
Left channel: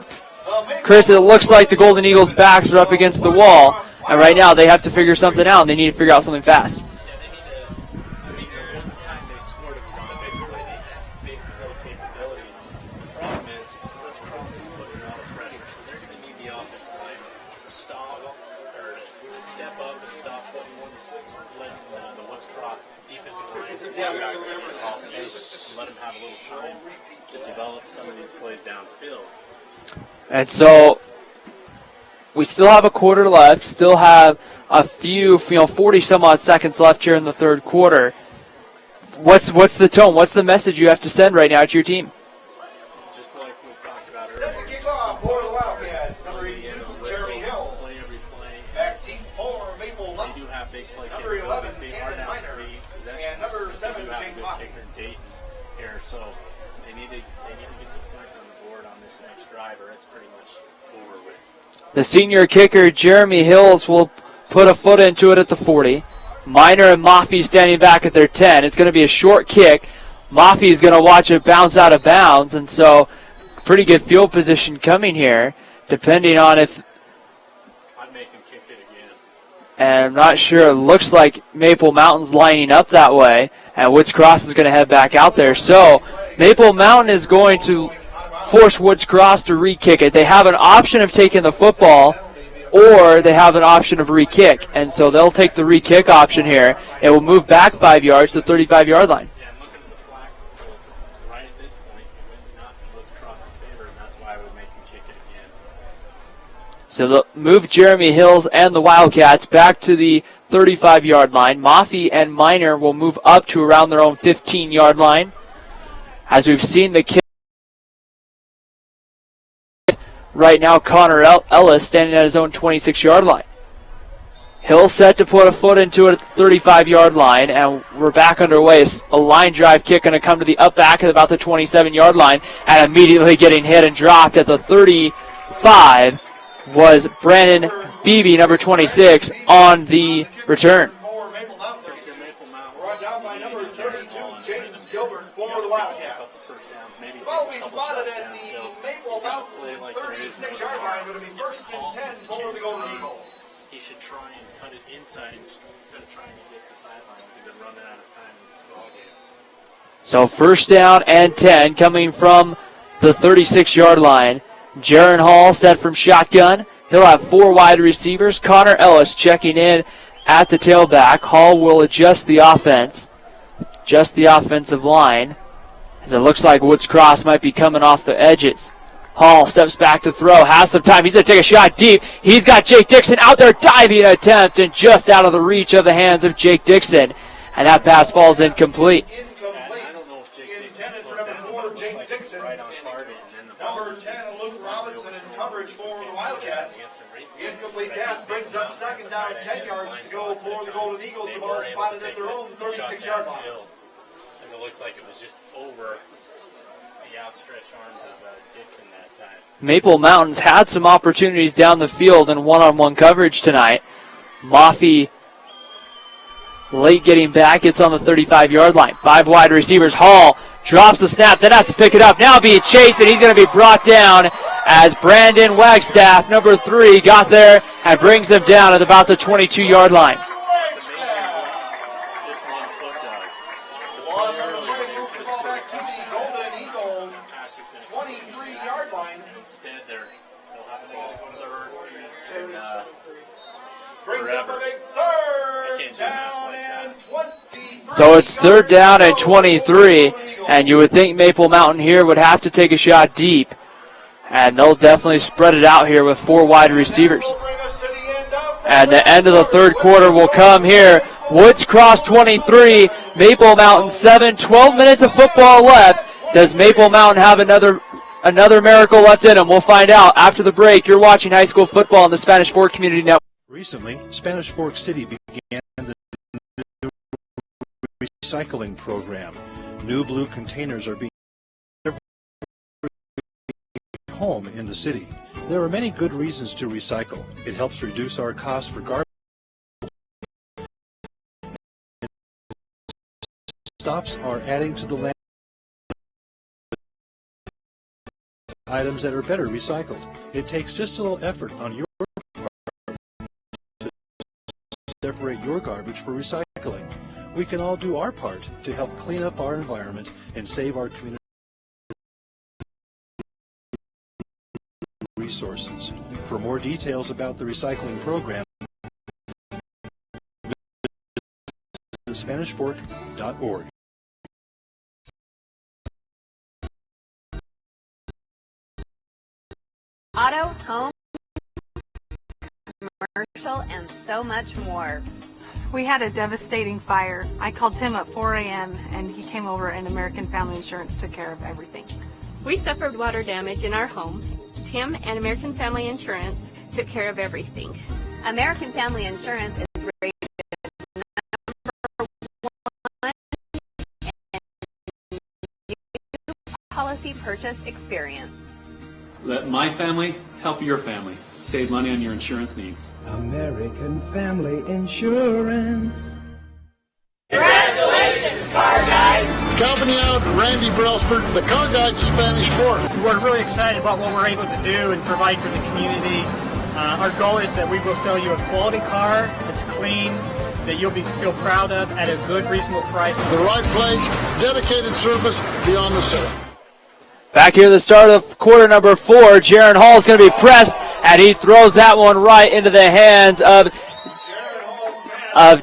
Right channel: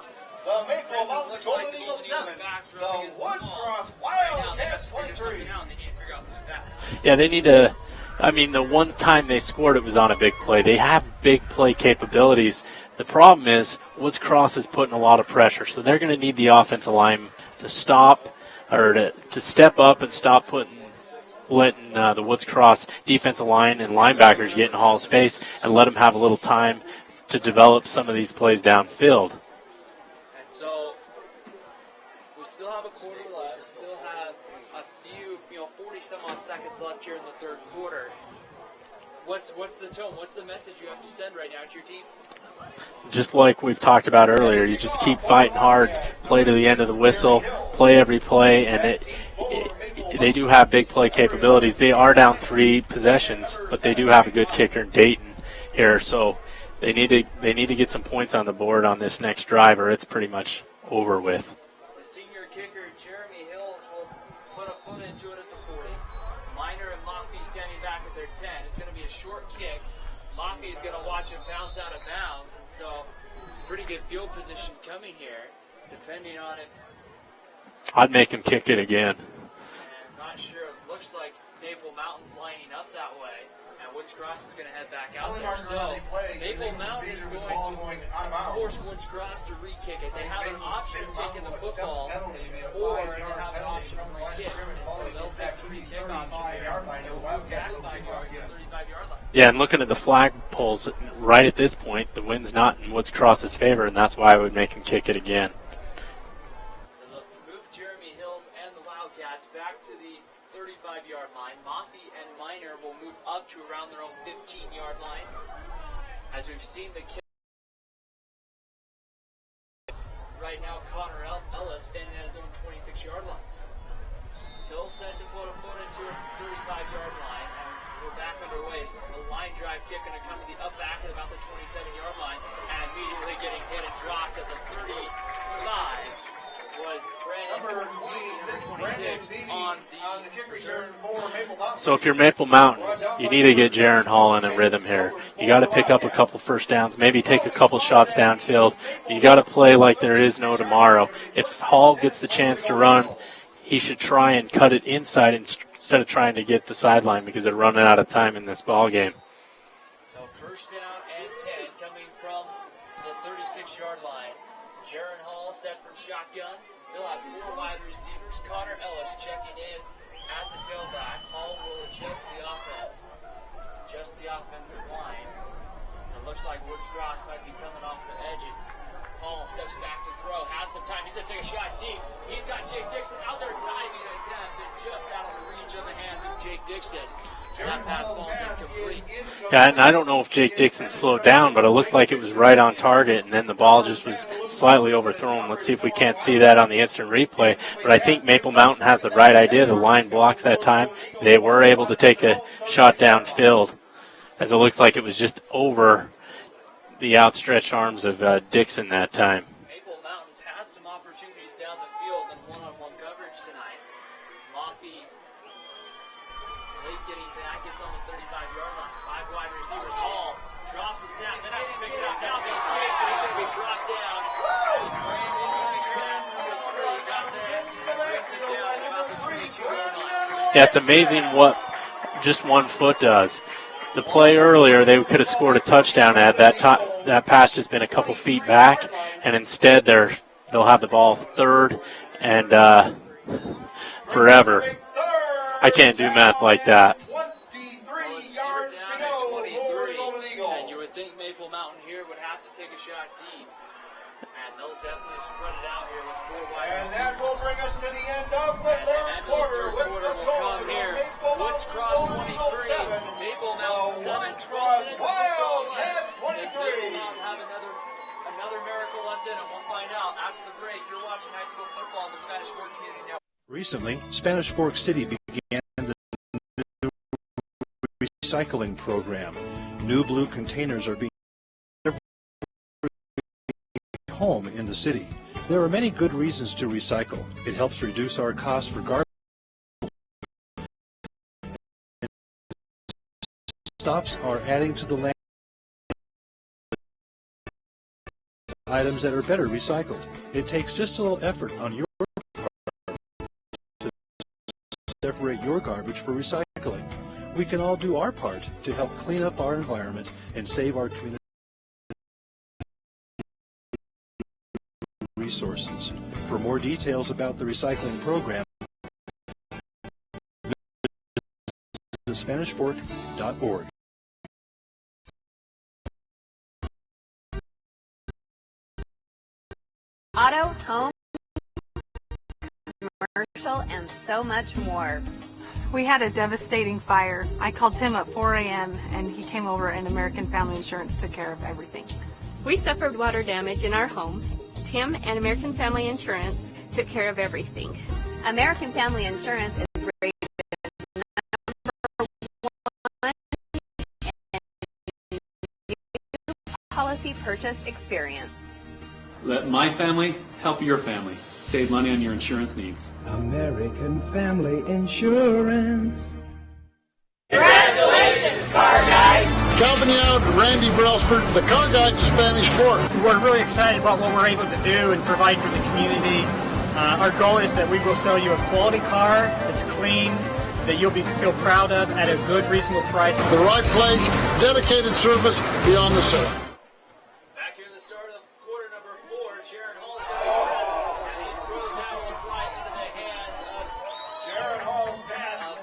Chris, it looks like the Golden Eagles' backs are up against the wall, and right now they have to figure something out, and they need to figure out something fast. Yeah, they need to, the one time they scored, it was on a big play. They have big play capabilities, The problem is Woods Cross is putting a lot of pressure, so they're going to need the offensive line to stop or to step up and stop letting the Woods Cross defensive line and linebackers get in Hall's face and let them have a little time to develop some of these plays downfield. And so we still have a quarter left, still have a few, 40 some odd seconds left here in the third quarter. What's the tone? What's the message you have to send right now to your team? Just like we've talked about earlier, you just keep fighting hard, play to the end of the whistle, play every play, and they do have big play capabilities. They are down 3 possessions, but they do have a good kicker in Dayton here, so they need to get some points on the board on this next drive, or it's pretty much over with. The senior kicker, Jeremy Hills, will put a foot into it at the 40. Miner and Maffey standing back at their 10. It's going to be a short kick. Maffey is going to watch it bounce out of bounds, and so pretty good field position coming here, depending on if... I'd make him kick it again. And I'm not sure. It looks like Maple Mountain's lining up that way, and Woods Cross is going to head back out there. So Maple Mountain is going to force Woods Cross to re-kick it. They have an option of taking the football, or they have an option of re-kick. And so they'll take the re-kick option here. It will move back 5 yards to the 35-yard line. Yeah, and looking at the flag poles right at this point, the wind's not in Woods Cross's favor, and that's why I would make him kick it again. So they'll move Jeremy Hills and the Wildcats back to the 35-yard line. Maffey and Miner will move up to around their own 15-yard line. As we've seen the kick right now, Connor Ellis standing at his own 26-yard line. Hills set to put a foot into it at the 35-yard line, and we're back underway. A line drive kick going to come to the up back at about the 27-yard line, and immediately getting hit and dropped at the 35 was Brandon Beebe, number 26, on the return. So if you're Maple Mountain, you need to get Jaron Hall in a rhythm here. You got to pick up a couple first downs, maybe take a couple shots downfield. You got to play like there is no tomorrow. If Hall gets the chance to run, he should try and cut it inside instead of trying to get the sideline because they're running out of time in this ball game. So first down and 10 coming from the 36-yard line. Jaron Hall set from shotgun. He'll have 4 wide receivers. Connor Ellis checking in at the tailback. Hall will adjust the offense, adjust the offensive line, as it looks like Woods Cross might be coming off the edges. Hall steps back to throw, has some time. He's going to take a shot deep. He's got Jake Dixon out there diving attempt and just out of the reach of the hands of Jake Dixon. And that pass falls incomplete. Yeah, and I don't know if Jake Dixon slowed down, but it looked like it was right on target, and then the ball just was slightly overthrown. Let's see if we can't see that on the instant replay. But I think Maple Mountain has the right idea. The line blocks that time. They were able to take a shot downfield, as it looks like it was just over the outstretched arms of Dixon that time. Maple Mountain's had some opportunities down the field in one-on-one coverage tonight. Maffey late getting back. It's on the 35-yard line. 5 wide receivers. Hall drops the snap, then has to pick it up. Now being chased, and he's going to be brought down as Brandon Wagstaff, number 3, got there and brings him down at about the 22-yard line. Yeah, it's amazing what just 1 foot does. The play earlier, they could have scored a touchdown at that pass just been a couple feet back, and instead they'll have the ball 3rd and forever. I can't do math like that. So it's 3rd down and 23, and you would think Maple Mountain here would have to take a shot deep, and they'll definitely spread it out here with 4 wide receivers. And the end of the third quarter will come here. Woods Cross 23, Maple Mountain 7, 12 minutes of football left. Does Maple Mountain have another miracle left in them? We'll find out after the break. You're watching high school football on the Spanish Fork Community Network. Recently, Spanish Fork City began the new recycling program. New blue containers are being every home in the city. There are many good reasons to recycle. It helps reduce our costs for garbage. Stops are adding to the land items that are better recycled. It takes just a little effort on your separate your garbage for recycling. We can all do our part to help clean up our environment and save our community. resources. For more details about the recycling program, visit SpanishFork.org. Auto, home, commercial, and so much more. We had a devastating fire. I called Tim at 4 a.m. and he came over and American Family Insurance took care of everything. We suffered water damage in our home. Tim and American Family Insurance took care of everything. American Family Insurance is rated number 1 in new policy purchase experience. Let my family help your family. Save money on your insurance needs. American Family Insurance. Congratulations, car guys! Calvin Youd, Randy Brelsford, the car guys of Spanish Fork. We're really excited about what we're able to do and provide for the community. Our goal is that we will sell you a quality car that's clean, that you'll feel proud of at a good, reasonable price. The right place, dedicated service beyond the sale. Back here at the start of quarter number 4, Jaron Hall is going to be pressed, and he throws that one right into the hands of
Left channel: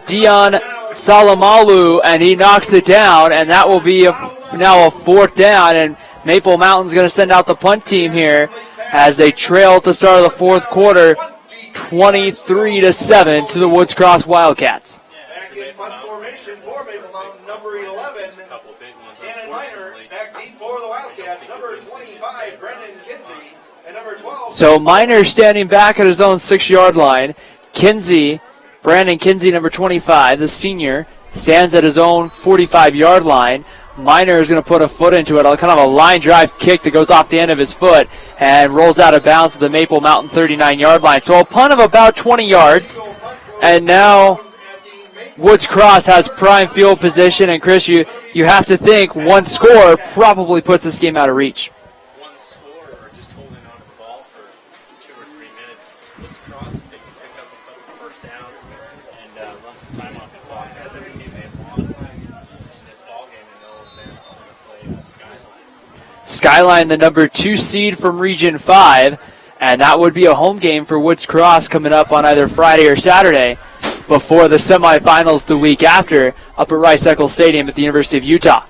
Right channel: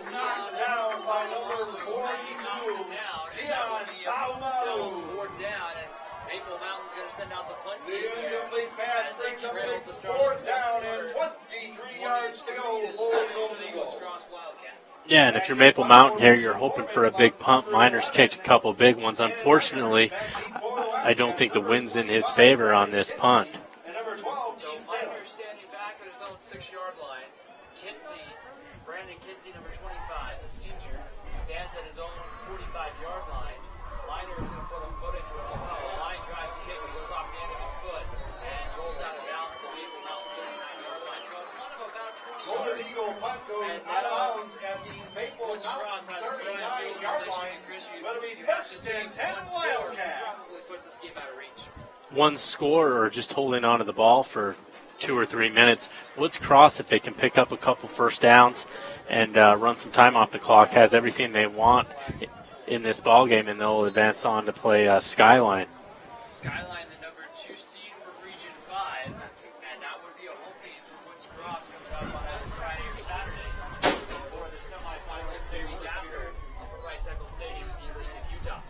Dion Salamalu, and he knocks it down, and that will be now a 4th down, and Maple Mountain's going to send out the punt team here as they trail at the start of the 4th quarter, 23-7 to the Woods Cross Wildcats. Yeah, and if you're Maple Mountain here, you're hoping for a big punt. Miners kicked a couple big ones. Unfortunately, I don't think the wind's in his favor on this punt. So Miners standing back at his own 6-yard line. Brandon Kinsey, number 25, the senior, stands at his own 45-yard line. Miner is going to put a foot into it, kind of a line drive kick that goes off the end of his foot and rolls out of bounds to the Maple Mountain 39-yard line. So a punt of about 20 yards, and now Woods Cross has prime field position. And Chris, you have to think one score probably puts this game out of reach. One score or just holding on to the ball for 2 or 3 minutes. Woods Cross, if they can pick up a couple first downs and run some time off the clock, has everything they want in this ball game, and they'll advance on to play Skyline. Skyline, the number 2 seed from Region 5, and that would be a home game for Woods Cross coming up on either Friday or Saturday before the semifinals the week after up at Rice-Eccles Stadium at the University of Utah.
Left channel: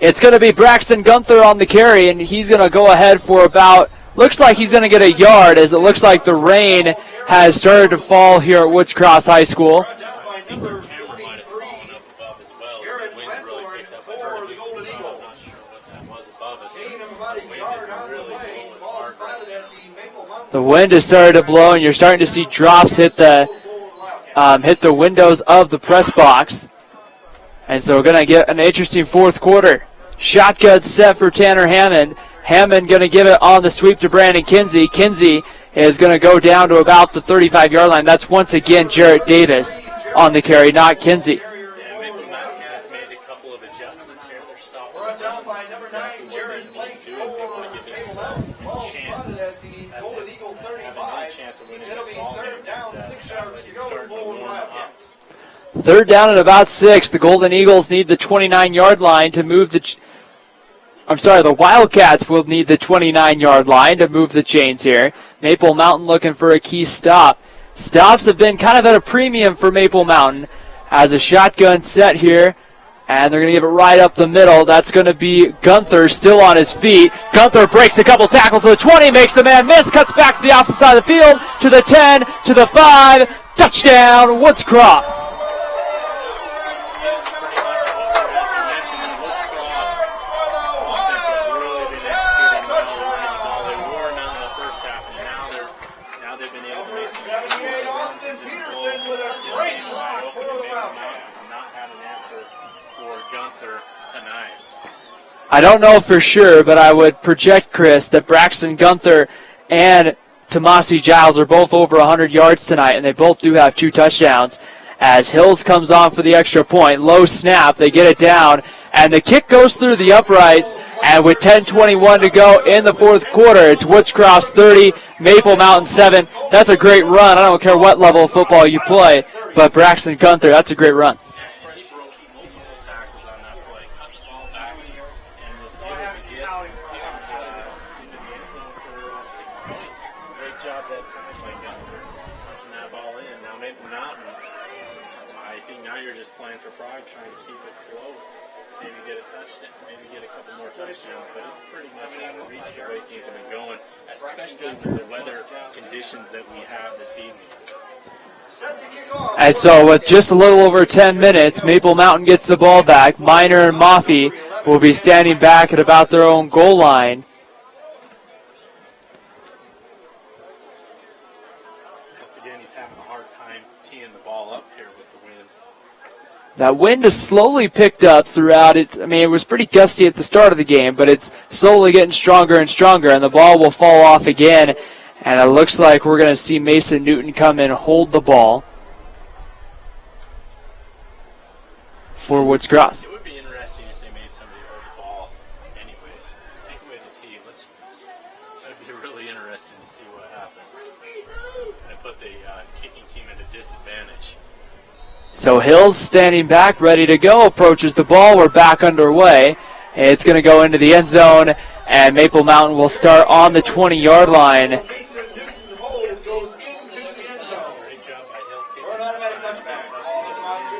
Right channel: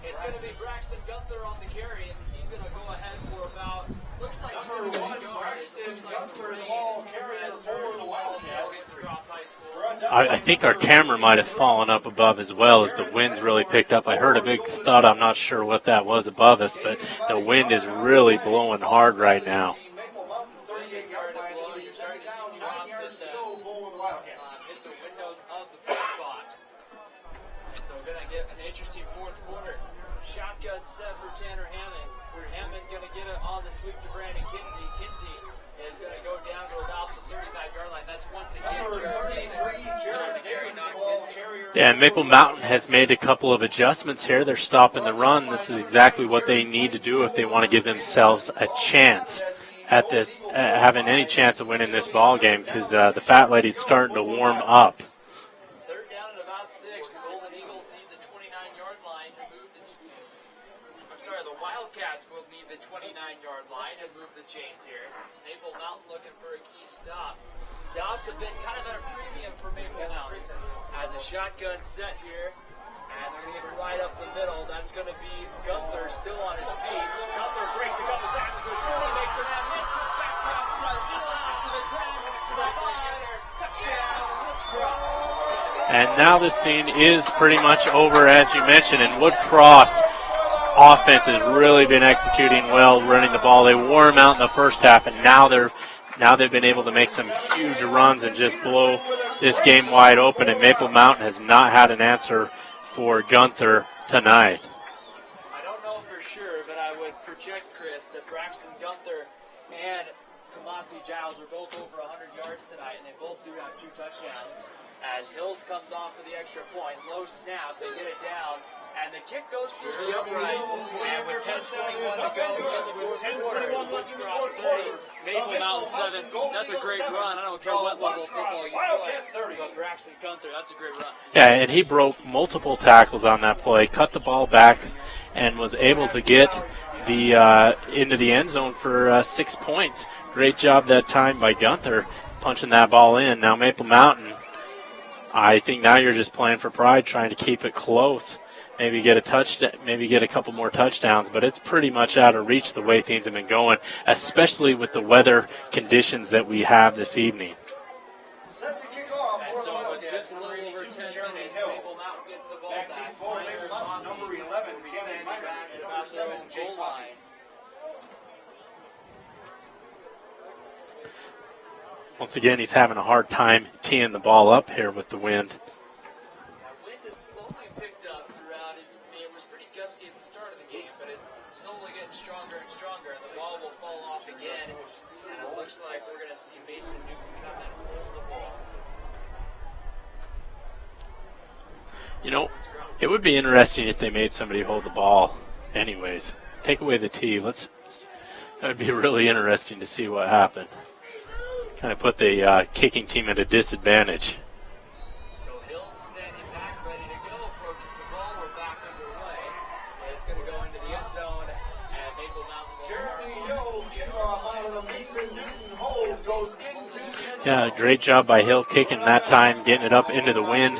It's going to be Braxton Gunther on the carry, and he's going to go ahead for about, looks like he's going to get a yard, as it looks like the rain has started to fall here at Woods Cross High School. I think our camera might have fallen up above as well as the wind's really picked up. I heard a big thud. I'm not sure what that was above us, but the wind is really blowing hard right now. The wind has started to blow, and you're starting to see drops hit the windows of the press box. And so we're going to get an interesting 4th quarter. Shotgun set for Tanner Hammond. Hammond going to give it on the sweep to Brandon Kinsey. Kinsey is going to go down to about the 35-yard line. That's once again Jarrett Davis on the carry, not Kinsey. Yeah, and Maple Mountain has made a couple of adjustments here. They're stopping the run. This is exactly what they need to do if they want to give themselves a chance at this, having any chance of winning this ball game, because the Fat Lady's starting to warm up. 3rd down at about 6. The Golden Eagles need the 29-yard line to move the Wildcats will need the 29-yard line to move the chains here. Maple Mountain looking for a key stop. Stops have been kind of at a premium for Maple Mountain as a shotgun set here, and they're going to give it right up the middle. That's going to be Gunther still on his feet. Gunther breaks a couple tackles to the 20, makes the man miss, cuts back to the opposite side of the field, to the 10, to the 5, touchdown, Woods Cross. And now this scene is pretty much over, as you mentioned, and Woods Cross offense has really been executing well, running the ball. They wore them out in the first half, and now they've been able to make some huge runs and just blow this game wide open. And Maple Mountain has not had an answer for Gunther tonight. I don't know for sure, but I would project, Chris, that Braxton Gunther and Tomasi Giles are both over 100 yards tonight, and they both do have 2 touchdowns. As Hills comes on for the extra point, low snap, they get it down, and the kick goes through the uprights, and with 10:21 to go in the 4th quarter, it's Woods Cross 30, Maple Mountain 7. That's a great run. I don't care what level of football you play, but Braxton Gunther, that's a great run. Yeah, and he broke multiple tackles on that play, cut the ball back, and was able to get the into the end zone for 6 points. Great job that time by Gunther punching that ball in. Now Maple Mountain, I think now you're just playing for pride, trying to keep it close. Maybe get a touchdown, maybe get a couple more touchdowns, but it's pretty much out of reach the way things have been going, especially with the weather conditions that we have this evening. And so with just a little over 10 minutes, Maple Mountain gets the ball back. Minor and Maffey will be standing back at about their own goal line. Once again, he's having a hard time teeing the ball up here with the wind. That wind has slowly picked up throughout it. I mean, it was pretty gusty at the start of the game, but it's slowly getting stronger and stronger, and the ball will fall off again. And it looks like we're going to see Mason Newton come in and hold the ball for Woods Cross. It would be interesting if they made somebody hold the ball anyways. Take away the tee. That would be really interesting to see what happened. Kind of put the kicking team at a disadvantage. So Hills standing back, ready to go, approaches the ball. We're back underway. It's going to go into the end zone, and Maple Mountain will start on the 20-yard line. Yeah, great job by Hill kicking that time, getting it up into the wind,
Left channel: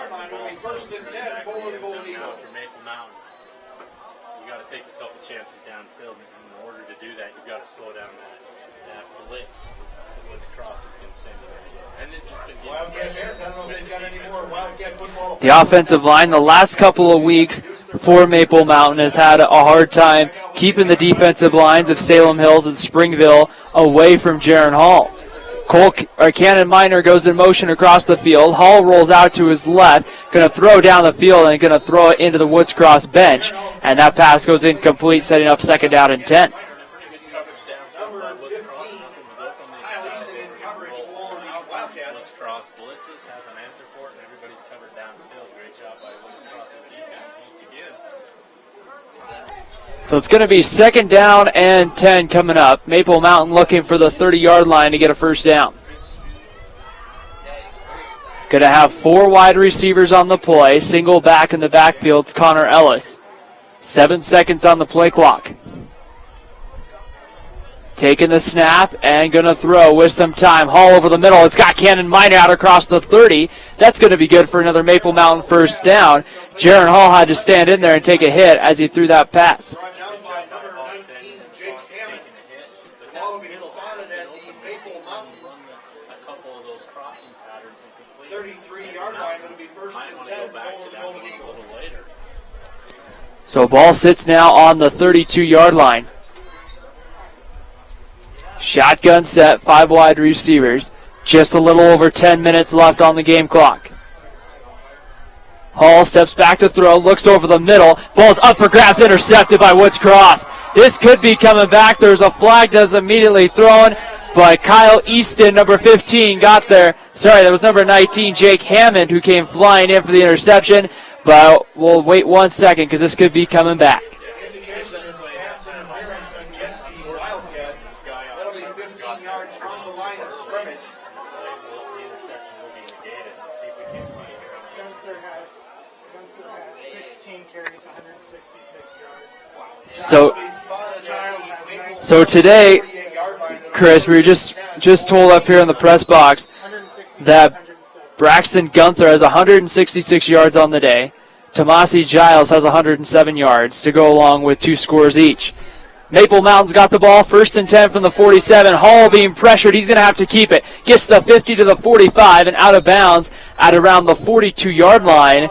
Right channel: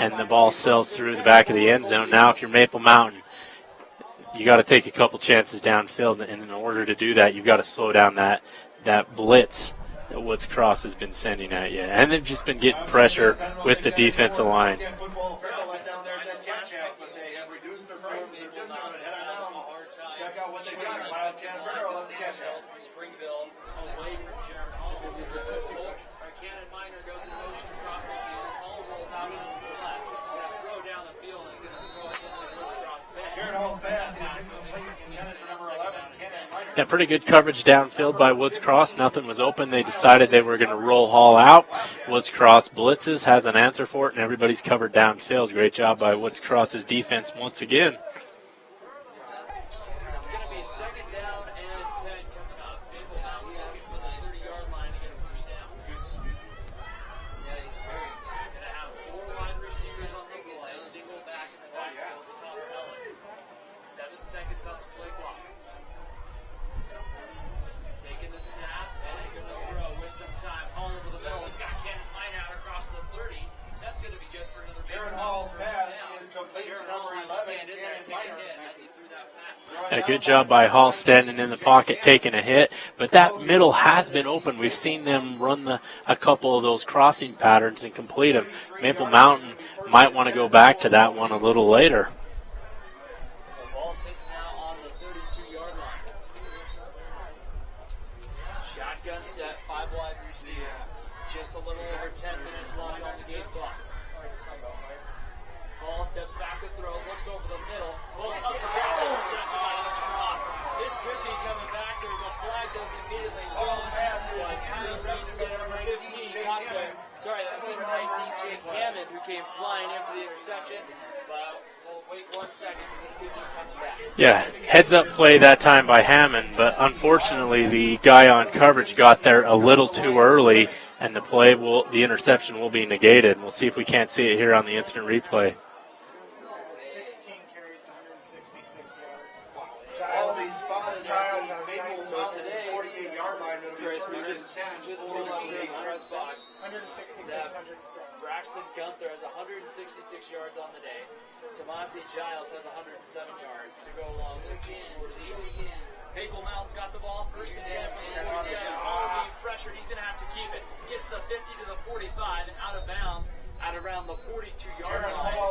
and the ball sails through the back of the end zone. Now if you're Maple Mountain, you got to take a couple chances downfield, and in order to do that, you've got to slow down that blitz that Woods Cross has been sending at you. And they've just been getting pressure with the defensive line. The offensive line the last couple of weeks for Maple Mountain has had a hard time keeping the defensive lines of Salem Hills and Springville away from Jaron Hall. Cannon Minor goes in motion across the field. Hall rolls out to his left, going to throw down the field and going to throw it into the Woods Cross bench. And that pass goes incomplete, setting up 2nd down and 10. Yeah, pretty good coverage downfield by Woods Cross. Nothing was open. They decided they were going to roll Hall out. Woods Cross blitzes, has an answer for it, and everybody's covered downfield. Great job by Woods Cross's defense once again. So it's going to be 2nd down and 10 coming up. Maple Mountain looking for the 30-yard line to get a 1st down. Going to have 4 wide receivers on the play. Single back in the backfield, it's Connor Ellis. 7 seconds on the play clock. Taking the snap and going to throw with some time. Hall over the middle. It's got Cannon Minor out across the 30. That's going to be good for another Maple Mountain 1st down. Jaron Hall had to stand in there and take a hit as he threw that pass. A good job by Hall standing in the pocket, taking a hit. But that middle has been open. We've seen them run a couple of those crossing patterns and complete them. Maple Mountain might want to go back to that one a little later. So ball sits now on the 32-yard line. Shotgun set, 5 wide receivers. Just a little over 10 minutes left on the game clock. Hall steps back to throw, looks over the middle. Ball's up for grabs, intercepted by Woods Cross. This could be coming back. There's a flag that's immediately thrown, but Kyle Easton, number 15, got there. Sorry, that was number 19, Jake Hammond, who came flying in for the interception. But we'll wait 1 second because this could be coming back. Yeah, heads-up play that time by Hammond, but unfortunately the guy on coverage got there a little too early, and the interception will be negated. We'll see if we can't see it here on the instant replay. 16 carries, 166 yards. So today, Chris, we were just told up here in the press box that Braxton Gunther has 166 yards on the day. Tomasi Giles has 107 yards to go along with 2 scores each. Maple Mountain's got the ball, 1st and 10 from the 47. Hall being pressured. He's going to have to keep it. Gets the 50 to the 45 and out of bounds at around the 42-yard line.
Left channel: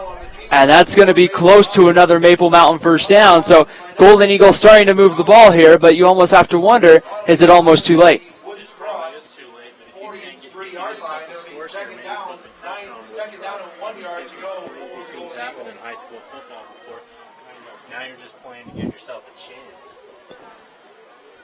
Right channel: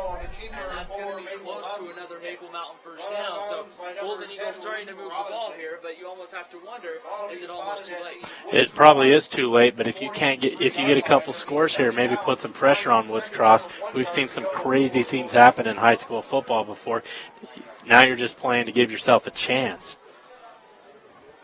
And that's going to be close to another Maple Mountain 1st down. So Golden Eagle starting to move the ball here, but you almost have to wonder, is it almost too late? It probably is too late, but if you get a couple scores here, maybe put some pressure on Woods Cross. We've seen some crazy things happen in high school football before. Now you're just playing to give yourself a chance.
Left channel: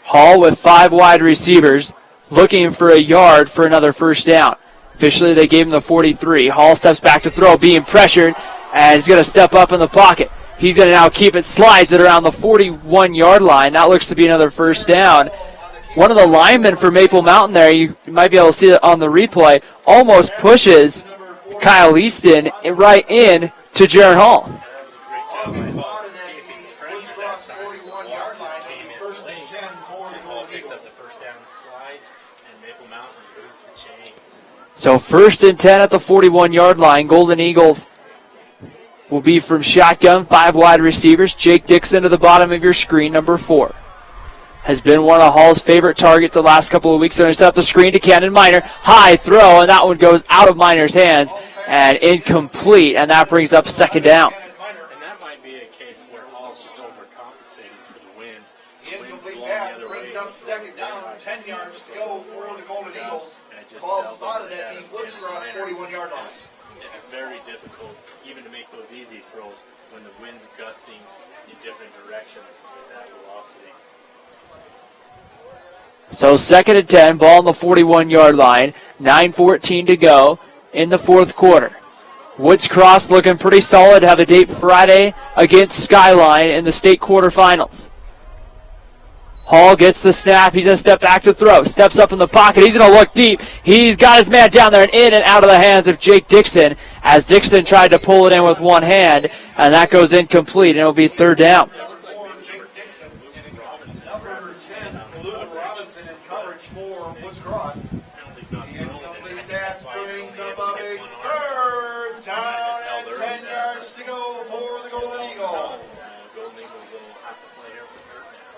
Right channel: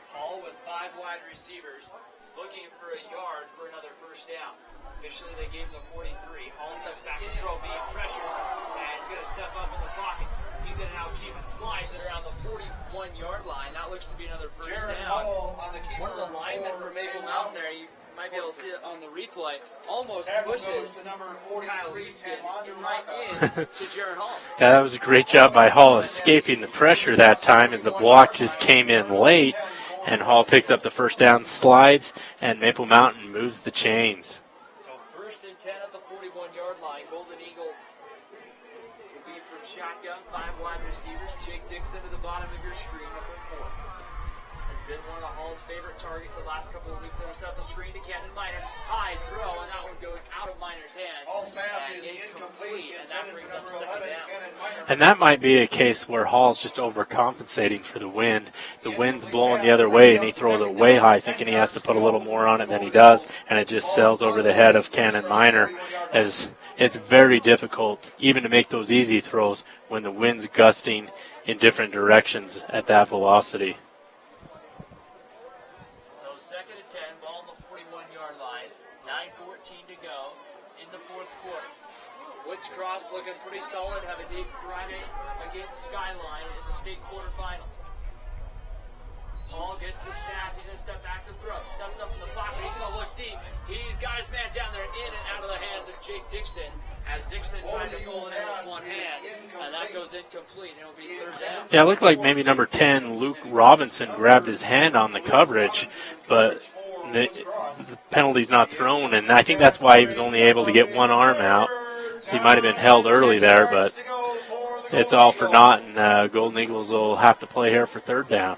Hall with 5 wide receivers looking for a yard for another 1st down. Officially, they gave him the 43. Hall steps back to throw, being pressured, and he's going to step up in the pocket. He's going to now keep it, slides it around the 41-yard line. That looks to be another 1st down. One of the linemen for Maple Mountain there, you might be able to see it on the replay, almost pushes Kyle Easton right in to Jaron Hall. Yeah, that was a great job by Hall escaping the pressure that time as the block just came in late. and Hall picks up the first down, slides, and Maple Mountain moves the chains. So 1st and 10 at the 41-yard line. Golden Eagles will be from shotgun, 5 wide receivers. Jake Dixon to the bottom of your screen, number 4. Has been one of Hall's favorite targets the last couple of weeks. They're going to set up the screen to Cannon Minor. High throw, and that one goes out of Minor's hands and incomplete, and that brings up 2nd down. And that might be a case where Hall's just overcompensating for the wind. The wind's blowing the other way, and he throws it way high, thinking he has to put a little more on it than he does, and it just sails over the head of Cannon Minor, as it's very difficult even to make those easy throws when the wind's gusting in different directions at that velocity. So 2nd and 10, ball on the 41-yard line, 9:14 to go in the 4th quarter. Woods Cross looking pretty solid, have a date Friday against Skyline in the state quarterfinals. Hall gets the snap, he's going to step back to throw, steps up in the pocket, he's going to look deep, he's got his man down there and in and out of the hands of Jake Dixon, as Dixon tried to pull it in with one hand, and that goes incomplete, and it'll be 3rd down. Yeah, it looked like maybe number 10, Luke Robinson, grabbed his hand on the coverage, but the penalty's not thrown, and I think that's why he was only able to get one arm out. So he might have been held early there, but it's all for naught, and Golden Eagles will have to play here for 3rd down.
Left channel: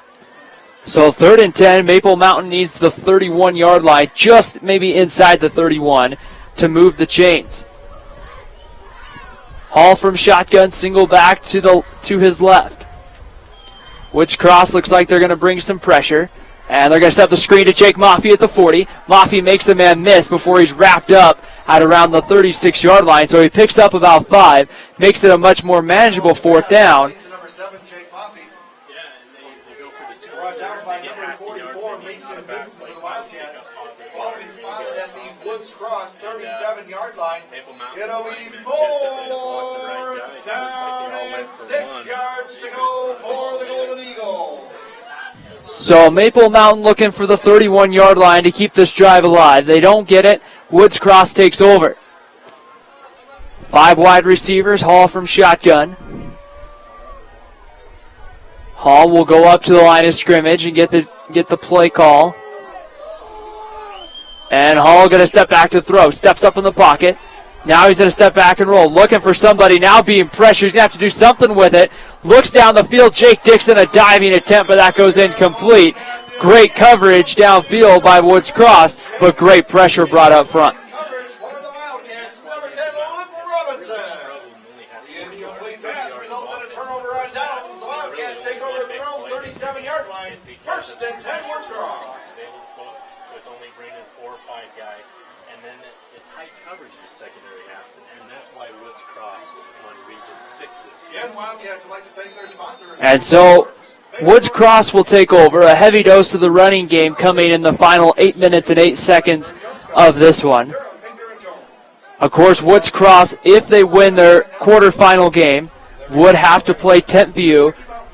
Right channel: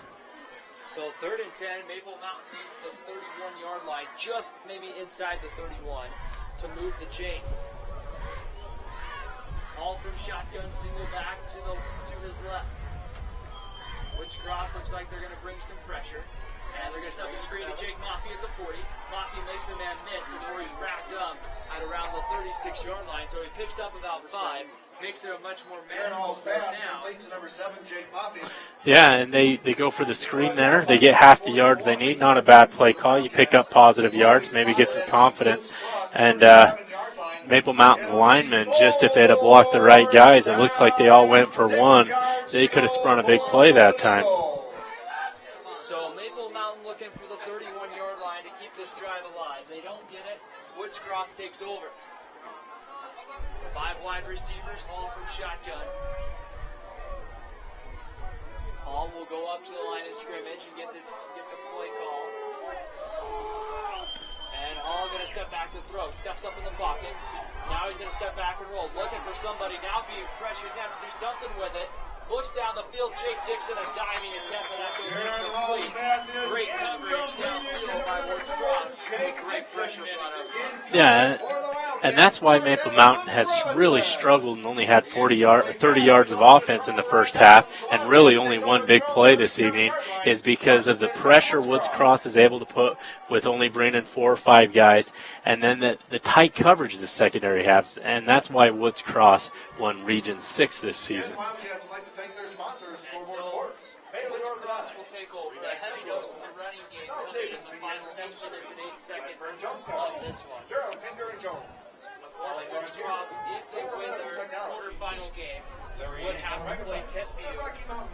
So 3rd and 10, Maple Mountain needs the 31-yard line, just maybe inside the 31, to move the chains. Hall from shotgun, single back to his left. Woods Cross looks like they're going to bring some pressure. And they're going to set up the screen to Jake Maffey at the 40. Maffey makes the man miss before he's wrapped up at around the 36-yard line. So he picks up about 5, makes it a much more manageable 4th down. Yeah, and they go for the screen there. They get half the yards they need. Not a bad play call. You pick up positive yards, maybe get some confidence. And Maple Mountain linemen, just if they'd have blocked the right guys, it looks like they all went for 1. They could have sprung a big play that time. So Maple Mountain looking for the 31-yard line to keep this drive alive. They don't get it. Woods Cross takes over. 5 wide receivers, Hall from shotgun. Hall will go up to the line of scrimmage and get the play call. And Hall going to step back to throw. Steps up in the pocket. Now he's going to step back and roll. Looking for somebody. Now being pressured. He's going to have to do something with it. Looks down the field. Jake Dixon, a diving attempt, but that goes incomplete. Great coverage downfield by Woods Cross, but great pressure brought up front. Yeah, and that's why Maple Mountain has really struggled and only had 30 yards of offense in the first half, and really only one big play this evening, is because of the pressure Woods Cross is able to put with only bringing 4 or 5 guys, and then the tight coverage the secondary has, and that's why Woods Cross won Region 6 this season. And so Woods Cross will take over. A heavy dose of the running game coming in the final 8 minutes and 8 seconds of this one. Of course, Woods Cross, if they win their quarterfinal game, would have to play Tentview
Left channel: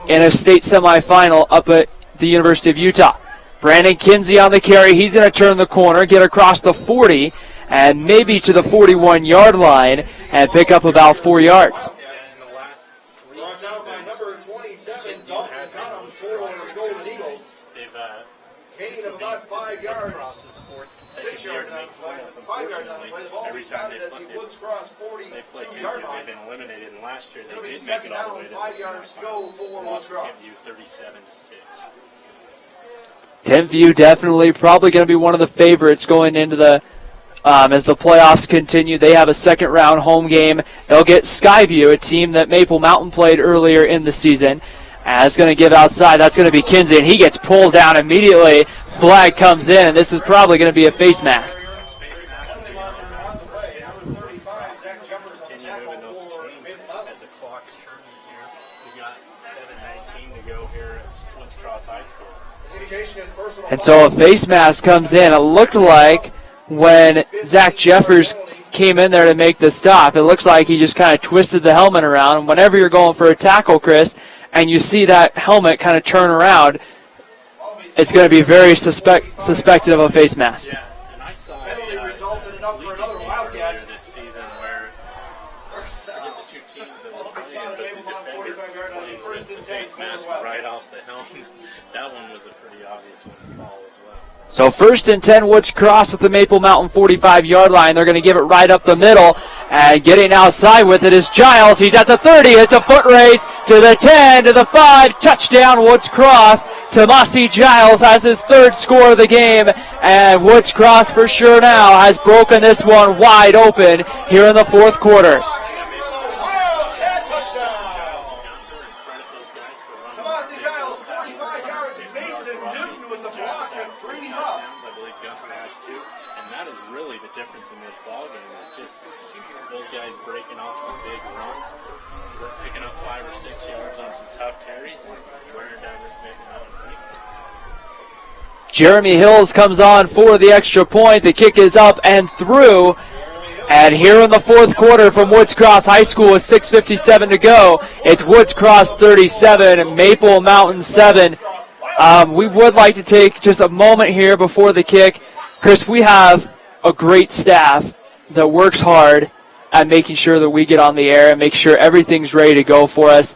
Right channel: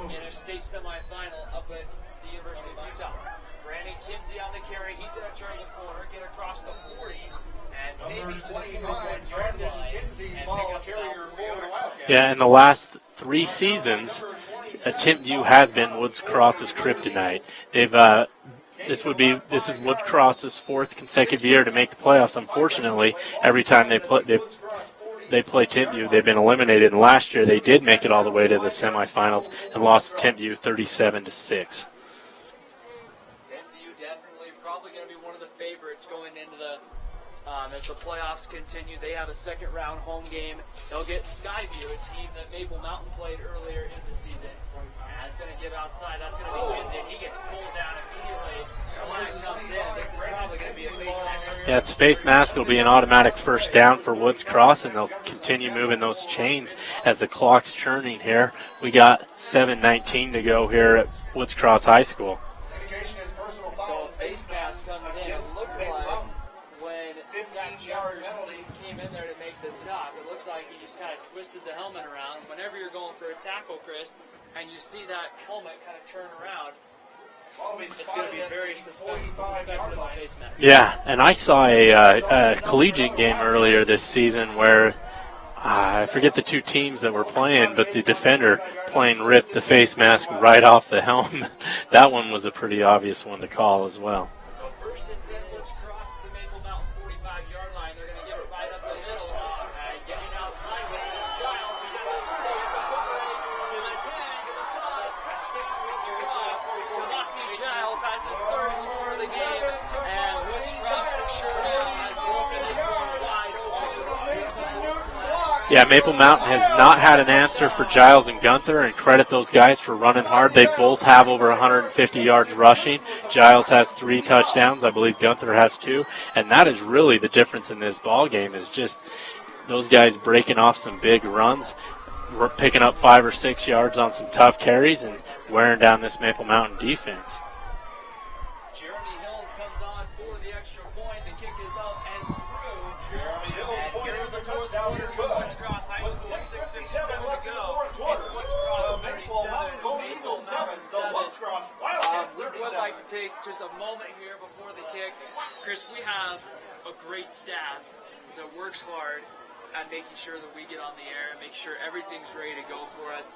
in a state semifinal up at the University of Utah. Brandon Kinsey on the carry. He's going to turn the corner, get across the 40, and maybe to the 41-yard line and pick up about 4 yards. Yeah, in the last 3 seasons, Tentview has been Woods Cross's kryptonite. This is Woods Cross's 4th consecutive year to make the playoffs. Unfortunately, every time they play Tentview, they've been eliminated. And last year, they did make it all the way to the semifinals and lost to Tentview 37-6. Tentview definitely probably going to be one of the favorites going into the as the playoffs continue. They have a second-round home game. They'll get Skyview, a team that Maple Mountain played earlier in the season. And it's going to give outside. That's going to be Kinsey, and he gets pulled down immediately. Flag comes in, and this is probably going to be a face mask. Yeah, it's face mask. It'll be an automatic first down for Woods Cross, and they'll continue moving those chains as the clock's churning here. We got 7:19 to go here at Woods Cross High School. And so a face mask comes in. It looked like when Zach Jeffers came in there to make the stop, it looks like he just kind of twisted the helmet around. And whenever you're going for a tackle, Chris, and you see that helmet kind of turn around, it's going to be very suspected of a face mask. Yeah, and I saw a collegiate game earlier this season where I forget the two teams that were playing, but the defender playing ripped the face mask right off the helmet. That one was a pretty obvious one to call as well. So 1st and 10, Woods Cross at the Maple Mountain 45-yard line. They're going to give it right up the middle. And getting outside with it is Giles. He's at the 30. It's a foot race to the 10, to the 5. Touchdown, Woods Cross. Tomasi Giles has his 3rd score of the game. And Woods Cross for sure now has broken this one wide open here in the 4th quarter. Yeah, Maple Mountain has not had an answer for Giles and Gunther, and credit those guys for running hard. They both have over 150 yards rushing. Giles has 3 touchdowns. I believe Gunther has 2. And that is really the difference in this ball game, is just those guys breaking off some big runs, picking up 5 or 6 yards on some tough carries, and wearing down this Maple Mountain defense. Jeremy Hills comes on for the extra point. The kick is up and through. And here in the 4th quarter from Woods Cross High School with 6:57 to go, it's Woods Cross 37, Maple Mountain 7. We would like to take just a moment here before the kick. Chris, we have a great staff that works hard at making sure that we get on the air and make sure everything's ready to go for us.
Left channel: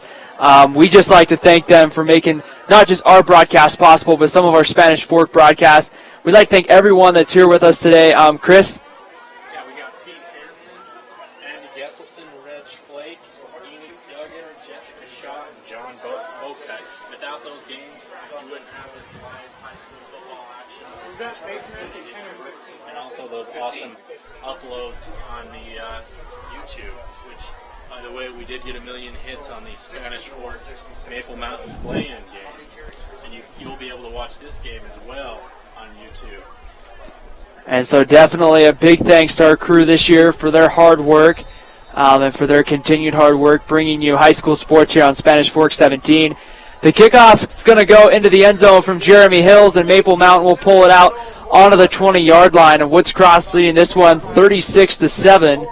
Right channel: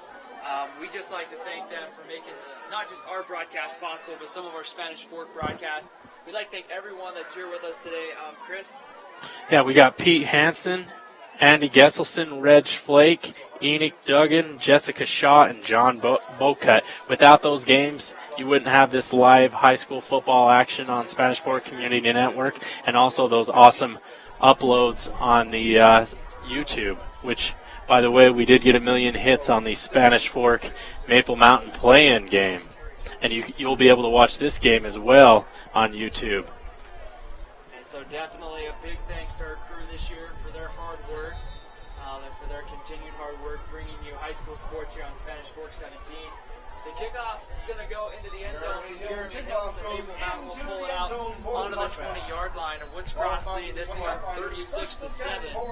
We just like to thank them for making not just our broadcast possible, but some of our Spanish Fork broadcasts. We'd like to thank everyone that's here with us today. Chris? Yeah, we got Pete Hansen, Andy Gesselson, Reg Flake, Enoch Duggan, Jessica Shaw, and John Bocut. Without those games, you wouldn't have this live high school football action on Spanish Fork Community Network, and also those awesome uploads on the YouTube, which, by the way, we did get 1 million hits on the Spanish Fork Maple Mountain play-in game. And you'll be able to watch this game as well on YouTube. And so definitely a big thanks to our crew this year for their hard work and for their continued hard work bringing you high school sports here on Spanish Fork 17. The kickoff is going to go into the end zone from Jeremy Hills, and Maple Mountain will pull it out onto the 20-yard line. And Woods Cross leading this one 36-7.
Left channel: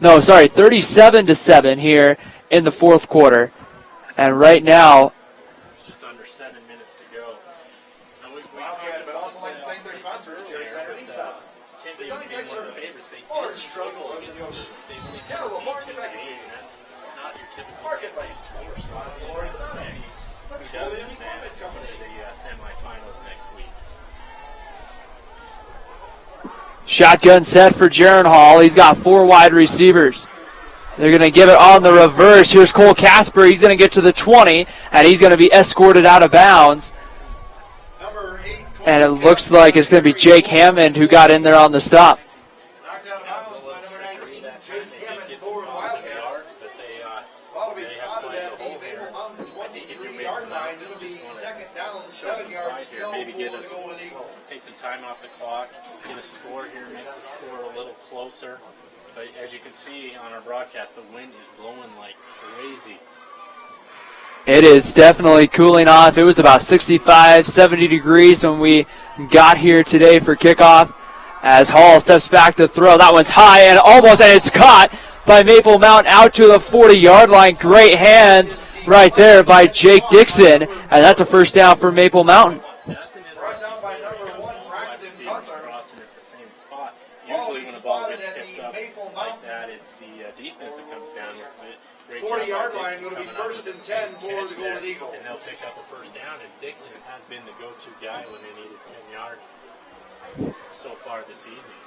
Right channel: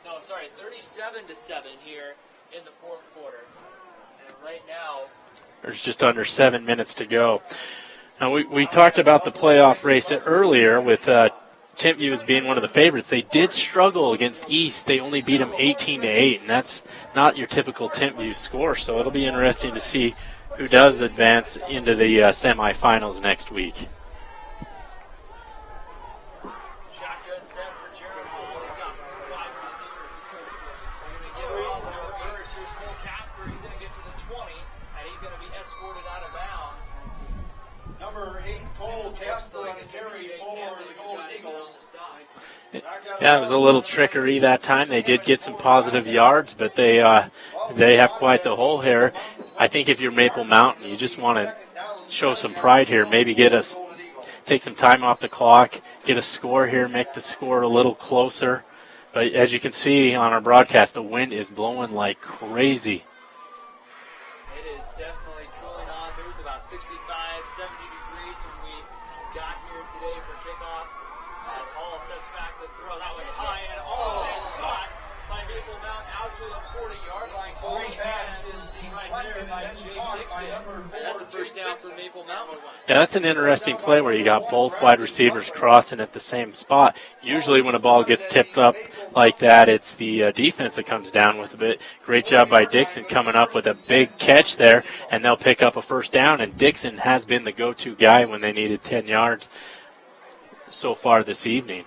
No, sorry, 37-7 here in the 4th quarter. And right now, there's just under 7 minutes to go. Now, we talked about the playoff race earlier with Timpview as being one of the favorites. They did struggle against East. They only beat them 18-8, and that's not your typical Timpview score. So it'll be interesting to see who does advance into the semifinals next week. Shotgun set for Jaron Hall. He's got 4 wide receivers. They're going to give it on the reverse. Here's Cole Casper. He's going to get to the 20, and he's going to be escorted out of bounds. And it looks like it's going to be Jake Hammond who got in there on the stop. Yeah, it was a little trickery that time. They did get some positive yards, but they have quite the hole here. I think if you're Maple Mountain, you just want to show some pride here. Maybe take some time off the clock, get a score here, make the score a little closer. But as you can see on our broadcast, the wind is blowing like crazy. It is definitely cooling off. It was about 65, 70 degrees when we got here today for kickoff. As Hall steps back to throw. That one's high and it's caught by Maple Mountain out to the 40-yard line. Great hands right there by Jake Dixon. And that's a first down for Maple Mountain. Yeah, that's an interesting play where you got both wide receivers crossing at the same spot. Usually when a ball gets tipped up like that, it's the defense that comes down with a bit. Great job by Dixon coming up with a big catch there, and they'll pick up a first down. And Dixon has been the go-to guy when they needed 10 yards so far this evening.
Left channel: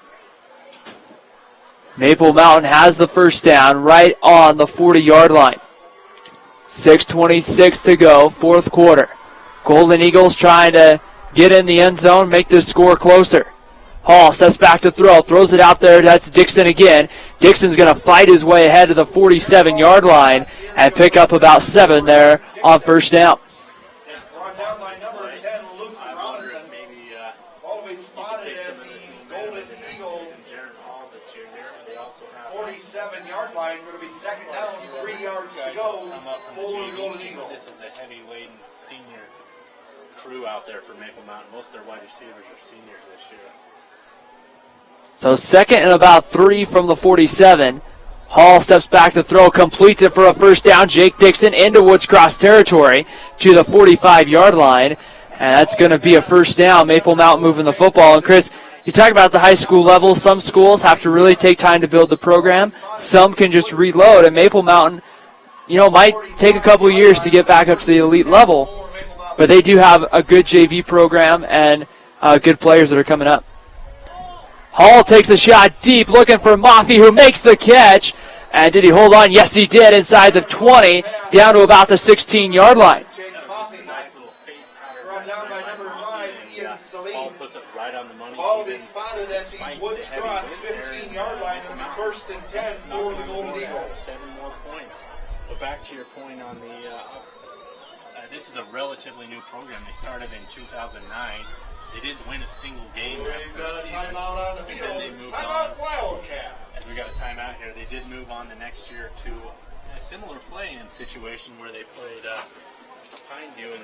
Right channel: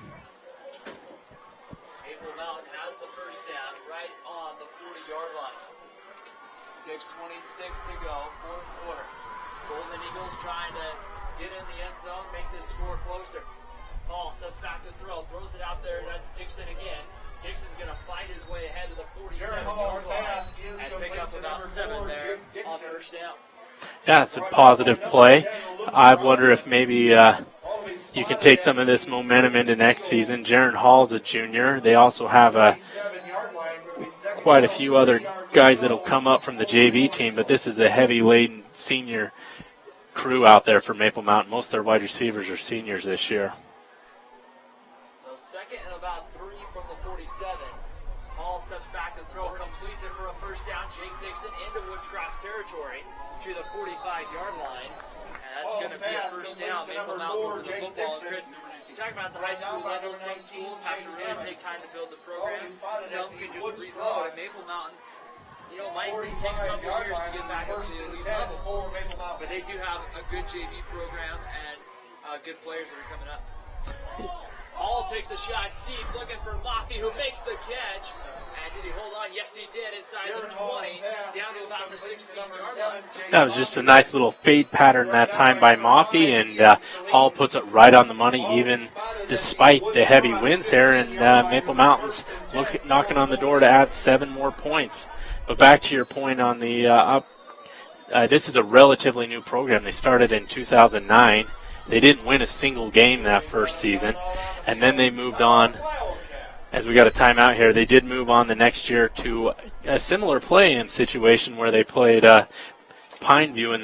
Maple Mountain has the first down right on the 40-yard line. 6:26 to go, 4th quarter. Golden Eagles trying to get in the end zone, make this score closer. Hall steps back to throw, throws it out there. That's Dixon again. Dixon's going to fight his way ahead to the 47-yard line and pick up about 7 there on first down. Yeah, it's a positive play. I wonder if maybe you can take some of this momentum into next season. Jaron Hall's a junior. They also have quite a few other guys that will come up from the JV team, but this is a heavy-laden senior crew out there for Maple Mountain. Most of their wide receivers are seniors this year. So 2nd and about 3 from the 47. Hall steps back to throw, completes it for a first down. Jake Dixon into Woods Cross territory to the 45-yard line. And that's going to be a first down. Maple Mountain moving the football. And Chris, you talk about the high school level. Some schools have to really take time to build the program. some can just reload, and Maple Mountain, might take a couple years to get back up to the elite level, but they do have a good JV program and good players that are coming up. Hall takes a shot deep, looking for Maffey, who makes the catch. And did he hold on? Yes, he did, inside the 20, down to about the 16-yard line. That was just a nice little fade pattern that time by Maffey, and Hall puts it right on the money, even despite the heavy winds here, and Maple Mountain's knocking on the door to add 7 more points. But back to your point on the this is a relatively new program. They started in 2009. They didn't win a single game that first season, and then they moved on. As we got a timeout here, they did move on the next year to a similar play-in situation where they played Pineview in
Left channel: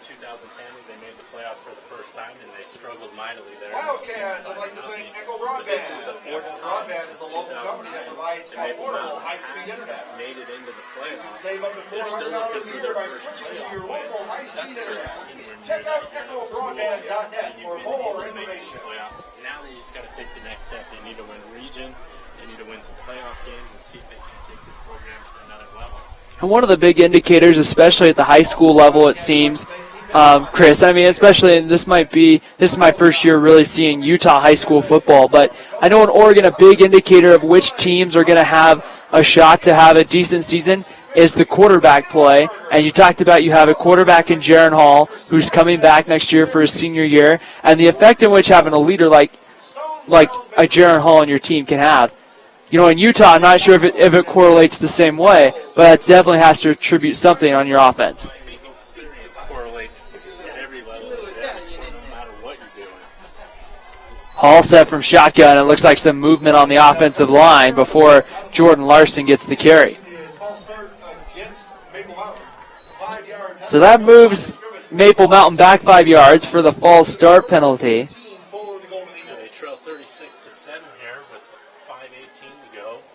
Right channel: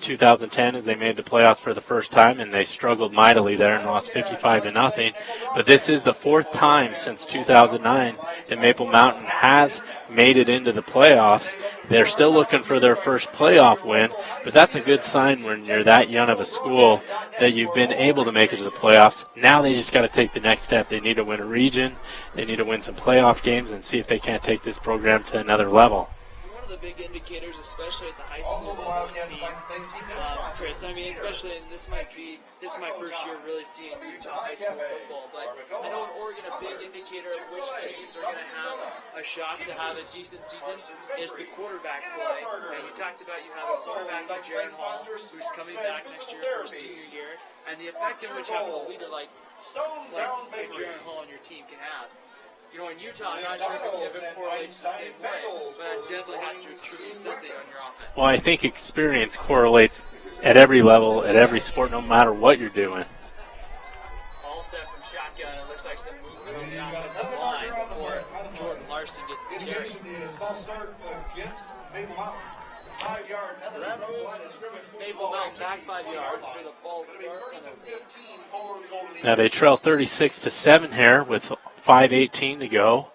2010 as they made the playoffs for the first time, and they struggled mightily there and lost 55-0. But this is the 4th time since 2009 that Maple Mountain has made it into the playoffs. They're still looking for their first playoff win, but that's a good sign when you're that young of a school that you've been able to make it to the playoffs. Now they just got to take the next step. They need to win a region. They need to win some playoff games and see if they can't take this program to another level. And one of the big indicators, especially at the high school level, it seems, Chris, especially, and this is my first year really seeing Utah high school football, but I know in Oregon a big indicator of which teams are going to have a shot to have a decent season is the quarterback play. And you talked about you have a quarterback in Jaron Hall who's coming back next year for his senior year, and the effect in which having a leader like a Jaron Hall on your team can have. In Utah, I'm not sure if it correlates the same way, but it definitely has to attribute something on your offense. Well, I think experience correlates at every level, at every sport, no matter what you're doing. Hall set from shotgun. It looks like some movement on the offensive line before Jordan Larson gets the carry. So that moves Maple Mountain back 5 yards for the false start penalty. Now they trail 36-7 here with 5:18 to go.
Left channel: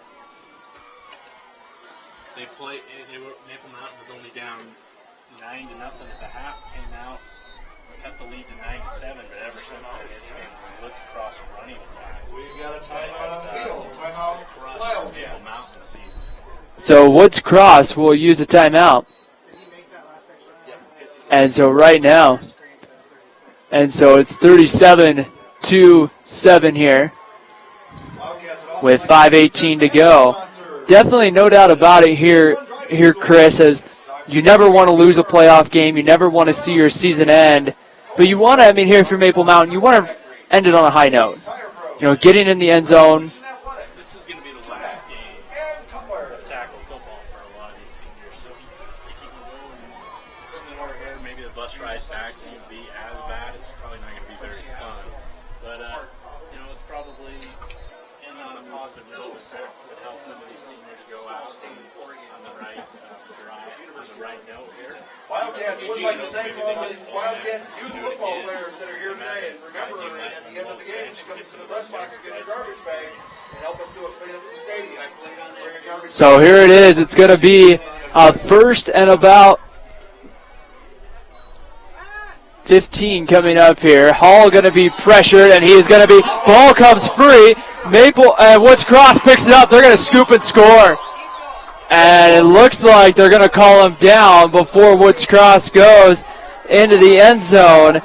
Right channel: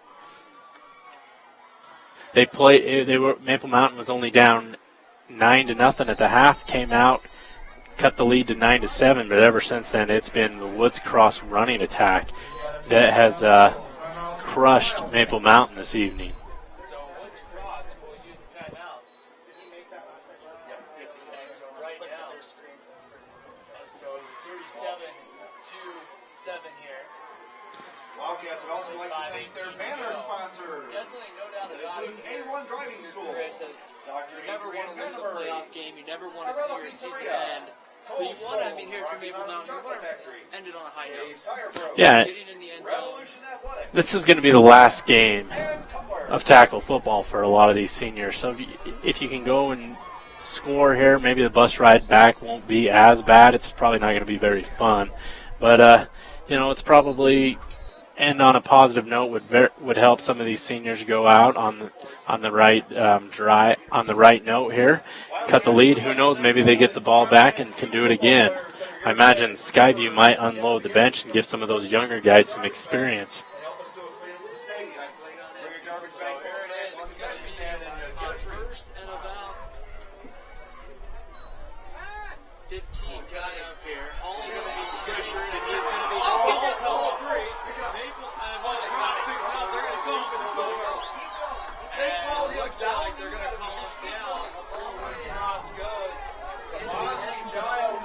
Maple Mountain was only down 9-0 at the half, came out, cut the lead to 9-7, but ever since then it's been the Woods Cross running attack that has crushed Maple Mountain this evening. So Woods Cross will use a timeout. And so right now, it's 37-7 here with 5:18 to go. Definitely no doubt about it here, Chris, as you never want to lose a playoff game. You never want to see your season end. But you want to, here for Maple Mountain, you want to end it on a high note. Yeah, getting in the end zone. This is going to be the last game of tackle football for a lot of these seniors. So if you can go and score here, maybe the bus ride back won't be as bad. It's probably not going to be very fun. But, it's probably end on a positive note would help some of these seniors go out on the right note here. Cut the lead. Who knows? Maybe they get the ball back and can do it again. I imagine Skyview might unload the bench and give some of those younger guys some experience. So here it is. It's going to be a first and about 15 coming up here. Hall going to be pressured, and he is going to be, ball comes free. Woods Cross picks it up. They're going to scoop and score. And it looks like they're going to call him down before Woods Cross goes into the end zone.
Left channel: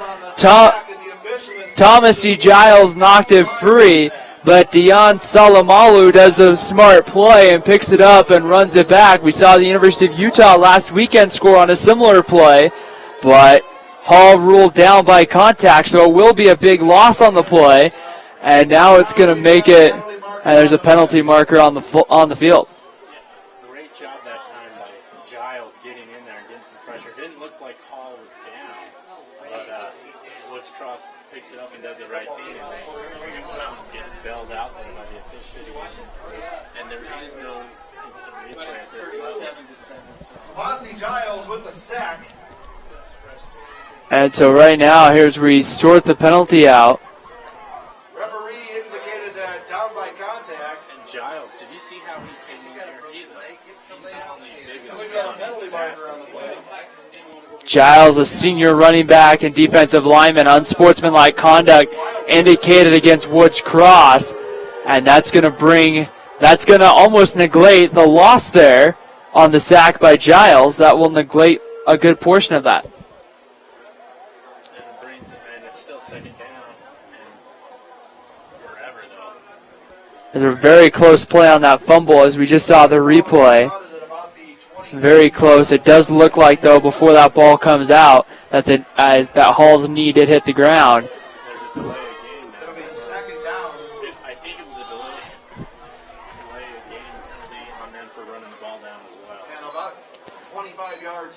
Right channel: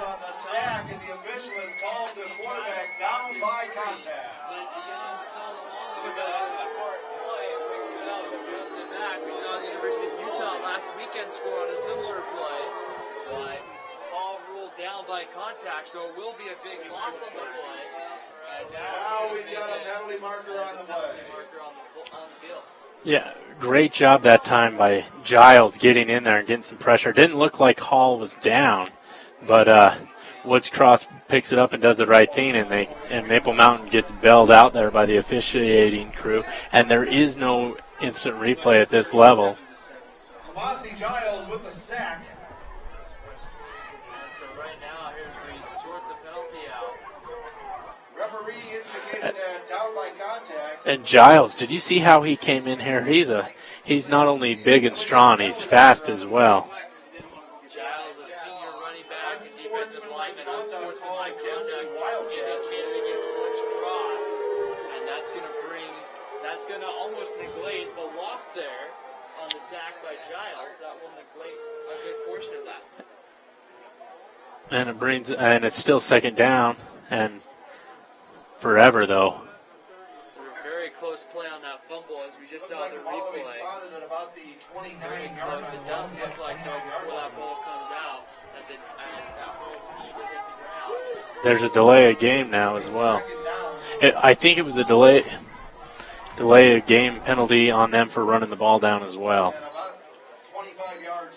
Thomas C. Giles knocked it free, but Dion Salamalu does the smart play and picks it up and runs it back. We saw the University of Utah last weekend score on a similar play, but Hall ruled down by contact, so it will be a big loss on the play. And now it's going to make it, and there's a penalty marker on the field. Yeah, great job that time by Giles getting in there and getting some pressure. Didn't look like Hall was down, but Woods Cross picks it up and does the right thing, and Maple Mountain gets bailed out there by the officiating crew. And there is no instant replay at this level. Giles with the sack. And so right now, here's where we sort the penalty out. And Giles, did you see how he came in here? He's not only big and strong, he's fast as well. Giles, a senior running back and defensive lineman, unsportsmanlike conduct indicated against Woods Cross, and that's going to bring That's going to almost negate the loss there on the sack by Giles. That will negate a good portion of that. And it's still second down, and forever though. There's a very close play on that fumble as we just saw the replay. Very close. It does look like, though, before that ball comes out, that that Hall's knee did hit the ground. There's a delay of game now as well. I think it was a delay of game penalty on them for running the ball down as well.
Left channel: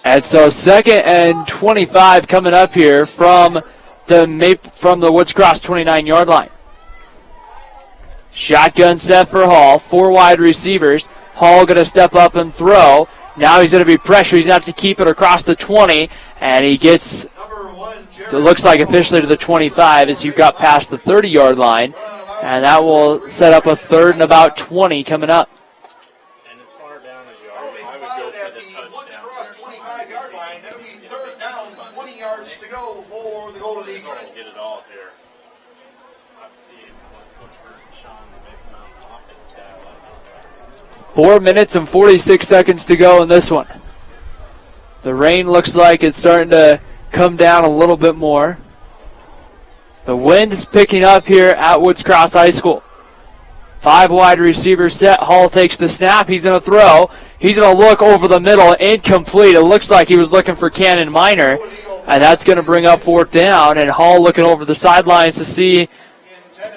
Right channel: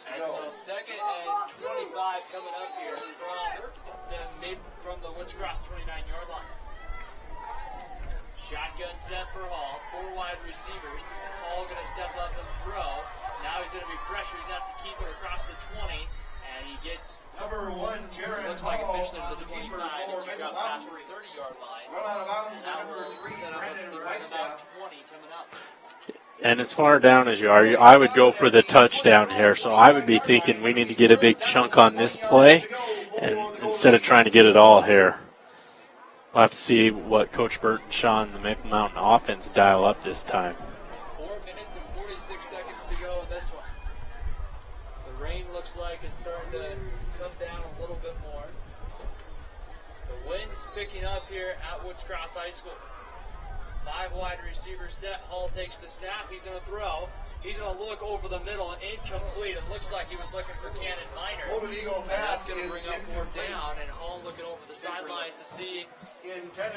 And so 2nd and 25 coming up here from the Woods Cross 29-yard line. Shotgun set for Hall. 4 wide receivers. Hall going to step up and throw. Now he's going to be pressured. He's going to have to keep it across the 20. And he gets, it looks like officially to the 25 as you got past the 30-yard line. And that will set up a 3rd and about 20 coming up. And as far down as you are, I would go for the touchdown here. So I would be thinking we need to get a big chunk on this play and instead of trying to get it all here. We'll have to see what Coach Burt and Sean, the Maple Mountain offense, dial up this time. 4 minutes and 46 seconds to go in this one. The rain looks like it's starting to come down a little bit more. The wind is picking up here at Woods Cross High School. 5 wide receivers set. Hall takes the snap. He's going to throw. He's going to look over the middle. Incomplete. It looks like he was looking for Cannon Minor. And that's going to bring up 4th down. And Hall looking over the sidelines to see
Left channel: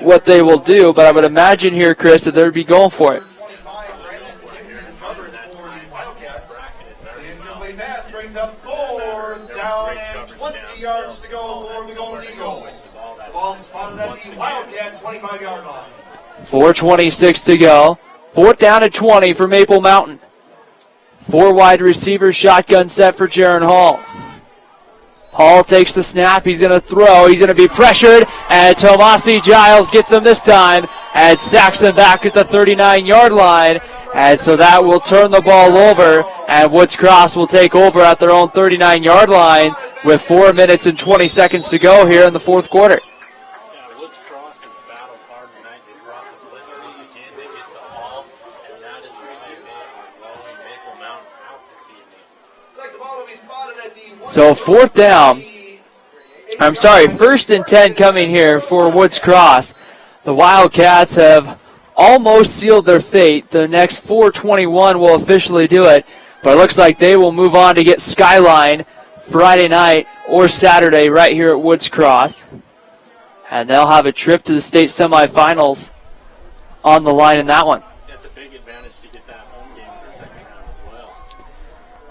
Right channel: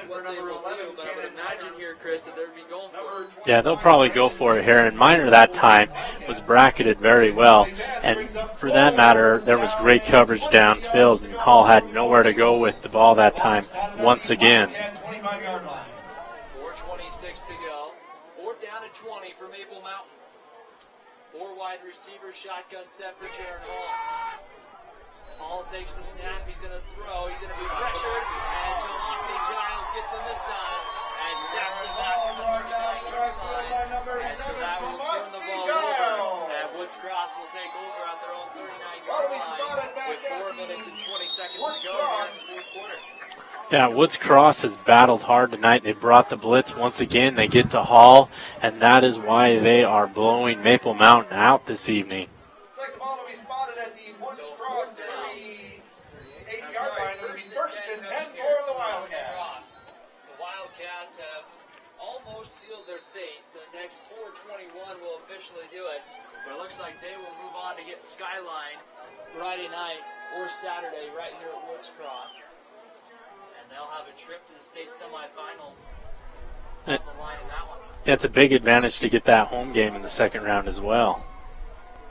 what they will do. But I would imagine here, Chris, that they'd be going for it. Yeah, they'll probably go for it here. And Minor that time was bracketed very well. And for that matter, there was great coverage downfield. And Hall had nowhere to go with the ball that time once again. 4:26 to go. 4th down at 20 for Maple Mountain. 4 wide receivers, shotgun set for Jaron Hall. Hall takes the snap. He's going to throw. He's going to be pressured. And Tomasi Giles gets him this time and sacks him back at the 39-yard line. And so that will turn the ball over. And Woods Cross will take over at their own 39-yard line with 4 minutes and 20 seconds to go here in the 4th quarter. Yeah, Woods Cross has battled hard tonight. They brought the blitz once again. They get to Hall, and that is why they are blowing Maple Mountain out this evening. So 4th down. 1st and 10 coming here for Woods Cross. The Wildcats have almost sealed their fate. The next 4:21 will officially do it, but it looks like they will move on to get Skyline Friday night or Saturday right here at Woods Cross. And they'll have a trip to the state semifinals on the line in that one. Yeah, it's a big advantage to get that home game in the 2nd round as well.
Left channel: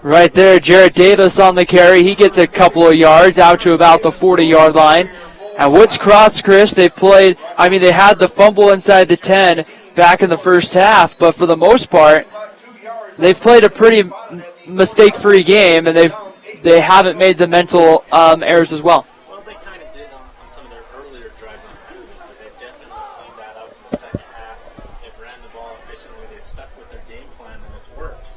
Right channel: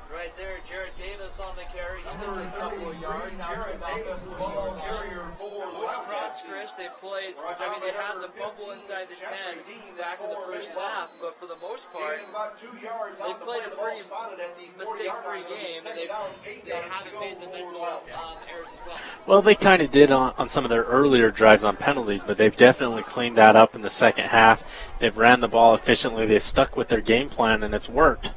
Right there, Jarrett Davis on the carry. He gets a couple of yards out to about the 40-yard line. And Woods Cross, Chris, they had the fumble inside the 10 back in the first half, but for the most part, they've played a pretty mistake-free game, and they haven't made the mental errors as well. Well, they kind of did on some of their earlier drives on penalties, but they've definitely cleaned that up in the 2nd half. They've ran the ball efficiently. They've stuck with their game plan, and it's worked.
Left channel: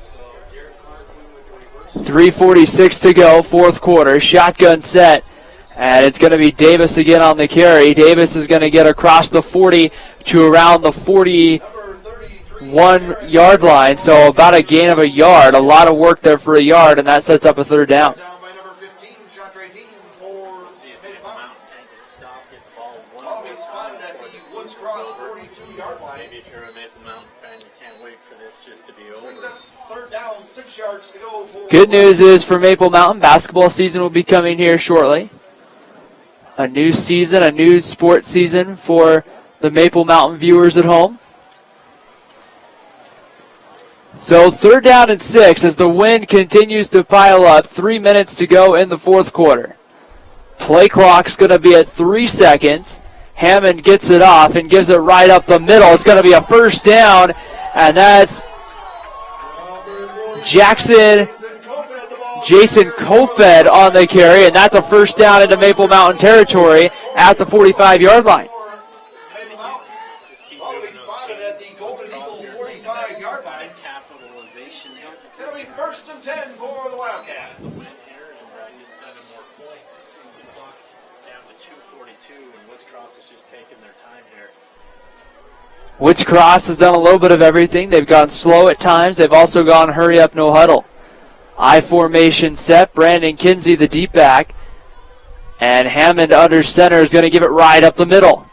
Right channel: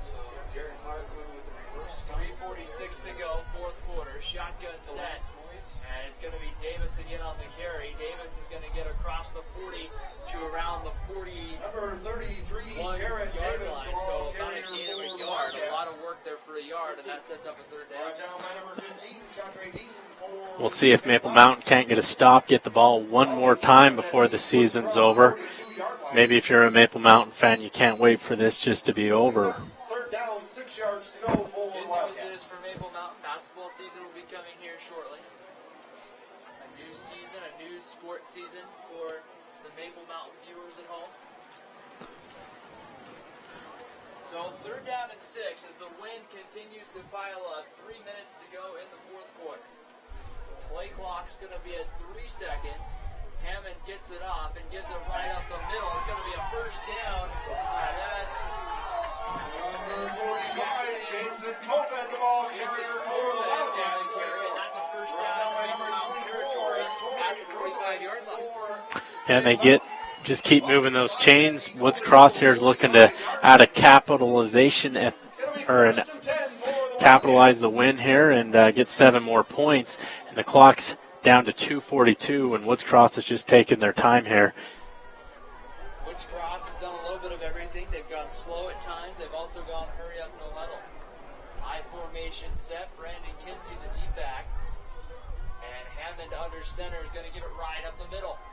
3:46 to go, 4th quarter. Shotgun set, and it's going to be Davis again on the carry. Davis is going to get across the 40 to around the 41-yard line, so about a gain of a yard. A lot of work there for a yard, and that sets up a 3rd down. We'll see if Maple Mountain can't get a stop, get the ball one more time before the season's over. Maybe if you're a Maple Mountain fan, you can't wait for this just to be over. Good news is for Maple Mountain, basketball season will be coming here shortly. A new season, a new sports season for the Maple Mountain viewers at home. So 3rd down and 6 as the wind continues to pile up. 3 minutes to go in the 4th quarter. Play clock's going to be at 3 seconds. Hammond gets it off and gives it right up the middle. It's going to be a 1st down, and that's Jason Kofed on the carry, and that's a 1st down into Maple Mountain territory at the 45-yard line. And they just keep moving those chains. Woods Cross here is looking to add a capitalization or capitalize the win here and get 7 more points. And the clock's down to 2:42, and Woods Cross is just taking their time here. Woods Cross has done a little bit of everything. They've gone slow at times. They've also gone hurry up, no huddle. I formation set. Brandon Kinsey, the deep back. And Hammond under center is going to give it right up the middle.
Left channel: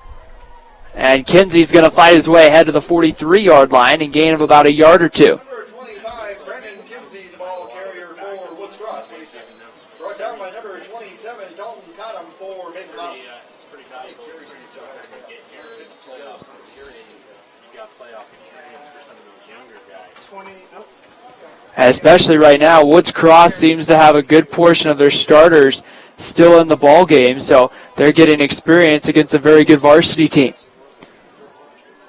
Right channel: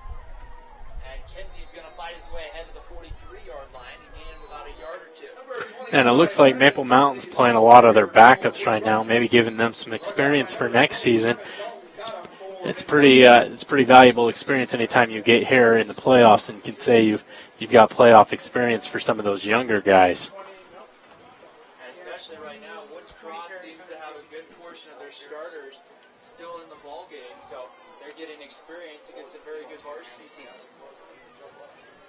And Kinsey's going to fight his way ahead to the 43-yard line and gain of about a yard or two. And it looks like Maple Mountain's playing a lot of their backups right now, maybe giving them some experience for next season. It's pretty valuable experience anytime you get here in the playoffs and can say you've got playoff experience for some of those younger guys. And especially right now, Woods Cross seems to have a good portion of their starters still in the ball game, so they're getting experience against a very good varsity team.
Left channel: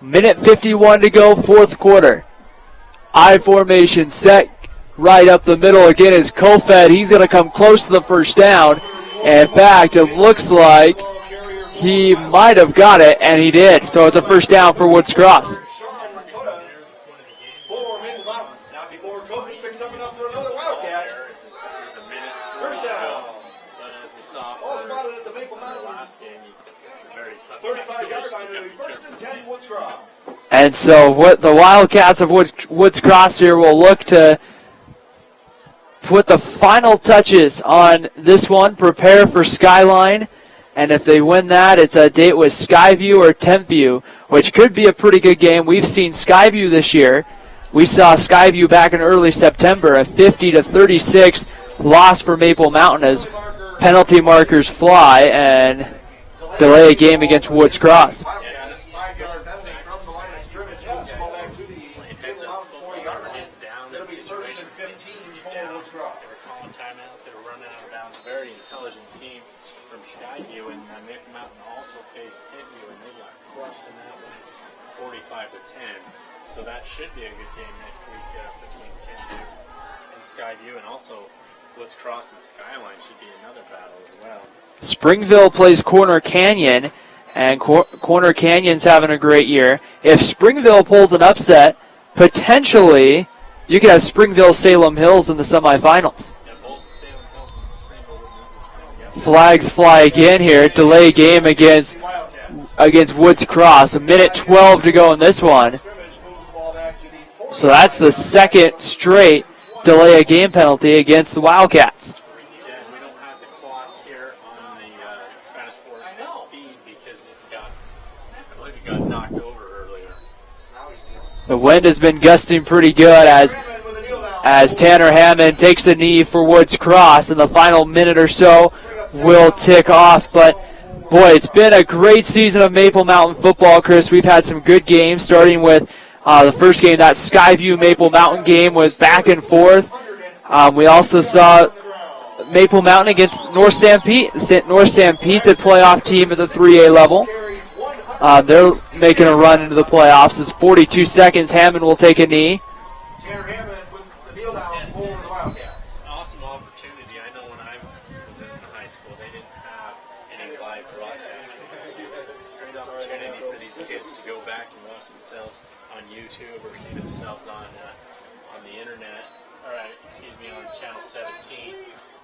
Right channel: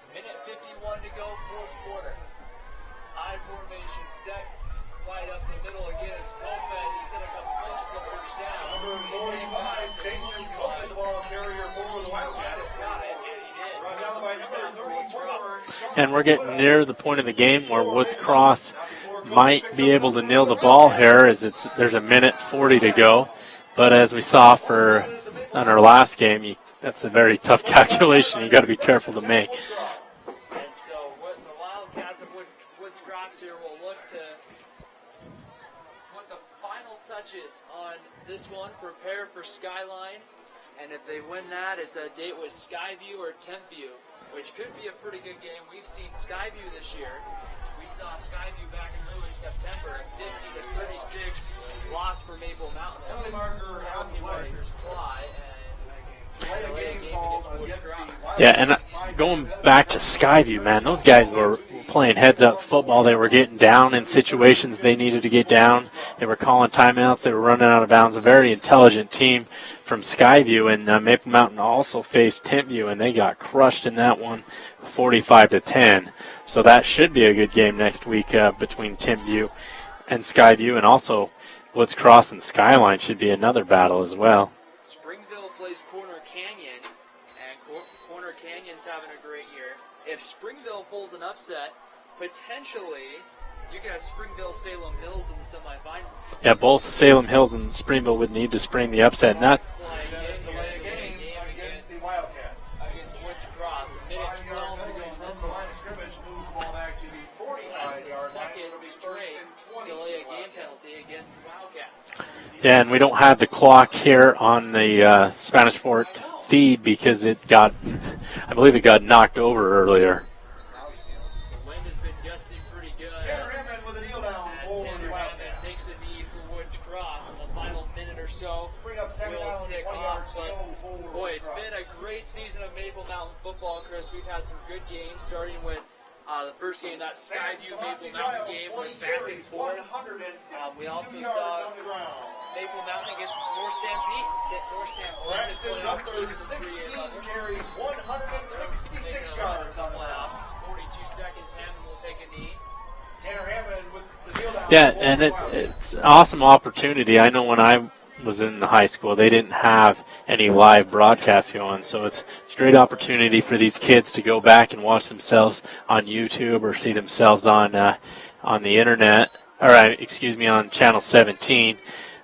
Minute 51 to go, fourth quarter. I formation set, right up the middle again is Kofed. He's going to come close to the first down. And in fact, it looks like he might have got it, and he did. So it's a first down for Woods Cross. And we're getting near the point of the game where Woods Cross might be able to nail the ball here as there's a minute 40 to go. But as we saw on our last game, that's a very tough calculation you got to be careful to make. And so what the Wildcats of Woods Cross here will look to put the final touches on this one, prepare for Skyline, and if they win that, it's a date with Skyview or Tempview, which could be a pretty good game. We've seen Skyview this year. We saw Skyview back in early September, a 50-36 loss for Maple Mountain as penalty markers fly and delay a game against Woods Cross. Yeah, and going back to Skyview, man, those guys were playing heads-up football. They were getting down in situations they needed to get down. They were calling timeouts. They were running out of bounds. A very intelligent team from Skyview, and Maple Mountain also faced Tempview, and they got crushed in that one, 45-10. So that should be a good game next week between Tempview and Skyview, and also Woods Cross and Skyline should be another battle as well. Springville plays Corner Canyon, and Corner Canyon's having a great year. If Springville pulls an upset, potentially you could have Springville-Salem Hills in the semifinals. Yeah, both Salem Hills and Springville would need to spring the upset. Flags fly again here. Delay game against Woods Cross. A minute 12 to go in this one. So that's the second straight delay a game penalty against the Wildcats. Yeah, and we don't have the clock here on the Spanish Fort feed because I believe it got knocked over earlier. The wind has been gusting pretty good as Tanner Hammond takes the knee for Woods Cross, and the final minute or so will tick off. But boy, it's been a great season of Maple Mountain football, Chris. We've had some good games, starting with the first game. That Skyview Maple Mountain game was back and forth. We also saw Maple Mountain against North Sanpete. North Sanpete's a playoff team at the 3A level. They're making a run into the playoffs. It's 42 seconds. Hammond will take a knee. Yeah, and it's an awesome opportunity. I know when I was in high school, they didn't have any live broadcasts going, so it's a great opportunity for these kids to go back and watch themselves on YouTube or see themselves on the internet, on Channel 17.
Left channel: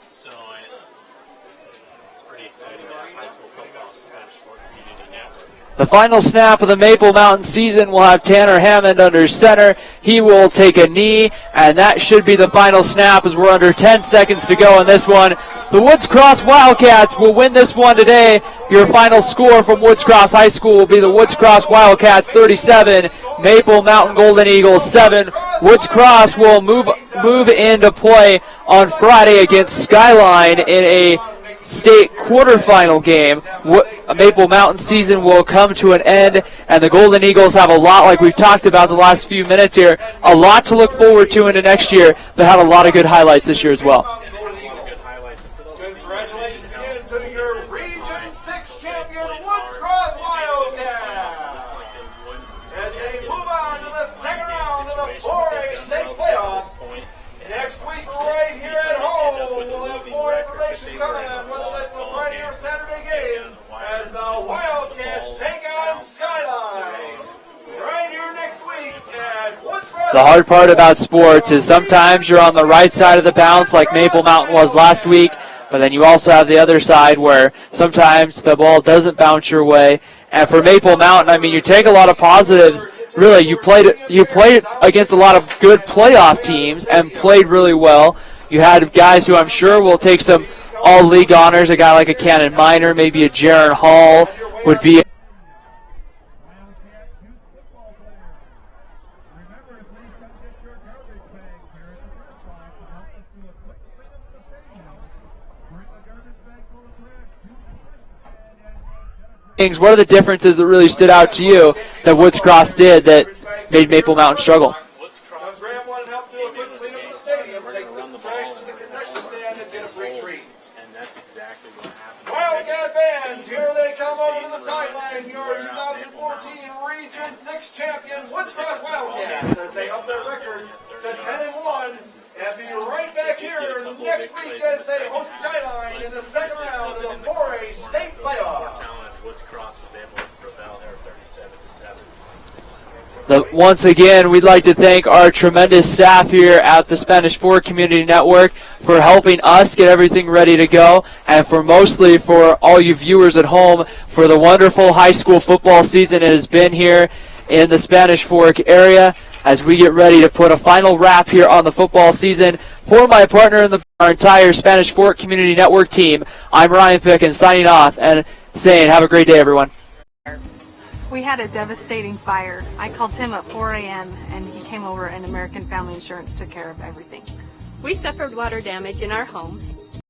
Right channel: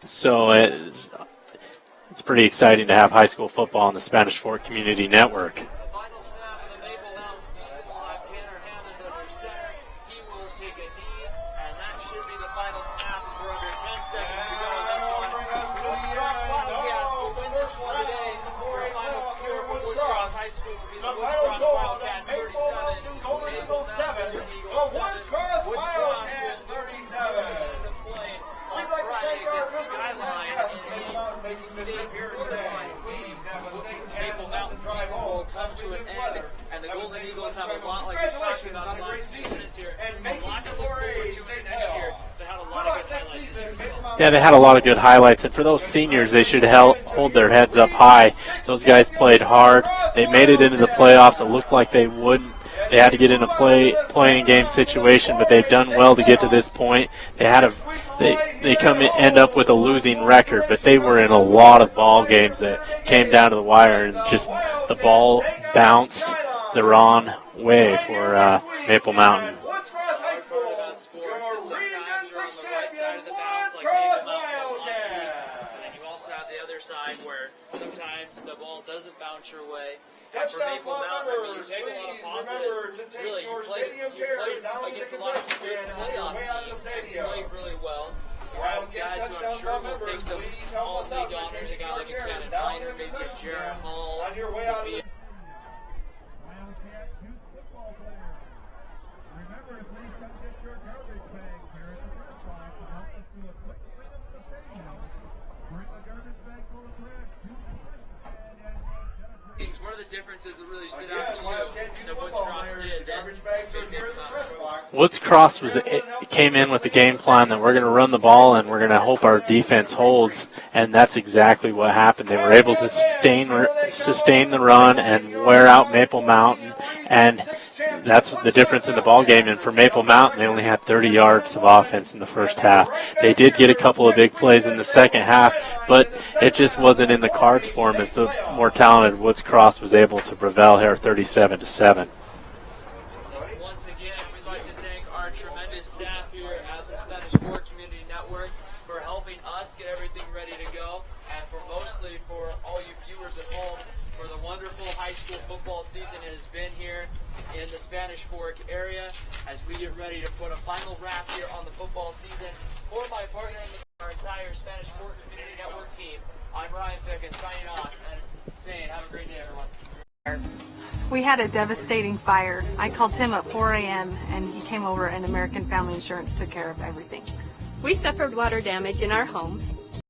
So it's pretty exciting to have high school football on the Spanish Fort Community Network. The final snap of the Maple Mountain season will have Tanner Hammond under center. He will take a knee, and that should be the final snap as we're under 10 seconds to go in this one. The Woods Cross Wildcats will win this one today. Your final score from Woods Cross High School will be the Woods Cross Wildcats 37, Maple Mountain Golden Eagles 7. Woods Cross will move into play on Friday against Skyline in a state quarterfinal game. Maple Mountain season will come to an end, and the Golden Eagles have a lot, like we've talked about the last few minutes here, a lot to look forward to into next year. They had a lot of good highlights this year as well. Yeah, they had a lot of good highlights, and for those seniors, they should hold their heads up high. Those guys played hard. They made it into the playoffs. It looked like they wouldn't. They had to get in a playing game situation, but they've done well to get to this point. They end up with a losing record, but they were in a lot of ball games that came down to the wire, and just the ball bounced the wrong way for Maple Mountain. The hard part about sports is sometimes you're on the right side of the bounce like Maple Mountain was last week, but then you also have the other side where sometimes the ball doesn't bounce your way. And for Maple Mountain, I mean, you take a lot of positives really you played against a lot of good playoff teams and played really well. You had guys who I'm sure will take some all-league honors. A guy like a Cannon Minor, maybe a Jaron Hall would be. What are the differences that really stood out to you that Woods Cross did that made Maple Mountain struggle? Woods Cross came in with the game plan that we're going to run the ball and we're going to hope our defense holds, and that's exactly what happened. They were able to sustain the run and wear out Maple Mountain, and that's the difference in the ball game. And for Maple Mountain, they only had 30 yards of offense in the first half. They did get a couple of big plays in the second half, but it just wasn't in the cards for them as the more talented Woods Cross was able to prevail here 37-7. Once again, we'd like to thank our tremendous staff here at the Spanish Fork Community Network for helping us get everything ready to go, and mostly for all you viewers at home for the wonderful high school football season it has been here in the Spanish Fork area as we get ready to put a final wrap here on the football season. For my partner in our entire Spanish Fork Community Network team, I'm Ryan Pickens signing off and saying have a great day, everyone. We had a devastating fire. I called Tim at 4 a.m. and he came over and American Family Insurance took care of everything. We suffered water damage in our home.